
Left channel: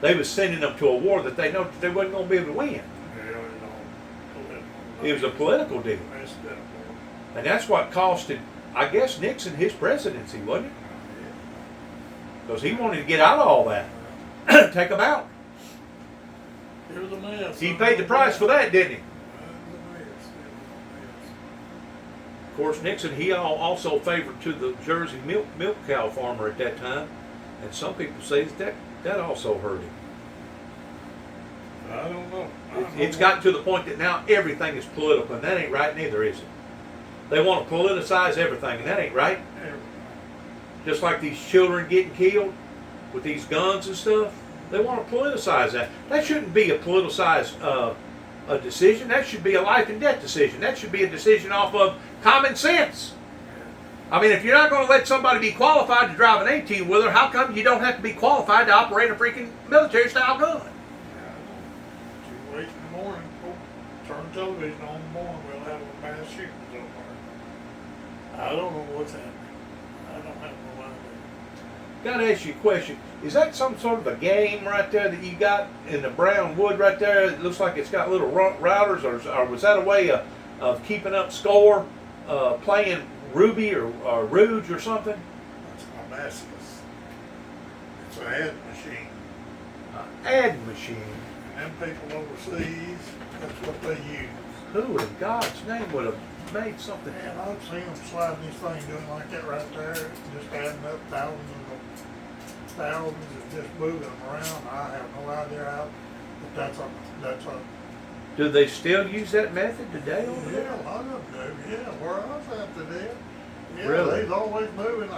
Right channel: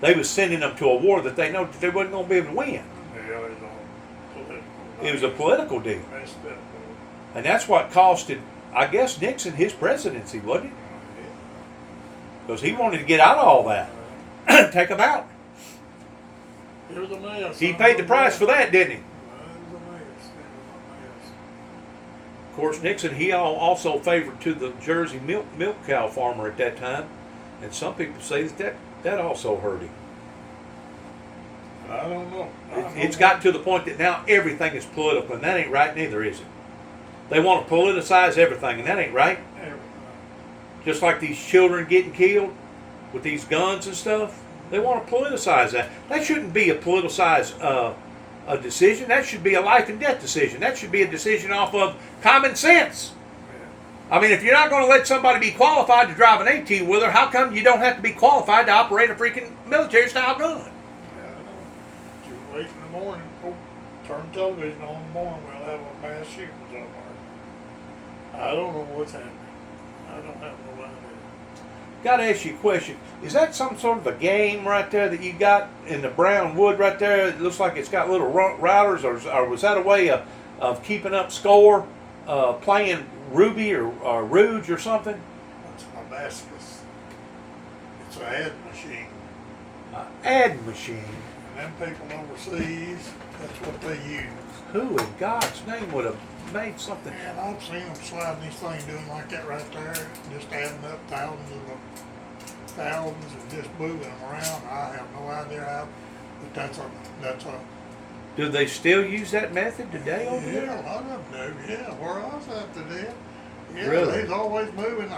They was sending them to a war that they know that they wasn't going to be able to win. yeah, it's all political. It was a political deal. That's political. And that's what costed, I guess, Nixon his presidency, wasn't it? Because he wanted to get out of all that. Take them out. It was a mess. He paid the price for that, didn't he? It was a mess. Of course, Nixon, he also favored to the Jersey milk cow farmer at that time. And some people say that also hurt him. I don't know. It's gotten to the point that now everything is political, and that ain't right neither, is it? They want to politicize everything, and that ain't right. Just like these children getting killed with these guns and stuff, they want to politicize that. That shouldn't be a politicized a decision. That should be a life and death decision. That should be a decision off of common sense. I mean, if you're not going to let somebody be qualified to drive an 18-wheeler, how come you don't have to be qualified to operate a freaking military-style gun? You wait in the morning, turn television on in the morning, we'll have a mass shooting somewhere. I don't know what's happening. I don't have no idea. Got to ask you a question. Is that some sort of a game right there that you got in the brown wood right there? It looks like it's got little routers, or was that a way of keeping up score, playing Ruby or Rouge or something? That's my Damascus. It's an ad machine. Ad machine. And them people overseas, that's what they use. Who in God's name would have made something? And I've seen them sliding these things doing like that right there, just adding up thousands and just moving them around. I have no idea how, but that's a. Do they still use that method today over there? Yeah, a lot of them do. Yeah, where I was at today. Yeah, Really? they's always moving.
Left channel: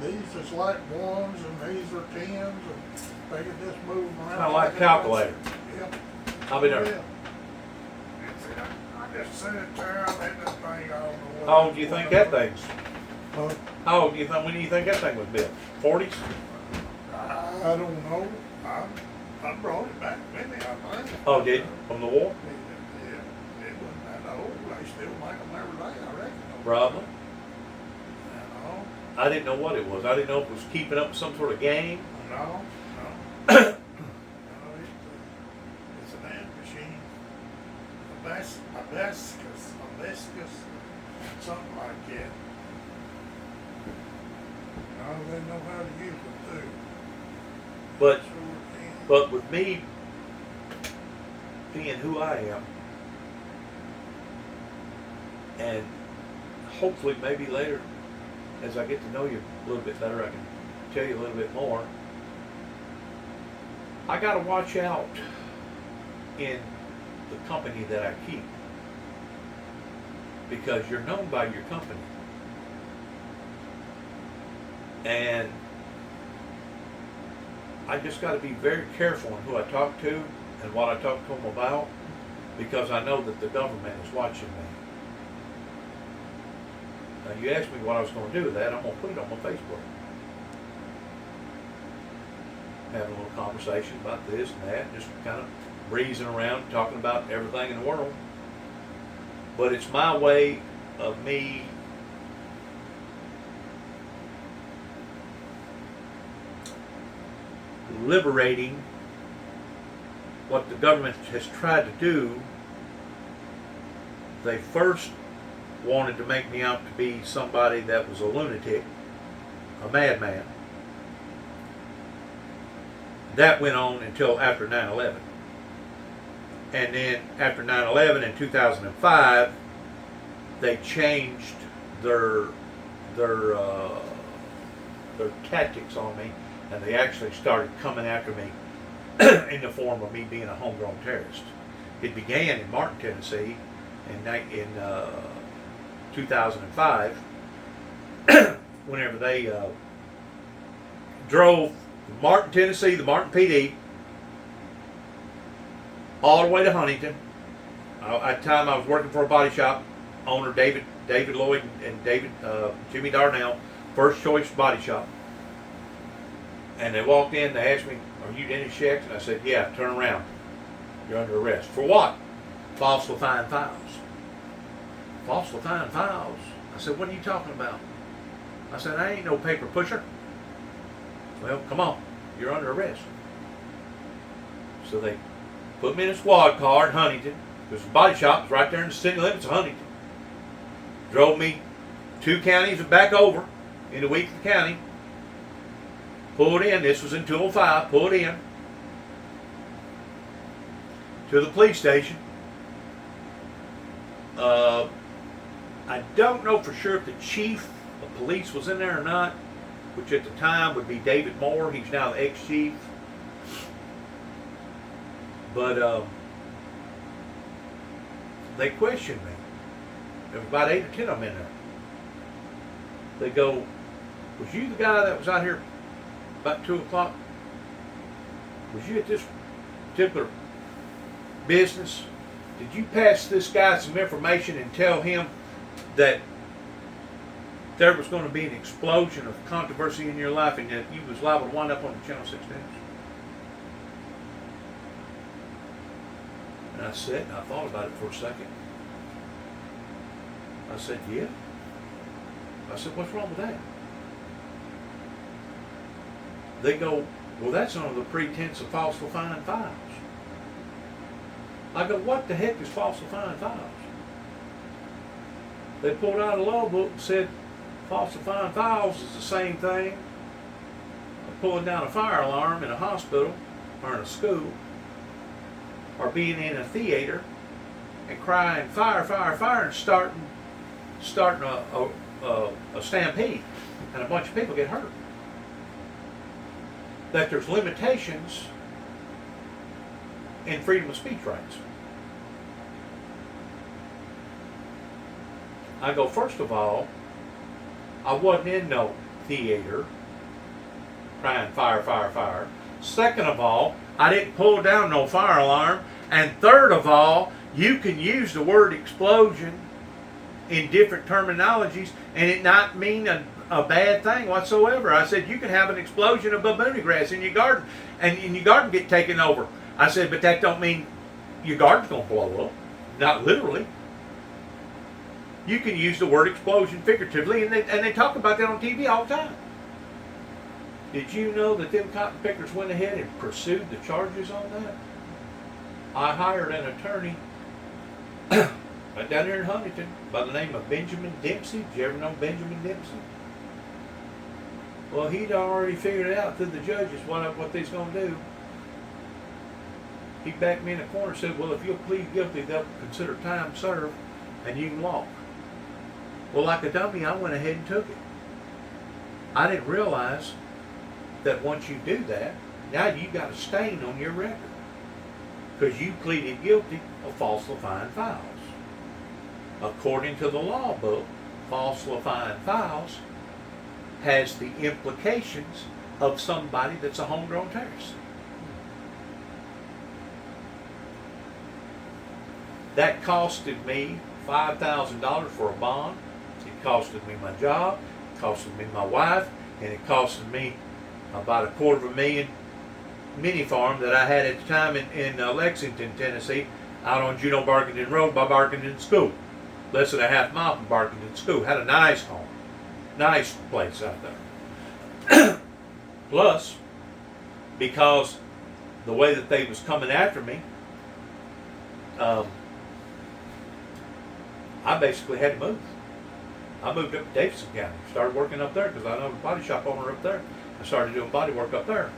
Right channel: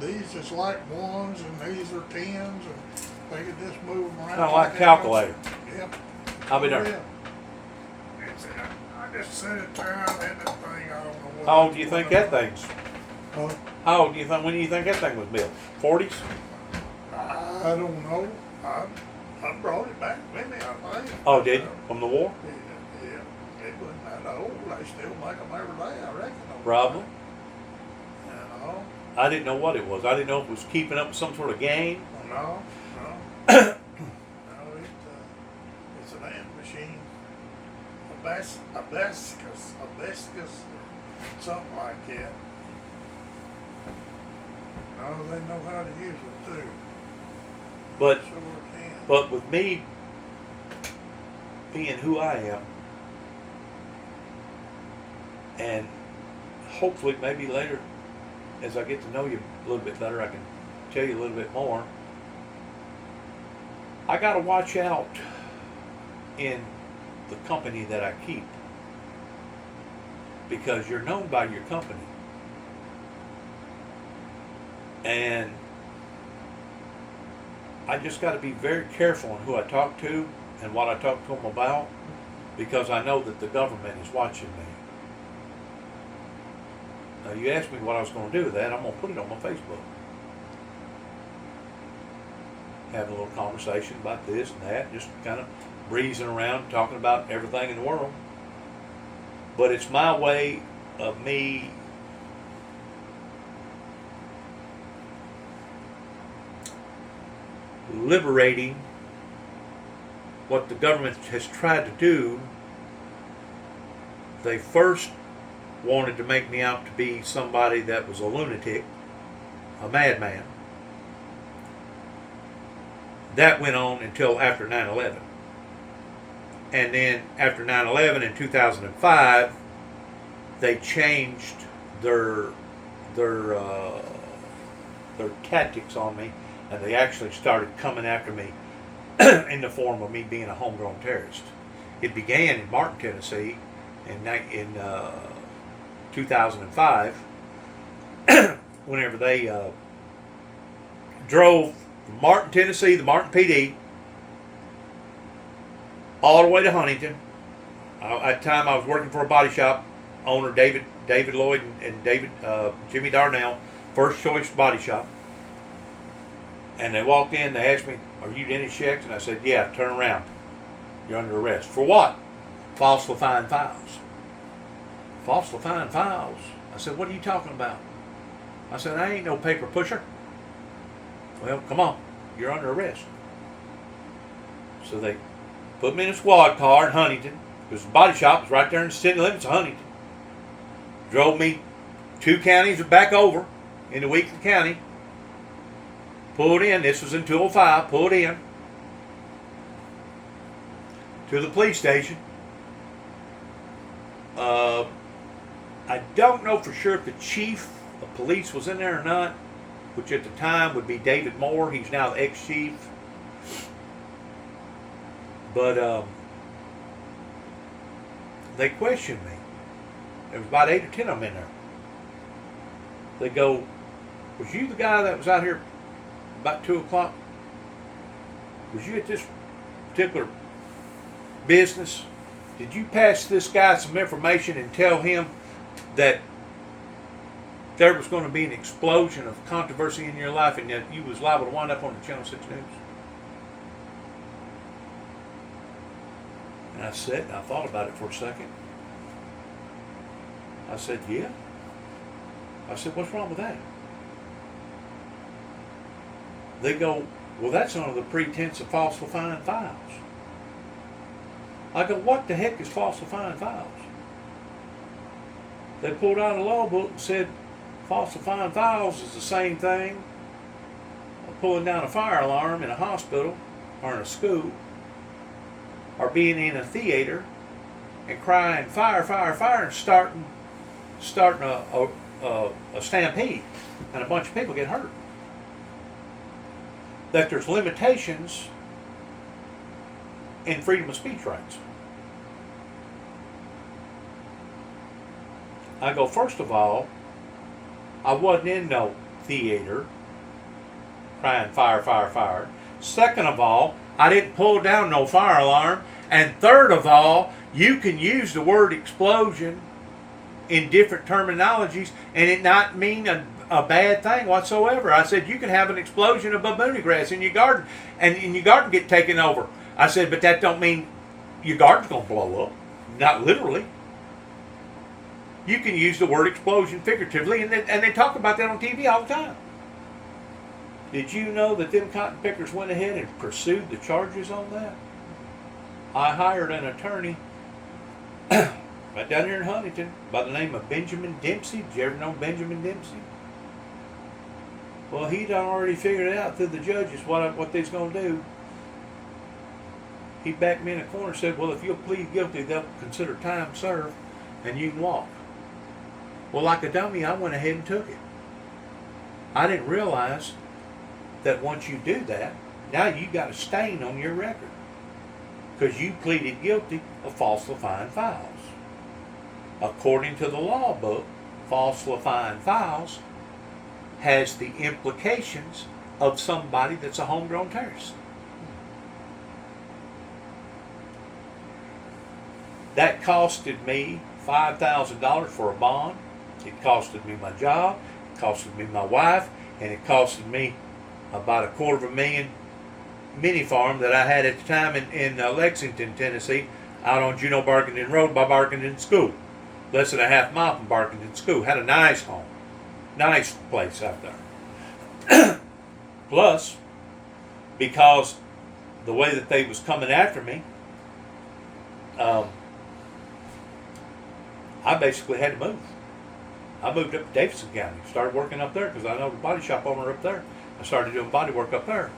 These is like ones and these are tens, and they can just move them around. Kind of like calculator. Yeah. I'll be there. Yeah. I just set it down and that thing, I don't know what. How old do you think that thing's? Huh? How old do you think? When do you think that thing was built? 40s? I don't know. I brought it back with me, I think. Oh, did you? From the war? Yeah, it wasn't that old. They still make them every day, I reckon. Probably. You know? I didn't know what it was. I didn't know if it was keeping up with some sort of game. No. No, it's an ant machine. Hibiscus, something like that. No, they know how to use it too. But Sure can. But with me being who I am, and hopefully maybe later, as I get to know you a little bit better, I can tell you a little bit more. I got to watch out in the company that I keep, because you're known by your company. And I just got to be very careful on who I talk to and what I talk to them about, because I know that the government is watching me. Now, you asked me what I was going to do with that. I'm going to put it on my Facebook. Having a little conversation about this and that, just kind of breezing around, talking about everything in the world. But it's my way of me liberating what the government has tried to do. They first wanted to make me out to be somebody that was a lunatic, a madman. That went on until after 9/11. And then after 9/11 in 2005, they changed their tactics on me, and they actually started coming after me in the form of me being a homegrown terrorist. It began in Martin, Tennessee in 2005 whenever they drove from Martin, Tennessee, the Martin PD, all the way to Huntington. At the time I was working for a body shop owner, David Lloyd and Jimmy Darnell, First Choice Body Shop. And they walked in, they asked me, "Are you Dennis Sheck?" And I said, "Yeah, turn around. You're under arrest." "For what?" "Falsifying files." "Falsifying files?" I said, "What are you talking about?" I said, "I ain't no paper pusher." "Well, come on, you're under arrest." So they put me in a squad car in Huntington, because the body shop was right there in the city limits of Huntington. Drove me 2 counties back over into Weakley County. Pulled in, this was in 205, pulled in to the police station. I don't know for sure if the chief of police was in there or not, which at the time would be David Moore. He's now the ex-chief. But they questioned me. There was about 8 or 10 of them in there. They go, was you the guy that was out here about 2 o'clock? Was you at this particular business? Did you pass this guy some information and tell him that there was going to be an explosion of controversy in your life and that you was liable to wind up on the Channel 6 News? And I sat and I thought about it for a second. I said, yeah. I said, what's wrong with that? They go, well, that's under the pretense of falsifying files. I go, what the heck is falsifying files? They pulled out a law book and said, falsifying files is the same thing of pulling down a fire alarm in a hospital or in a school, or being in a theater and crying fire, fire, fire, and starting a stampede, and a bunch of people get hurt. That there's limitations in freedom of speech rights. I go, first of all, I wasn't in no theater crying fire, fire, fire. Second of all, I didn't pull down no fire alarm. And third of all, you can use the word explosion in different terminologies and it not mean a bad thing whatsoever. I said, you can have an explosion of baboon grass in your garden and your garden get taken over. I said, but that don't mean your garden's going to blow up. Not literally. You can use the word explosion figuratively, and they talk about that on TV all the time. Did you know that them cotton pickers went ahead and pursued the charges on that? I hired an attorney right down there in Huntington by the name of Benjamin Dempsey. Did you ever know Benjamin Dempsey? Well, he'd already figured it out through the judges what they's going to do. He backed me in a corner and said, well, if you'll plead guilty, they'll consider time served and you can walk. Well, like a dummy, I went ahead and took it. I didn't realize that once you do that, now you got a stain on your record because you pleaded guilty of falsifying files. According to the law book, falsifying files has the implications of somebody that's a homegrown terrorist. That costed me $5,000 for a bond. It costed me my job, it costed me my wife, and it costed me about $250,000 mini farm that I had at the time in Lexington, Tennessee, out on Juneau Barkington Road by Barkington School. Less than a half mile from Barkington School. Had a nice home. Nice place out there. Plus, because the way that they was coming after me, I basically had to move. I moved up to Davidson County. Started working up there because I know the body shop owner up there. I started doing body work up there.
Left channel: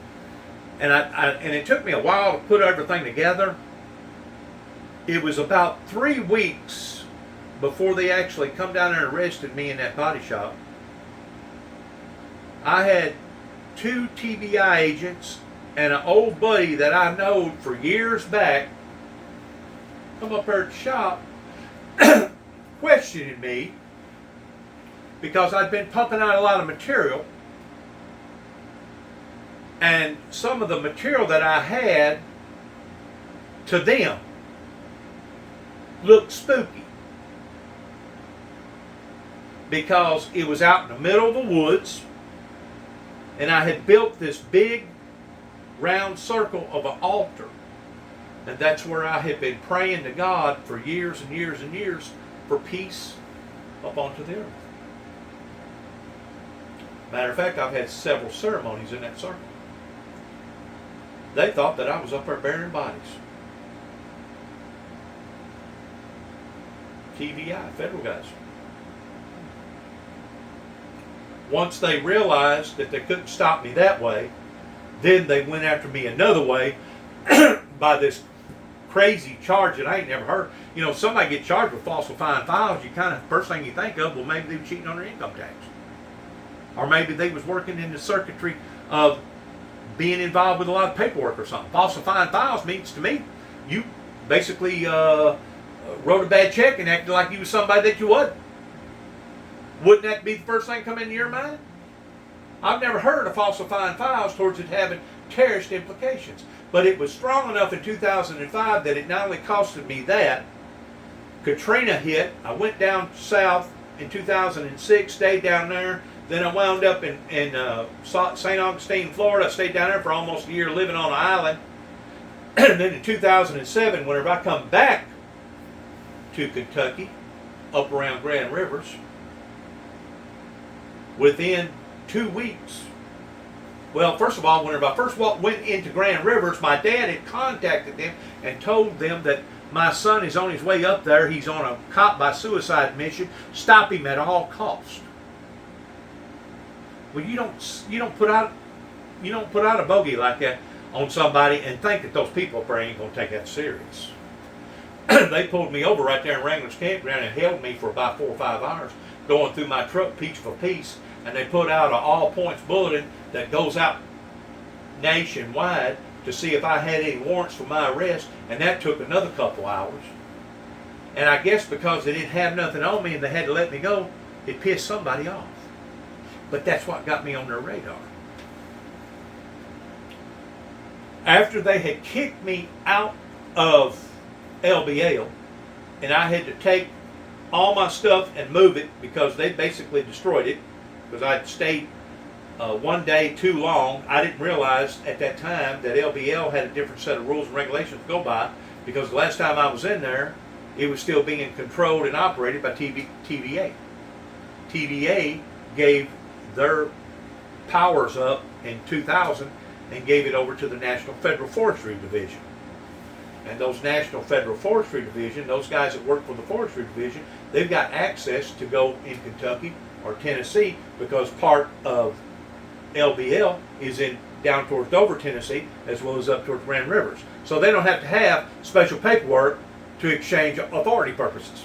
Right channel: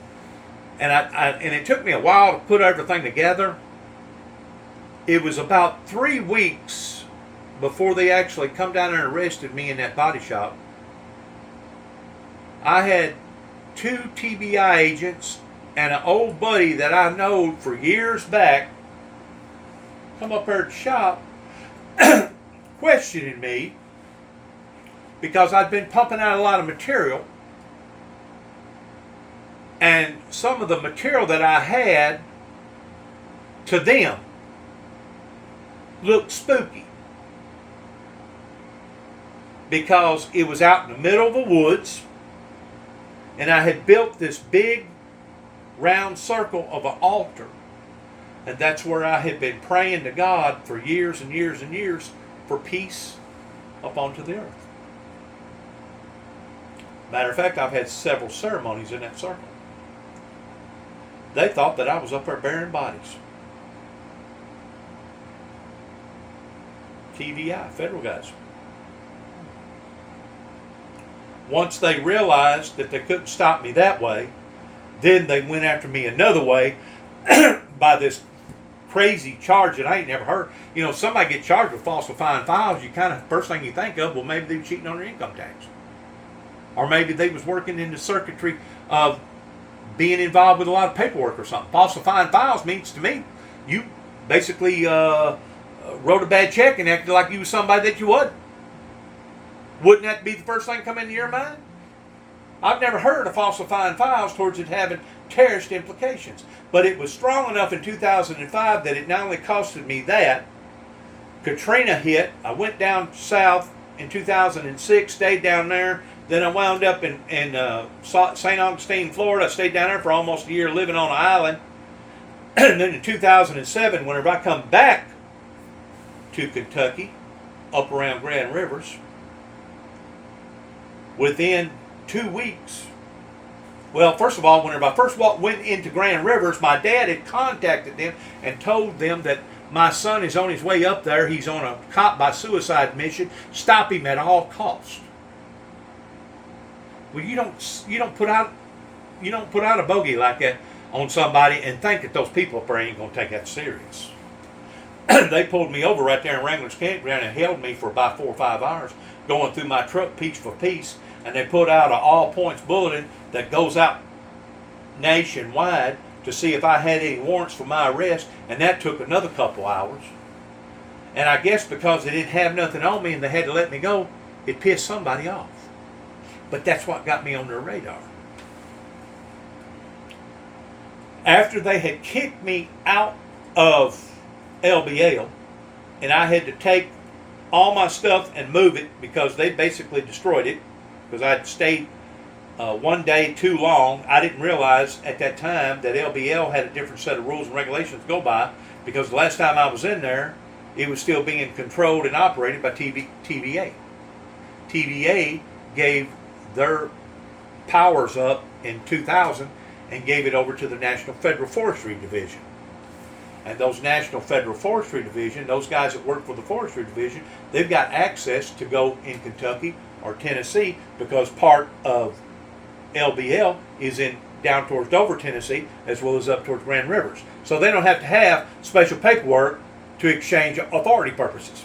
And and it took me a while to put everything together. It was about 3 weeks before they actually come down there and arrested me in that body shop. I had 2 TBI agents and an old buddy that I know for years back come up there at the shop questioning me because I'd been pumping out a lot of material, and some of the material that I had to them looked spooky because it was out in the middle of the woods and I had built this big round circle of an altar, and that's where I had been praying to God for years and years and years for peace up onto the earth. Matter of fact, I've had several ceremonies in that circle. They thought that I was up there burying bodies. TVI, federal guys. Once they realized that they couldn't stop me that way, then they went after me another way by this crazy charge that I ain't never heard. You know, somebody get charged with falsifying files, you kind of, first thing you think of, well, maybe they were cheating on their income tax. Or maybe they was working in the circuitry of being involved with a lot of paperwork or something. Falsifying files means to me you basically wrote a bad check and acted like you was somebody that you wasn't. Wouldn't that be the first thing come into your mind? I've never heard of falsifying files towards it having terrorist implications. But it was strong enough in 2005 that it not only costed me that, Katrina hit, I went down south in 2006, stayed down there, then I wound up in St. Augustine, Florida. I stayed down there for almost a year living on an island. And then in 2007, whenever I come back to Kentucky, up around Grand Rivers, within 2 weeks, well, first of all, whenever I first went into Grand Rivers, my dad had contacted them and told them that my son is on his way up there. He's on a cop by suicide mission. Stop him at all costs. Well, you don't put out a bogey like that on somebody and think that those people up there ain't gonna take that serious. They pulled me over right there in Wrangler's Campground and held me for about 4 or 5 hours, going through my truck piece for piece, and they put out an all points bulletin that goes out nationwide to see if I had any warrants for my arrest, and that took another couple hours. And I guess because they didn't have nothing on me and they had to let me go, it pissed somebody off. But that's what got me on their radar. After they had kicked me out of LBL, and I had to take all my stuff and move it because they basically destroyed it, because I'd stayed 1 day too long. I didn't realize at that time that LBL had a different set of rules and regulations to go by, because the last time I was in there, it was still being controlled and operated by TVA. TVA gave their powers up in 2000 and gave it over to the National Federal Forestry Division. And those National Federal Forestry Division, those guys that work for the Forestry Division, they've got access to go in Kentucky or Tennessee, because part of LBL is in down towards Dover, Tennessee, as well as up towards Grand Rivers. So they don't have to have special paperwork to exchange authority purposes.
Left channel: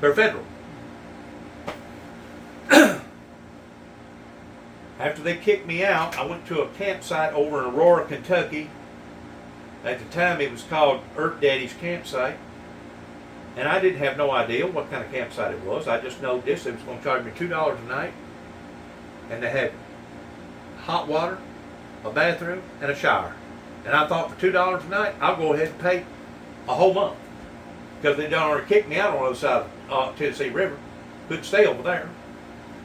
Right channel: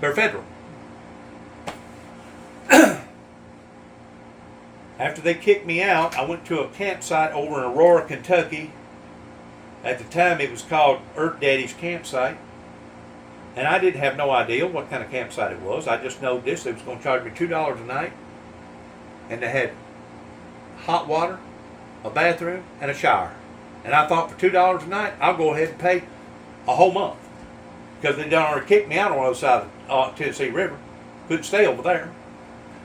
They're federal. After they kicked me out, I went to a campsite over in Aurora, Kentucky. At the time, it was called Earth Daddy's Campsite. And I didn't have no idea what kind of campsite it was. I just know this. They was going to charge me $2 a night. And they had hot water, a bathroom, and a shower. And I thought for $2 a night, I'll go ahead and pay a whole month. Because they done already kicked me out on the other side of Tennessee River. Couldn't stay over there.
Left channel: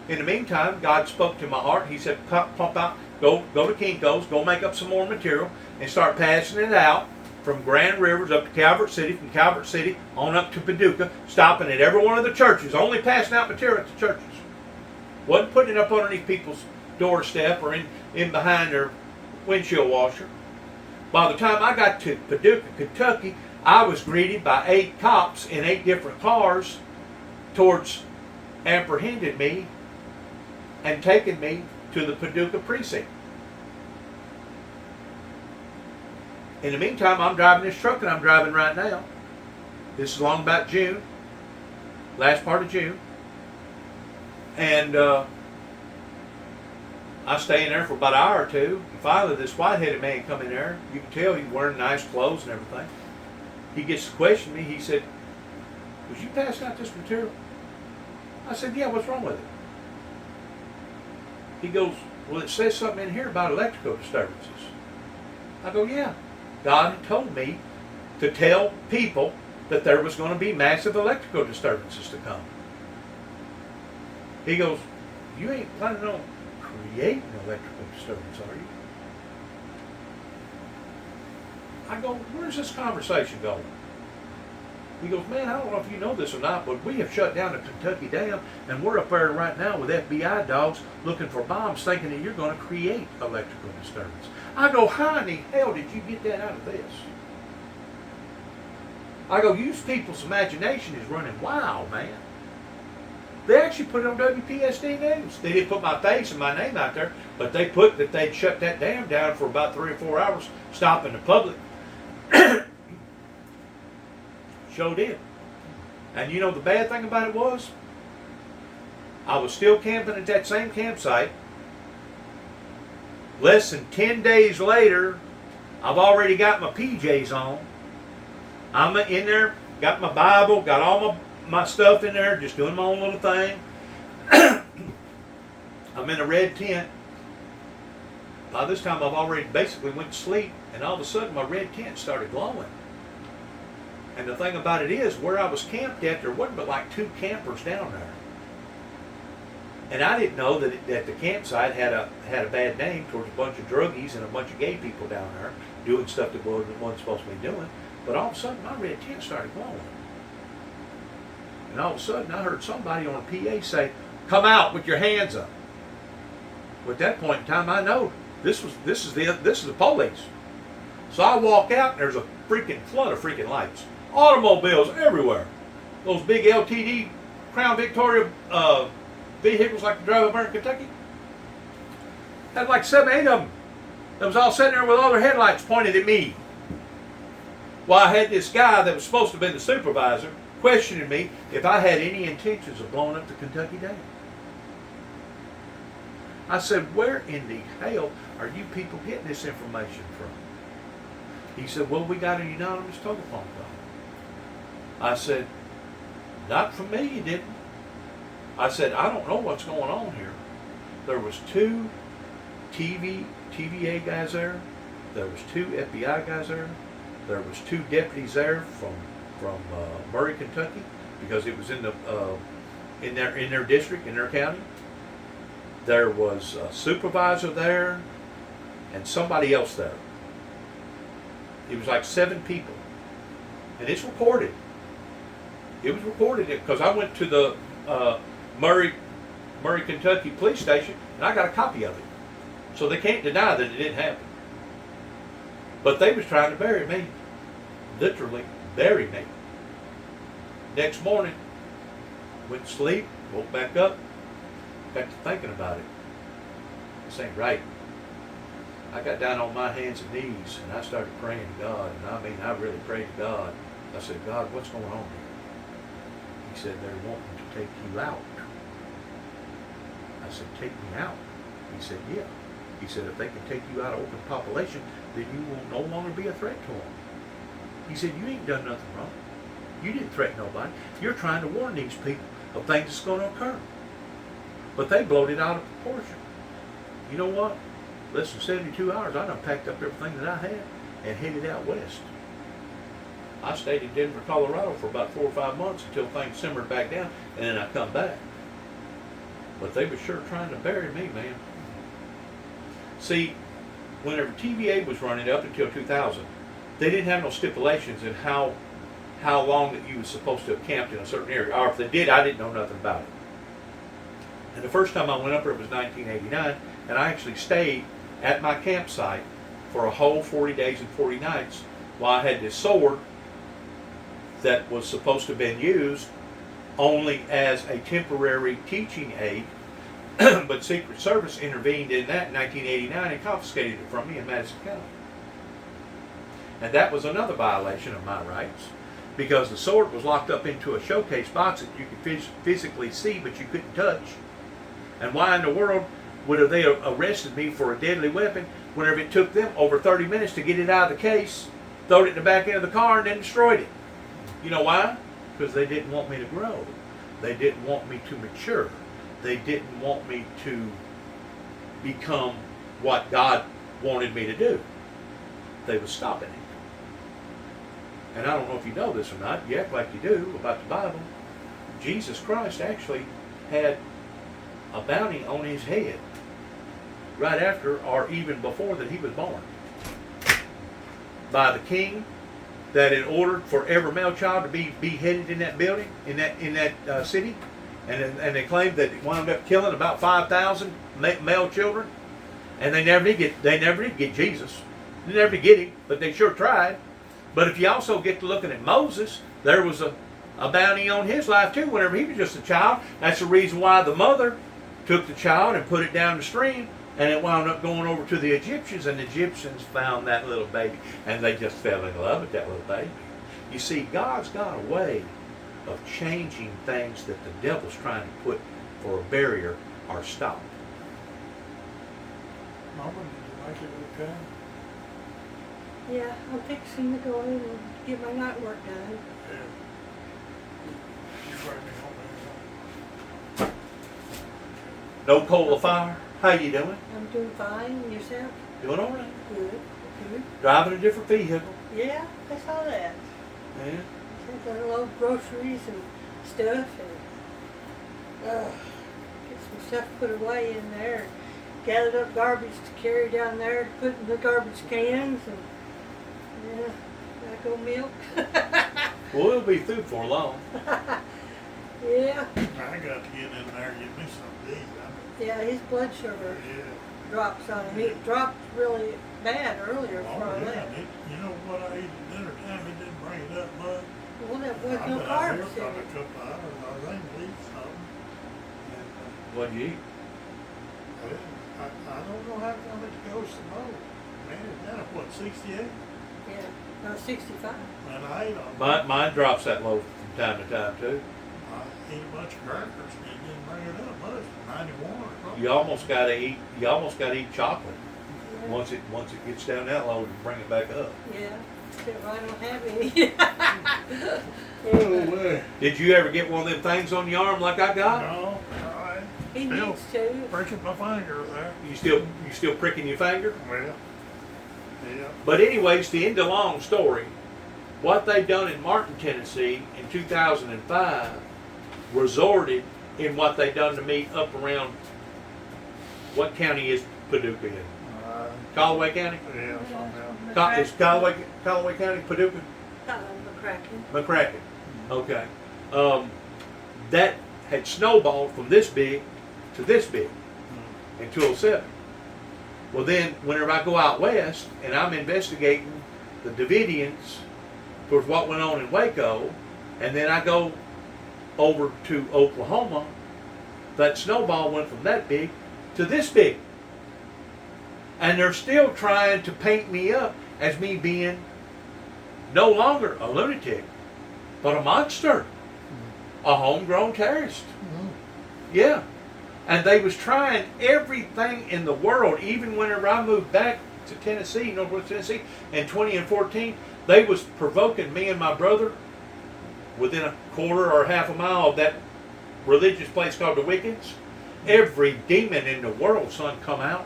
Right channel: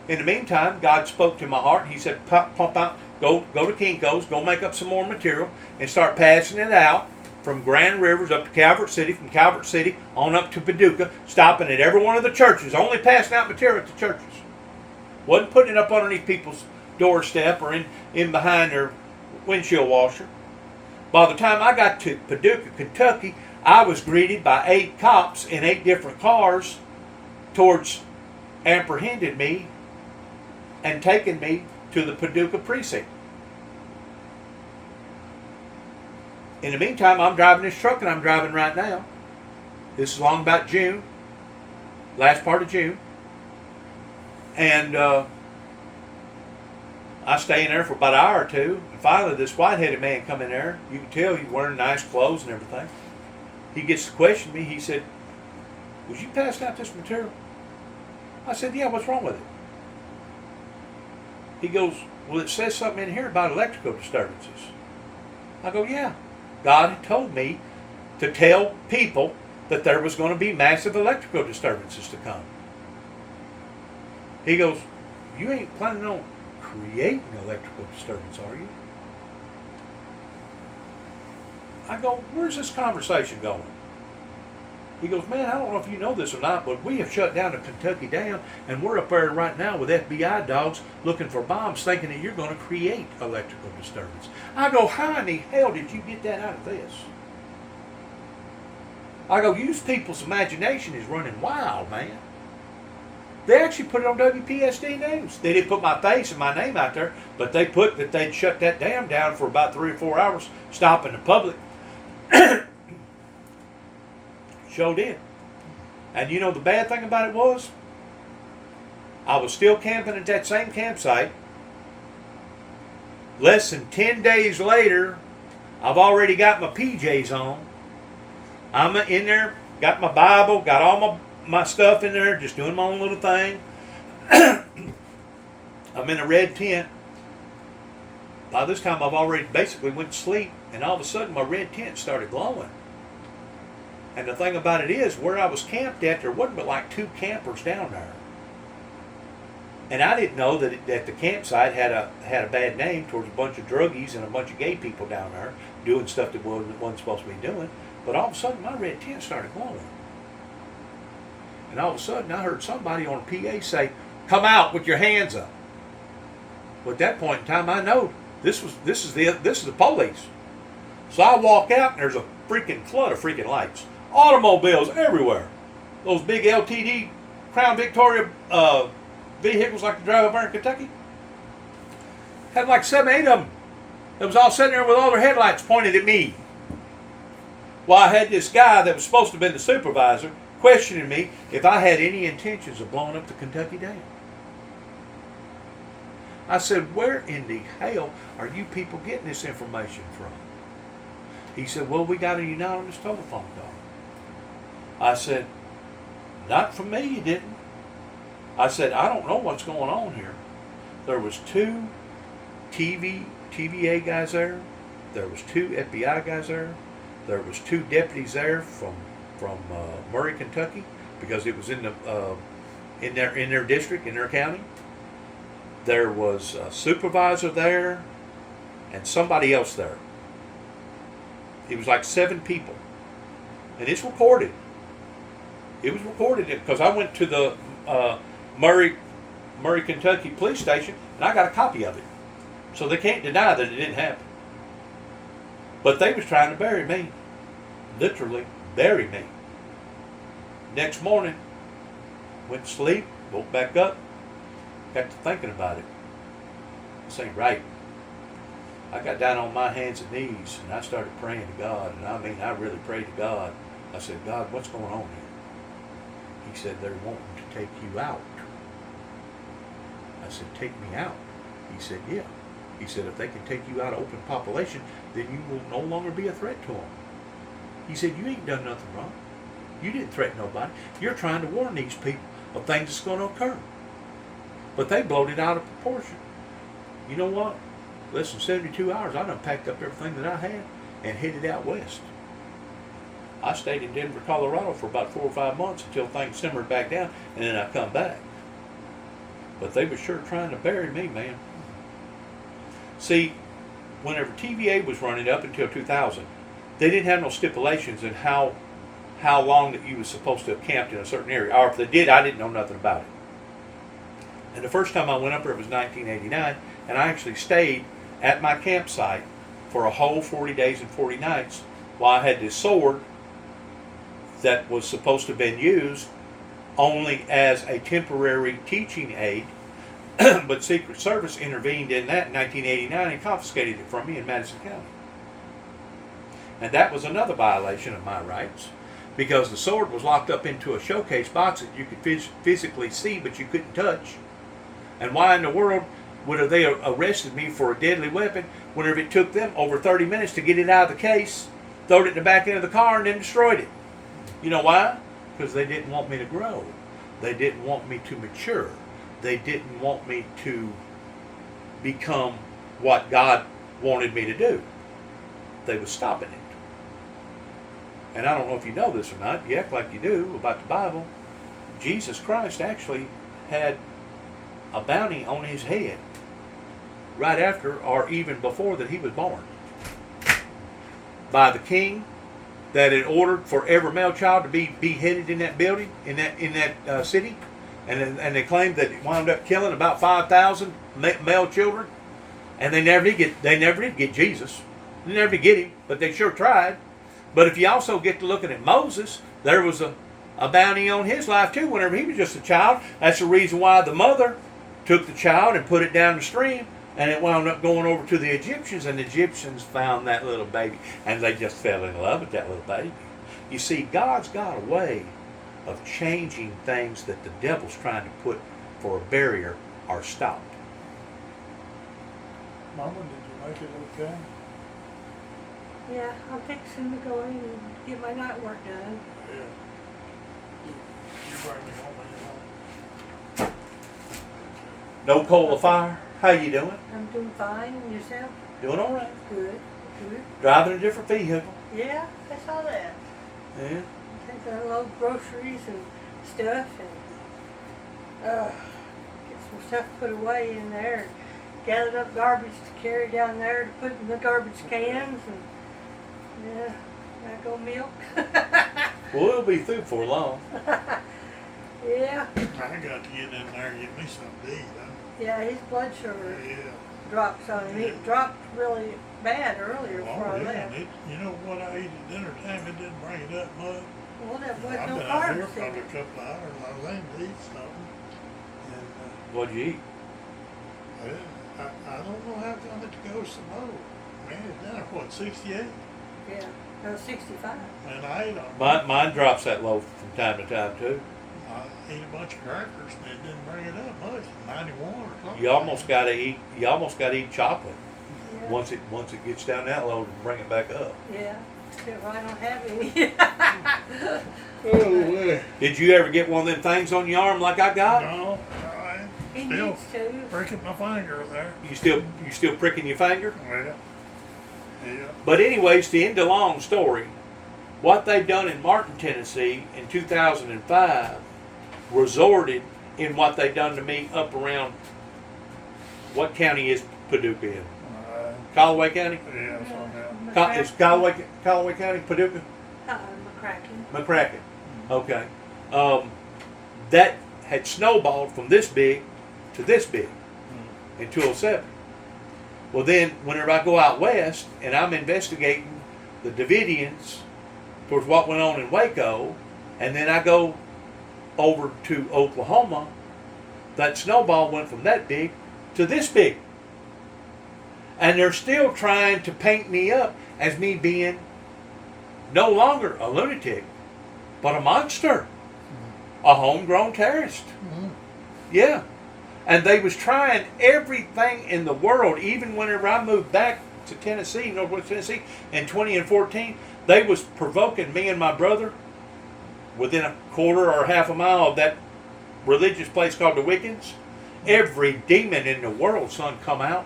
In the meantime, God spoke to my heart. He said, pump out, go to Kinko's, go make up some more material, and start passing it out from Grand Rivers up to Calvert City, from Calvert City on up to Paducah, stopping at every one of the churches, only passing out material at the churches. Wasn't putting it up underneath people's doorstep or in behind their windshield washer. By the time I got to Paducah, Kentucky, I was greeted by 8 cops in 8 different cars apprehended me and taken me to the Paducah precinct. In the meantime, I'm driving this truck, and I'm driving right now. This is along about June, last part of June. And I stay in there for about an hour or two. And finally, this white-headed man come in there. You can tell he's wearing nice clothes and everything. He gets to question me. He said, "Was you passing out this material?" I said, "Yeah, what's wrong with it?" He goes, "Well, it says something in here about electrical disturbances." I go, "Yeah. God had told me to tell people that there was going to be massive electrical disturbances to come." He goes, "You ain't planning on creating electrical disturbance, are you?" I go, "Where's this conversation going?" He goes, "Man, I don't know if you know this or not, but we have shut down the Kentucky Dam, and we're up there right now with FBI dogs looking for bombs, thinking that you're going to create electrical disturbance." I go, "How in the hell did you get that out of this?" I go, "You people's imagination is running wild, man." They actually put it on WPSD News. They didn't put my face and my name out there, but they put that they'd shut that dam down for about 3 or 4 hours, stopping the public. Sure did. And you know the bad thing about it was, I was still camping at that same campsite. Less than 10 days later, I've already got my PJs on. I'm in there, got my Bible, got all my stuff in there, just doing my own little thing. I'm in a red tent. By this time, I've already basically went to sleep, and all of a sudden, my red tent started glowing. And the thing about it is, where I was camped at, there wasn't but like 2 campers down there. And I didn't know that the campsite had a bad name towards a bunch of druggies and a bunch of gay people down there doing stuff that wasn't supposed to be doing. But all of a sudden, my red tent started glowing. And all of a sudden, I heard somebody on a PA say, "Come out with your hands up." Well, at that point in time, I know this is the police. So I walk out, and there's a freaking flood of freaking lights, automobiles everywhere. Those big LTD Crown Victoria vehicles like you drive over in Kentucky. Had like 7, 8 of them. That was all sitting there with all their headlights pointed at me. Well, I had this guy that was supposed to have been the supervisor questioning me if I had any intentions of blowing up the Kentucky Dam. I said, "Where in the hell are you people getting this information from?" He said, "Well, we got an anonymous telephone call." I said, "Not from me, you didn't." I said, "I don't know what's going on here." There was 2 TVA guys there. There was 2 FBI guys there. There was 2 deputies there from Murray, Kentucky, because it was in their district, in their county. There was a supervisor there and somebody else there. It was like 7 people, and it's recorded. It was recorded because I went to the Murray, Kentucky police station, and I got a copy of it. So they can't deny that it didn't happen. But they was trying to bury me. Literally bury me. Next morning, went to sleep, woke back up, got to thinking about it. This ain't right. I got down on my hands and knees, and I started praying to God. And I mean, I really prayed to God. I said, "God, what's going on here?" He said, "They're wanting to take you out." I said, "Take me out?" He said, "Yeah." He said, "If they can take you out of open population, then you will no longer be a threat to them." He said, "You ain't done nothing wrong. You didn't threaten nobody. You're trying to warn these people of things that's going to occur." But they blowed it out of proportion. You know what? Less than 72 hours, I done packed up everything that I had and headed out west. I stayed in Denver, Colorado for about 4 or 5 months until things simmered back down, and then I come back. But they were sure trying to bury me, man. See, whenever TVA was running up until 2000, they didn't have no stipulations in how long that you was supposed to have camped in a certain area. Or if they did, I didn't know nothing about it. And the first time I went up there was 1989, and I actually stayed at my campsite for a whole 40 days and 40 nights while I had this sword that was supposed to have been used only as a temporary teaching aid, but Secret Service intervened in that in 1989 and confiscated it from me in Madison County. And that was another violation of my rights, because the sword was locked up into a showcase box that you could physically see but you couldn't touch. And why in the world would have they arrested me for a deadly weapon whenever it took them over 30 minutes to get it out of the case, throw it in the back end of the car, and then destroyed it? You know why? Because they didn't want me to grow. They didn't want me to mature. They didn't want me to become what God wanted me to do. They were stopping it. And I don't know if you know this or not. You act like you do about the Bible. Jesus Christ actually had a bounty on his head right after or even before that he was born by the king, that had ordered for every male child to be beheaded in that building, in that city, and they claimed that it wound up killing about 5,000 male children, and they never did get Jesus. They never did get him, but they sure tried. But if you also get to looking at Moses, there was a bounty on his life too whenever he was just a child. That's the reason why the mother took the child and put it down the stream, and it wound up going over to the Egyptians, and the Egyptians found that little baby, and they just fell in love with that little baby. You see, God's got a way of changing things that the devil's trying to put for a barrier or stop. Mama, did you make it okay? Yeah, I'm fixing to go in and get my night work done. Yeah. You bring me home when No coal of fire. How you doing? I'm doing fine. And yourself? Doing all right. Good. Good. Driving a different vehicle. Yeah, I saw that. Yeah. Since I load groceries and stuff and get some stuff put away in there. Gathered up garbage to carry down there to put in the garbage cans and yeah, back on milk. Well, we'll be through for long. Yeah. I got to get in there and get me some to eat. Yeah, his blood sugar Yeah. drops on him. It dropped really bad earlier before Oh, I yeah. left. You know what I ate at dinner time? It didn't bring it up much. Well, that I've was no been out here carbs for in a it. couple of hours. I was aiming to eat something. What'd you eat? And, I don't know how come it goes so low. Man, it's down, what, 68? Yeah, no, 65. And I ate on Mine drops that low from time to time too. I ate a bunch of crackers and it didn't bring it up much. 91 or something. You almost gotta eat chocolate. Yeah. Once it gets down that low, to bring it back up. Yeah, well, I don't have any. Oh, man. Did you ever get one of them things on your arm like I got? No, I He still needs to. breaking my finger there. You still pricking your finger? Well, yeah. But anyways, to end the long story, what they done in Martin, Tennessee in 2005 resulted in what they done to me up around, what county is Paducah in? Callaway County? Yeah, somehow. Is Callaway County Paducah? McCracken. McCracken. Okay. That had snowballed from this big to this big in 207. Well, then, whenever I go out west and I'm investigating the Davidians towards what went on in Waco, and then I go over to Oklahoma, that snowball went from that big to this big. And they're still trying to paint me up as me being no longer a lunatic, but a monster, a homegrown terrorist. Yeah. And they was trying everything in the world, even whenever I moved back to Tennessee, Northwest Tennessee, in 2014, they was provoking me and my brother within a quarter or half a mile of that religious place called the Wiccans. Every demon in the world, son, come out,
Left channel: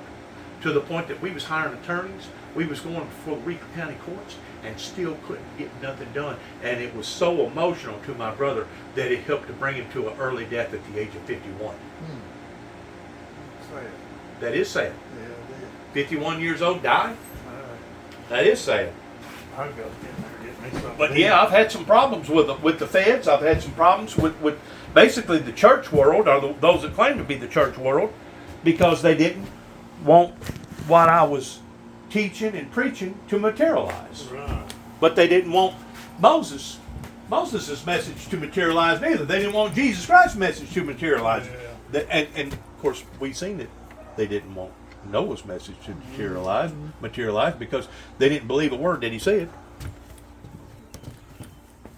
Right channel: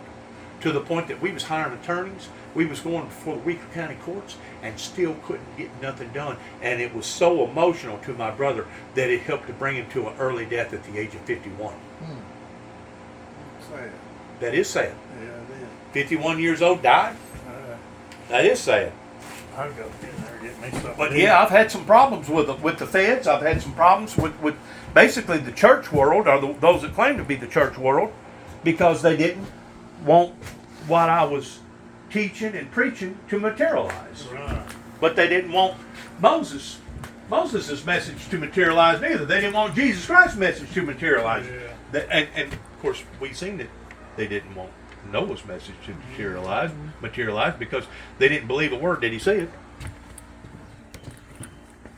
to the point that we was hiring attorneys. We was going before the Weaker County courts and still couldn't get nothing done. And it was so emotional to my brother that it helped to bring him to an early death at the age of 51. Sad. That is sad. Yeah, it is. 51 years old, died. That is sad. I've got to get in there and get me something. But to eat. yeah, I've had some problems with the feds. I've had some problems with basically the church world, or those that claim to be the church world, because they didn't want what I was teaching and preaching to materialize. Right. But they didn't want Moses' message to materialize neither. They didn't want Jesus Christ's message to materialize. Yeah. And of course, we've seen that they didn't want Noah's message to materialize because they didn't believe a word that he said.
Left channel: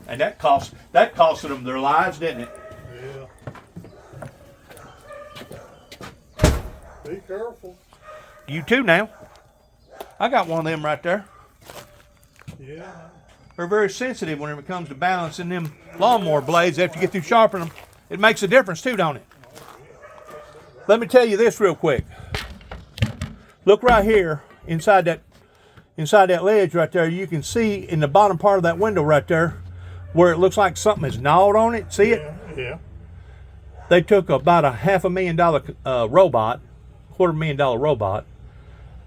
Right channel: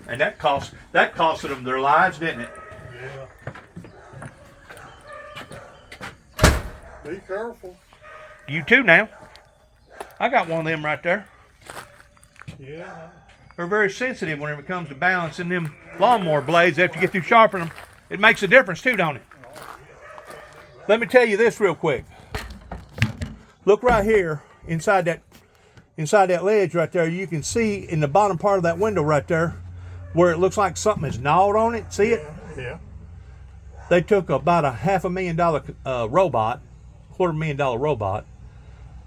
And that costed them their lives, didn't it? Yeah. Be careful. You too now. I got one of them right there. Yeah. They're very sensitive whenever it comes to balancing them lawnmower blades after you get through sharpening them. It makes a difference too, don't it? Let me tell you this real quick. Look right here inside that ledge right there. You can see in the bottom part of that window right there where it looks like something is gnawed on it. See it? Yeah. They took about a $500,000 robot, $250,000 robot,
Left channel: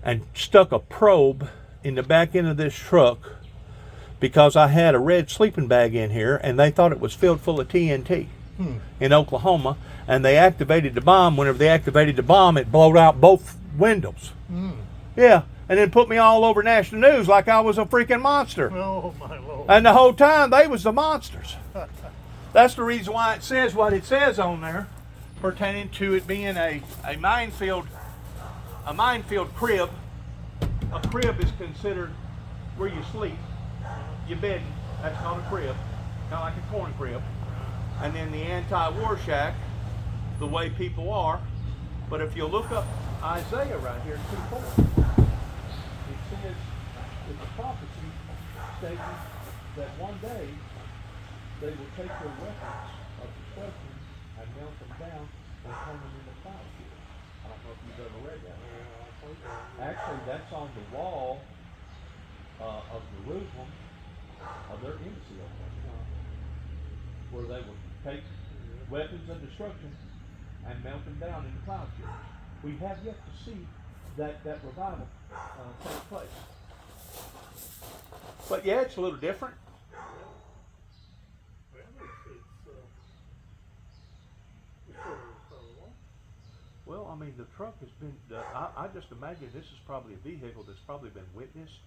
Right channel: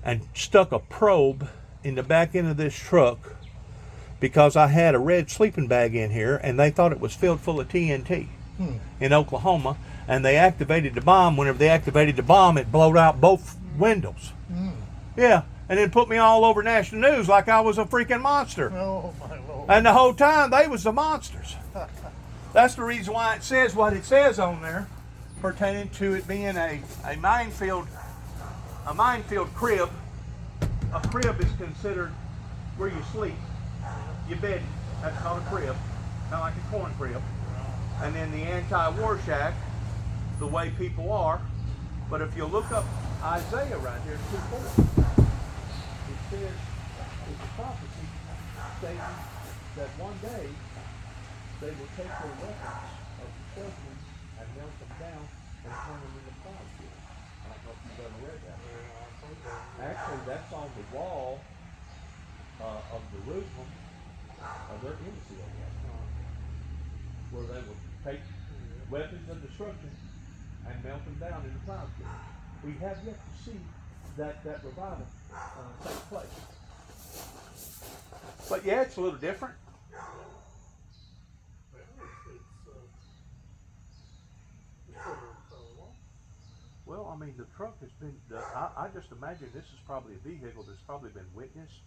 and stuck a probe in the back end of this truck because I had a red sleeping bag in here and they thought it was filled full of TNT in Oklahoma, and they activated the bomb. Whenever they activated the bomb, it blowed out both windows. Yeah, and it put me all over national news like I was a freaking monster. Oh, my Lord. And the whole time they was the monsters. That's the reason why it says what it says on there, pertaining to it being a minefield crib. A crib is considered where you sleep. Your bed, that's called a crib, not like a corn crib. And then the anti-war shack, the way people are. But if you look up Isaiah right here, 2:4, it says is a prophecy stating that one day they will take their weapons of destruction and melt them down and turn them into plowshares. I don't know if you've ever read that. Actually, that's on the wall of Jerusalem, of their embassy over there, where they would take weapons of destruction and melt them down into plowshares. We have yet to see that revival take place. But yeah, it's a little different. Well, I mean, the truck has been, I just imagine this is probably a vehicle that's probably been witnessed,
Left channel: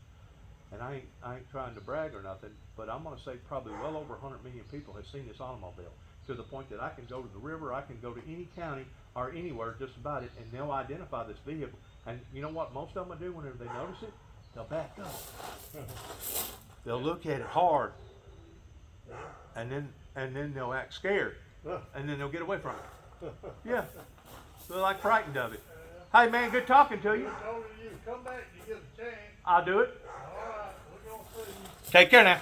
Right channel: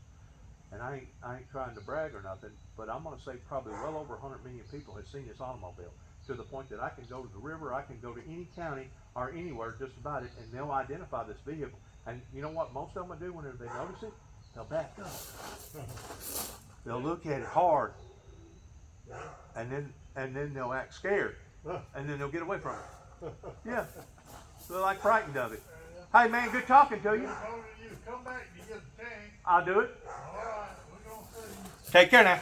and I ain't trying to brag or nothing, but I'm gonna say probably well over 100 million people have seen this automobile, to the point that I can go to the river, I can go to any county, or anywhere just about it, and they'll identify this vehicle. And you know what most of them will do whenever they notice it? They'll back up. They'll look at it hard, and then they'll act scared, and then they'll get away from it. Yeah. They're like frightened of it. Hey man, good talking to you. Come back and you get a chance. I'll do it. All right, we're gonna see you. Take care now.